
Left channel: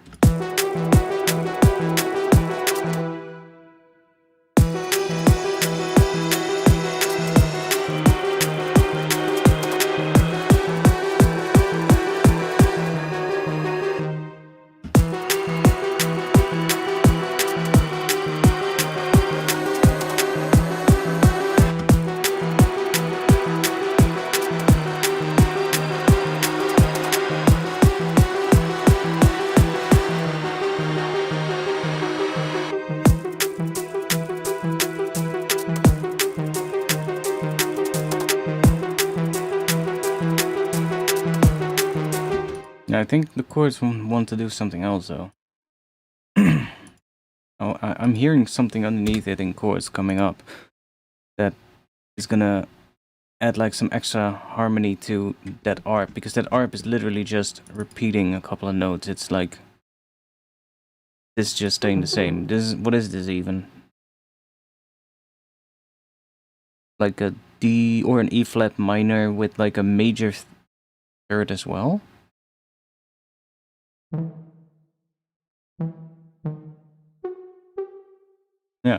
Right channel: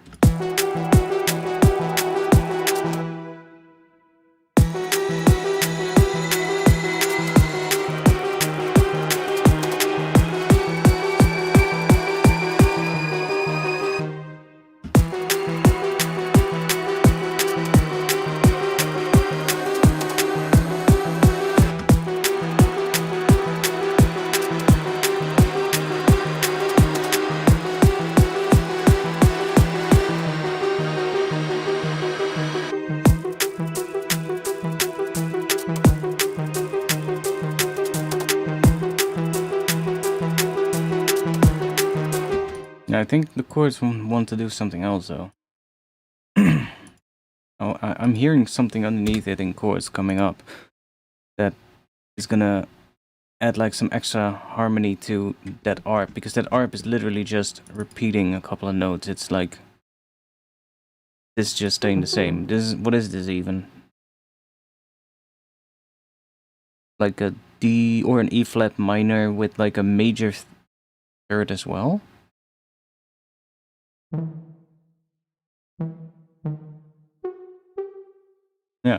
Yeah, I think the chords want to do something else though. Oh, I'm hearing something underneath it in chords coming up that is gonna add like some extra harmony to that arp, because that arp is literally just repeating a couple of notes. It's like this just staying the same. This is, what is this even? Like a D or an E flat minor with like a major third as well? Yeah.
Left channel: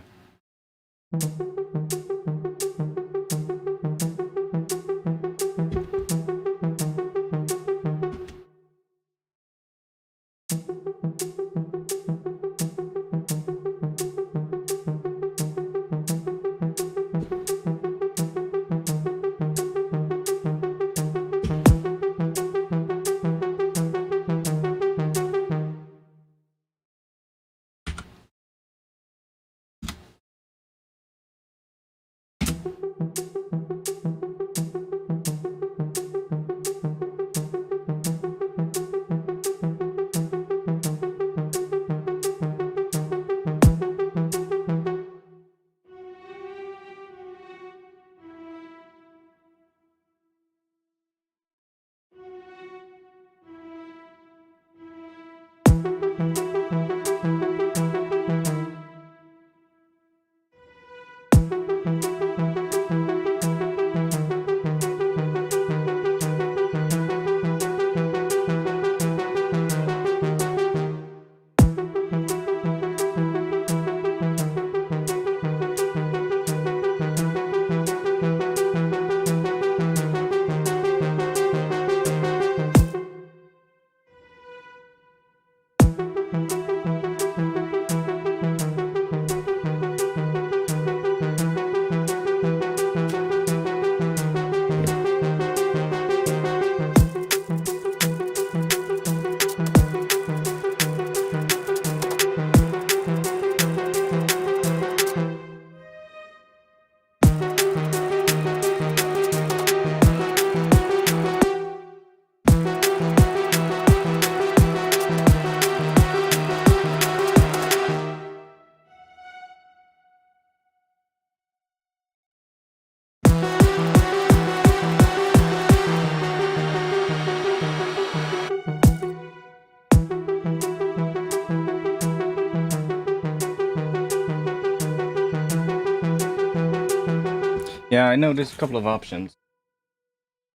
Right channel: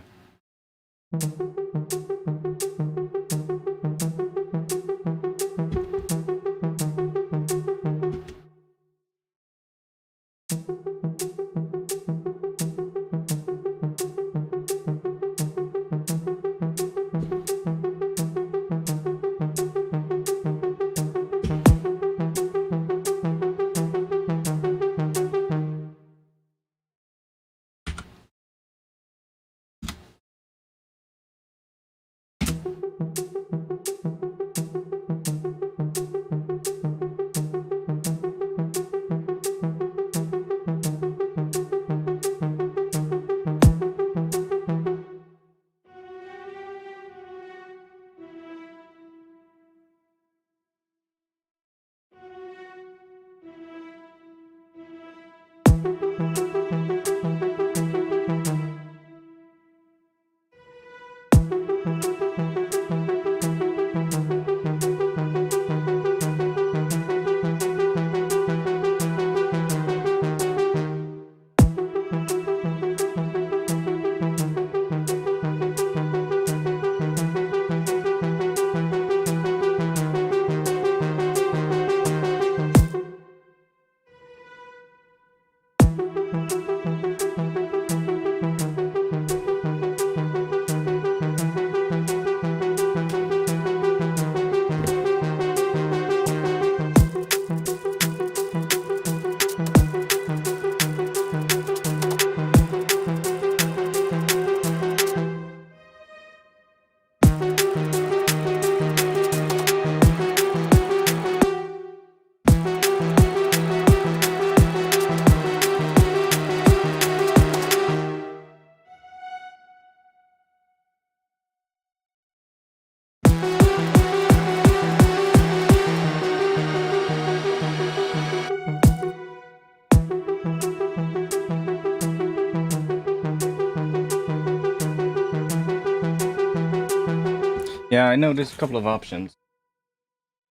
Yeah, I know there's a couple of options.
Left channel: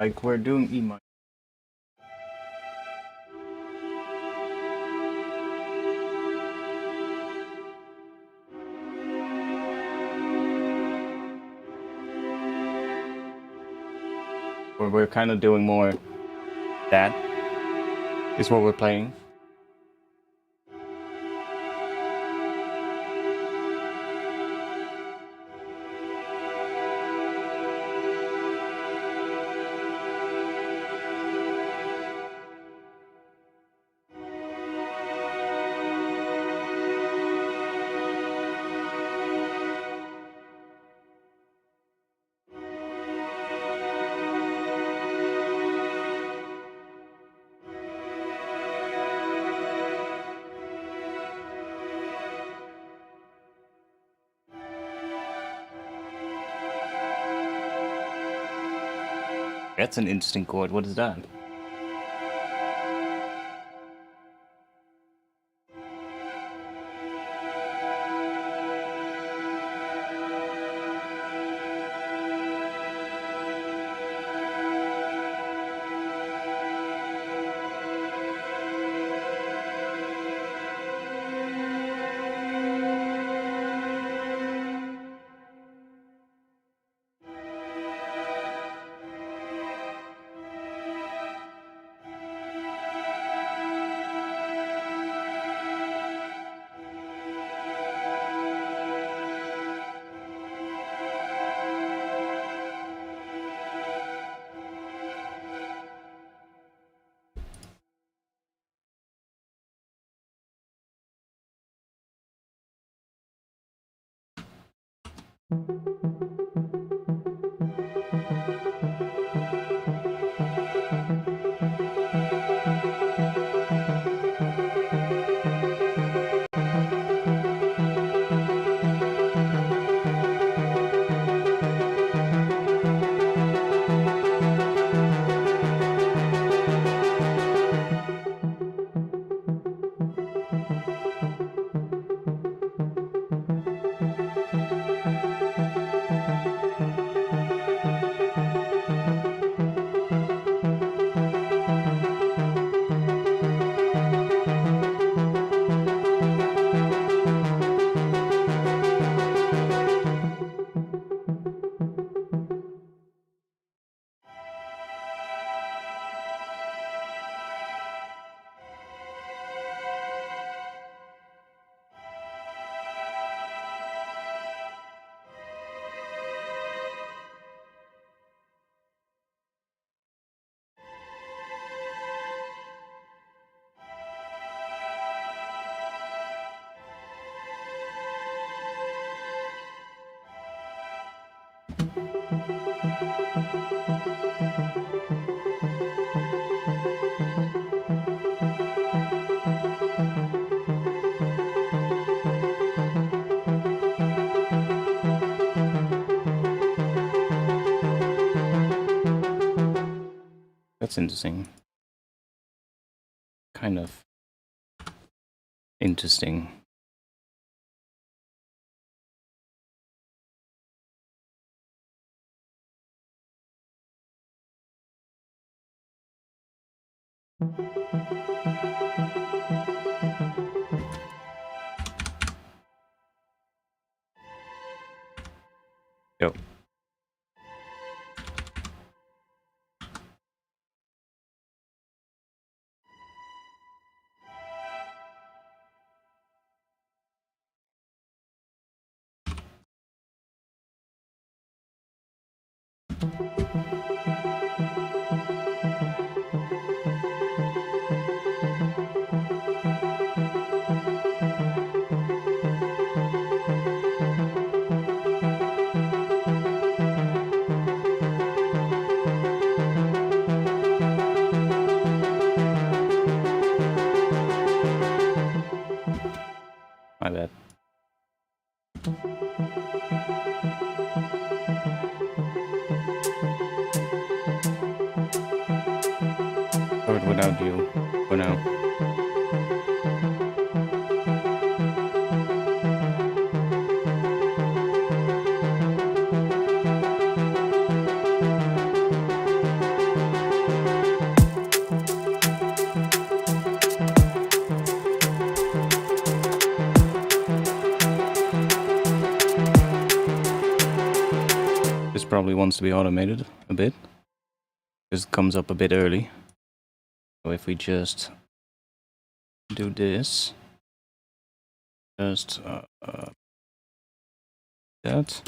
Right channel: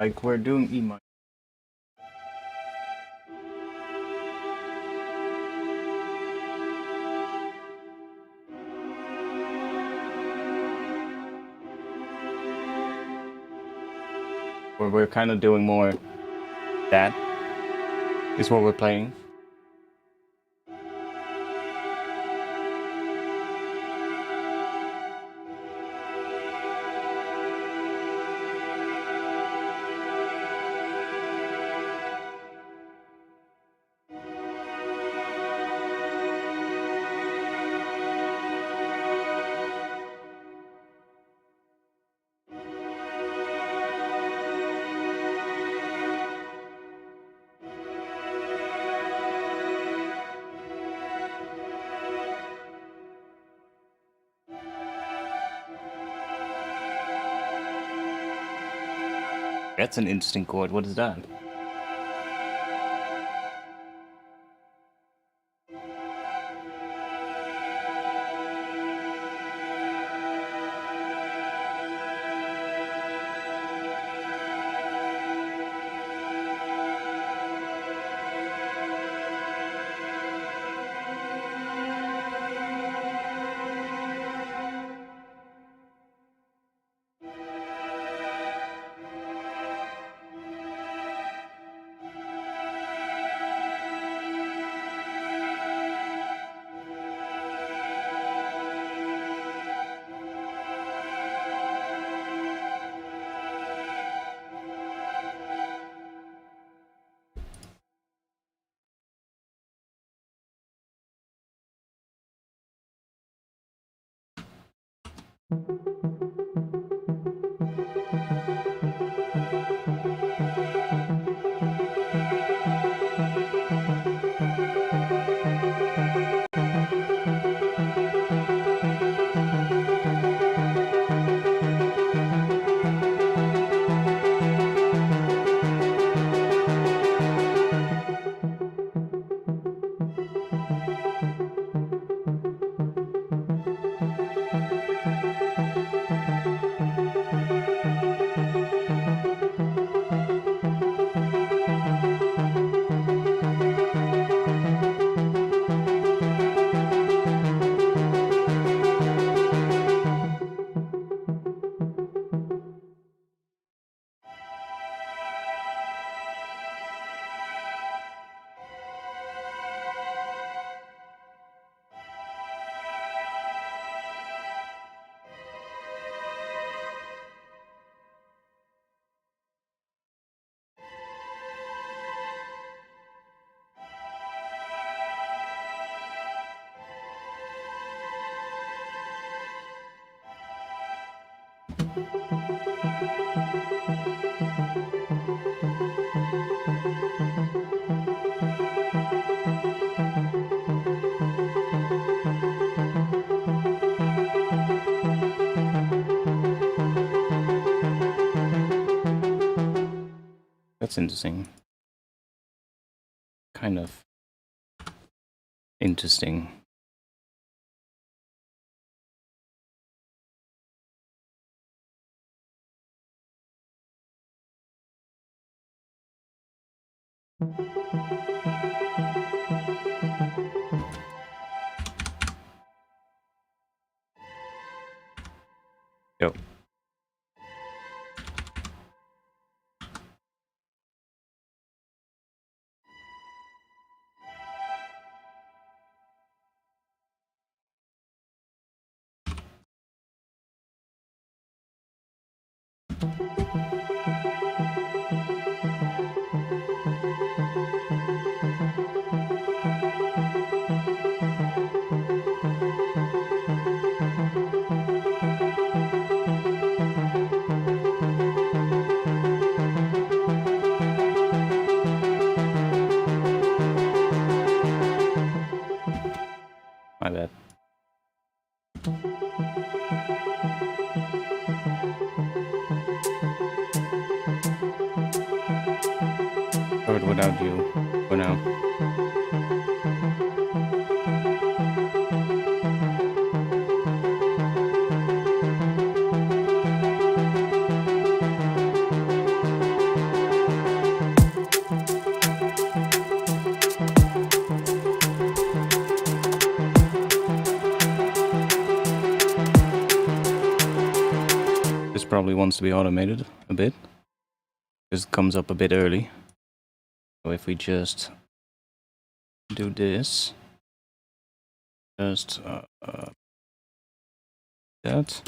Like we're doing E minor. Where we're kind of doing more that is what we're playing. That's an interesting chord. What is that? That's interesting. Kind of interesting. Yo. My bad. Or without you for now. This probably wants to be automated a bit, because it comes up a bit early. So if we just do this, just that.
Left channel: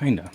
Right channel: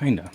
Kinda.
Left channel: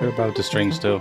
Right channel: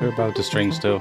They're about the string still.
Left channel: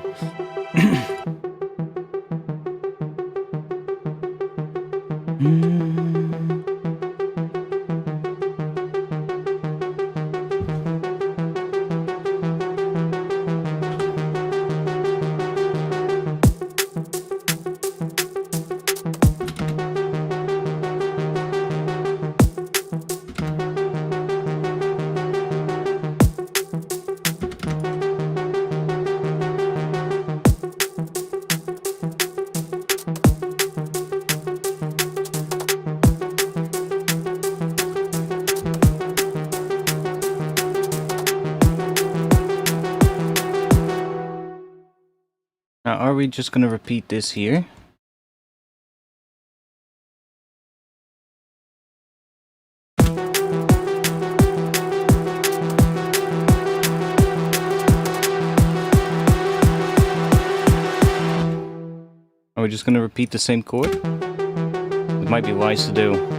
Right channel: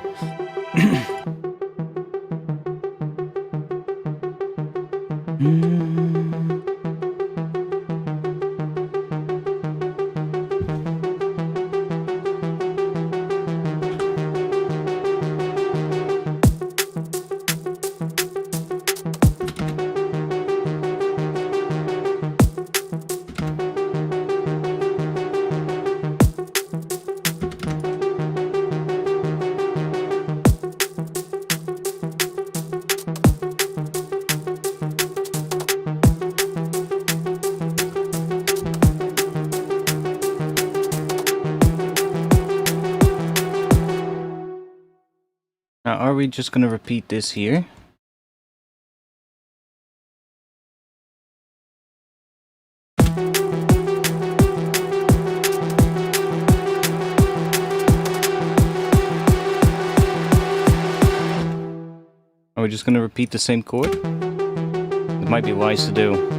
Now, are we just gonna repeat this here? Are we just gonna repeat the same chord? It might be wise to do.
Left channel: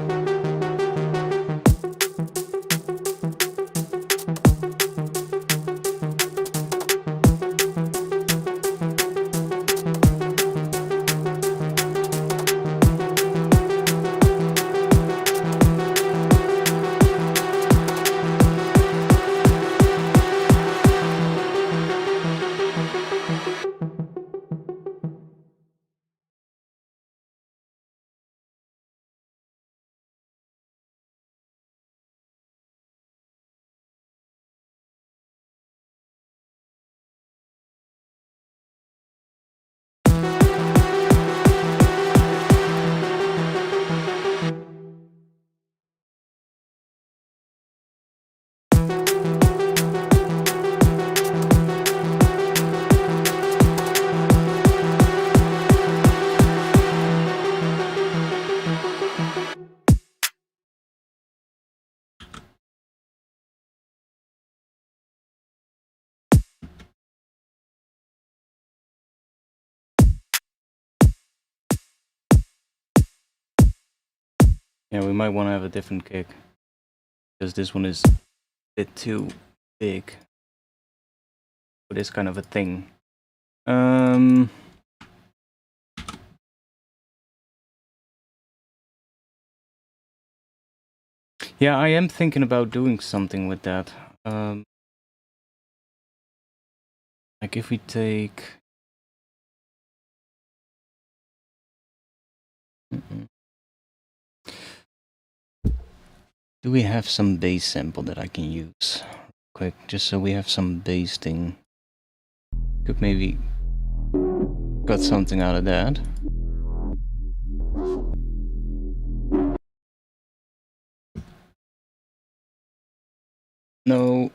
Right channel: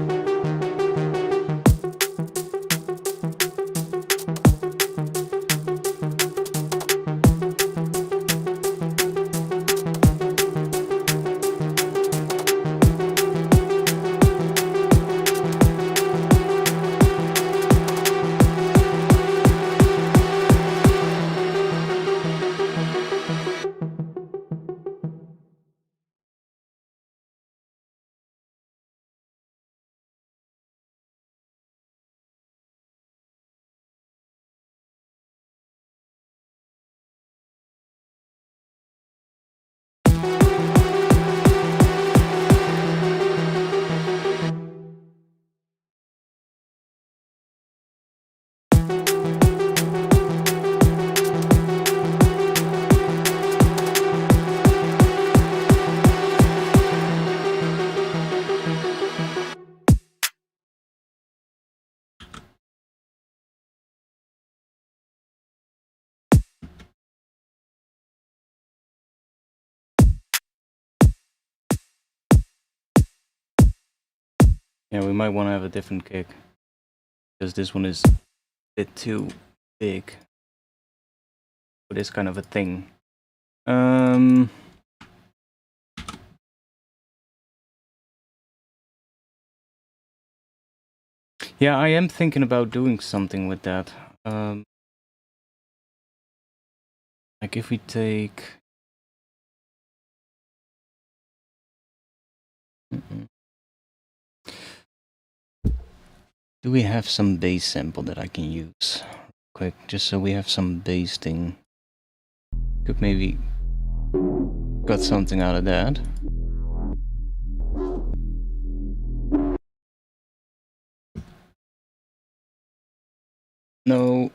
Yeah, we might want to have a different kick, because this one is a bit too big for this kind of a thing. Yeah, I am thinking about doing something with that. Like if we take... Do we have some bass sample that I can use? Quick, just so we have some bass thing. Could maybe got something out of that. No.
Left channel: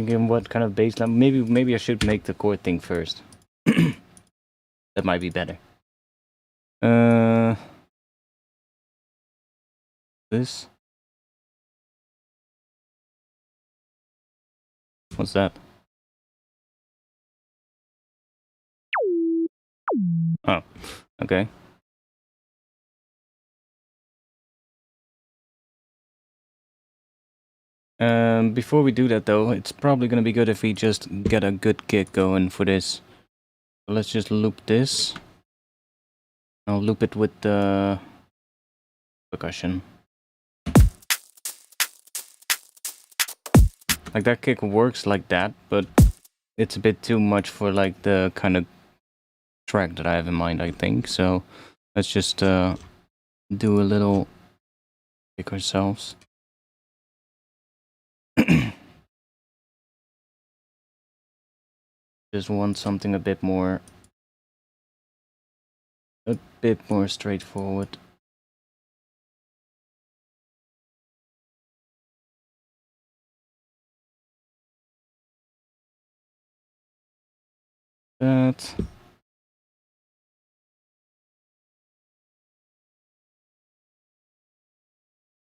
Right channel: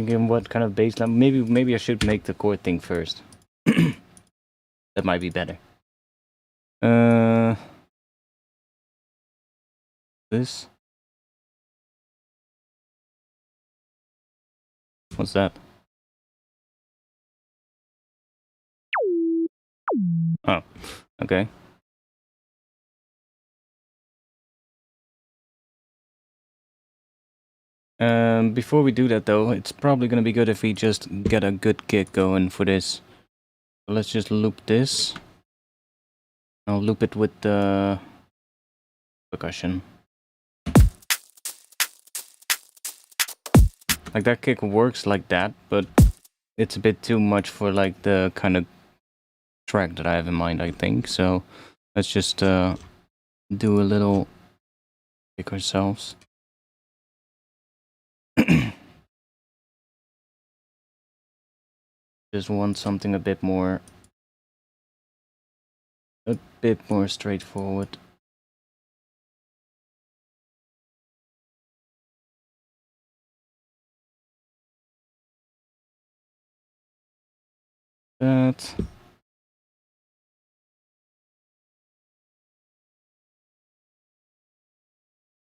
Thinking what kind of bass line. Maybe I should make the chord thing first. That might be better. This. What's that? Oh, okay. Before we do that though, it's probably gonna be good if we just get a good kick going for this. So let's just loop this. I'll loop it with the percussion. Like that kick works like that, but it's a bit too much for like the kind of track that I have in mind, I think. So let's just do a little kick ourselves. Just want something a bit more straightforward. That.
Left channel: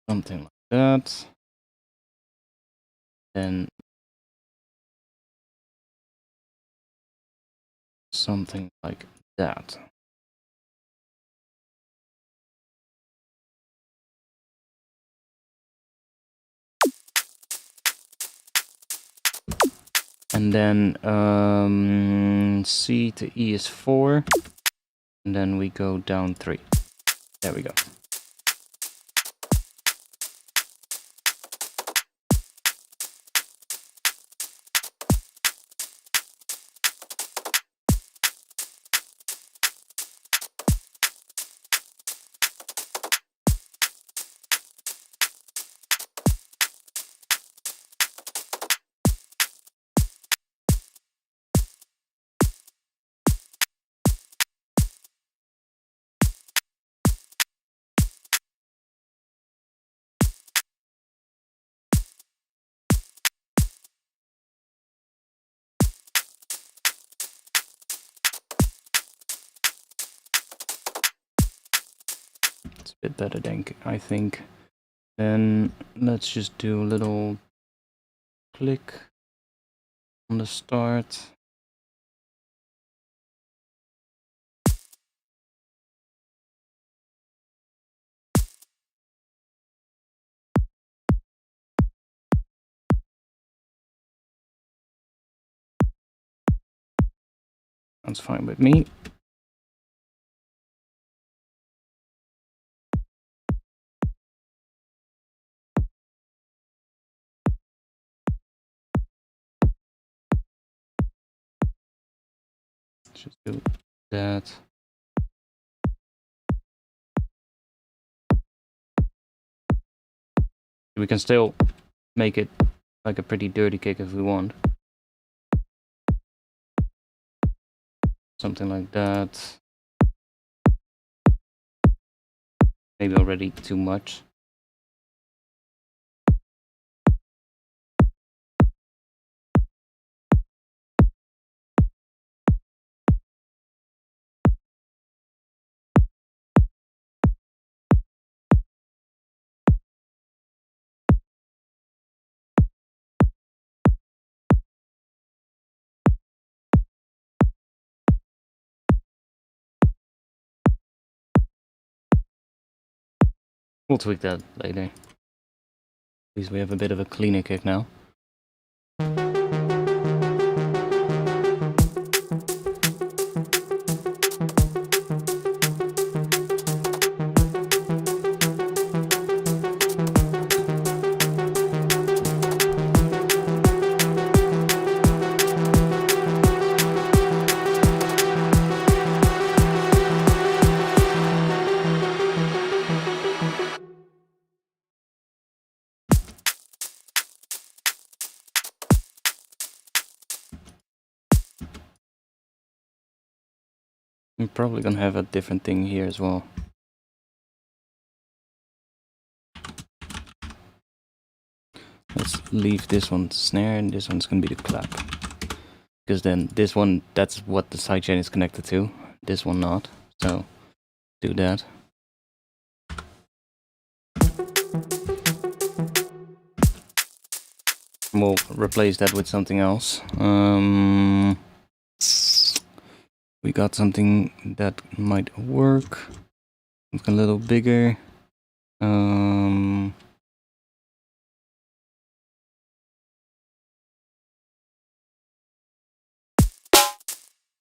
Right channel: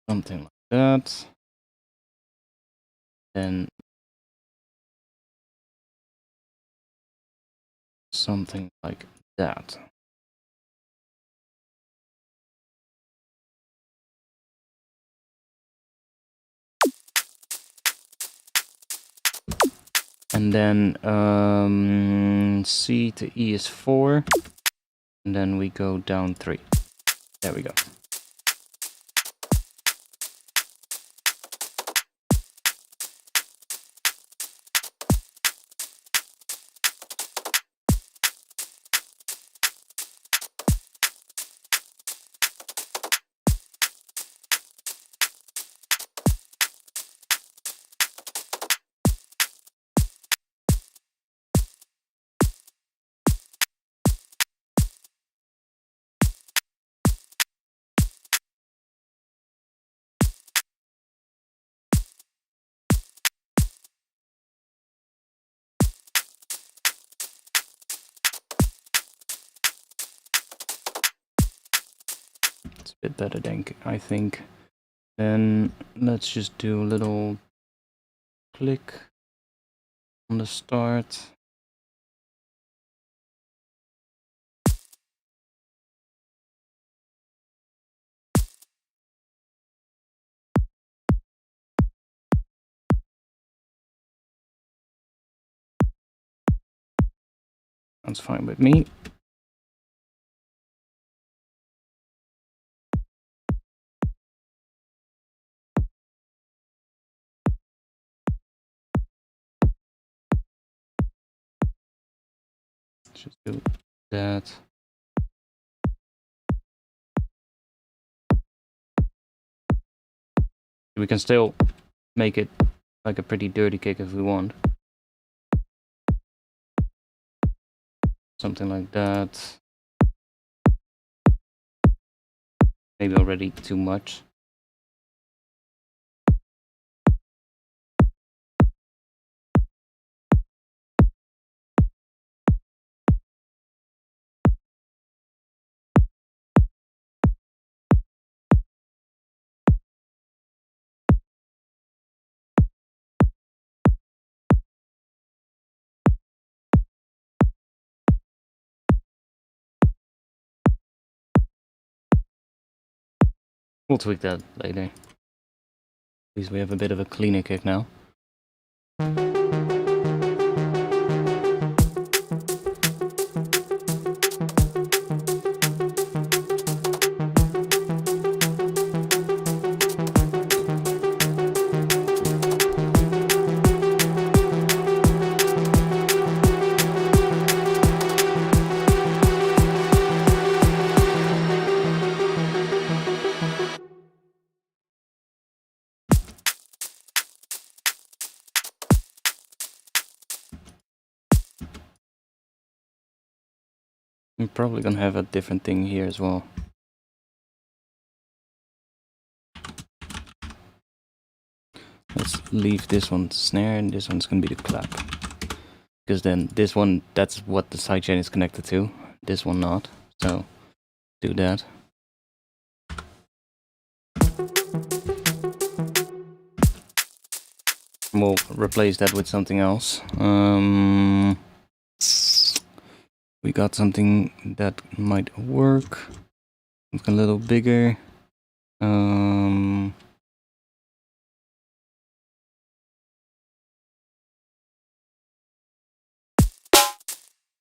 Something like that. Then something like that. And then C to E is 4. And then we go down 3. There we go. It's a bit better than I think. Then let's just do a little click on the start. That's fine with me. Just do that. We can still make it like a pretty dirty kick if we want. Something like that. Maybe already too much. We'll tweak that later. At least we have a bit of a cleaner kick now. I'm probably gonna have a different thing here as well. Let's leave this one snare and this one's gonna be the clap. Because then this one, that's what the sidechain is connected to. This one not. So do that. We'll replace that with something else. We got something that might work. It's a little bigger.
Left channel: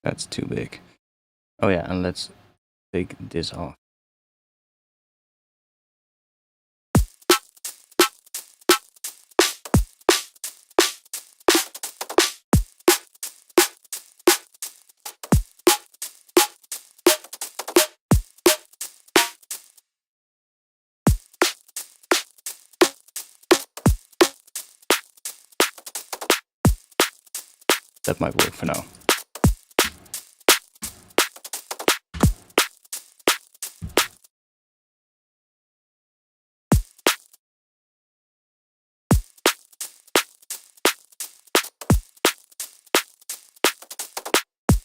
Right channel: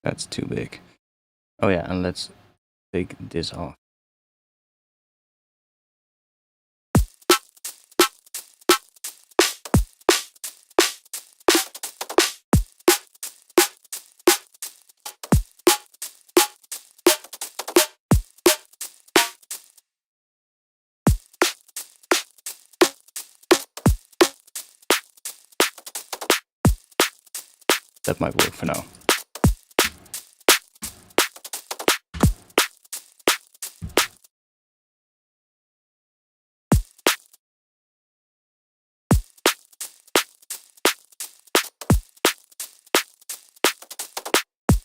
That's too big. Oh yeah, and let's take this off. That might work for now.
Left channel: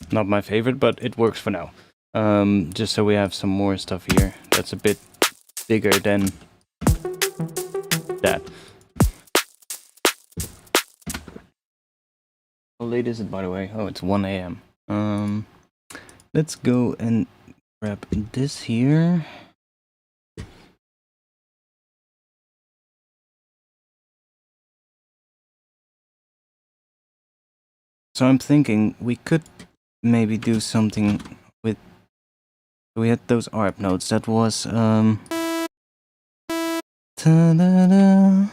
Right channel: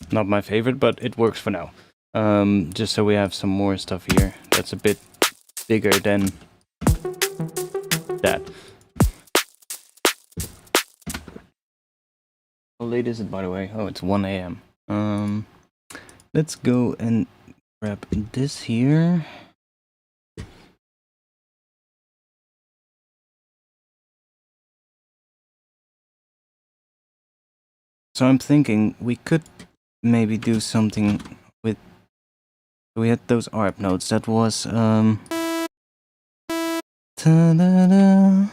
Not my favorite, but it works for now. Just so we have some more stuff here that's a bit bigger than that. How late is it, by the way? Oh, it's 1 AM. Let's go and grab this here. So I'm thinking we could maybe do something with... We had those ARP notes. That was ta-da-da.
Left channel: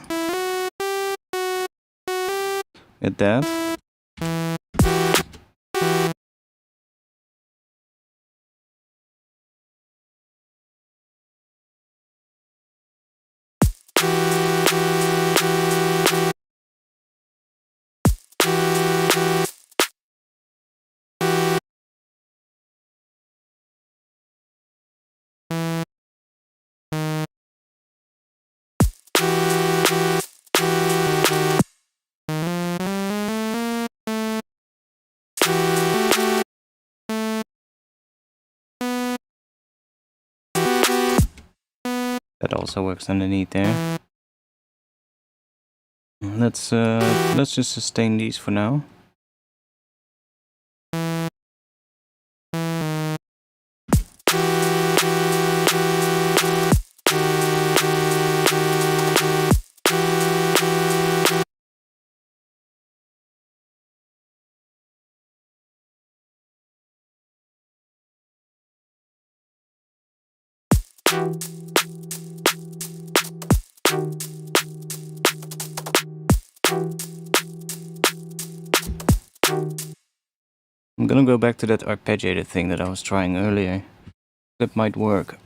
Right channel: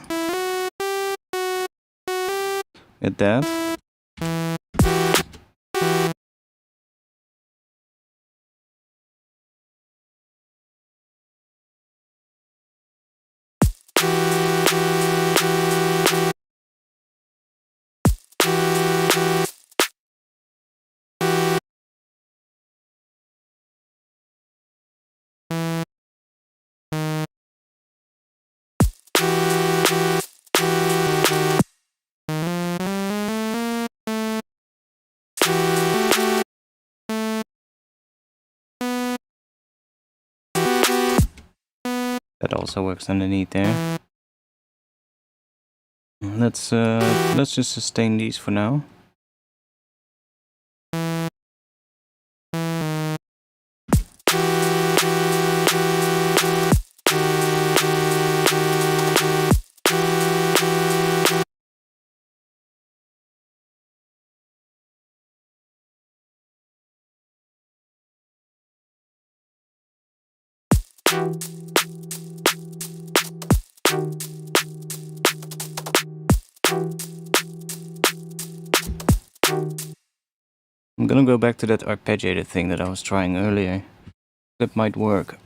Get that. That also works underneath there. Let's just sustain these for now. I'm gonna go back to that arpeggiated thing that I was trying earlier. That might work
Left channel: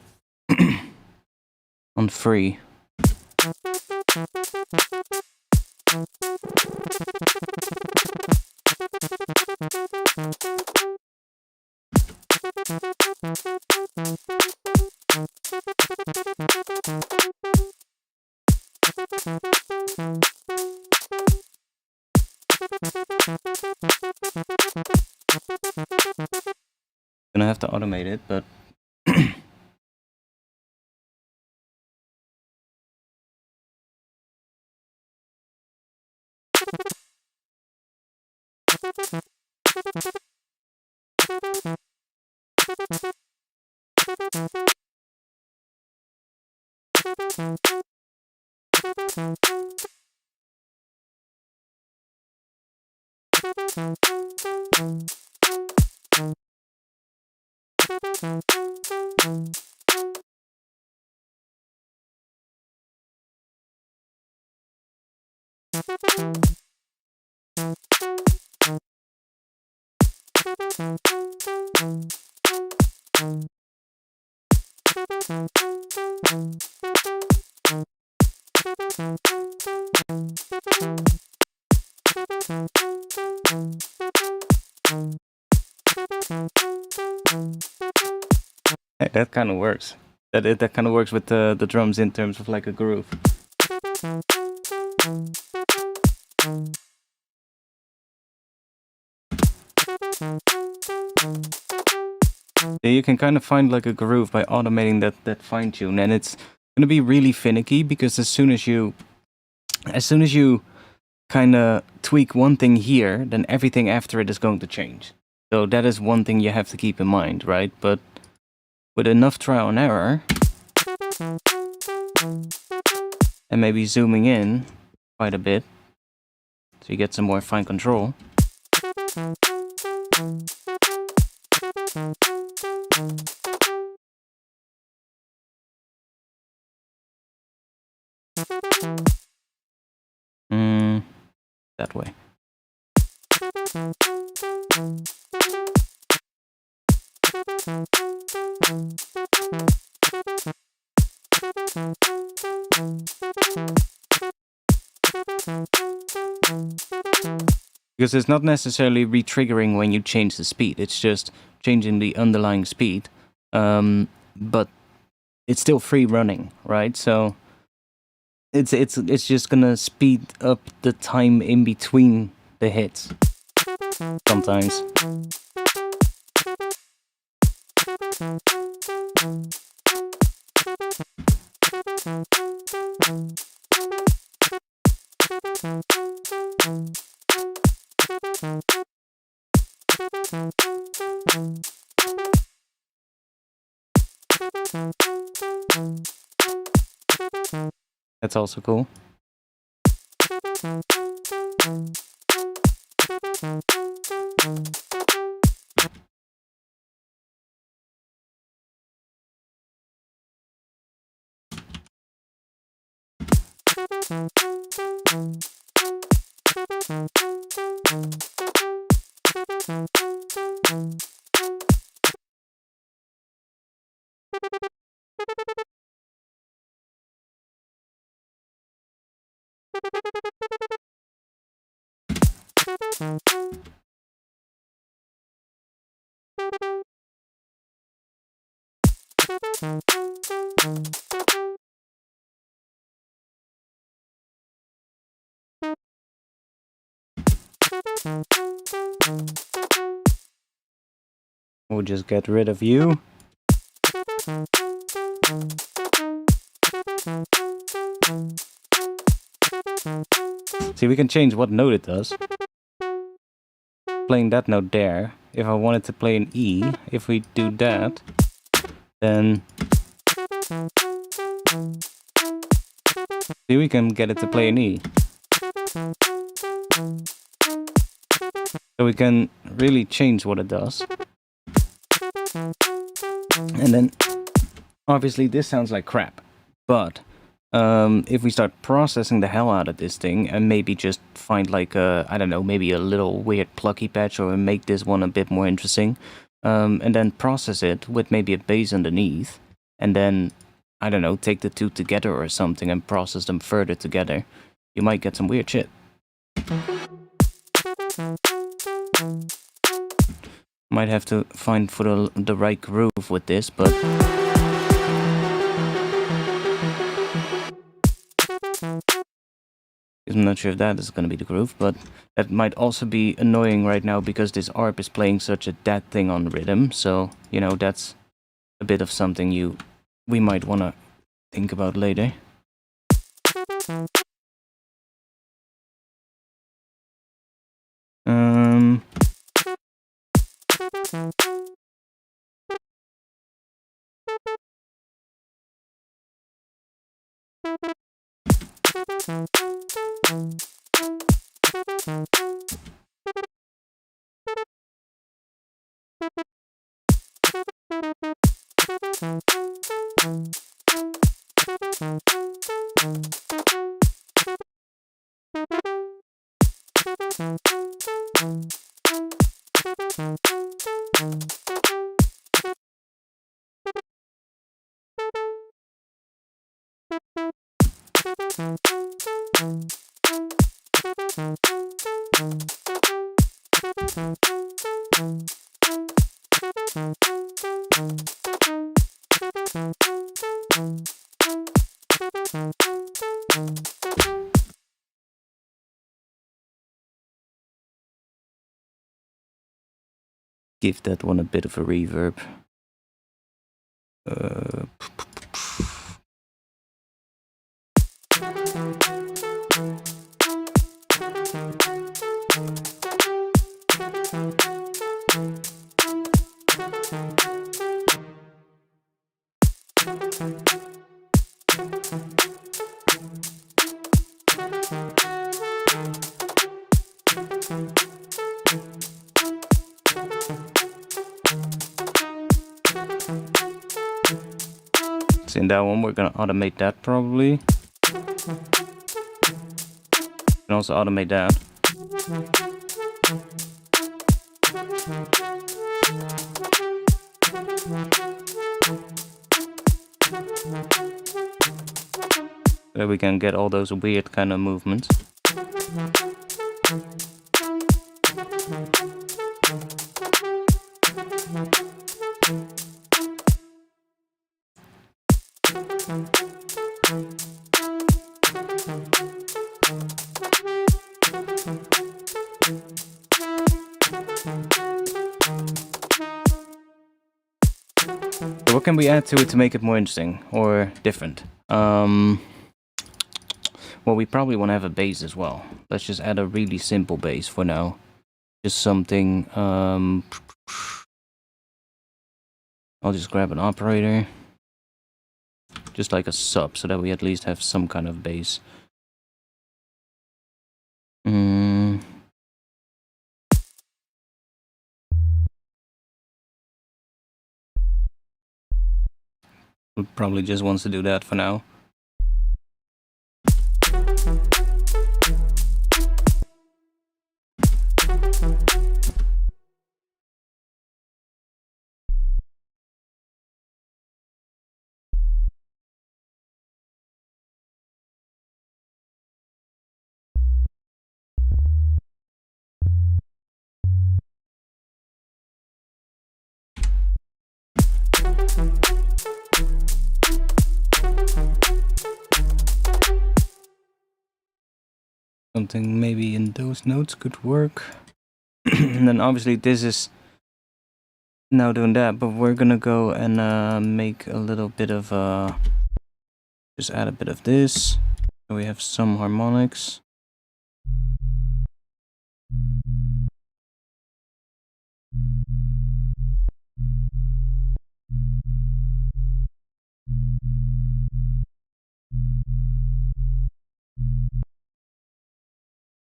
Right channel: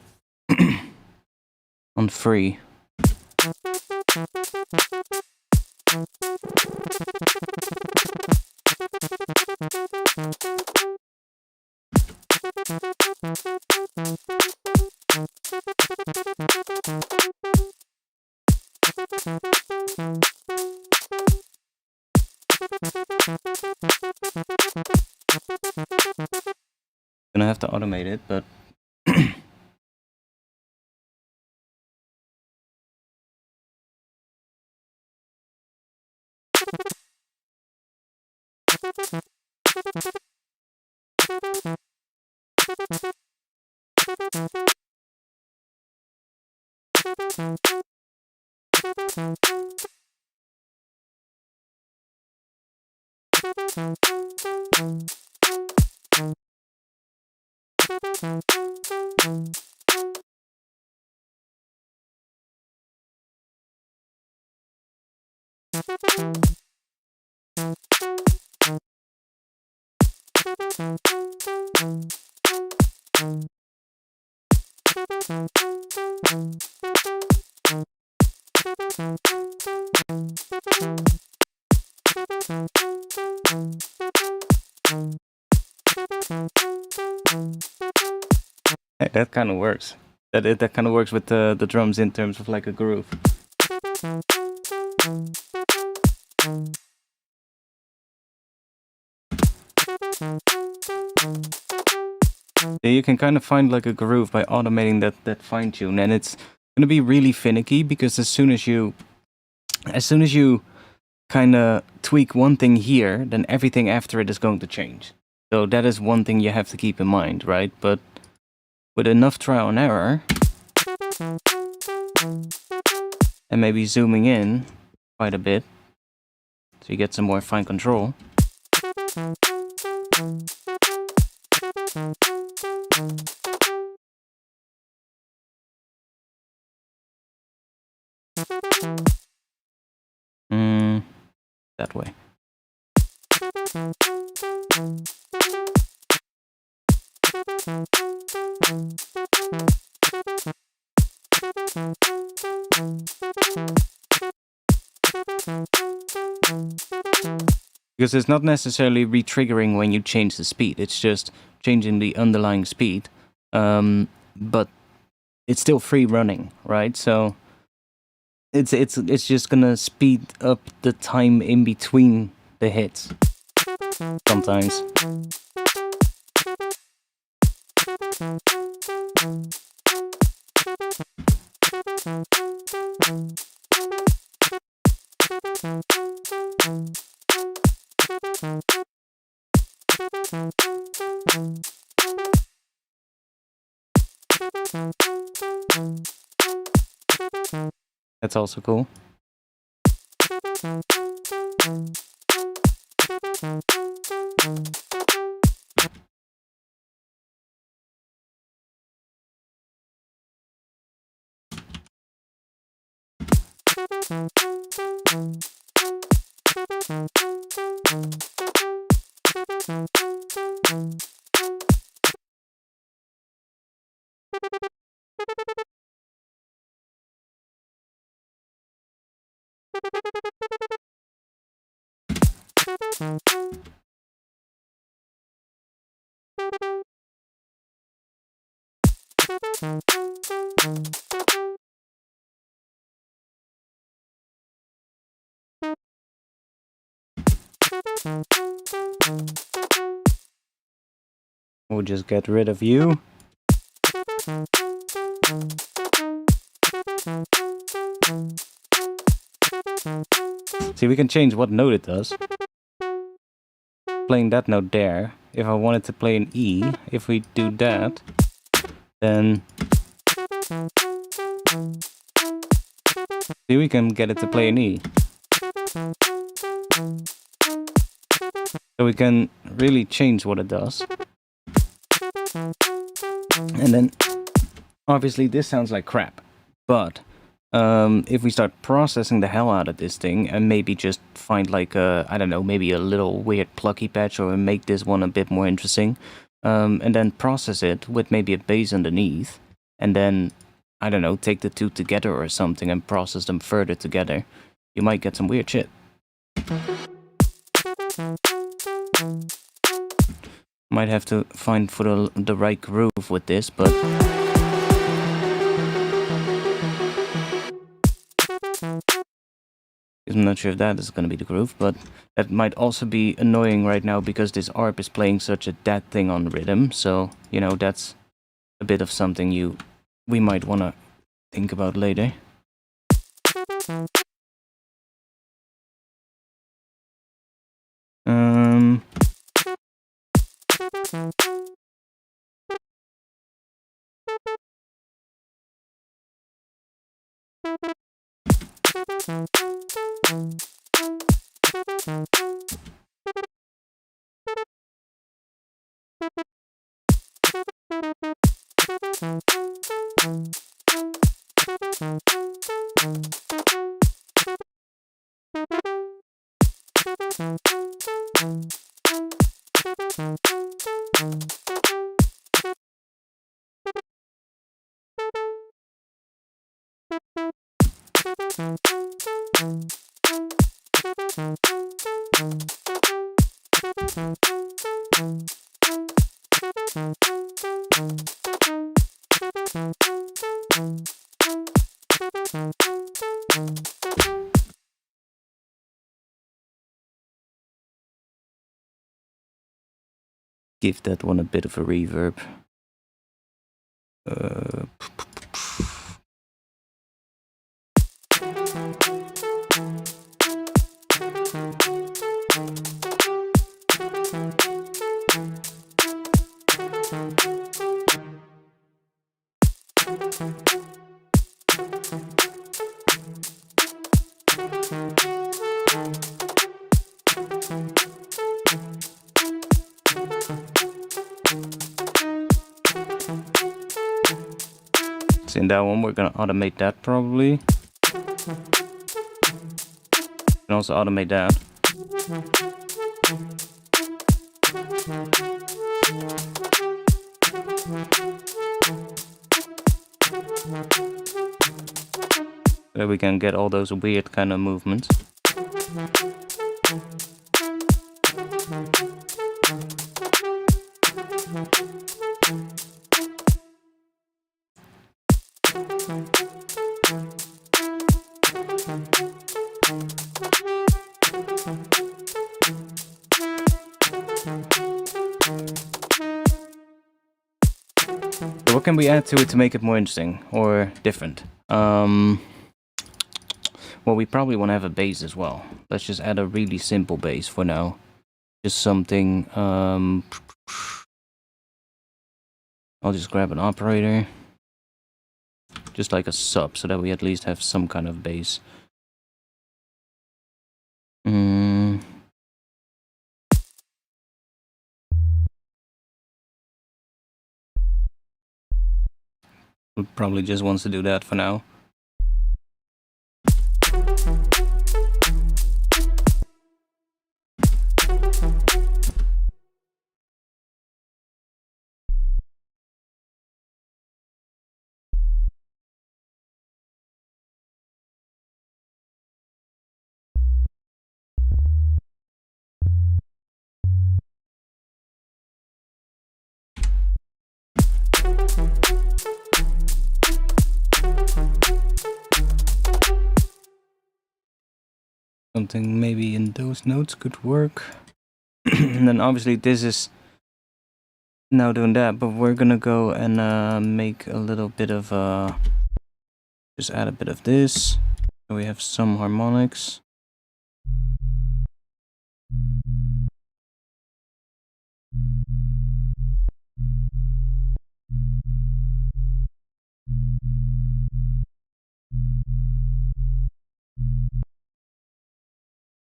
on free. Gonna have to automate it, but hey, that kind of works. That kind of works with the drums in terms of like a groove. You can kind of find like a groove by automating that fine tune, and it's gonna be really finicky because as soon as you kind of tweak one thing here, then everything after it is going to change. So that is one thing you have to keep in mind, right? But with enough trial and error, and maybe zooming in quite a bit, so you get some more fine control. That way. Because it's not necessarily re-triggering when you change the speed, it's just changing the underlying speed, but it's still free running, right? So it's just gonna speed up the time in between the hits sometimes. That's also cool. We'll just get rid of you. See, we can change what note it does. Playing that note there. If I wanted to play an E, if we do that, then see, we can get it to play an E. So we can really change what it does. And then, obviously this sounds like crap, but if we start processing the hell out of this thing and maybe just find like a, I don't know, maybe a little weird plucky patch or make this one a bit more interesting, and then process it with maybe a bass underneath, and then, I don't know, take the two together or something and process them further together, you might get some weird shit. Might have to find for the right groove with this, but I'm not sure if that is going to be the groove, but that might also be annoying right now because this ARP is playing such a dead thing on rhythm, so, you know, that's a bit of something we might want to think about later. give that one a bit of a reverb. So in that one, we're gonna automate that probably. And also automate that. So we can get all those weird kind of movements. So what can we add to it to make it more interesting or different? Well, we probably want to have a bass as well. Let's just add a really simple bass for now. Just something, I'll just grab an operator. Just like a sub, so that we at least have some kind of bass. It probably just wants to do that for now. Something maybe in those notes could work. And then obviously this is now doing that, but we're gonna go and make a little bit of just add a bit of this. So we have some harmonics.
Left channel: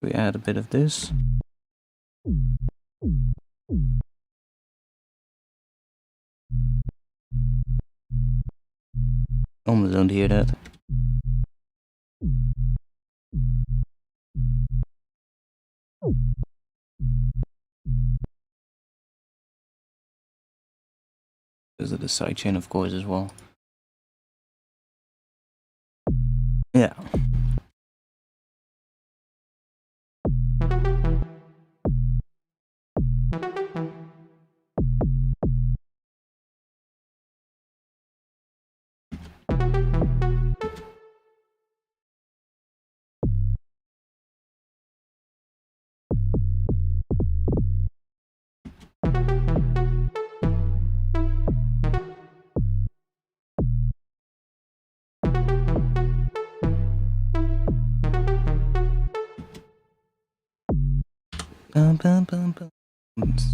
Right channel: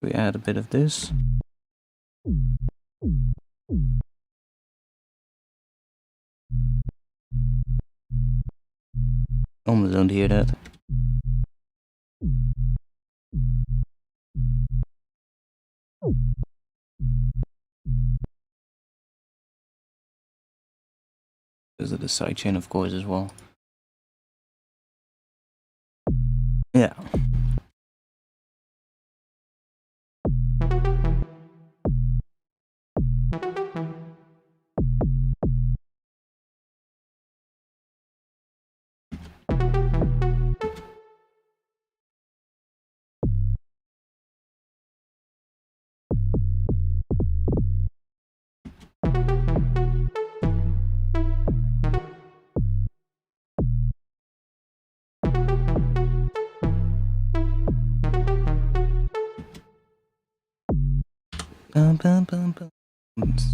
We add a bit of this. Almost don't hear that. Because of the sidechain, of course, as well. Yeah.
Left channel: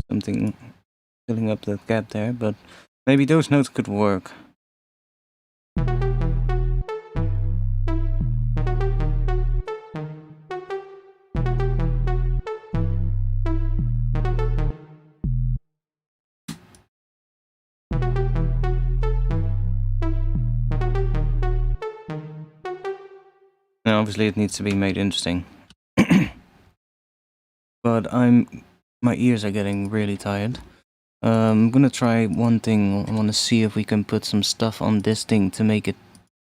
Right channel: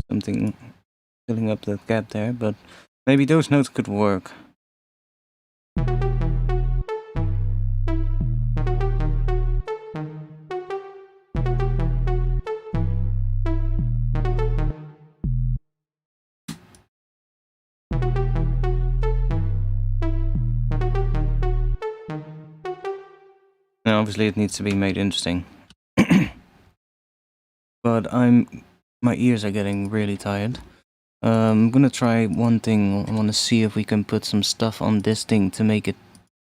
Something filling up the gap there, but maybe those notes could work. Now, obviously, it needs to be made interesting. But my ears are getting really tired. I'm gonna try one thing. I want to see if we can put some stuff on this thing to make it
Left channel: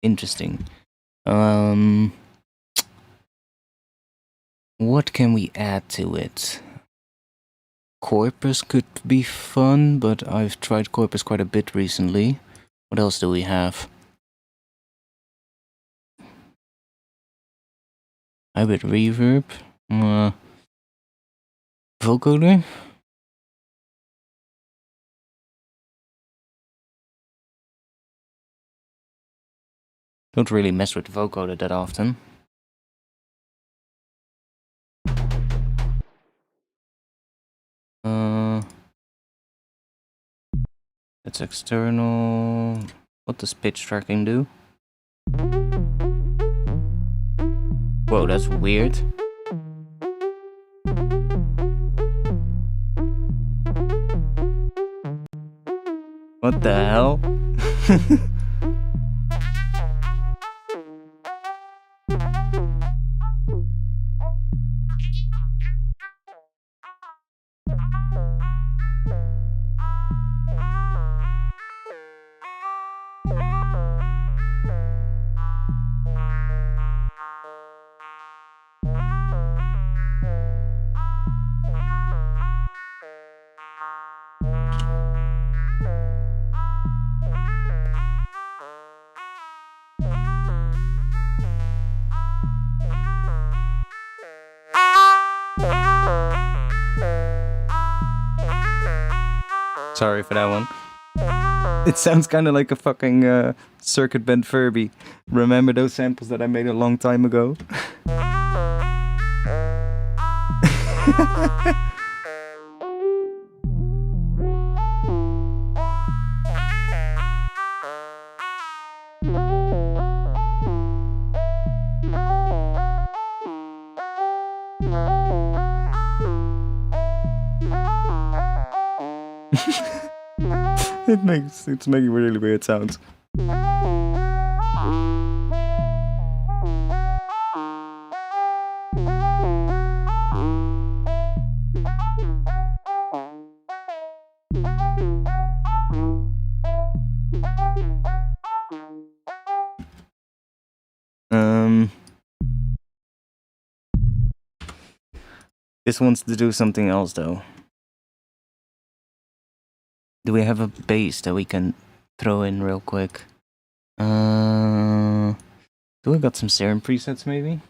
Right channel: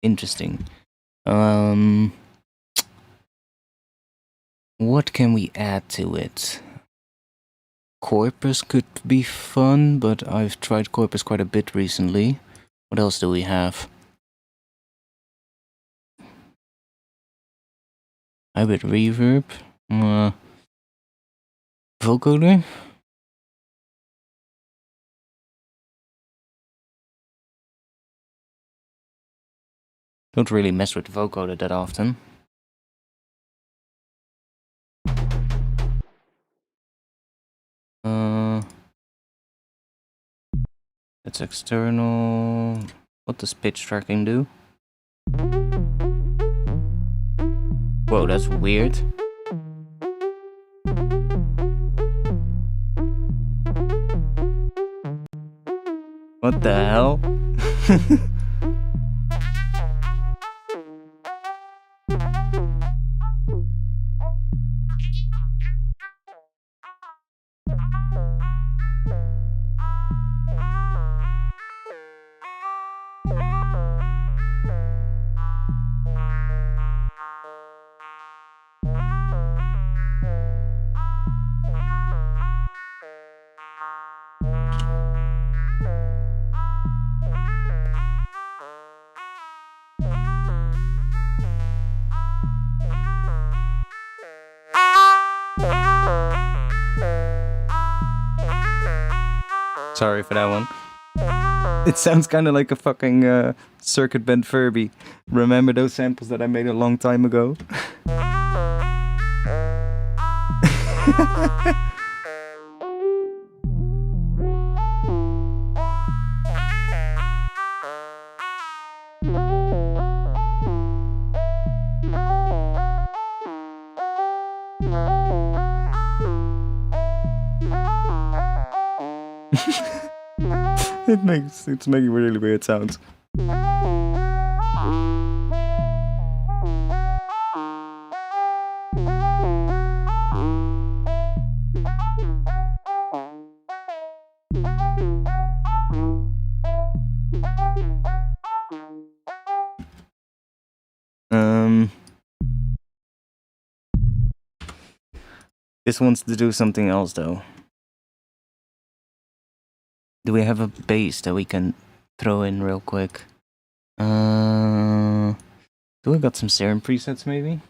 interesting. What can we add to it? Corpus could be fun, but I've tried Corpus quite a bit recently. What else do we have? Hybrid reverb. Vocoder. Don't really mess with the vocoder that often. That's external. What does pitch tracking do? Whoa, that's weird. What the hell? Sorry for that one. It sounds kind of like a fucking circuit bent Furby. Remember those samples that I made a long time ago? It's making really weird sounds. This wants to do something else though. Do we have a bass that we can throw in real quick? Do we got some Serum presets maybe?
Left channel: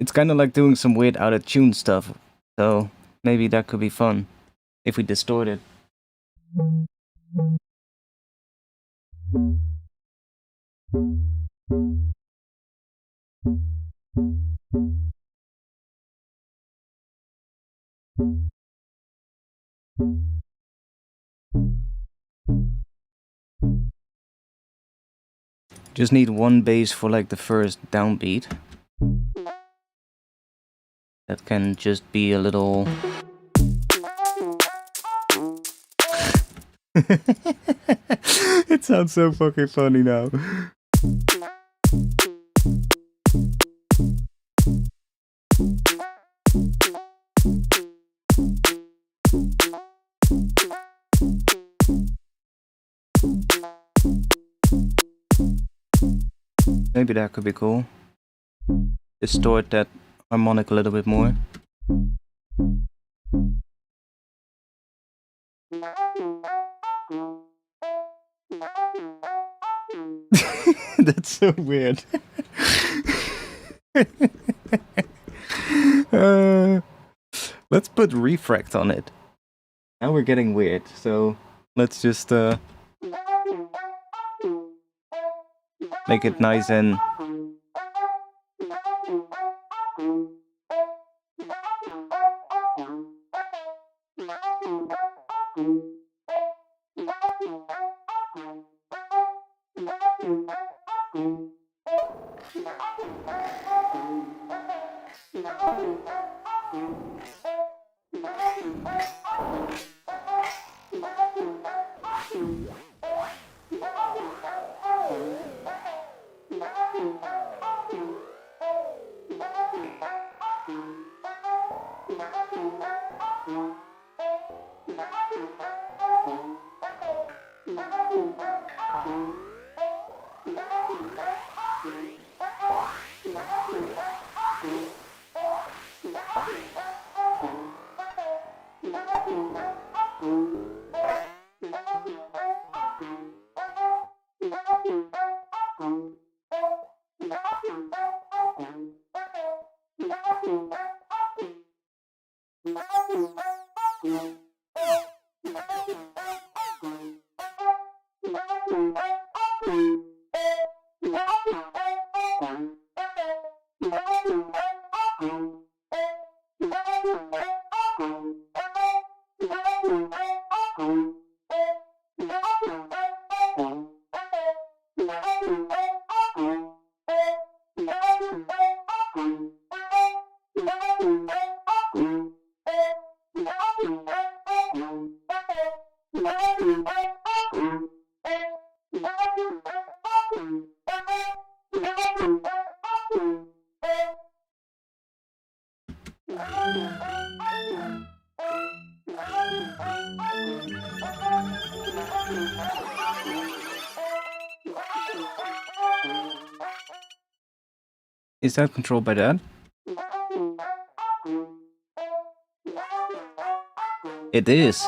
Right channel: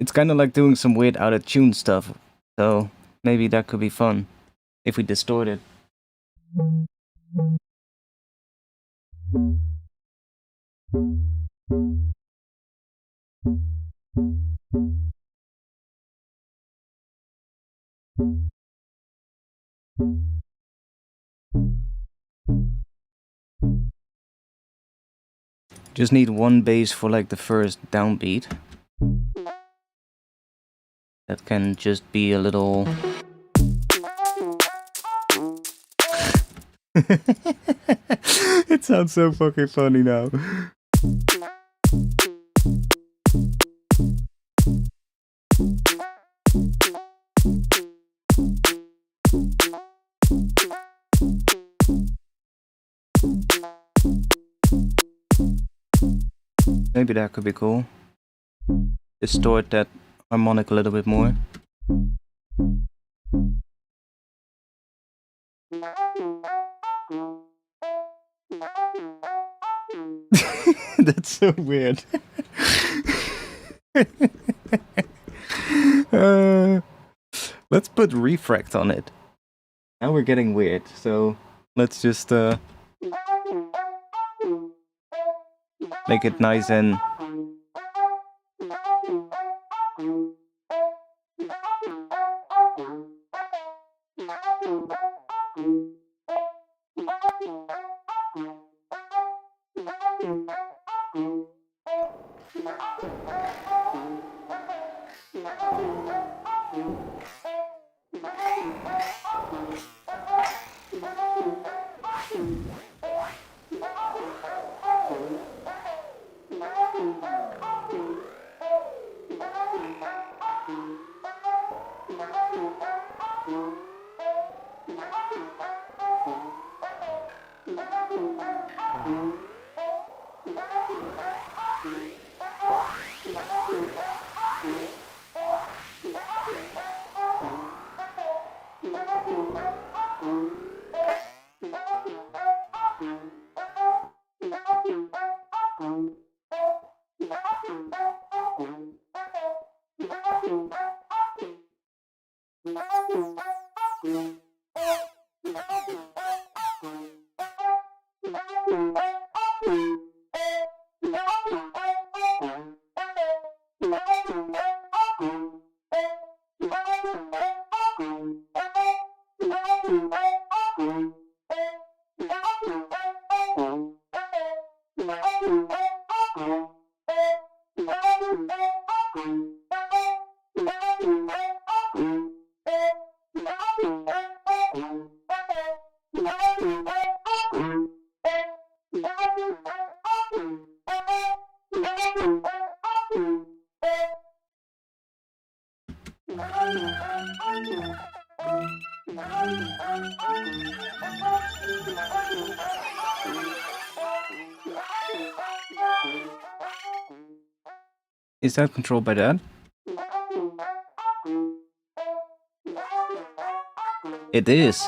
It's kind of like doing some weird out of tune stuff, so maybe that could be fun if we distort it. Just need one bass for like the first downbeat. That can just be a little... It sounds so fucking funny now. Maybe that could be cool. Distort that harmonic a little bit more. That's so weird. Let's put refract on it. Now we're getting weird, so let's just make it nice and... Is that controlled by that? It is.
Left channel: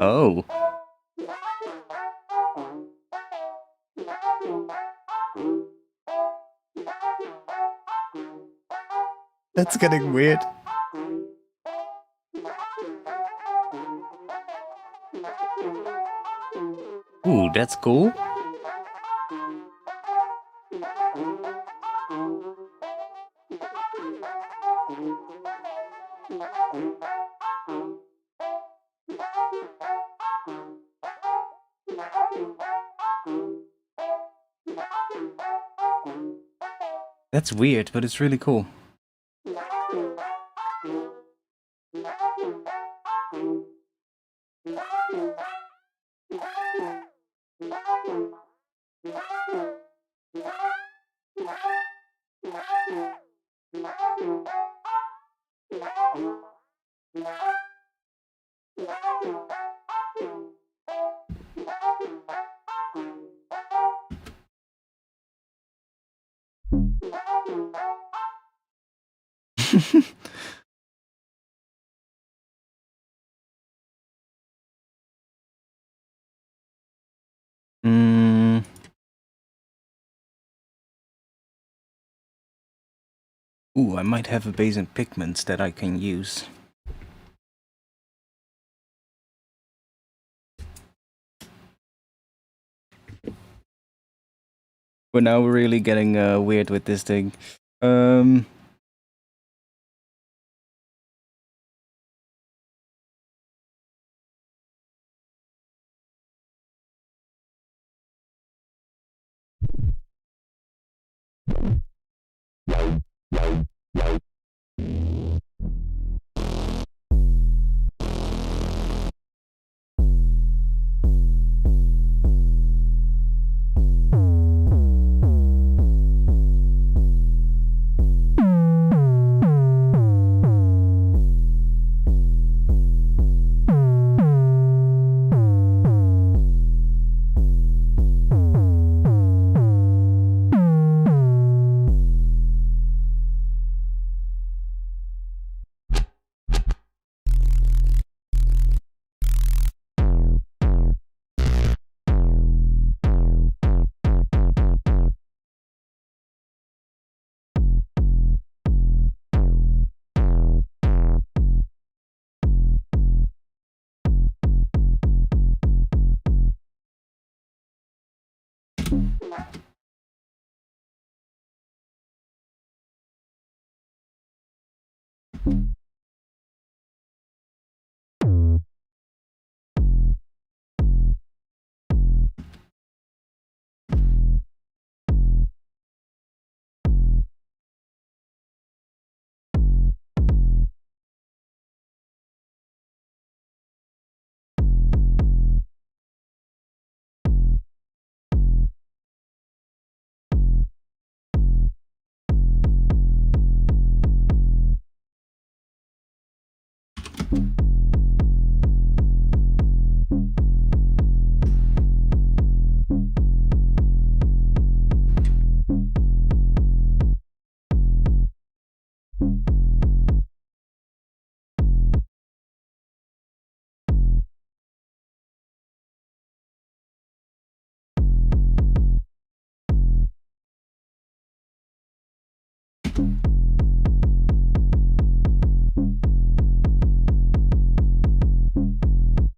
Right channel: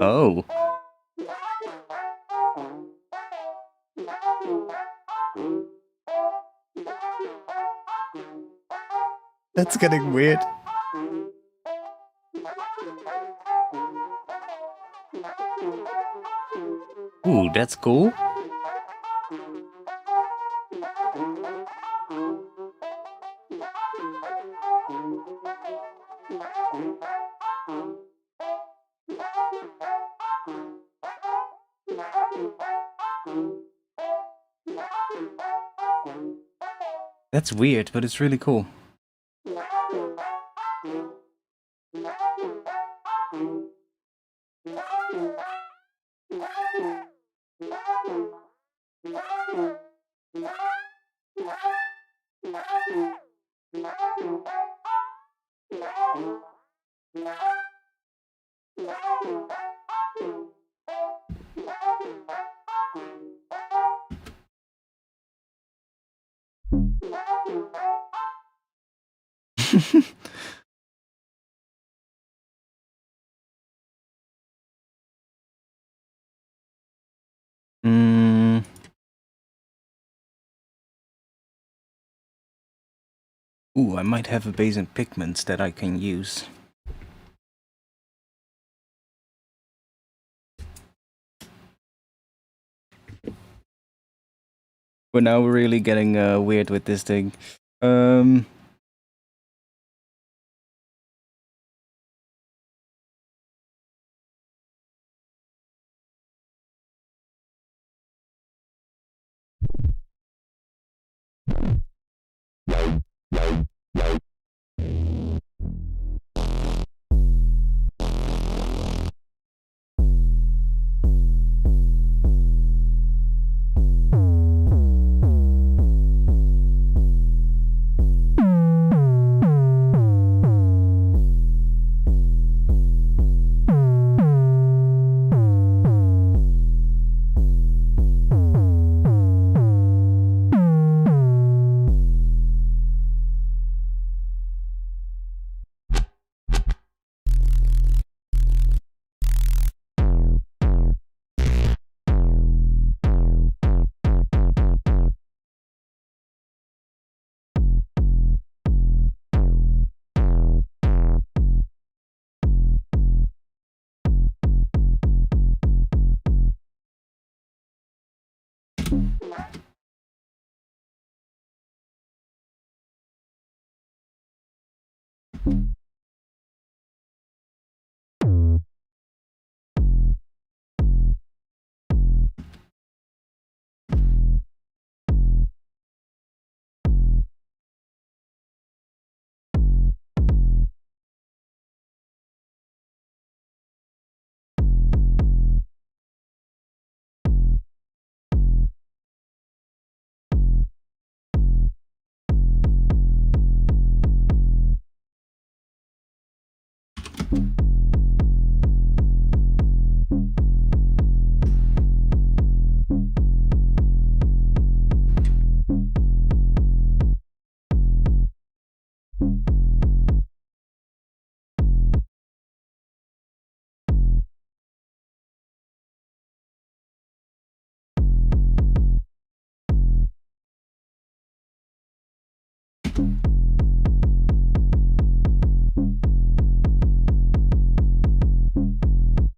Oh. That's getting weird. Ooh, that's cool. That's weird, but it's really cool. Ooh, I might have a base and pigments that I can use. But now we're really getting weird with this thing.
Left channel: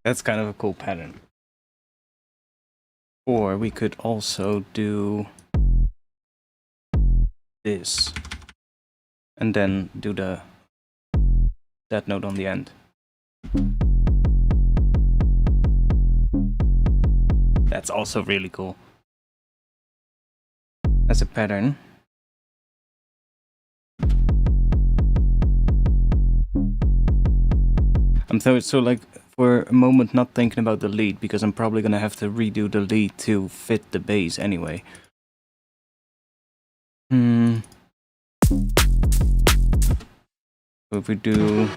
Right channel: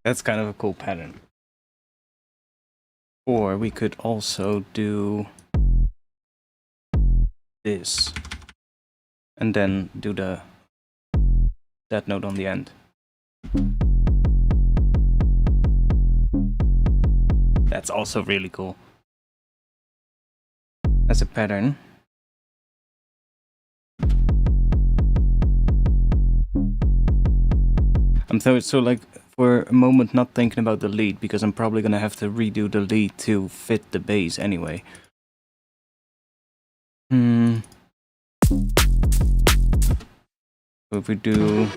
That's kind of a cool pattern. Or we could also do this and then do that note on the end. That's also really cool. As a pattern. I'm so like for a moment not thinking about the lead because I'm probably gonna have to redo the lead to fit the bass anyway. So if we do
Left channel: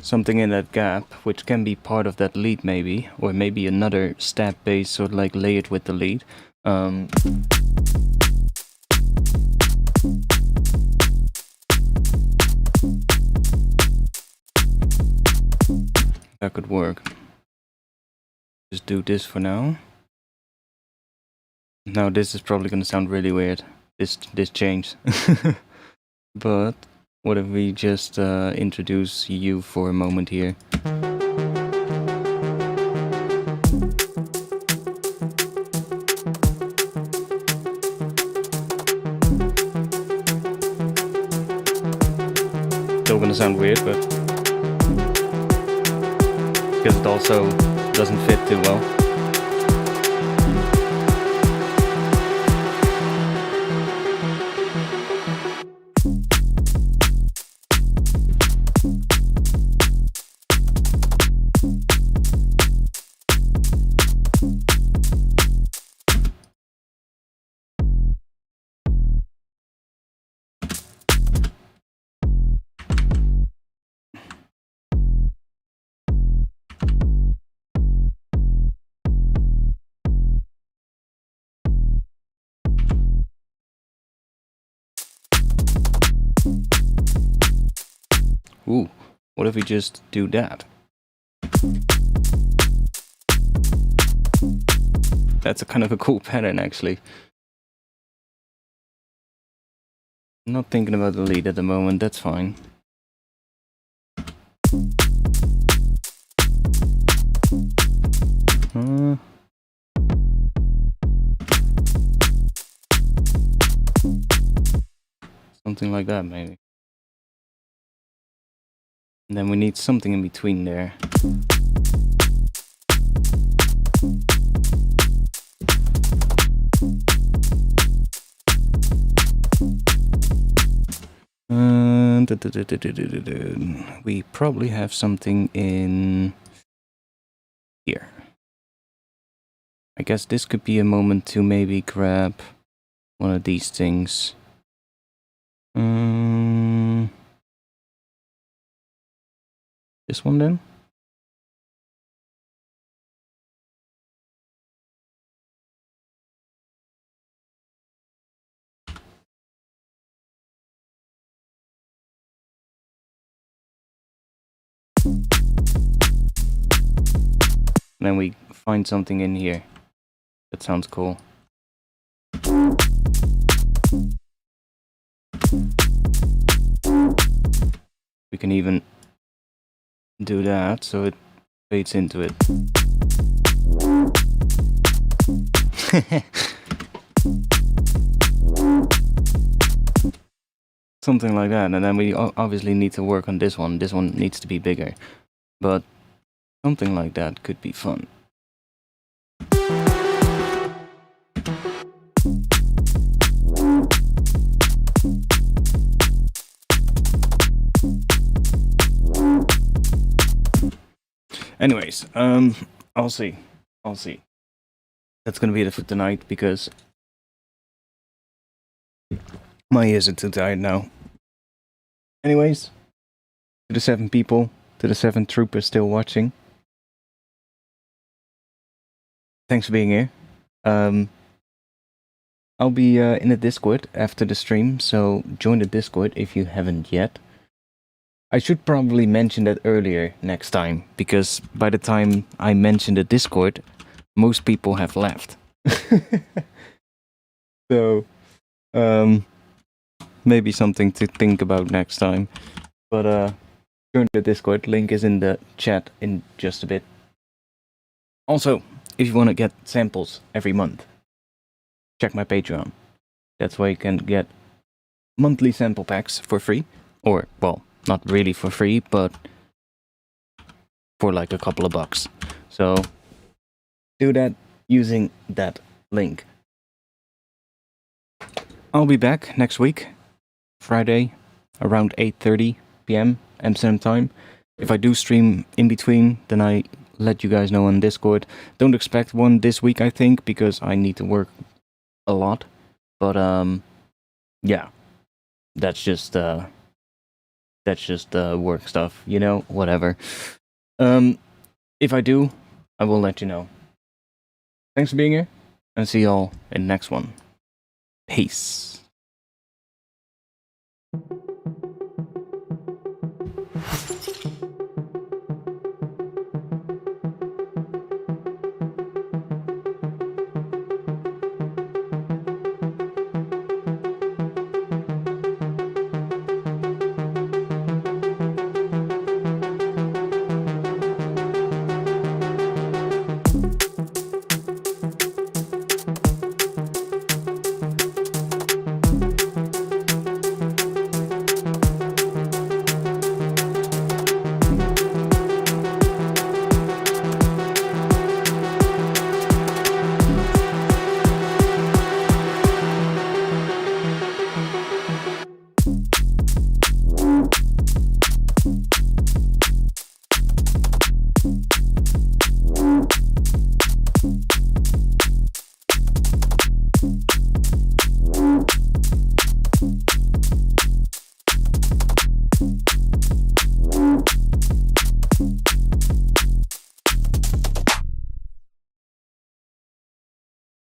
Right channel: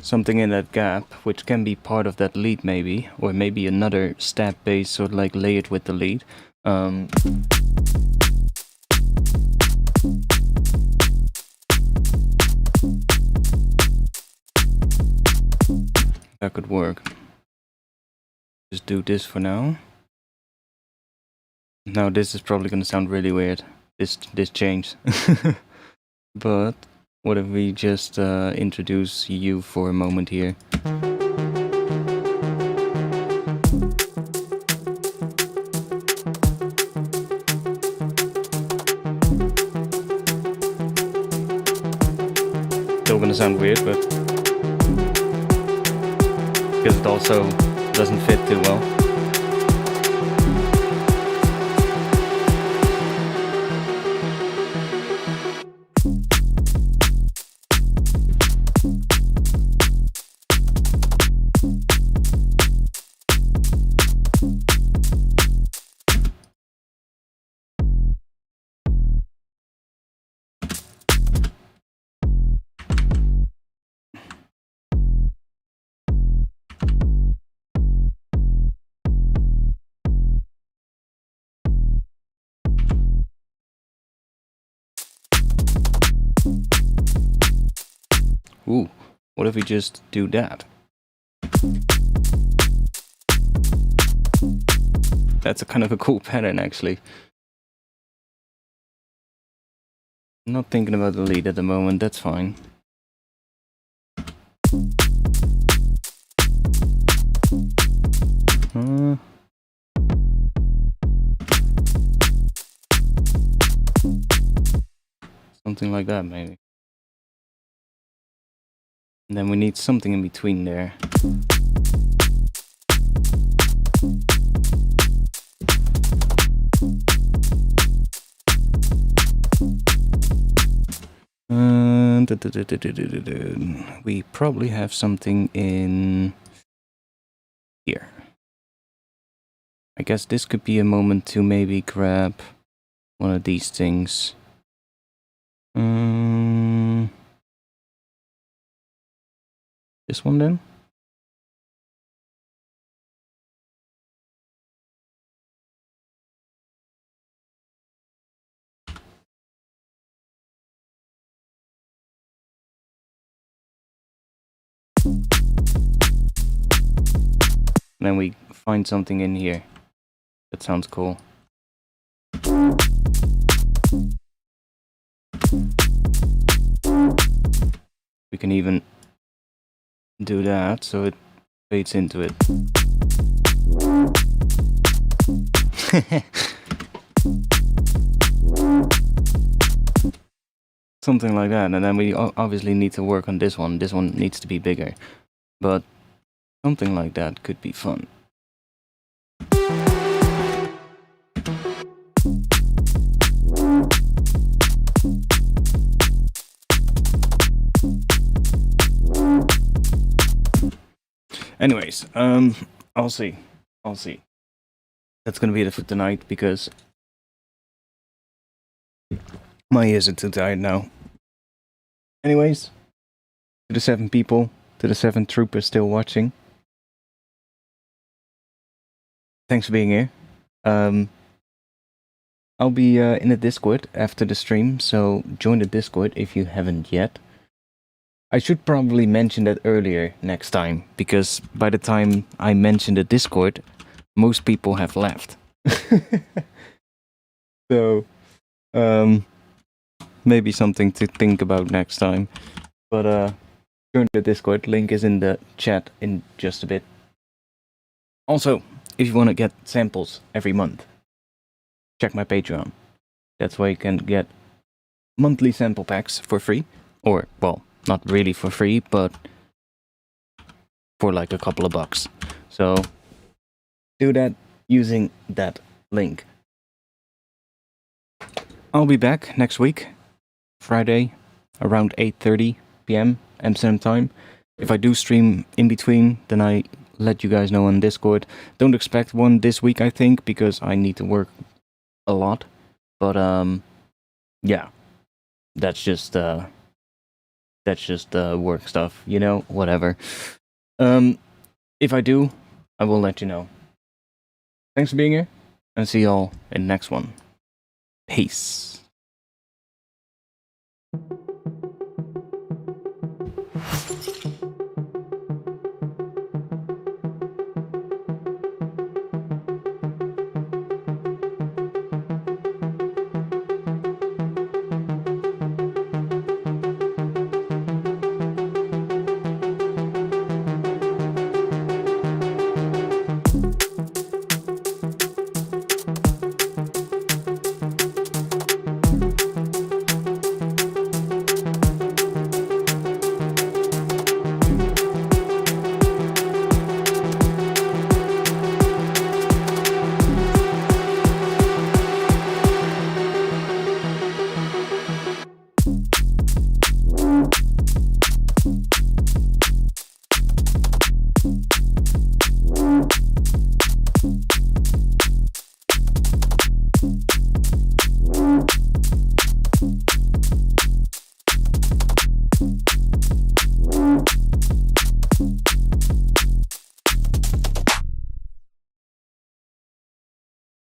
something in that gap, which can be part of that lead maybe, or maybe another stab bass, sort of like lay it with the lead. That could work. Just do this for now. Now this is probably gonna sound really weird. This change. But what if we just introduce you for a moment here? Still gonna sound weird, but because it also doesn't fit too well. Ooh, what if we just do that? That's a kind of a cool pattern, actually. I'm not thinking about the lead at the moment, that's fine. Something like that, maybe. And then we need something in between there. We probably have something in here. I guess this could be a moment to maybe grab one of these things. This one then? And then we find something in here. That sounds cool. We can even do that so it fades into it. Something like that, and then we obviously need to work on this one. This one needs to be bigger, but something like that could be fun. Anyways, I'll see. That's gonna be it for tonight because my ears are too tired now. Anyways, to the 7 people, to the 7 troopers still watching, thanks for being here. I'll be in the Discord after the stream, so join the Discord if you haven't yet. I should probably mention that earlier next time, because by the time I mention the Discord, most people have left. So, maybe something to think about next time. But join the Discord, link is in the chat in just a bit. Also, if you want to get samples every month, check my Patreon. That's where you can get monthly sample packs for free. Or, well, not really for free, but for like a couple of bucks. So, do that using that link. I'll be back next week, Friday, around 8:30 p.m. Amsterdam time. If I do stream in between, then I let you guys know on Discord. Don't expect one this week, I think, because I need to work a lot. But yeah, that's just work stuff, you know, whatever. If I do, I will let you know. Thanks for being here, and see y'all in the next one. Peace.